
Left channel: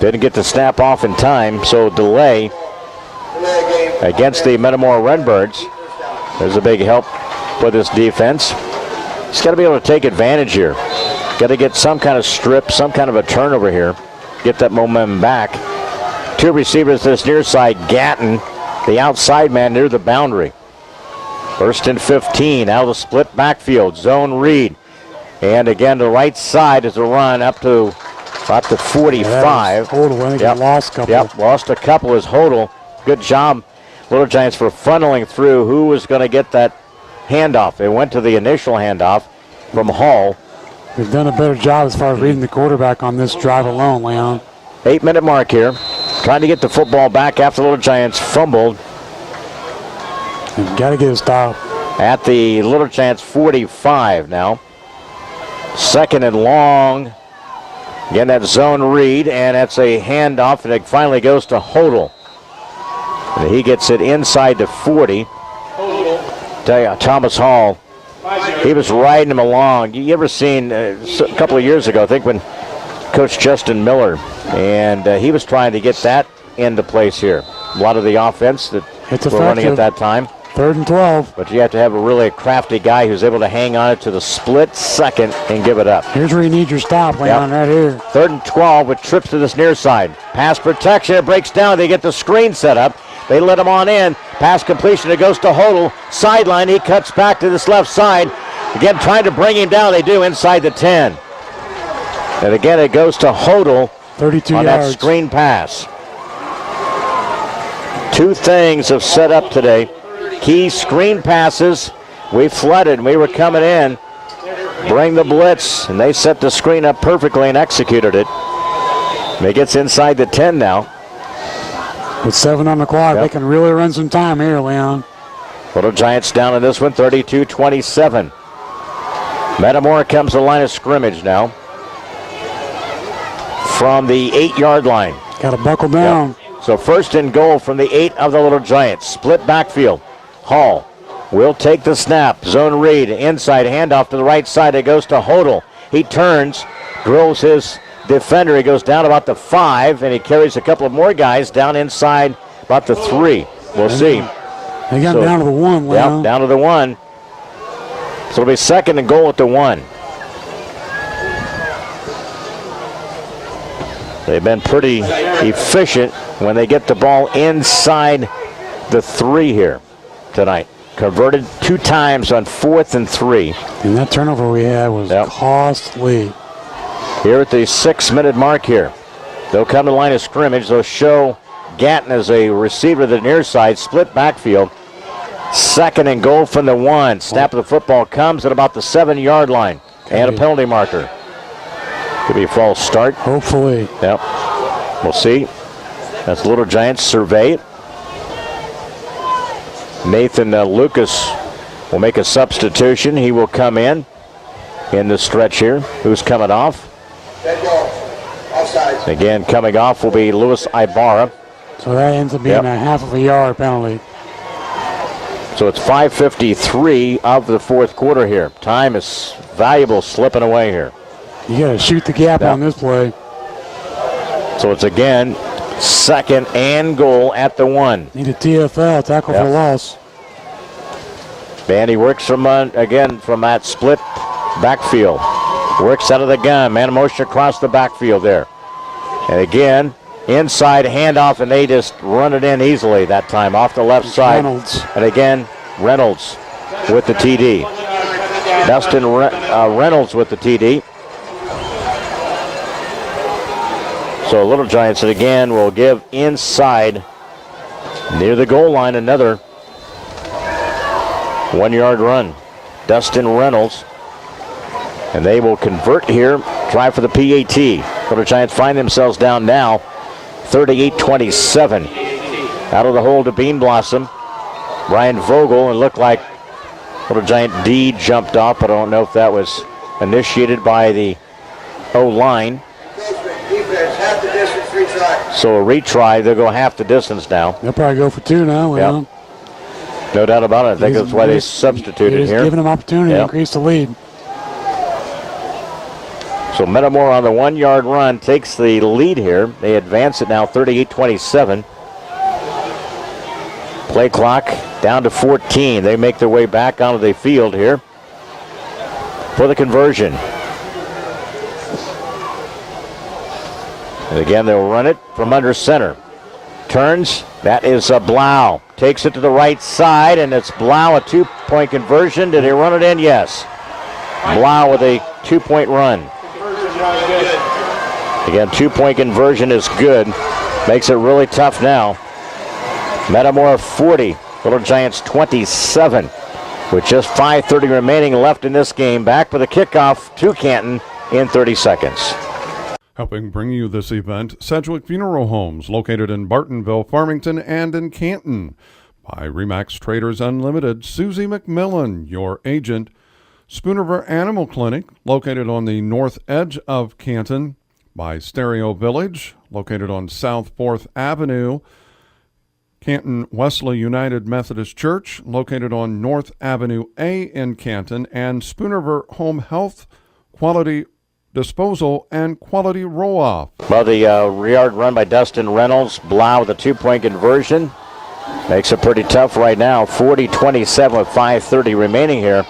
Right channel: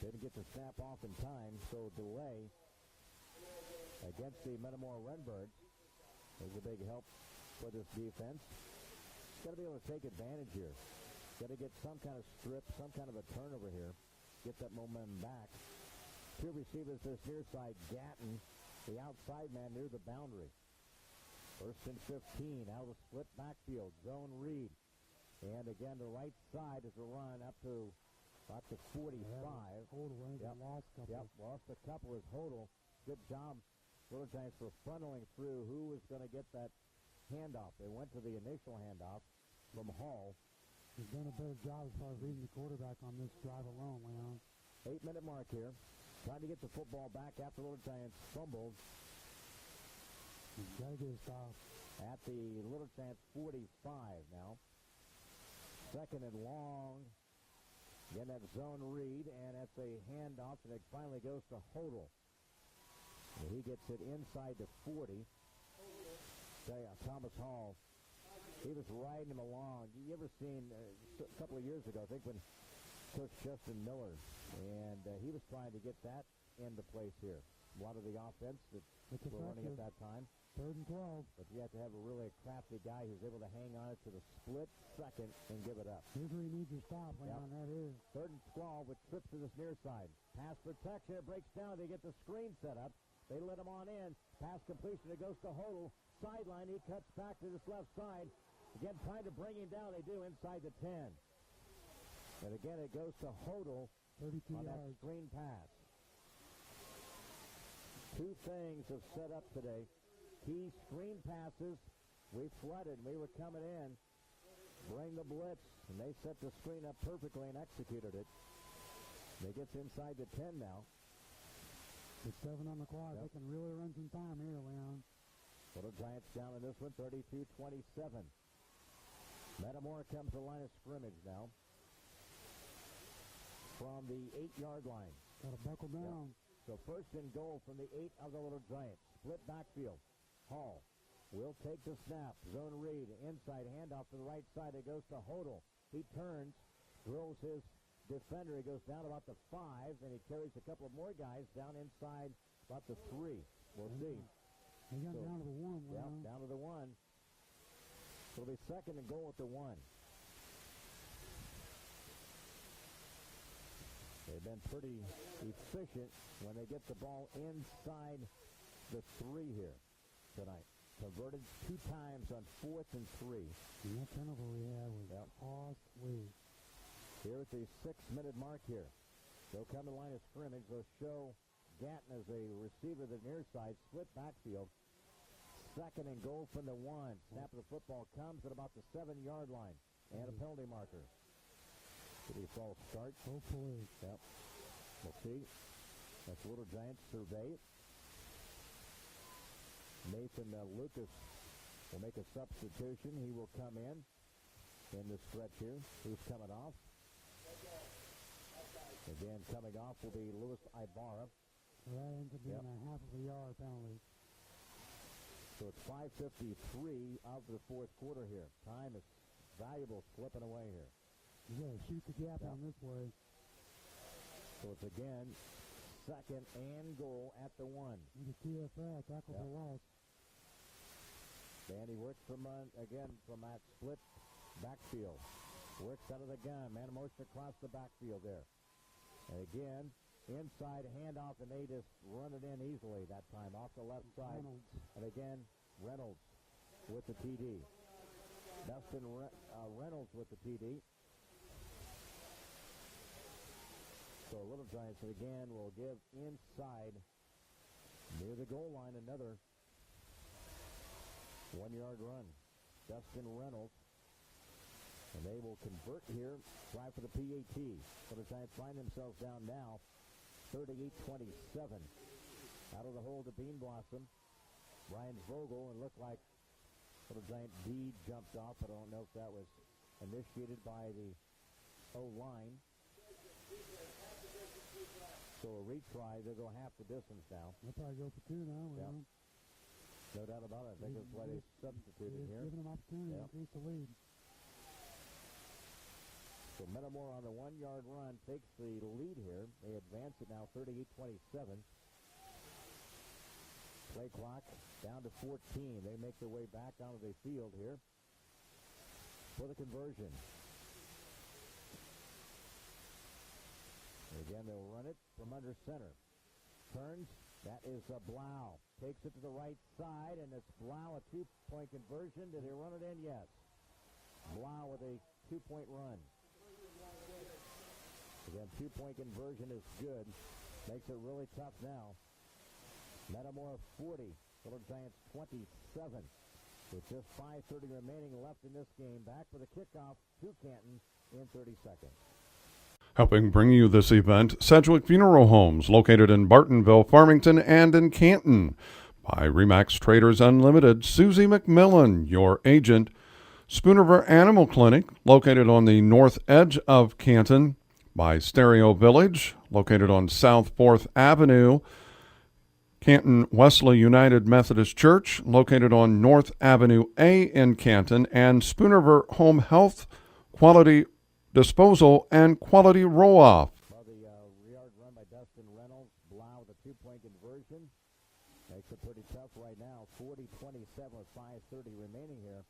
Didn't get the snap off in time, so delay against the Metamora Redbirds. There's a big help for this defense. He's got to be able to take advantage here. Got to get some kind of strip, some kind of a turnover here. Get that momentum back. 2 receivers to this near side. Gatton, the outside man near the boundary. 1st and 15 out of the split backfield. Zone read. And again, the right side is a run up to about the 45. Hodel, I think he lost a couple. Yep, lost a couple as Hodel. Good job, Little Giants, for funneling through who was going to get that handoff. They went to the initial handoff from Hall. They've done a better job as far as reading the quarterback on this drive alone, Leon. 8-minute mark here. Trying to get the football back after the Little Giants fumbled. You've got to get a stop. At the Little Giants 45 now. 2nd and long. Again, that zone read, and that's a handoff, and it finally goes to Hodel. And he gets it inside the 40. Tell you, Thomas Hall, he was riding him along. You ever seen, a couple of years ago, I think when Coach Justin Miller, and he was trying to get that into place here. A lot of the offense that we're running at that time. 3rd and 12. But you have to have a really crafty guy who's able to hang on it to the split second and give it up. Here's where you need your stop, Leon, right here. 3rd and 12 with trips to this near side. Pass protection, it breaks down. They get the screen set up. They let him on in. Pass completion, it goes to Hodel. Sideline, he cuts back to this left side. Again, trying to bring him down. They do inside the 10. And again, it goes to Hodel 32 on yards. That screen pass. 2 things have set up today. Key screen passes. We flooded. We were coming in. Bring the blitz. And they set the screen up perfectly and executed it. And it gets inside the 10 now. With 7 on the clock, they can really run some time here, Leon. Little Giants down in this one, 32-27. Metamora comes to the line of scrimmage now. From the 8-yard line. Got to buckle down. So 1st and goal from the 8 of the Little Giants. Split backfield. Hall will take the snap. Zone read. Inside handoff to the right side. It goes to Hodel. He turns, drills his defender. He goes down about the 5, and he carries a couple of more guys down inside about the 3. We'll see. They got down to the 1, Leon. Yep, down to the 1. So it'll be 2nd and goal at the 1. They've been pretty efficient when they get the ball inside the 3 here tonight. converted 2 times on 4th and 3. And that turnover we had was costly. Here at the 6-minute mark here. They'll come to the line of scrimmage. They'll show Gatton as a receiver to the near side, split backfield. 2nd and goal from the 1. Snap of the football comes at about the 7-yard line. And a penalty marker. Could be a false start. Hopefully. Yep. We'll see. That's Little Giants survey it. Nathan Lucas will make a substitution. He will come in the stretch here. Who's coming off? Again, coming off will be Luis Ibarra. So that ends up being a half of a yard penalty. So it's 5:53 of the 4th quarter here. Time is valuable slipping away here. You got to shoot the gap on this play. So it's again 2nd and goal at the 1. Need a TFL, tackle for loss. And he works from that split backfield. Works out of the gun. Man in motion across the backfield there. And again, inside handoff, and they just run it in easily that time off the left side. Reynolds. And again, Reynolds with the TD. Dustin Reynolds with the TD. So Little Giants again will give inside near the goal line another 1-yard run. Dustin Reynolds. And they will convert here, try for the PAT. Little Giants find themselves down now 38-27. Out of the hole to Bean Blossom. Ryan Vogel, and looked like Little Giant D jumped off, but I don't know if that was initiated by the O-line. So a retry, they'll go half the distance now. They'll probably go for 2 now. Yep. No doubt about it. I think that's why they substituted here. Giving them opportunity to increase the lead. So Metamora on the 1-yard run takes the lead here. They advance it now 38-27. Play clock down to 14. They make their way back onto the field here for the conversion. And again, they'll run it from under center. Turns. That is Blau. Takes it to the right side, and it's Blau, a 2-point conversion. Did he run it in? Yes. Blau with a 2-point run. Again, 2-point conversion is good. Makes it really tough now. Metamora 40, Little Giants 27. With just 5:30 remaining left in this game. Back with a kickoff to Canton in 30 seconds. Helping bring you this event, Sedgwick Funeral Homes, located in Bartonville, Farmington, and in Canton. By Remax Traders Unlimited, Susie McMillan, your agent. Spoonerville Animal Clinic, located on the north edge of Canton. By Stereo Village, located on South 4th Avenue. Canton Wesley United Methodist Church, located on North Avenue A in Canton. And Spoonerville Home Health, Quality Disposal, and Quality Roll-Off. Well, the yard run by Dustin Reynolds. Blau with a 2-point conversion. Makes it pretty tough right now. 40-27 with 5:30 remaining here.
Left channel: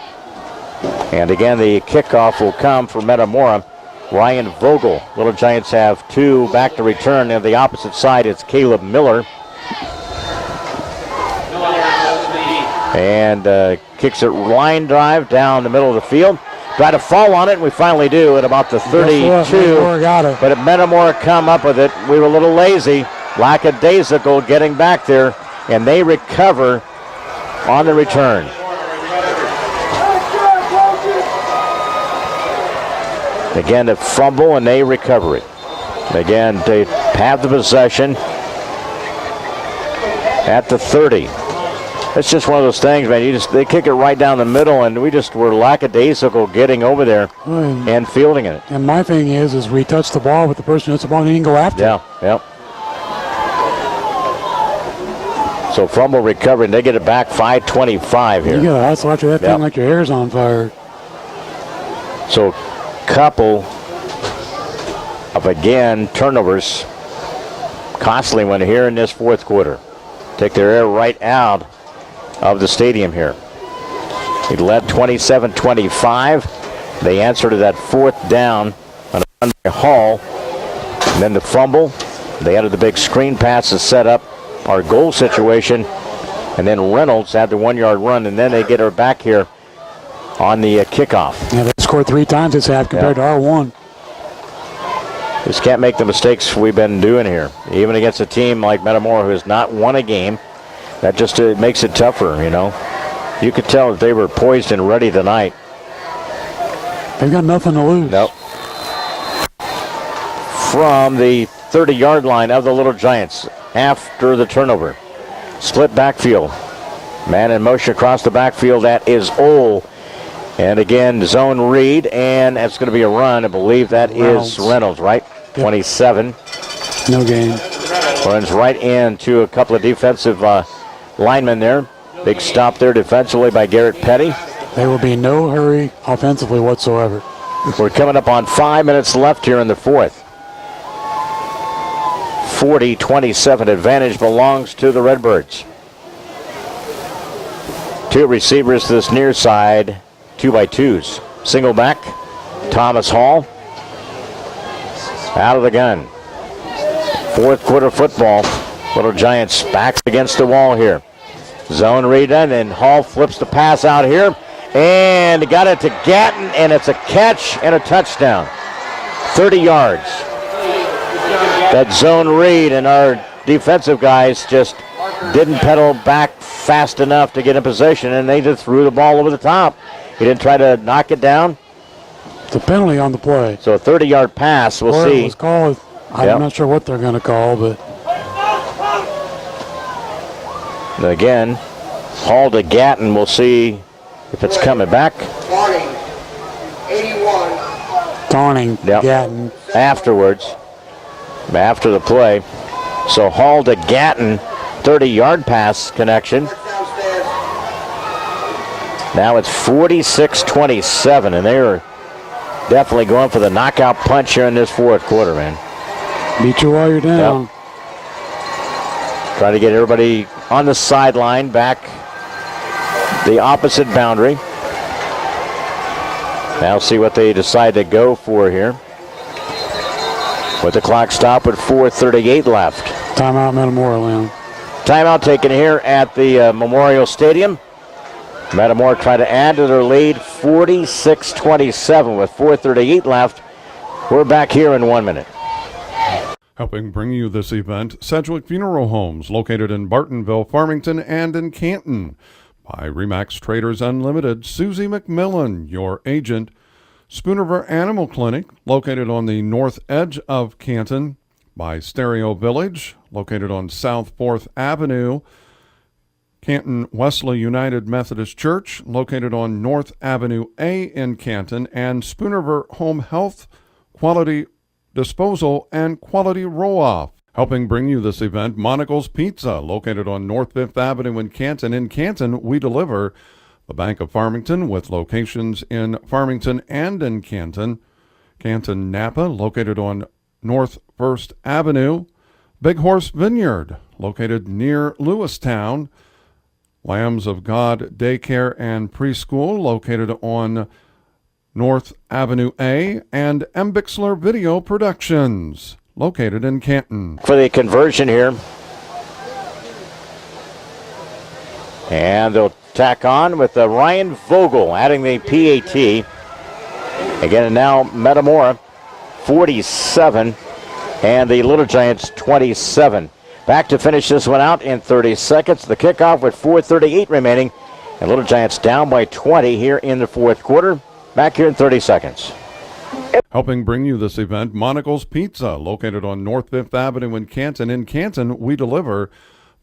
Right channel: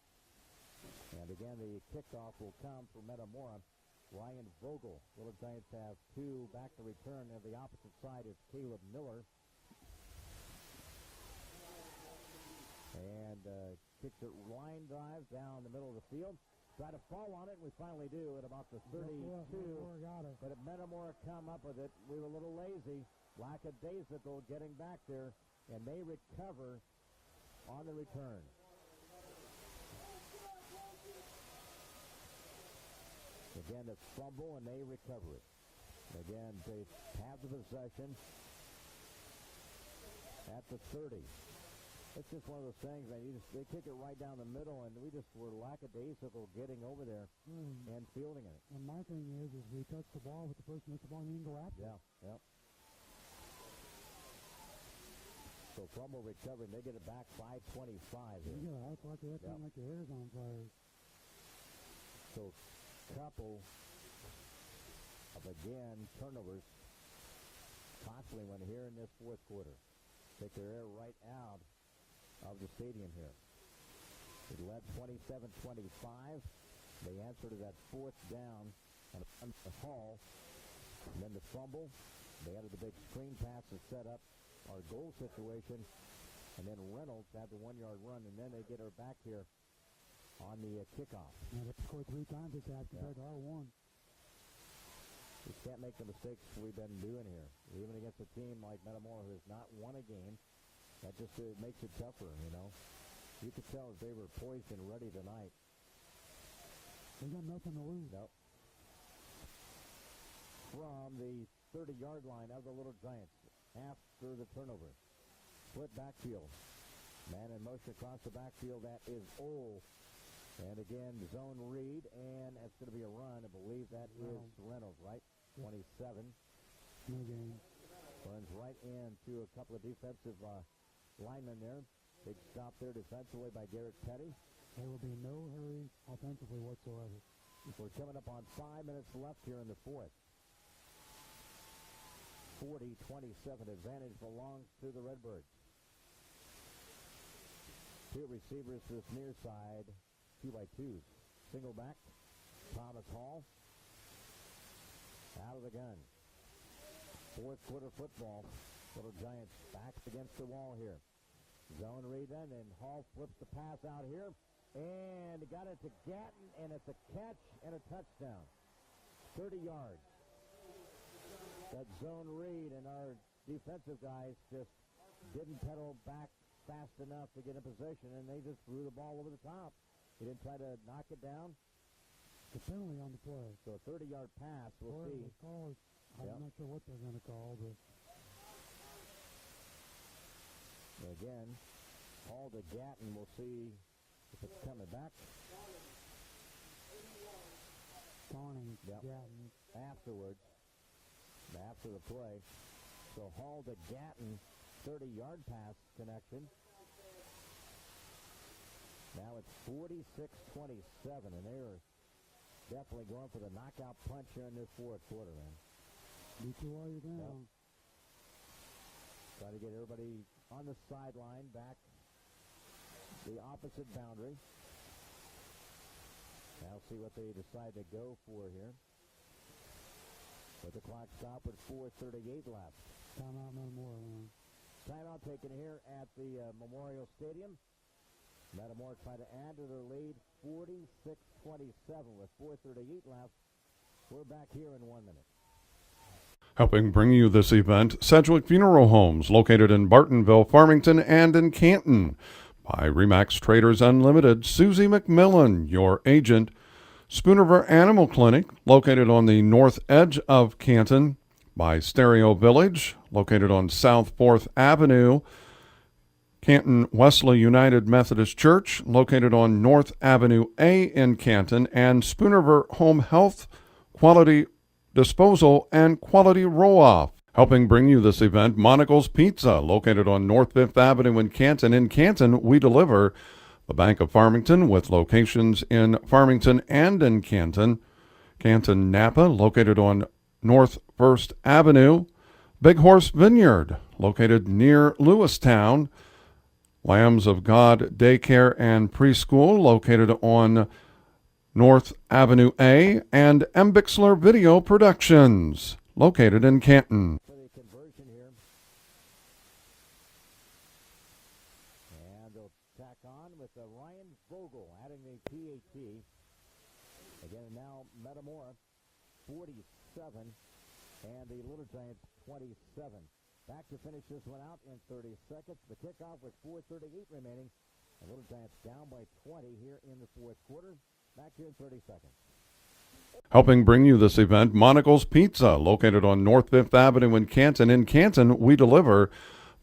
And again, the kickoff will come for Metamora. Ryan Vogel. Little Giants have 2 back to return. And the opposite side, it's Caleb Miller. And kicks it line drive down the middle of the field. Try to fall on it, and we finally do at about the 32. But if Metamora come up with it, we were a little lazy. Lackadaisical getting back there, and they recover on the return. Again, a fumble, and they recover it. Again, they have the possession at the 30. It's just one of those things, man. They kick it right down the middle, and we just were lackadaisical getting over there and fielding it. And my thing is we touch the ball with the person who hits the ball and he can go after it. Yeah. So fumble recovery, and they get it back 5:25 here. You got to hustle after that thing like your hair's on fire. So couple of, again, turnovers. Costly one here in this 4th quarter. Take their air right out of the stadium here. He led 27-25. They answer to that 4th down on a run by Hall. And then the fumble. They added the big screen pass to set up our goal situation. And then Reynolds had the 1-yard run, and then they get her back here on the kickoff. Yeah, they scored 3 times this half compared to our 1. Just can't make the mistakes we've been doing here. Even against a team like Metamora who has not won a game, that just makes it tougher, you know. You could tell that they were poised and ready tonight. They've got nothing to lose. Nope. From the 30-yard line of the Little Giants after the turnover. Split backfield. Man in motion across the backfield. That is Ole. And again, zone read, and that's going to be a run. I believe that is Reynolds, right? Yep. 27. No gain. Runs right into a couple of defensive linemen there. Big stop there defensively by Garrett Petty. There will be no hurry offensively whatsoever. We're coming up on 5 minutes left here in the fourth. 40-27 advantage belongs to the Redbirds. 2 receivers to this near side, 2x2s. Single back, Thomas Hall. Out of the gun. Fourth quarter football. Little Giants backs against the wall here. Zone read done, and Hall flips the pass out here. And got it to Gatton, and it's a catch and a touchdown. 30 yards. That zone read, and our defensive guys just didn't pedal back fast enough to get in position, and they just threw the ball over the top. He didn't try to knock it down. It's a penalty on the play. So a 30-yard pass, we'll see. It was called. I'm not sure what they're going to call, but. And again, Hall to Gatton, we'll see if it's coming back. Taunting Gatton. Afterwards, after the play. So Hall to Gatton, 30-yard pass connection. Now it's 46-27, and they are definitely going for the knockout punch here in this fourth quarter, man. Beat you while you're down. Yep. Trying to get everybody on the sideline back the opposite boundary. Now see what they decide to go for here. With the clock stopped with 4:38 left. Timeout, Metamora, Leon. Timeout taken here at the Memorial Stadium. Metamora try to add to their lead, 46-27 with 4:38 left. We're back here in 1 minute. Helping bring you this event, Sedgwick Funeral Homes, located in Bartonville, Farmington, and in Canton. By Remax Traders Unlimited, Susie McMillan, your agent. Spoonerver Animal Clinic, located on the north edge of Canton. By Stereo Village, located on South 4th Avenue. Canton Wesley United Methodist Church, located on North Avenue A in Canton. And Spoonerver Home Health, Quality Disposal, and Quality Roll-Off. Helping bring you this event, Monocle's Pizza, located on North 5th Avenue in Canton. In Canton, we deliver. The Bank of Farmington, with locations in Farmington and in Canton. Canton Napa, located on North 1st Avenue. Big Horse Vineyard, located near Lewistown. Lambs of God Daycare and Preschool, located on North Avenue A. And M. Bixler Video Productions, located in Canton. For the conversion here. And they'll tack on with Ryan Vogel adding the PAT. Again, and now Metamora 47 and the Little Giants 27. Back to finish this one out in 30 seconds. The kickoff with 4:38 remaining. And Little Giants down by 20 here in the fourth quarter. Back here in 30 seconds. Helping bring you this event, Monocle's Pizza, located on North 5th Avenue in Canton. In Canton, we deliver.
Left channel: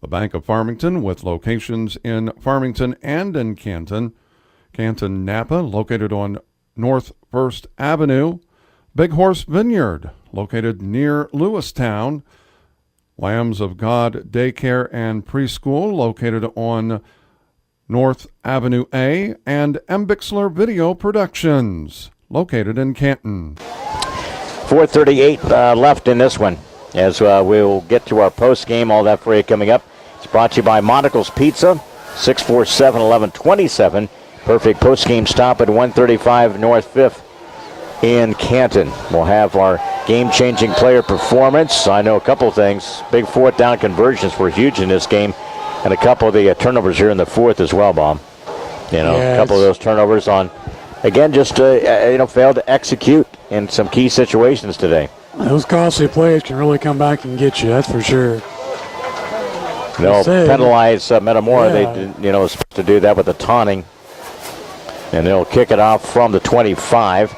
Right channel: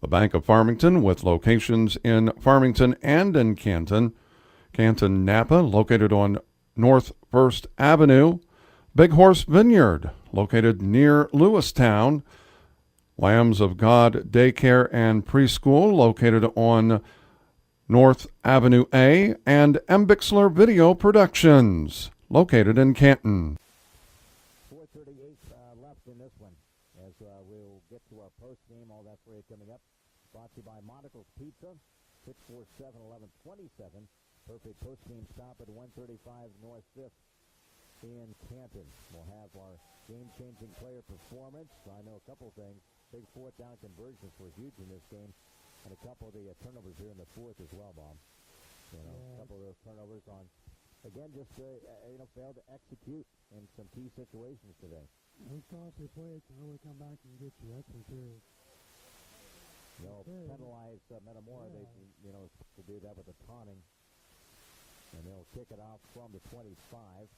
The Bank of Farmington, with locations in Farmington and in Canton. Canton Napa, located on North 1st Avenue. Big Horse Vineyard, located near Lewistown. Lambs of God Daycare and Preschool, located on North Avenue A. And M. Bixler Video Productions, located in Canton. 4:38 left in this one. As we'll get to our post game, all that for you coming up. It's brought to you by Monocle's Pizza, 647-1127. Perfect post game stop at 135 North 5th in Canton. We'll have our game-changing player performance. I know a couple things. Big fourth down conversions were huge in this game. And a couple of the turnovers here in the fourth as well, Bob. You know, a couple of those turnovers on, again, just failed to execute in some key situations today. Those costly plays can really come back and get you, that's for sure. They'll penalize Metamora. They supposed to do that with the taunting. And they'll kick it off from the 25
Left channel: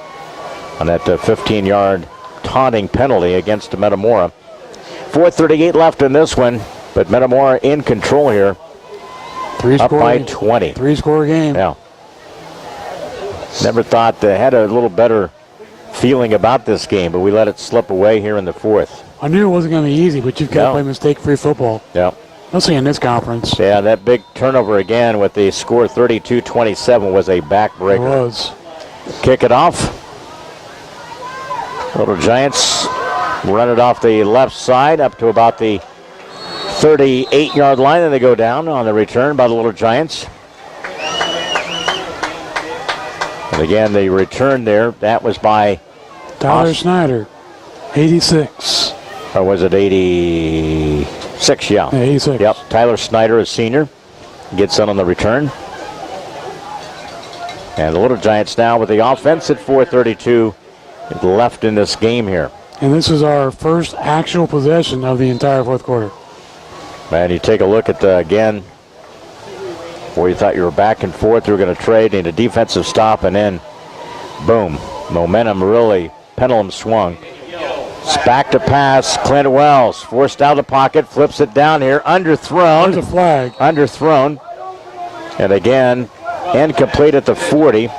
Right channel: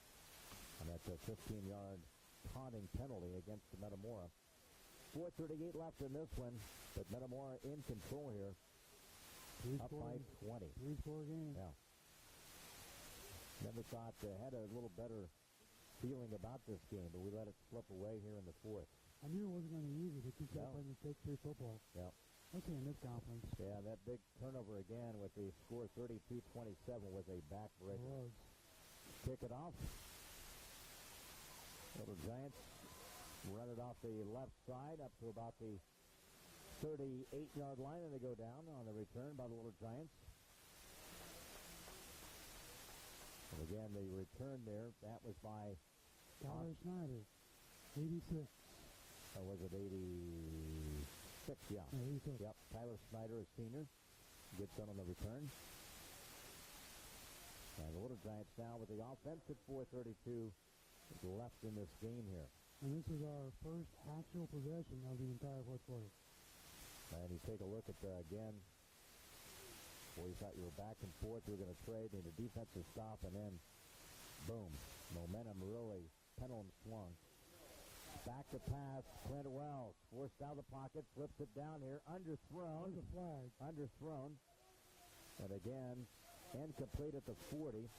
on that 15-yard taunting penalty against Metamora. 4:38 left in this one, but Metamora in control here. Up by 20. 3-score game. Yeah. Never thought they had a little better feeling about this game, but we let it slip away here in the fourth. I knew it wasn't going to be easy, but you've got to play mistake-free football. Yeah. Mostly in this conference. Yeah, that big turnover again with the score 32-27 was a backbreaker. It was. Kick it off. Little Giants run it off the left side up to about the 38-yard line, and they go down on the return by the Little Giants. And again, the return there, that was by Tyler Snyder, 86. Or was it 86? Yeah. 86. Yep. Tyler Snyder, a senior, gets on the return. And the Little Giants now with the offense at 4:32 left in this game here. And this is our first actual possession of the entire fourth quarter. And you take a look at, again, where you thought you were back and forth, you were going to trade, need a defensive stop, and then, boom, momentum really, pendulum swung. It's back to pass, Clint Wells, forced out of the pocket, flips it down here, underthrown. There's a flag. Underthrown. And again, incomplete at the 40.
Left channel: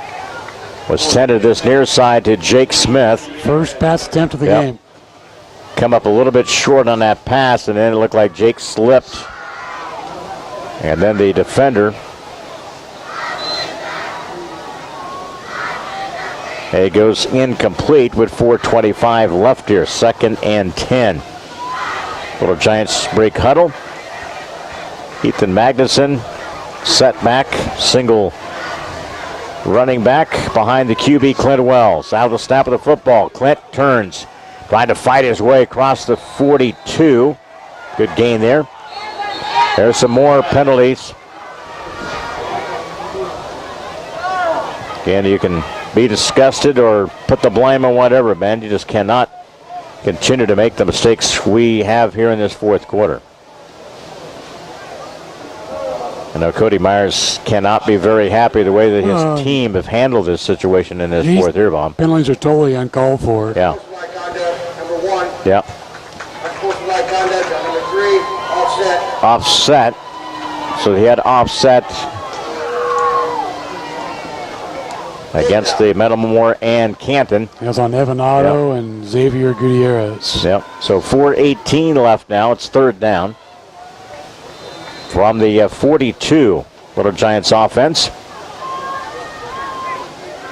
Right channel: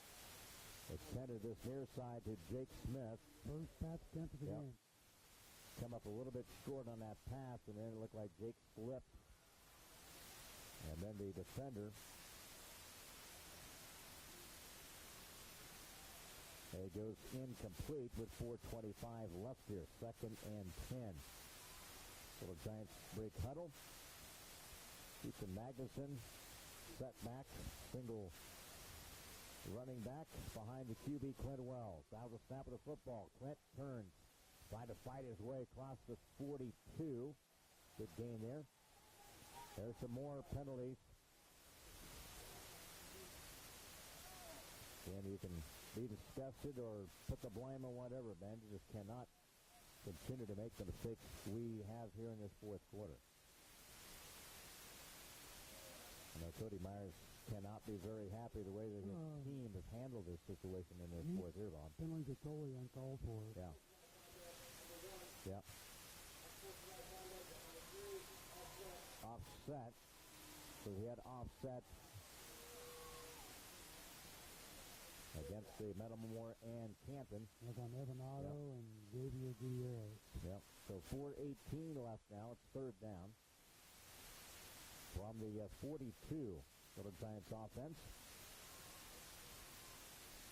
Was sent to this near side to Jake Smith. First pass attempt of the game. Come up a little bit short on that pass, and then it looked like Jake slipped. And then the defender, it goes incomplete with 4:25 left here. 2nd and 10. Little Giants break huddle. Ethan Magnuson set back, single running back behind the QB Clint Wells. Out of the snap of the football, Clint turns, trying to fight his way across the 42. Good gain there. There's some more penalties. Again, you can be disgusted or put the blame on whatever, man. You just cannot continue to make the mistakes we have here in this fourth quarter. I know Cody Myers cannot be very happy the way that his team have handled this situation in this fourth here, Bob. Penalties are totally uncalled for. Yeah. Yeah. Offset. So he had offset against the Metamora and Canton. It was on Evan Otto and Xavier Gutierrez. Yep. So 4:18 left now. It's 3rd down. From the 42, Little Giants offense.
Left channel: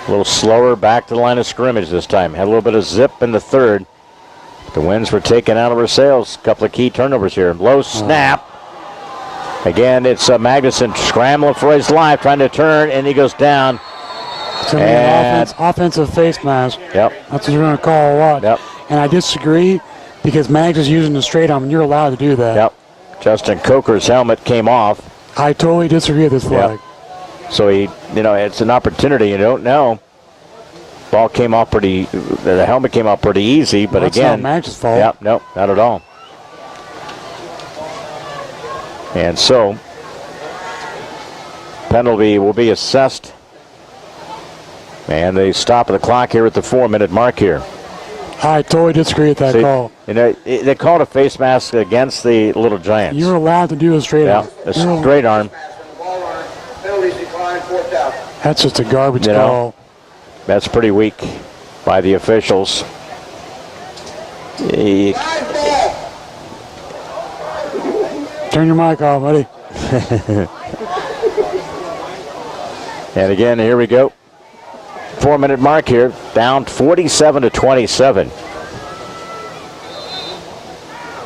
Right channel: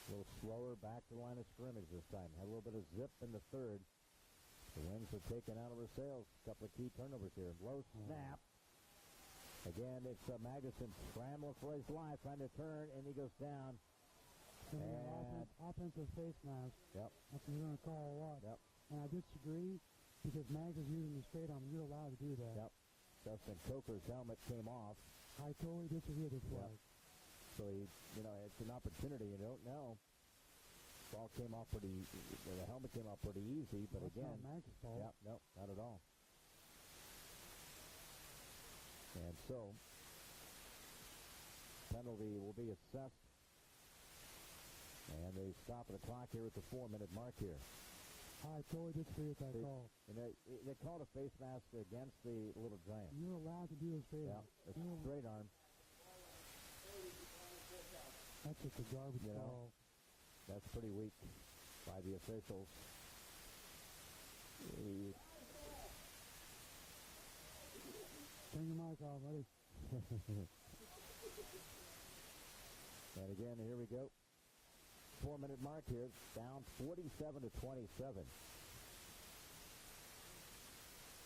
A little slower back to the line of scrimmage this time. Had a little bit of zip in the 3rd. The winds were taken out of our sails. A couple of key turnovers here. Low snap. Again, it's Magnuson scrambling for his life, trying to turn, and he goes down. It's going to be an offensive face mask. Yep. That's what you're going to call a lot. Yep. And I disagree because Mags is using the straight arm, and you're allowed to do that. Yep. Justin Coker's helmet came off. I totally disagree with this flag. Yep. So it's an opportunity. You don't know. Ball came off the helmet came off pretty easy, but that's again. That's not Mags' fault. Yep, no, not at all. And so, penalty will be assessed. And they stop the clock here at the 4-minute mark here. I totally disagree with that call. They called a face mask against the Little Giants. You're allowed to do a straight arm. A straight arm. That's just a garbage call. That's pretty weak by the officials. Turn your mic off, buddy. And again, here we go. 4-minute mark here, down 47-27.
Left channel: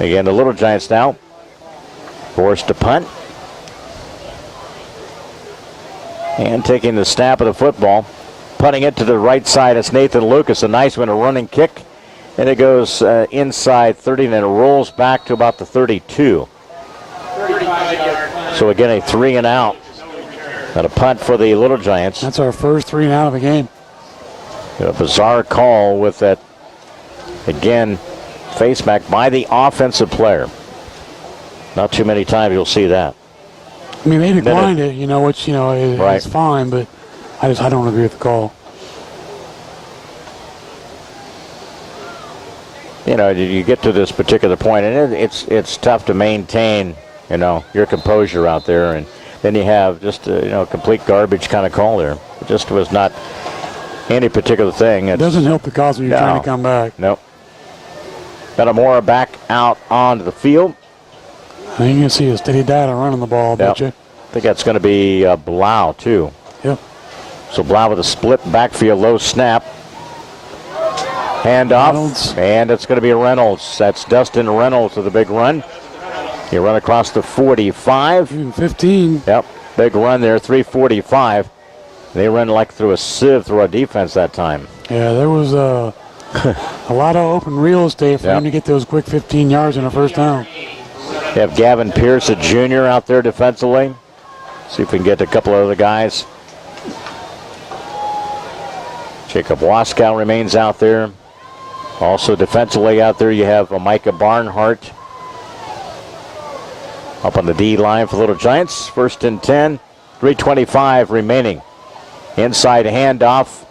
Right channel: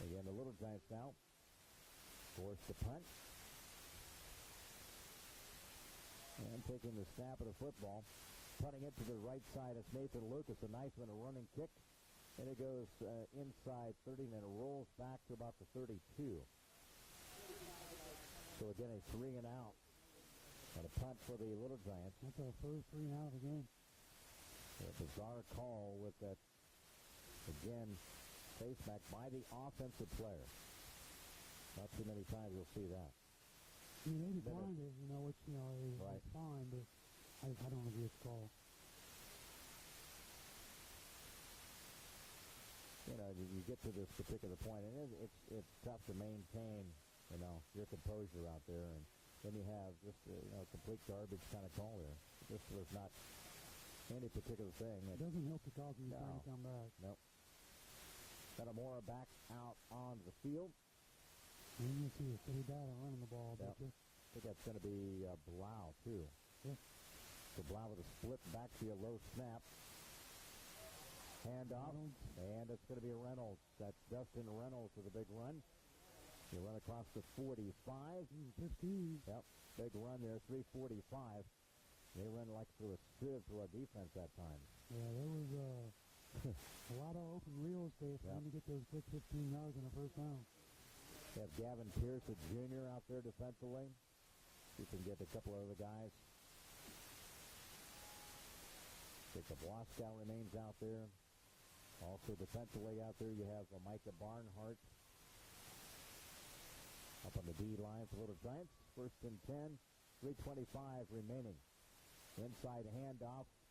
Again, the Little Giants now forced to punt. And taking the snap of the football, punting it to the right side. It's Nathan Lucas, a nice one, a running kick. And it goes inside 30, and it rolls back to about the 32. So again, a 3 and out. And a punt for the Little Giants. That's our first 3 and out of the game. A bizarre call with that, again, face back by the offensive player. Not too many times you'll see that. I mean, they declined it, which, is Right. fine, but I don't agree with the call. You get to this particular point, and it's tough to maintain, your composure out there, and then you have just complete garbage kind of call there. It just was not any particular thing. It doesn't help the cause when you're trying to come back. No. Metamora back out onto the field. I think you can see a steady data running the ball, bet you. I think that's going to be Blau, too. Yep. So Blau with a split backfield, low snap. Handoff, Reynolds. And it's going to be Reynolds. That's Dustin Reynolds with a big run. He run across the 45. Even 15. Yep, big run there, 3:45. They run like through a sieve through our defense that time. Yeah, there was a lot of open real estate for him to get those quick 15 yards in the first down. You have Gavin Pierce, a junior, out there defensively. See if we can get a couple of other guys. Jacob Waskow remains out there. Also defensively out there, you have Micah Barnhart up on the D line for Little Giants. 1st and 10, 3:25 remaining. Inside handoff,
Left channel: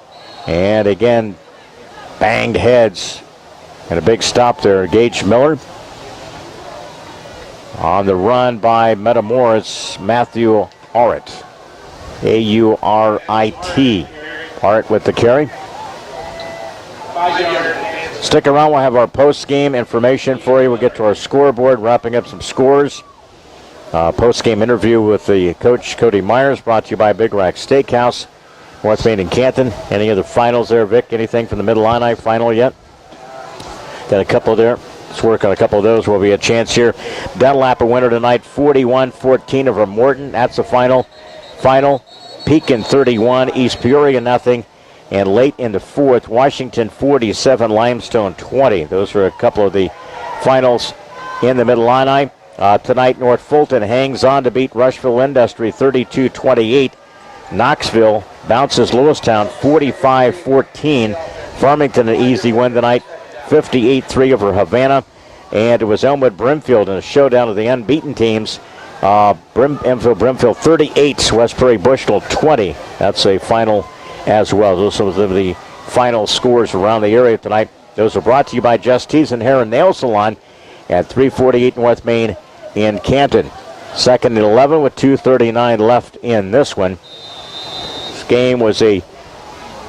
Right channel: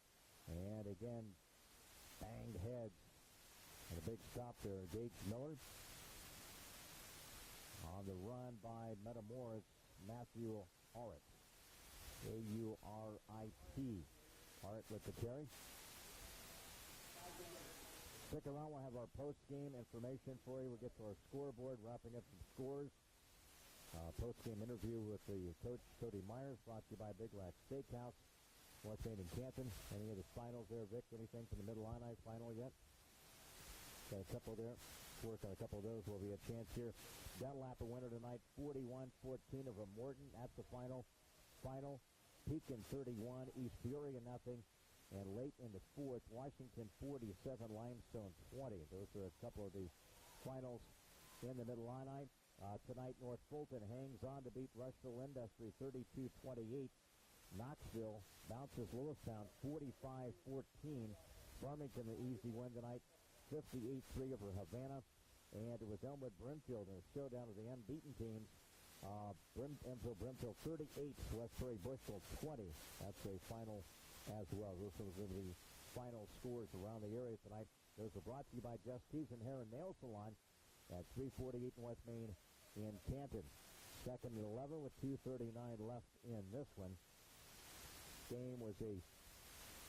and again, banged heads, and a big stop there. Gage Miller on the run by Metamora. It's Matthew Aurit, A-U-R-I-T. Aurit with the carry. Stick around, we'll have our post-game information for you. We'll get to our scoreboard, wrapping up some scores. Post-game interview with the coach, Cody Myers, brought to you by Big Rack Steakhouse, North Main and Canton. Any other finals there, Vic? Anything from the Mid-Illini final yet? Got a couple there. Let's work on a couple of those. Will be a chance here. Dunlap a winner tonight, 41-14 over Morton. That's the final. Pekin 31, East Peoria nothing. And late in the fourth, Washington 47, Limestone 20. Those are a couple of the finals in the Mid-Illini. Tonight, North Fulton hangs on to beat Rushville Industry 32-28. Knoxville bounces Lewistown 45-14. Farmington an easy win tonight, 58-3 over Havana. And it was Elmwood Brimfield in a showdown of the unbeaten teams. Brimfield 38, West Prairie Bushnell 20. That's a final as well. Those are the final scores around the area tonight. Those are brought to you by Justice and Hair and Nail Salon at 348 North Main in Canton. 2nd and 11 with 2:39 left in this one. This game was a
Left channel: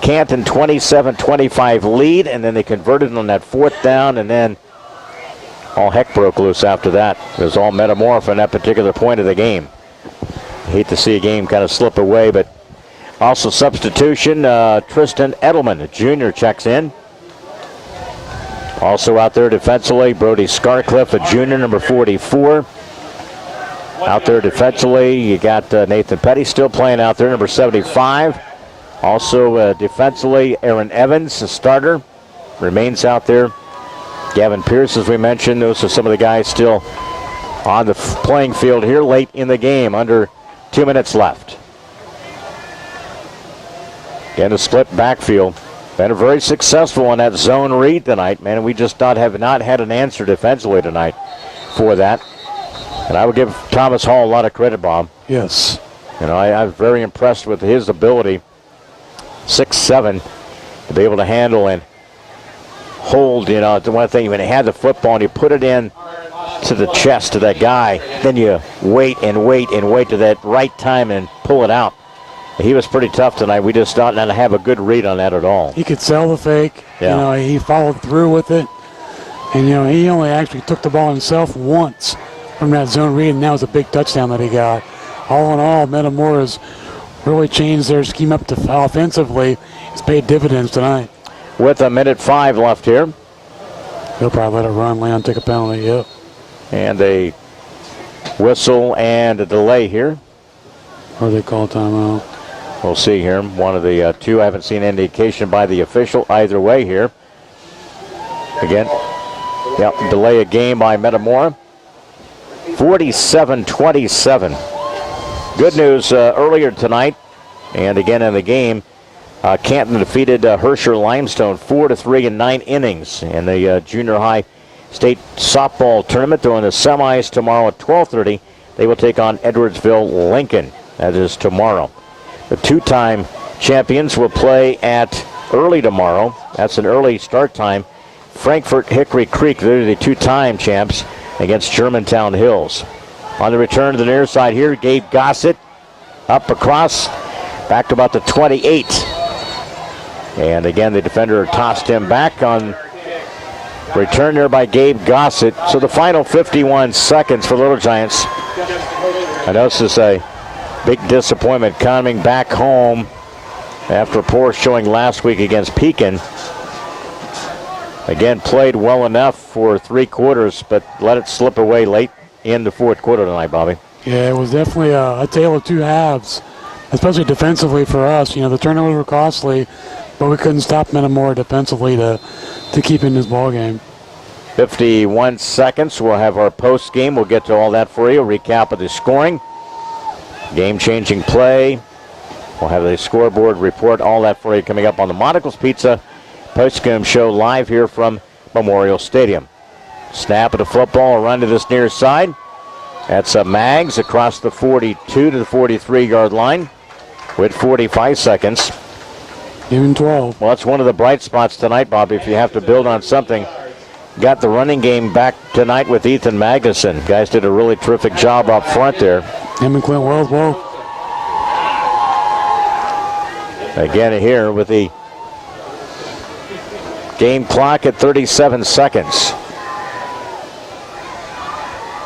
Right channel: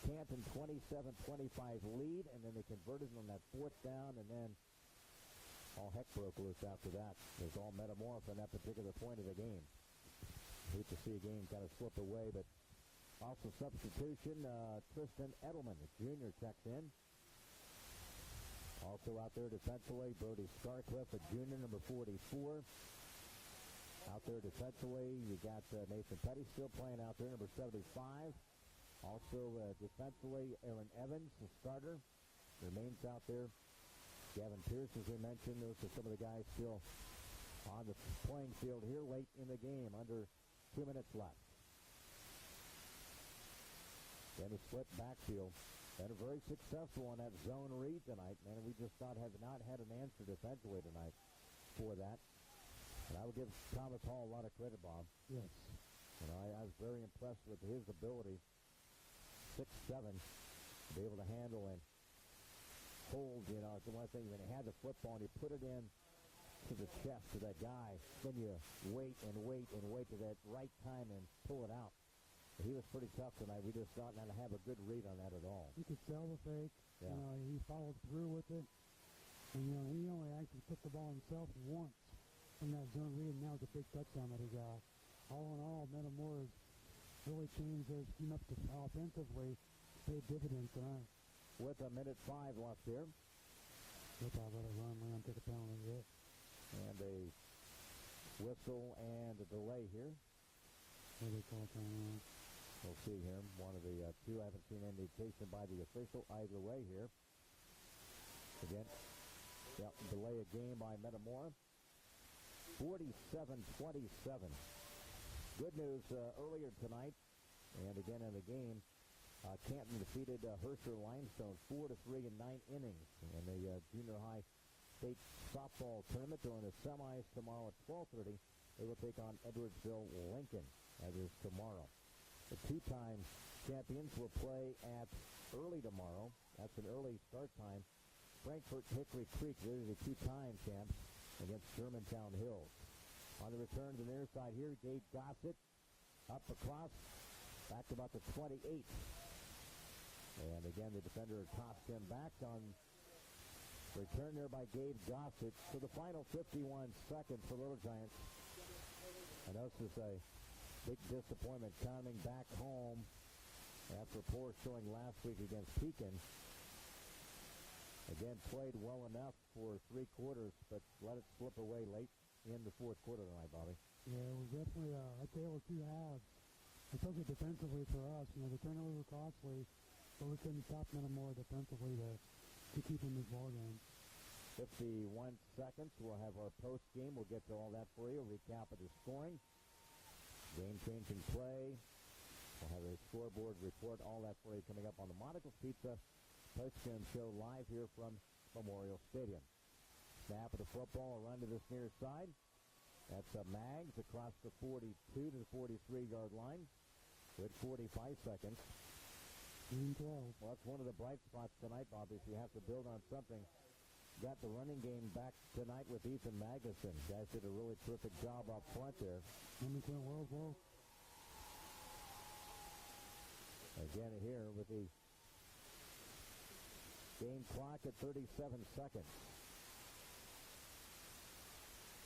Canton 27-25 lead, and then they converted on that 4th down, and then all heck broke loose after that. It was all Metamora from that particular point of the game. Hate to see a game kind of slip away, but also substitution, Tristan Edelman, a junior, checks in. Also out there defensively, Brody Scarcliffe, a junior, number 44. Out there defensively, you got Nathan Petty still playing out there, number 75. Also defensively, Aaron Evans, a starter, remains out there. Gavin Pierce, as we mentioned, those are some of the guys still on the playing field here late in the game, under 2 minutes left. Again, a split backfield. Been very successful on that zone read tonight, man. We just have not had an answer defensively tonight for that. And I would give Thomas Hall a lot of credit, Bob. Yes. I was very impressed with his ability, 6'7", to be able to handle and hold, the one thing, when he had the football and you put it in to the chest of that guy, then you wait and wait and wait to that right time and pull it out. He was pretty tough tonight. We just did not have a good read on that at all. He could sell the fake. Yeah. He followed through with it. And, he only actually took the ball himself once from that zone read, and that was a big touchdown that he got. All in all, Metamora's really changed their scheme up to offensively. It's paid dividends tonight. With 1:05 left here. He'll probably let it run. Leon take a penalty, yep. And a whistle and a delay here. Or they call timeout. We'll see here. One of the two. I haven't seen indication by the official either way here. Again, delay a game by Metamora. 47-27. Good news earlier tonight, and again in the game, Canton defeated Herscher Limestone 4-3 in 9 innings in the junior high state softball tournament. They're in the semis tomorrow at 12:30. They will take on Edwardsville Lincoln. That is tomorrow. The two-time champions will play at early tomorrow. That's an early start time. Frankfort Hickory Creek, they're the two-time champs, against Germantown Hills. On the return to the near side here, Gabe Gossett up across, back to about the 28. And again, the defender tossed him back on return there by Gabe Gossett. So the final 51 seconds for Little Giants. I know this is a big disappointment coming back home after a poor showing last week against Pekin. Again, played well enough for 3 quarters, but let it slip away late in the fourth quarter tonight, Bobby. Yeah, it was definitely a tale of two halves, especially defensively for us. You know, the turnovers were costly, but we couldn't stop Metamora defensively to keep in this ball game. 51 seconds. We'll have our post game. We'll get to all that for you. Recap of the scoring. Game-changing play. We'll have the scoreboard report, all that for you coming up on the Monocle's Pizza Postgame show live here from Memorial Stadium. Snap of the football, a run to this near side. That's Maggs across the 42 to the 43-yard line with 45 seconds. Even 12. Well, that's one of the bright spots tonight, Bobby, if you have to build on something. Got the running game back tonight with Ethan Magnuson. Guys did a really terrific job up front there. Him and Clint Wells both. Again here with the game clock at 37 seconds.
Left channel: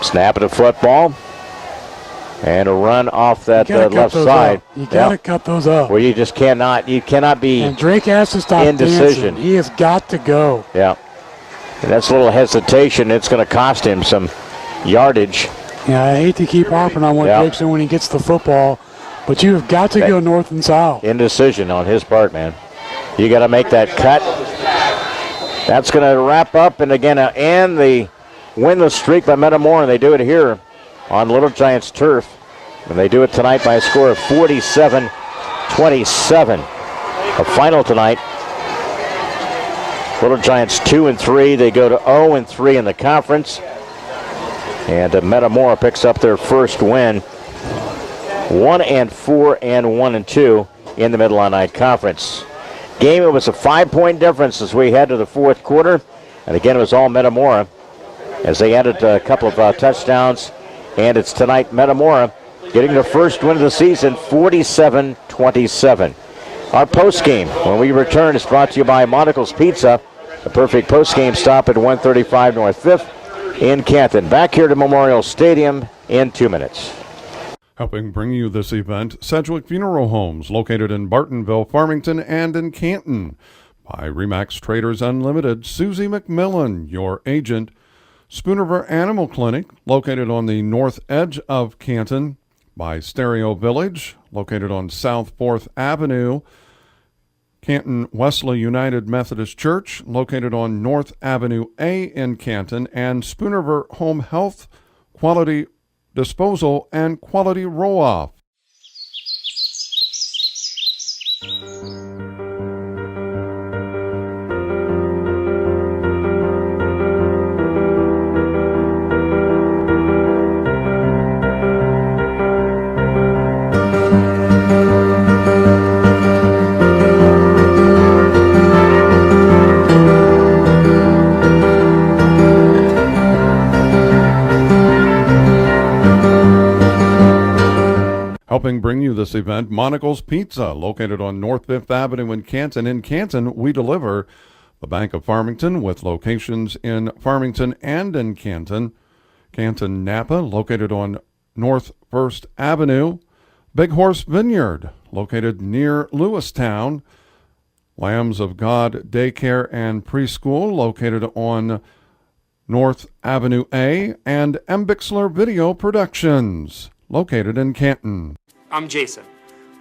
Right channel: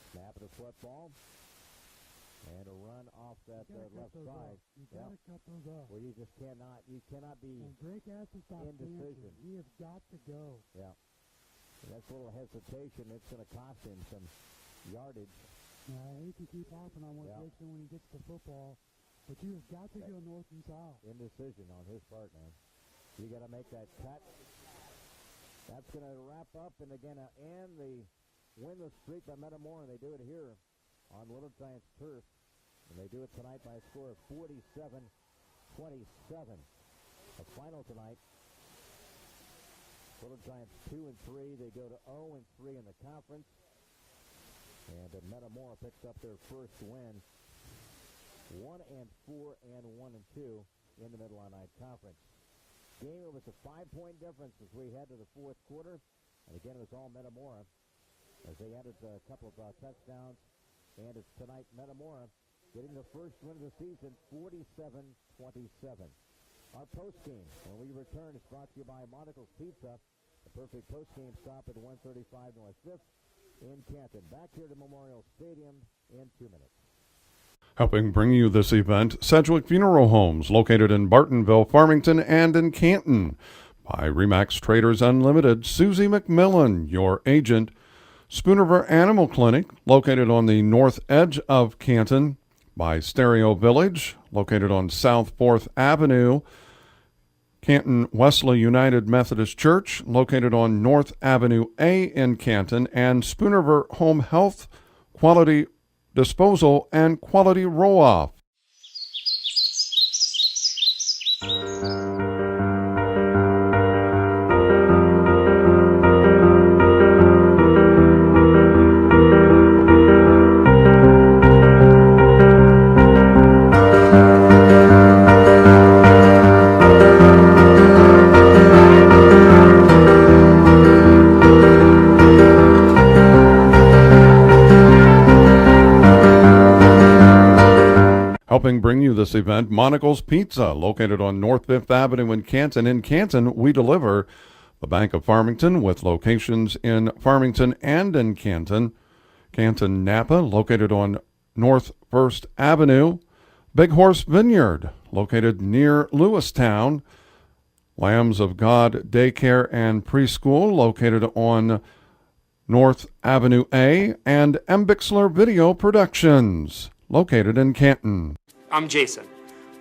Snap of the football. And a run off that left side. You got to cut those up. Well, you just cannot. You cannot be and Drake has to stop indecision. Dancing. He has got to go. Yeah. And that's a little hesitation. It's going to cost him some yardage. Yeah, I hate to keep harping on what Drake's doing when he gets the football, but you have got to go north and south. Indecision on his part, man. You got to make that cut. That's going to wrap up, and again, and the winless streak by Metamora, and they do it here on Little Giants turf. And they do it tonight by a score of 47-27. A final tonight. Little Giants 2-3. They go to 0-3 in the conference. And Metamora picks up their first win. 1-4 and 1-2 in the Mid-Illini Conference. Game, it was a 5-point difference as we head to the fourth quarter. And again, it was all Metamora as they added a couple of touchdowns. And it's tonight Metamora getting their first win of the season, 47-27. Our postgame, when we return, is brought to you by Monocle's Pizza, the perfect postgame stop at 135 North 5th in Canton. Back here to Memorial Stadium in 2 minutes. Helping bring you this event, Sedgwick Funeral Homes, located in Bartonville, Farmington, and in Canton. By Remax Traders Unlimited, Susie McMillan, your agent. Spoonerver Animal Clinic, located on the north edge of Canton. By Stereo Village, located on South 4th Avenue. Canton Wesley United Methodist Church, located on North Avenue A in Canton. And Spoonerver Home Health, Quality Disposal, and Quality Roll-Off. Helping bring you this event, Monocle's Pizza, located on North 5th Avenue in Canton. In Canton, we deliver the Bank of Farmington with locations in Farmington and in Canton. Canton Napa, located on North 1st Avenue. Big Horse Vineyard, located near Lewistown. Lambs of God Daycare and Preschool, located on North Avenue A. And M. Bixler Video Productions, located in Canton. I'm Jason.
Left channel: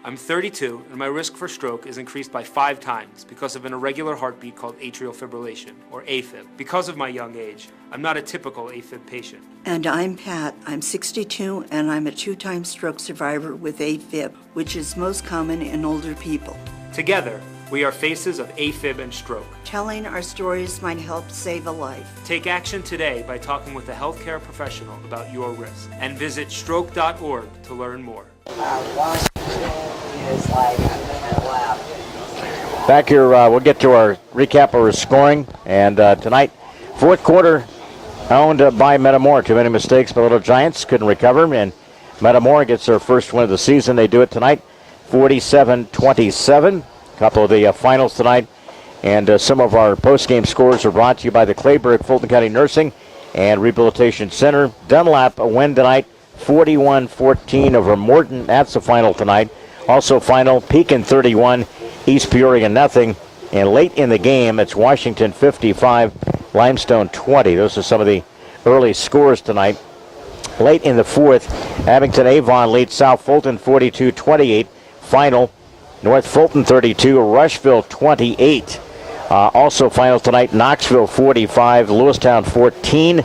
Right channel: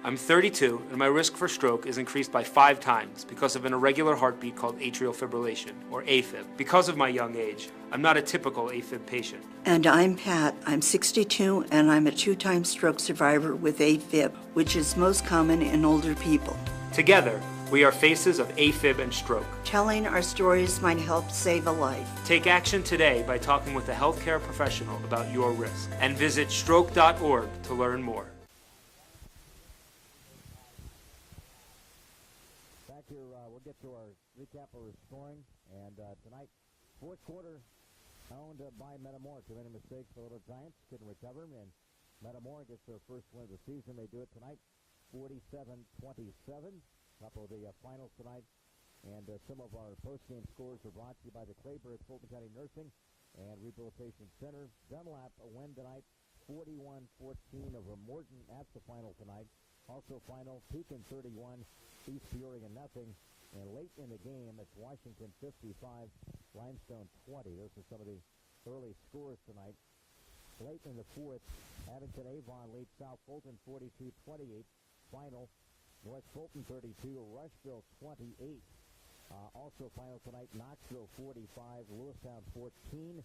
I'm 32, and my risk for stroke is increased by 5 times because of an irregular heartbeat called atrial fibrillation, or AFib. Because of my young age, I'm not a typical AFib patient. And I'm Pat. I'm 62, and I'm a 2-time stroke survivor with AFib, which is most common in older people. Together, we are faces of AFib and stroke. Telling our stories might help save a life. Take action today by talking with a healthcare professional about your risk, and visit stroke.org to learn more. Back here, we'll get to our recap of our scoring. And tonight, fourth quarter owned by Metamora. Too many mistakes by Little Giants. Couldn't recover. And Metamora gets their first win of the season. They do it tonight, 47-27. A couple of the finals tonight. And some of our post-game scores are brought to you by the Clayburgh Fulton County Nursing and Rehabilitation Center. Dunlap, a win tonight, 41-14 over Morton. That's the final tonight. Also final, Pekin 31, East Peoria nothing. And late in the game, it's Washington 55, Limestone 20. Those are some of the early scores tonight. Late in the fourth, Abington Avon leads South Fulton 42-28. Final, North Fulton 32, Rushville 28. Also final tonight, Knoxville 45, Lewistown 14.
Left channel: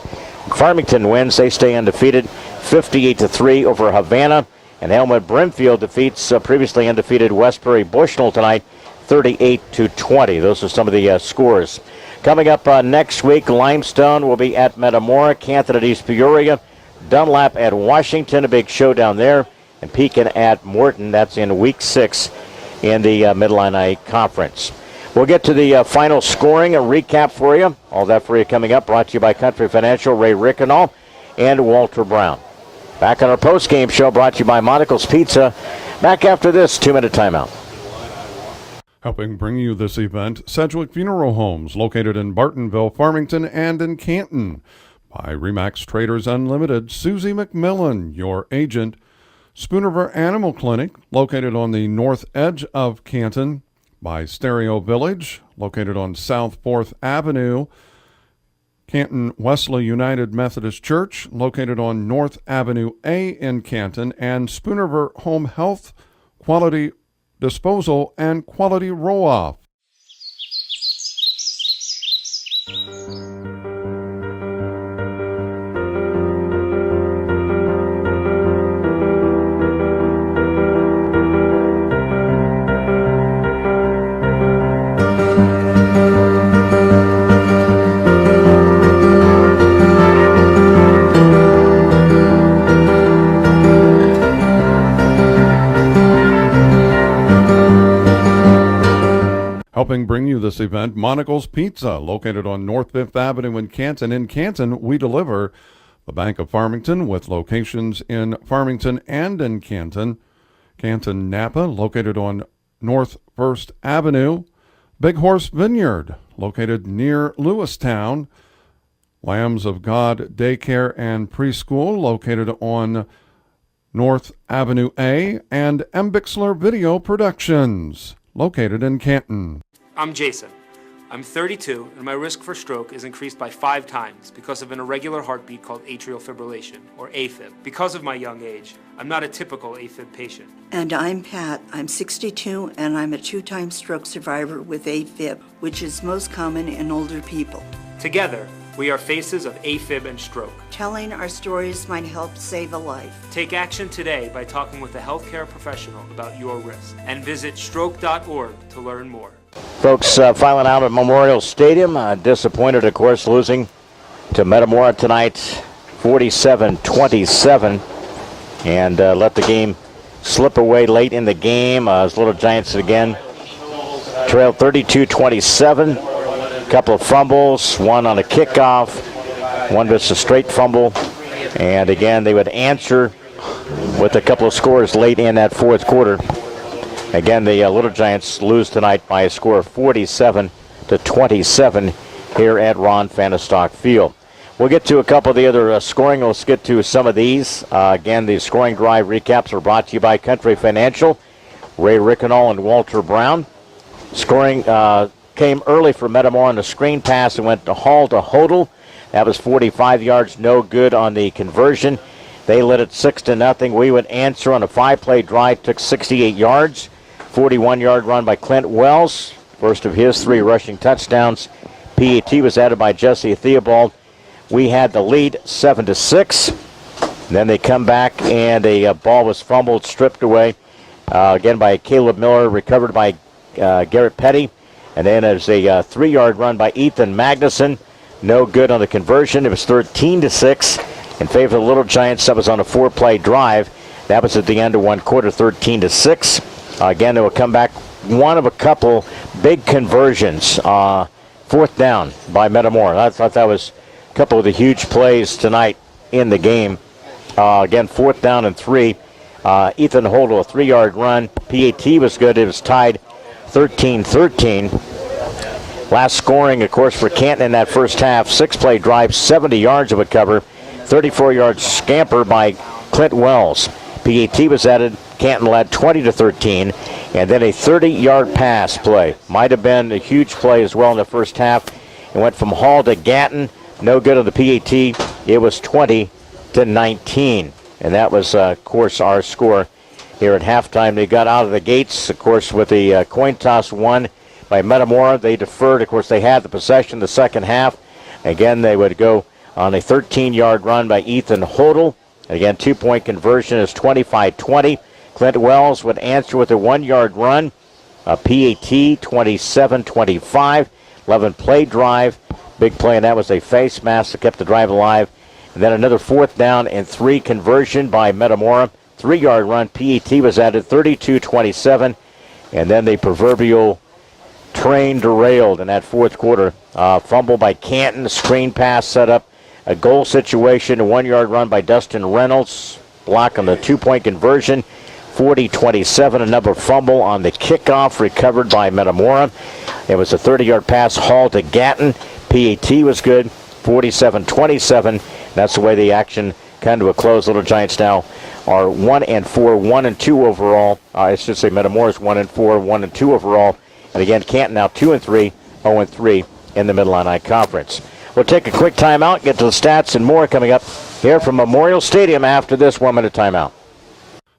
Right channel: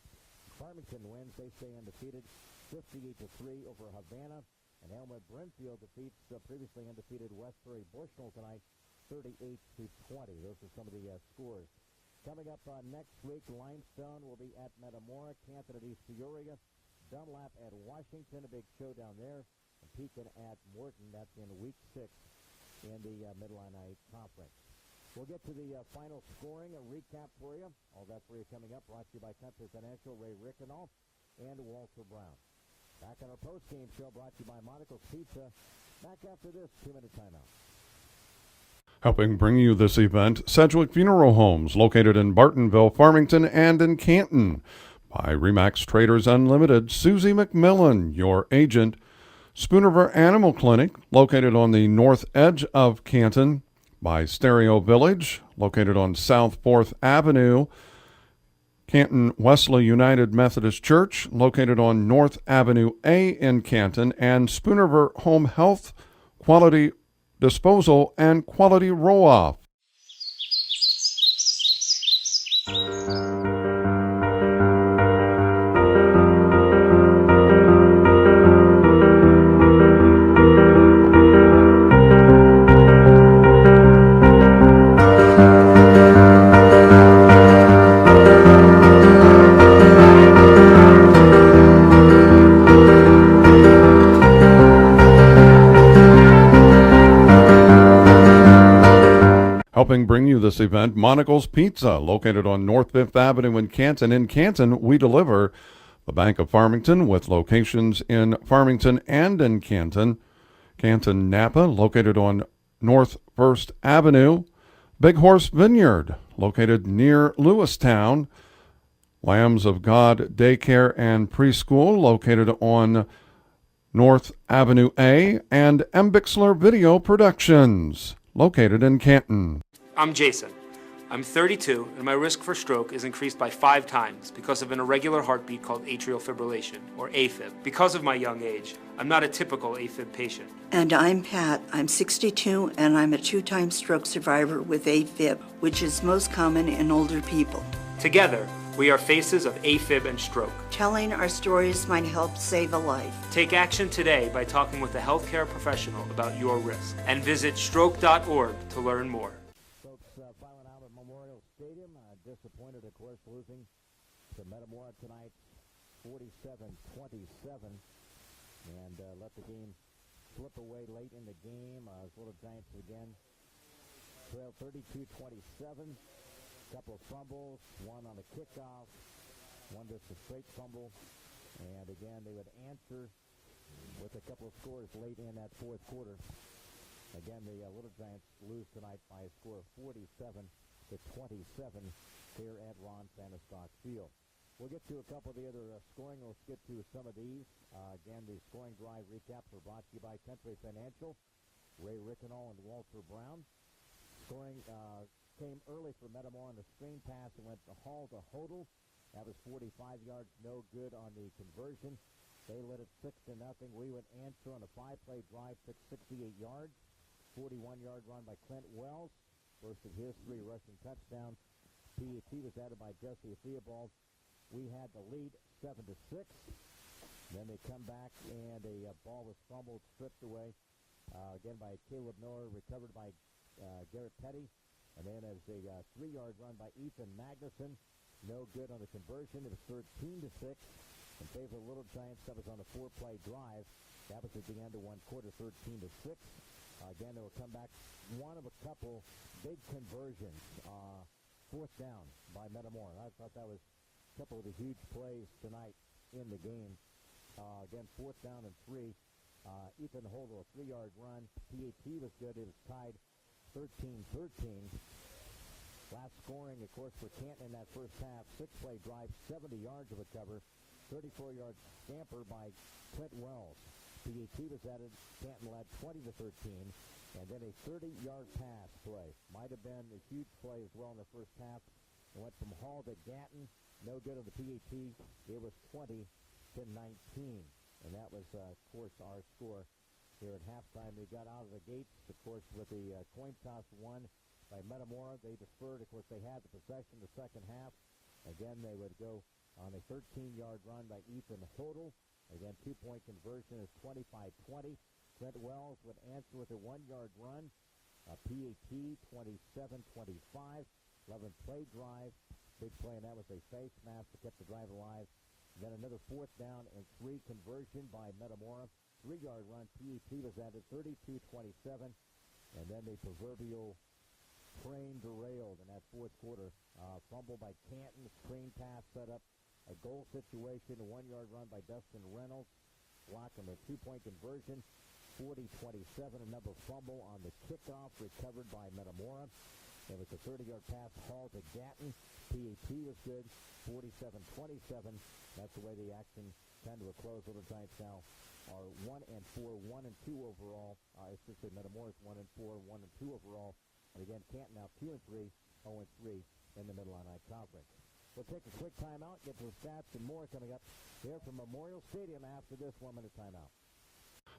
Farmington wins. They stay undefeated, 58-3 over Havana. And Elmwood Brimfield defeats previously undefeated Westbury Bushnell tonight, 38-20. Those are some of the scores. Coming up next week, Limestone will be at Metamora, Canton at East Peoria, Dunlap at Washington, a big showdown there, and Pekin at Morton. That's in week 6 in the Mid-Illini Conference. We'll get to the final scoring, a recap for you. All that for you coming up, brought to you by Country Financial, Ray Rickenall, and Walter Brown. Back on our post-game show, brought to you by Monocle's Pizza. Back after this 2-minute timeout. Helping bring you this event, Sedgwick Funeral Homes, located in Bartonville, Farmington, and in Canton. By Remax Traders Unlimited, Susie McMillan, your agent. Spoonerver Animal Clinic, located on the north edge of Canton. By Stereo Village, located on South 4th Avenue. Canton Wesley United Methodist Church, located on North Avenue A in Canton. And Spoonerver Home Health, Quality Disposal, and Quality Roll-Off. Helping bring you this event, Monocle's Pizza, located on North 5th Avenue in Canton. In Canton, we deliver. The Bank of Farmington, with locations in Farmington and in Canton. Canton Napa, located on North 1st Avenue. Big Horse Vineyard, located near Lewistown. Lambs of God Daycare and Preschool, located on North Avenue A. And M. Bixler Video Productions, located in Canton. I'm Jason. I'm 32, and my risk for stroke is increased by 5 times because of an irregular heartbeat called atrial fibrillation, or AFib. Because of my young age, I'm not a typical AFib patient. And I'm Pat. I'm 62, and I'm a 2-time stroke survivor with AFib, which is most common in older people. Together, we are faces of AFib and stroke. Telling our stories might help save a life. Take action today by talking with a healthcare professional about your risk, and visit stroke.org to learn more. Folks, filing out at Memorial Stadium. Disappointed, of course, losing to Metamora tonight, 47-27. And let the game slip away late in the game as Little Giants again trailed 32-27. A couple of fumbles, one on a kickoff, one just a straight fumble. And again, they would answer with a couple of scores late in that fourth quarter. Again, the Little Giants lose tonight by a score of 47-27 here at Ron Fahnestock Field. We'll get to a couple of the other scoring. Let's get to some of these. Again, the scoring drive recaps are brought to you by Country Financial, Ray Rickenall and Walter Brown. Scoring came early for Metamora on the screen pass and went to Hall to Hodel. That was 45 yards, no good on the conversion. They led it 6-0. We would answer on a 5-play drive, took 68 yards, 41-yard run by Clint Wells, first of his 3 rushing touchdowns. PAT was added by Jesse Theobald. We had the lead 7-6. Then they come back and a ball was fumbled, stripped away again by Caleb Miller, recovered by Garrett Petty. And then there's a 3-yard run by Ethan Magnuson. No good on the conversion. It was 13-6 in favor of the Little Giants. That was on a 4-play drive. That was at the end of one quarter, 13-6. Again, they will come back. One of a couple big conversions. 4th down by Metamora. I thought that was a couple of the huge plays tonight in the game. Again, 4th down and 3. Ethan Holdle, a 3-yard run. PAT was good. It was tied 13-13. Last scoring, of course, for Canton in that first half. 6-play drive, 70 yards of a cover. 34-yard scamper by Clint Wells. PAT was added. Canton led 20-13. And then a 30-yard pass play. Might have been a huge play as well in the first half. It went from Hall to Gatton. No good on the PAT. It was 20-19. And that was, of course, our score here at halftime. They got out of the gates, of course, with the coin toss won by Metamora. They deferred. Of course, they had the possession the second half. Again, they would go on a 13-yard run by Ethan Hodel. Again, 2-point conversion is 25-20. Clint Wells would answer with a 1-yard run. PAT 27-25. 11-play drive. Big play, and that was a face mask that kept the drive alive. And then another 4th down and 3 conversion by Metamora. 3-yard run. PAT was added 32-27. And then the proverbial train derailed in that fourth quarter. Fumble by Canton. Screen pass set up. A goal situation. A 1-yard run by Dustin Reynolds. Block on the 2-point conversion. 40-27. Another fumble on the kickoff recovered by Metamora. It was a 30-yard pass hauled to Gatton. PAT was good. 47-27. That's the way the action kind of a close. Little Giants now are 1-4, 1-2 overall. I should say Metamora's 1-4, 1-2 overall. And again, Canton now 2-3, 0-3 in the Mid-Illini Conference. We'll take a quick timeout, get to the stats and more coming up here from Memorial Stadium after this 1-minute timeout.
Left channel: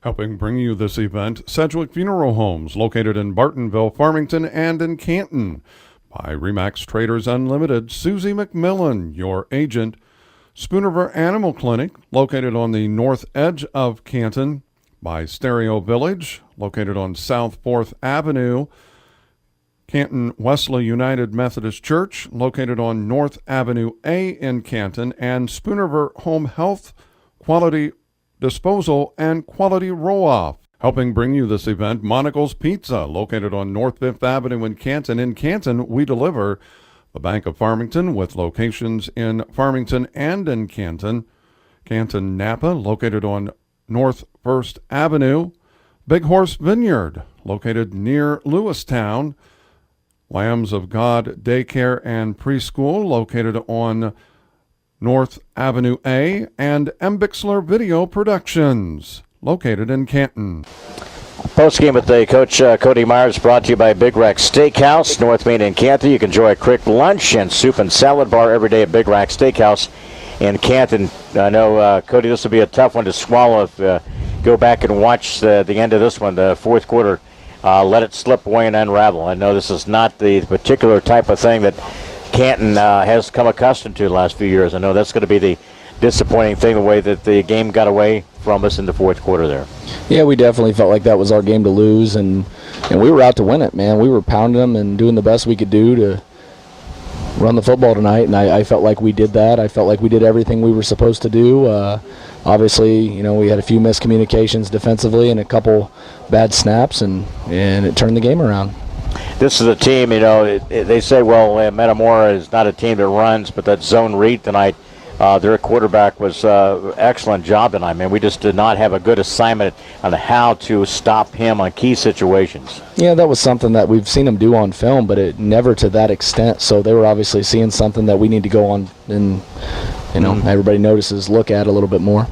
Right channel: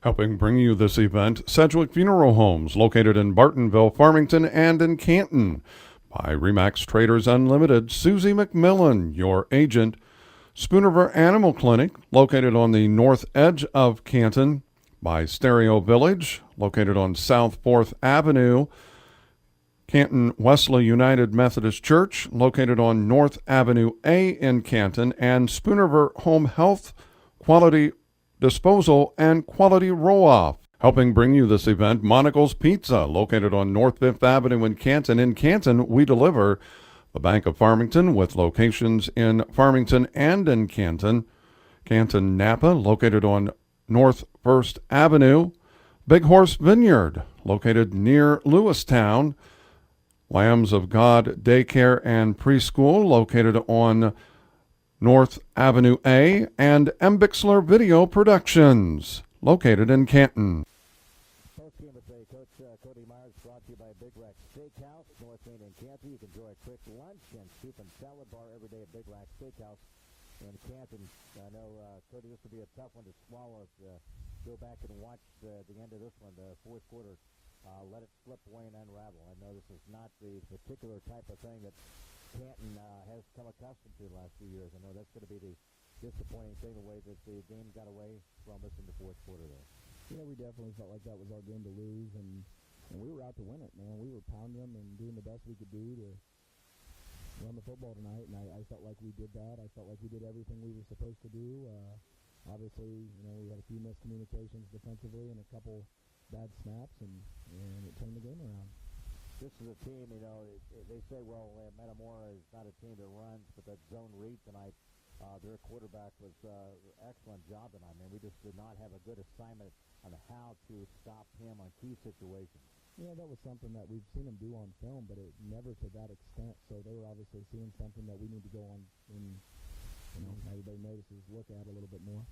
Helping bring you this event, Sedgwick Funeral Homes, located in Bartonville, Farmington, and in Canton. By Remax Traders Unlimited, Susie McMillan, your agent. Spoonerver Animal Clinic, located on the north edge of Canton. By Stereo Village, located on South 4th Avenue. Canton Wesley United Methodist Church, located on North Avenue A in Canton. And Spoonerver Home Health, Quality Disposal, and Quality Roll-Off. Helping bring you this event, Monocle's Pizza, located on North 5th Avenue in Canton. In Canton, we deliver. The Bank of Farmington, with locations in Farmington and in Canton. Canton Napa, located on North 1st Avenue. Big Horse Vineyard, located near Lewistown. Lambs of God Daycare and Preschool, located on North Avenue A. And M. Bixler Video Productions, located in Canton. Postgame with the Coach Cody Myers, brought to you by Big Rack Steakhouse, North Main and Canton. You can enjoy a quick lunch and soup and salad bar every day at Big Rack Steakhouse in Canton. I know, Cody, this will be a tough one to swallow if go back and watch the end of this one, the fourth quarter. Let it slip away and unravel. I know this is not the particular type of thing that Canton has come accustomed to the last few years. I know that's going to be the disappointing thing, the way that the game got away from us in the fourth quarter there. Yeah, we definitely felt like that was our game to lose, and we were out to win it, man. We were pounding them and doing the best we could do to run the football tonight, and I felt like we did that. I felt like we did everything we were supposed to do. Obviously, we had a few miscommunications defensively and a couple bad snaps, and it turned the game around. This is a team, they say, well, Metamora is not a team that runs, but that zone read tonight, their quarterback was excellent job tonight, man. We just did not have a good assignment on how to stop him on key situations. Yeah, that was something that we've seen him do on film, but it never to that extent. So they were obviously seeing something that we need to go on and, everybody notices, look at a little bit more.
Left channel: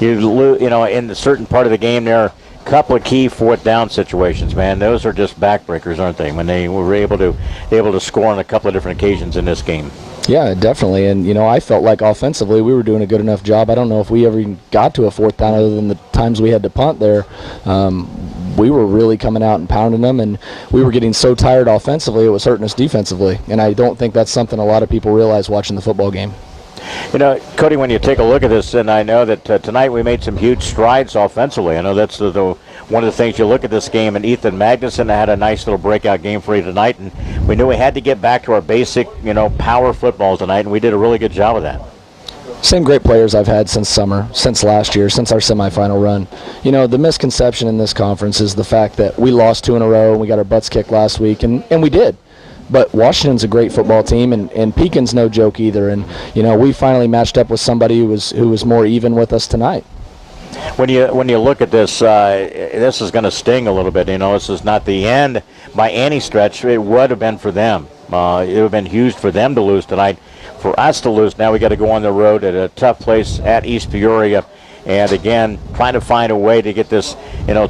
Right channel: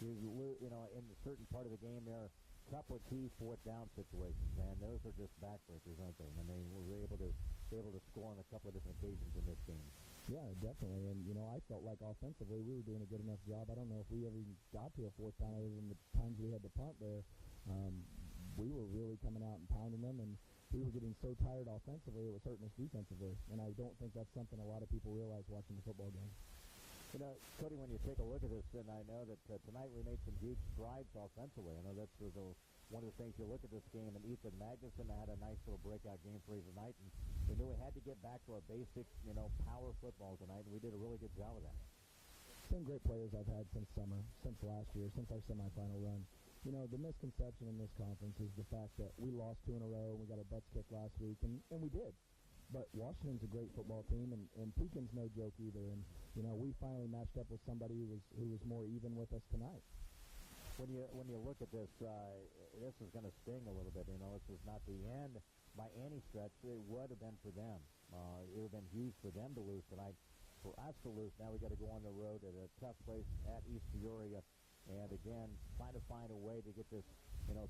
In the certain part of the game there, a couple of key fourth down situations, man. Those are just backbreakers, aren't they? When they were able to score on a couple of different occasions in this game. Yeah, definitely. And, I felt like offensively we were doing a good enough job. I don't know if we ever even got to a fourth down other than the times we had to punt there. We were really coming out and pounding them, and we were getting so tired offensively it was hurting us defensively. And I don't think that's something a lot of people realize watching the football game. Cody, when you take a look at this, and I know that tonight we made some huge strides offensively. I know that's one of the things you look at this game, and Ethan Magnuson had a nice little breakout game for you tonight, and we knew we had to get back to our basic, power football tonight, and we did a really good job of that. Same great players I've had since summer, since last year, since our semifinal run. The misconception in this conference is the fact that we lost 2 in a row, and we got our butts kicked last week, and we did. But Washington's a great football team, and Pekin's no joke either. And, we finally matched up with somebody who was more even with us tonight. When you look at this, this is going to sting a little bit. This is not the end by any stretch. It would have been for them. It would have been huge for them to lose tonight. For us to lose, now we got to go on the road at a tough place at East Peoria. And again, trying to find a way to get this,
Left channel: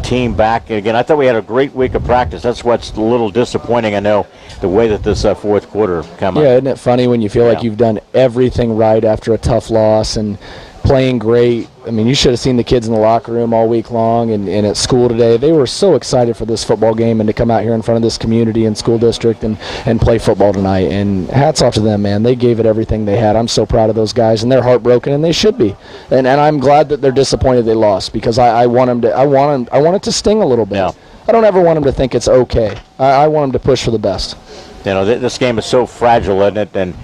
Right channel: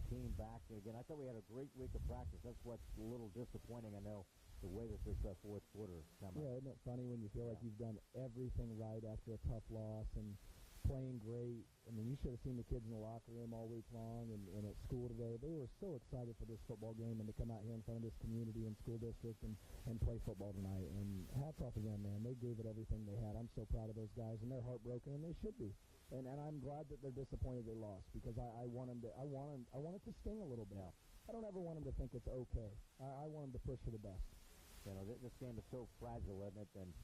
team back. And again, I thought we had a great week of practice. That's what's a little disappointing, I know, the way that this fourth quarter came out. Yeah, isn't it funny when you feel like you've done everything right after a tough loss and playing great? I mean, you should have seen the kids in the locker room all week long and at school today. They were so excited for this football game and to come out here in front of this community and school district and play football tonight. And hats off to them, man. They gave it everything they had. I'm so proud of those guys, and they're heartbroken, and they should be. And I'm glad that they're disappointed they lost, because I want it to sting a little bit. Yeah. I don't ever want them to think it's okay. I want them to push for the best. This game is so fragile, isn't it? And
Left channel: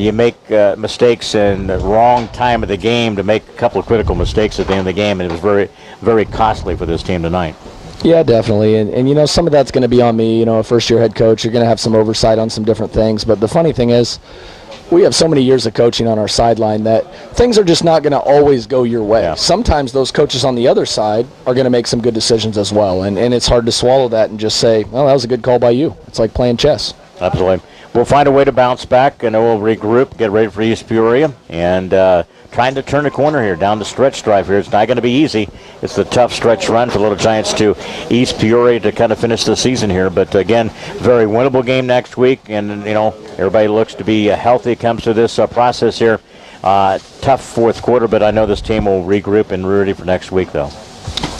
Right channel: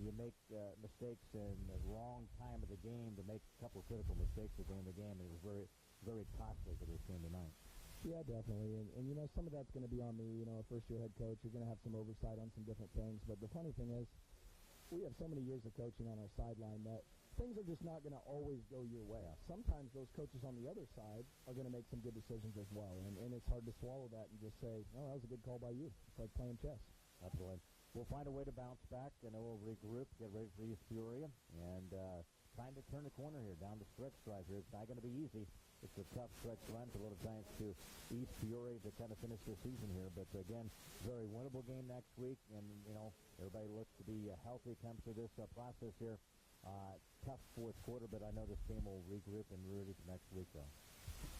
you make mistakes in the wrong time of the game to make a couple of critical mistakes at the end of the game, and it was very, very costly for this team tonight. Yeah, definitely. And some of that's going to be on me. A first-year head coach, you're going to have some oversight on some different things. But the funny thing is, we have so many years of coaching on our sideline that things are just not going to always go your way. Yeah. Sometimes those coaches on the other side are going to make some good decisions as well. And it's hard to swallow that and just say, well, that was a good call by you. It's like playing chess. Absolutely. We'll find a way to bounce back, and we'll regroup, get ready for East Peoria, and trying to turn the corner here, down the stretch drive here. It's not going to be easy. It's the tough stretch run for Little Giants to East Peoria to kind of finish the season here. But, again, very winnable game next week, and, everybody looks to be healthy comes to this process here. Tough fourth quarter, but I know this team will regroup and be ready for next week, though.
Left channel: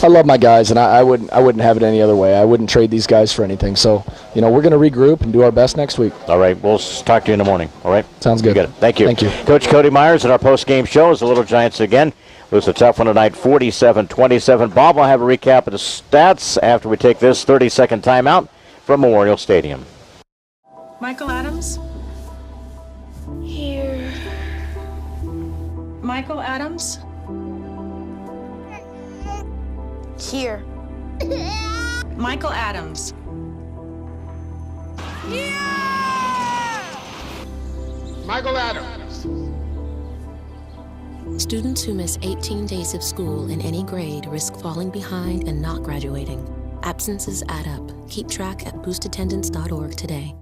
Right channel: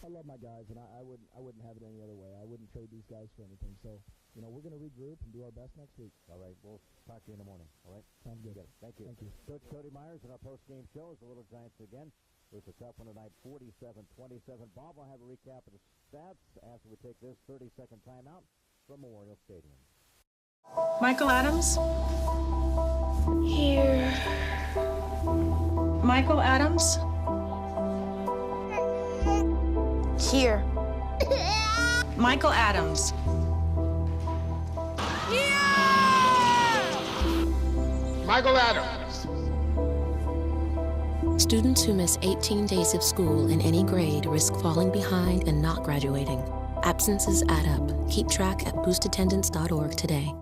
I love my guys, and I wouldn't have it any other way. I wouldn't trade these guys for anything. So, we're going to regroup and do our best next week. All right. We'll talk to you in the morning. All right? Sounds good. You got it. Thank you. Thank you. Coach Cody Myers at our post-game show as the Little Giants again lose a tough one tonight, 47-27. Bob will have a recap of the stats after we take this 30-second timeout from Memorial Stadium. Michael Adams? Here. Michael Adams? Here. Michael Adams. Michael Adams. Students who miss 18 days of school in any grade risk falling behind and not graduating. Absences add up. Keep track at boostattendance.org today.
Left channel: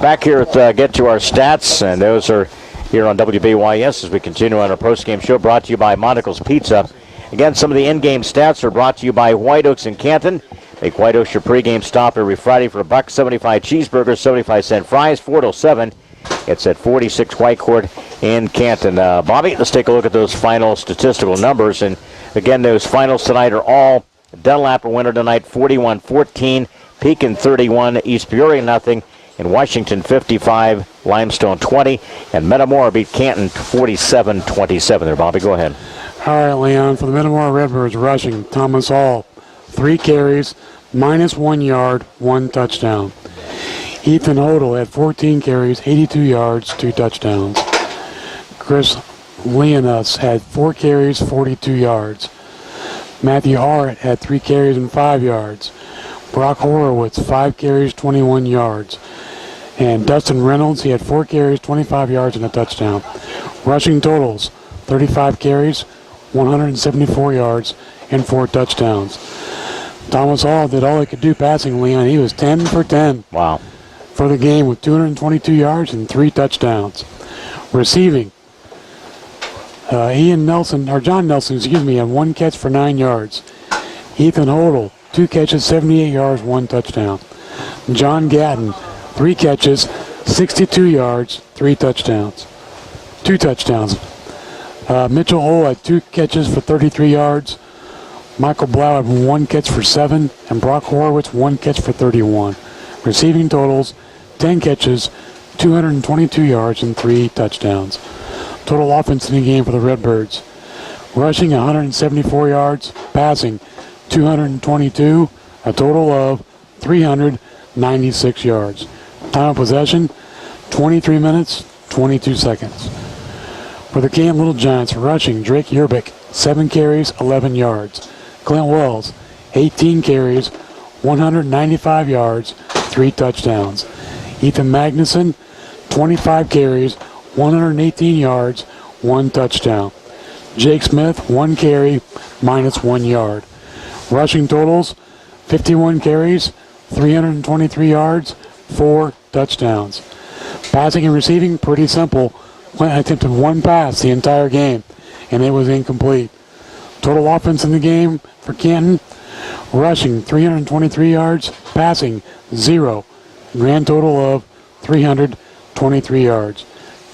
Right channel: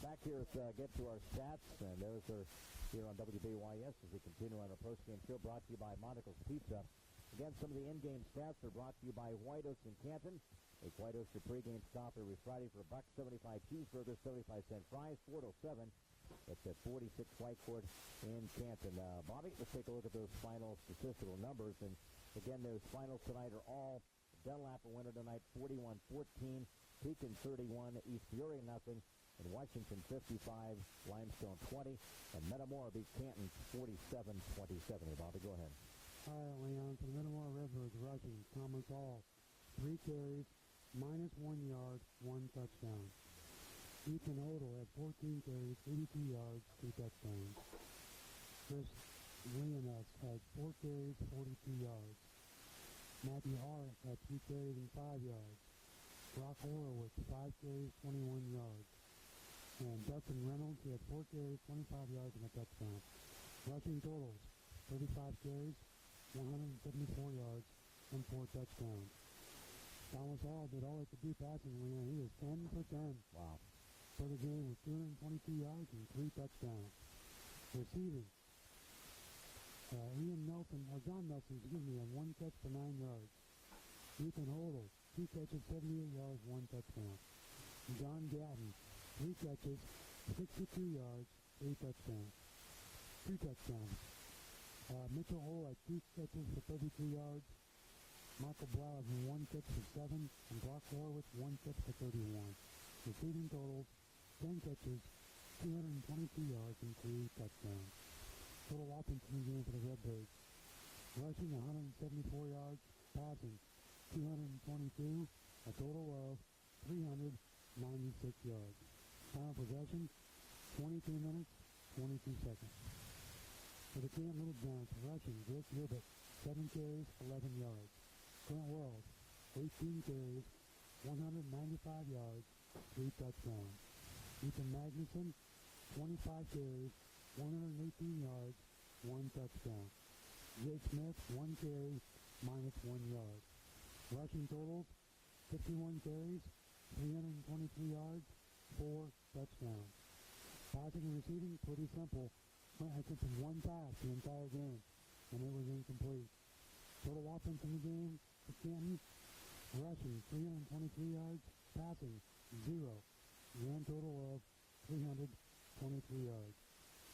Back here at Get to Our Stats, and those are here on WBYS as we continue on our post-game show, brought to you by Monticle's Pizza. Again, some of the in-game stats are brought to you by White Oaks in Canton. Make White Oaks your pregame stop every Friday for $1.75 cheeseburgers, 75-cent fries, 4 till 7. It's at 46 White Court in Canton. Bobby, let's take a look at those final statistical numbers. And again, those finals tonight are all Dunlap a winner tonight, 41-14, Pekin 31, East Peoria nothing, and Washington 55, Limestone 20, and Metamora beat Canton 47-27. There, Bobby, go ahead. All right, Leon, for the Metamora Redbirds rushing, Thomas Hall, 3 carries, -1 yard, 1 touchdown. Ethan Hodel had 14 carries, 82 yards, 2 touchdowns. Chris Leonis had 4 carries, 42 yards. Matthew Hart had 3 carries and 5 yards. Brock Horowitz, 5 carries, 21 yards. And Dustin Reynolds, he had 4 carries, 25 yards, and a touchdown. Rushing totals, 35 carries, 174 yards, and 4 touchdowns. Thomas Hall did all he could do passing, Leon. He was 10 for 10. Wow. For the game with 222 yards and 3 touchdowns. Receiving, John Nelson, had 1 catch for 9 yards. Ethan Hodel, 2 catches, 78 yards, 1 touchdown. John Gatton, 3 catches, 62 yards, 3 touchdowns. 2 touchdowns. Mitchell Hull had 2 catches for 33 yards. Michael Blau had 1 catch for 7, and Brock Horowitz 1 catch for 31. Receiving totals, 10 catches, 222 yards, and 3 touchdowns. Total offense in the game for the Redbirds. Rushing 174 yards, passing 222, a total of 396 yards. Time of possession, 23 minutes, 22 seconds. For the Canton Little Giants, rushing Drake Yerbick, 7 carries, 11 yards. Clint Wells, 18 carries, 195 yards, 3 touchdowns. Ethan Magnuson, 25 carries, 118 yards, 1 touchdown. Jake Smith, 1 carry, minus 1 yard. Rushing totals, 51 carries, 323 yards, 4 touchdowns. Passing and receiving, pretty simple. Clint attempted 1 pass the entire game, and it was incomplete. Total offense in the game for Canton, rushing 323 yards, passing 0. Grand total of 323 yards.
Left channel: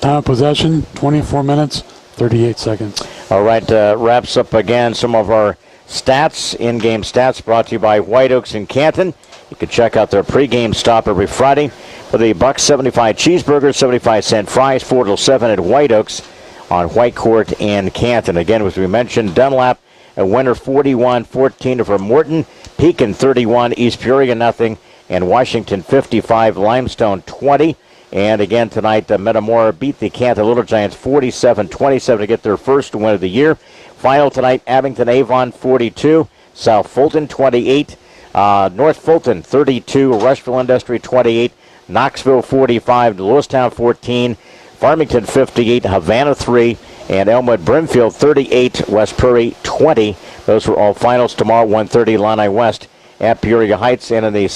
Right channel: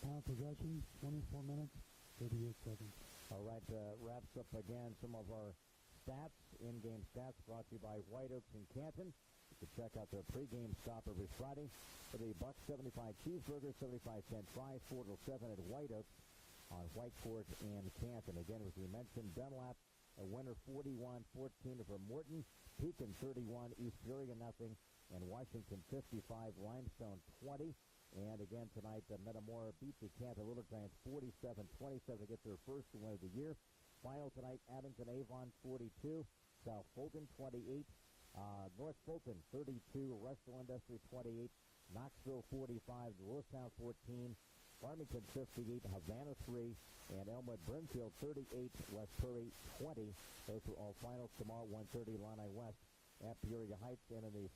Time of possession, 24 minutes, 38 seconds. All right, wraps up again some of our stats, in-game stats brought to you by White Oaks in Canton. You can check out their pregame stop every Friday for the $1.75 cheeseburgers, 75-cent fries, 4 till 7 at White Oaks on White Court in Canton. Again, as we mentioned, Dunlap a winner 41-14 over Morton, Pekin 31, East Peoria nothing, and Washington 55, Limestone 20. And again tonight, Metamora beat the Canton Little Giants 47-27 to get their first win of the year. Final tonight, Abington Avon 42, South Fulton 28, North Fulton 32, Rushville Industry 28, Knoxville 45, Lewistown 14, Farmington 58, Havana 3, and Elmwood Brimfield 38, West Prairie 20. Those were all finals tomorrow, 1:30 Illini West at Peoria Heights. And in the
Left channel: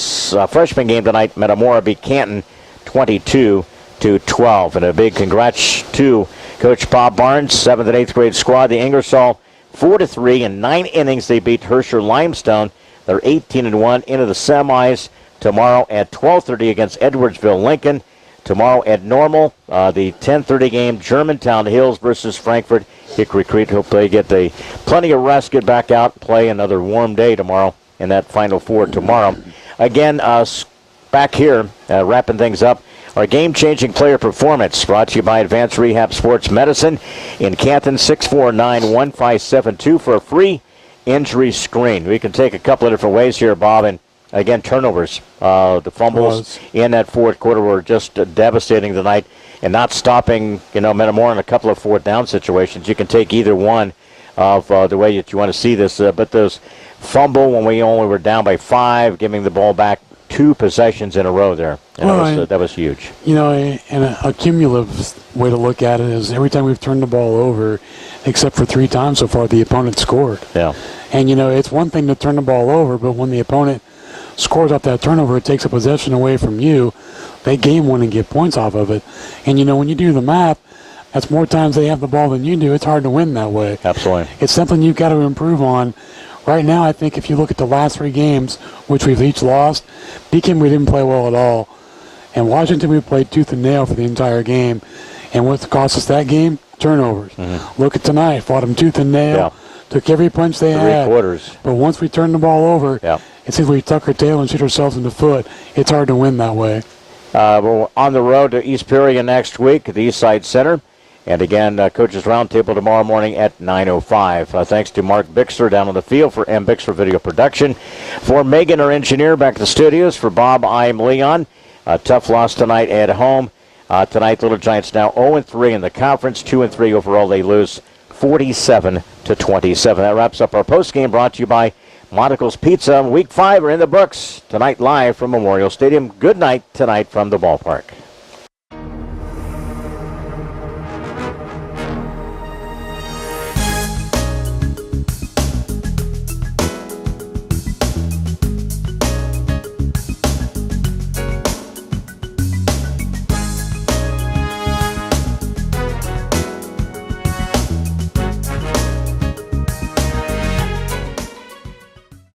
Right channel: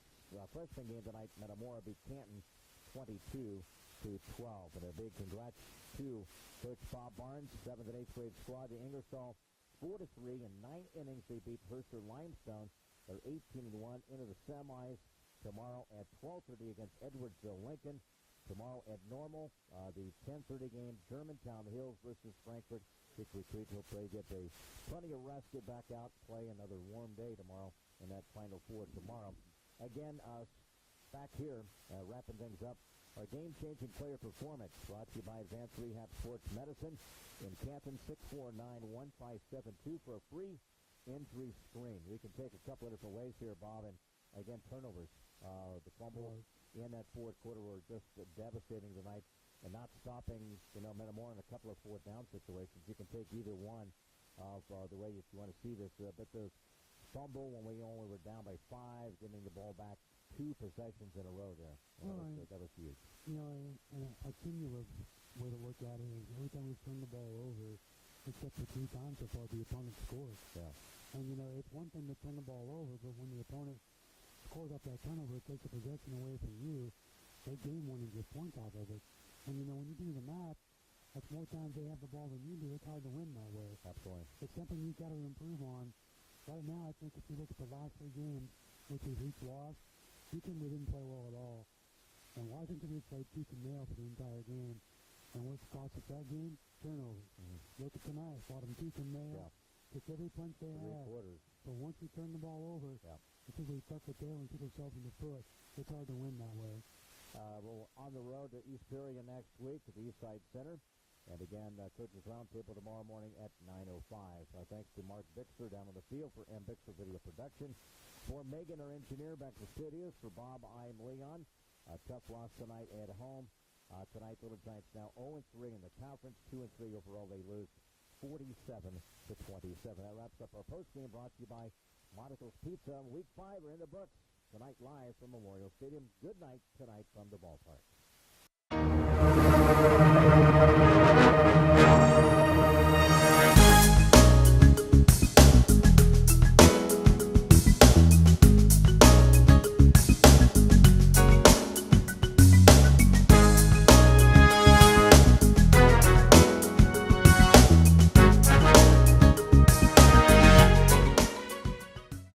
freshman game tonight, Metamora beat Canton 22-12. And a big congrats to Coach Bob Barnes, 7th and 8th grade squad. The Ingersoll 4-3 in 9 innings. They beat Herscher Limestone. They're 18-1 into the semis tomorrow at 12:30 against Edwardsville Lincoln. Tomorrow at Normal, the 10:30 game, Germantown Hills versus Frankfort Hickory Creek. Hope they get plenty of rest, get back out, and play another warm day tomorrow in that Final Four tomorrow. Again, back here, wrapping things up, our game-changing player performance brought to you by Advanced Rehab Sports Medicine in Canton, 649-1572 for a free injury screen. We can take a couple of different ways here, Bob, and again, turnovers. The fumbles in that fourth quarter were just devastating tonight, and not stopping, Metamora in a couple of fourth down situations. You can take either one of the way that you want to see this. But those fumble when we only were down by 5, giving the ball back 2 possessions in a row there. And that was huge. And a cumulative way to look at it is every time we've turned the ball over, except for 3 times so far, the opponent scored. Yeah. And, it's one thing to turn the ball over, but when the opponent scores off that turnover, it takes a possession away from you. They game one and get points off of it. And, when you do the math, that's more times they have the ball than you do. It's hard to win that way. Absolutely. It's something you've got to improve on. Right now, I think if you look at the last 3 games, which we've each lost, Beacon we didn't play well at all. And Washington, we played tooth and nail for the entire game. And what cost us that game? Turnovers. Mm-hmm. Look at tonight. Fought them tooth and nail. Yeah. Took every punch they had. 3 quarters. But once we turned the ball over, it seems we tuck our tail and shoot ourselves in the foot. It's hard to win that way. We're on the road to East Peoria next week at the East Side Center. And again, Coaches Roundtable tomorrow morning at 9:05. Thanks to Mark Bixler down on the field for M. Bixler Video Production. For Megan, our engineer, back at the studios. For Bob, I'm Leon. Tough loss tonight at home. Tonight, Little Giants now 0-3 in the conference, 2-3 overall. They lose 47-27. That wraps up our postgame brought to you by Monticle's Pizza. Week 5 are in the books. Tonight live from Memorial Stadium. Good night tonight from the ballpark.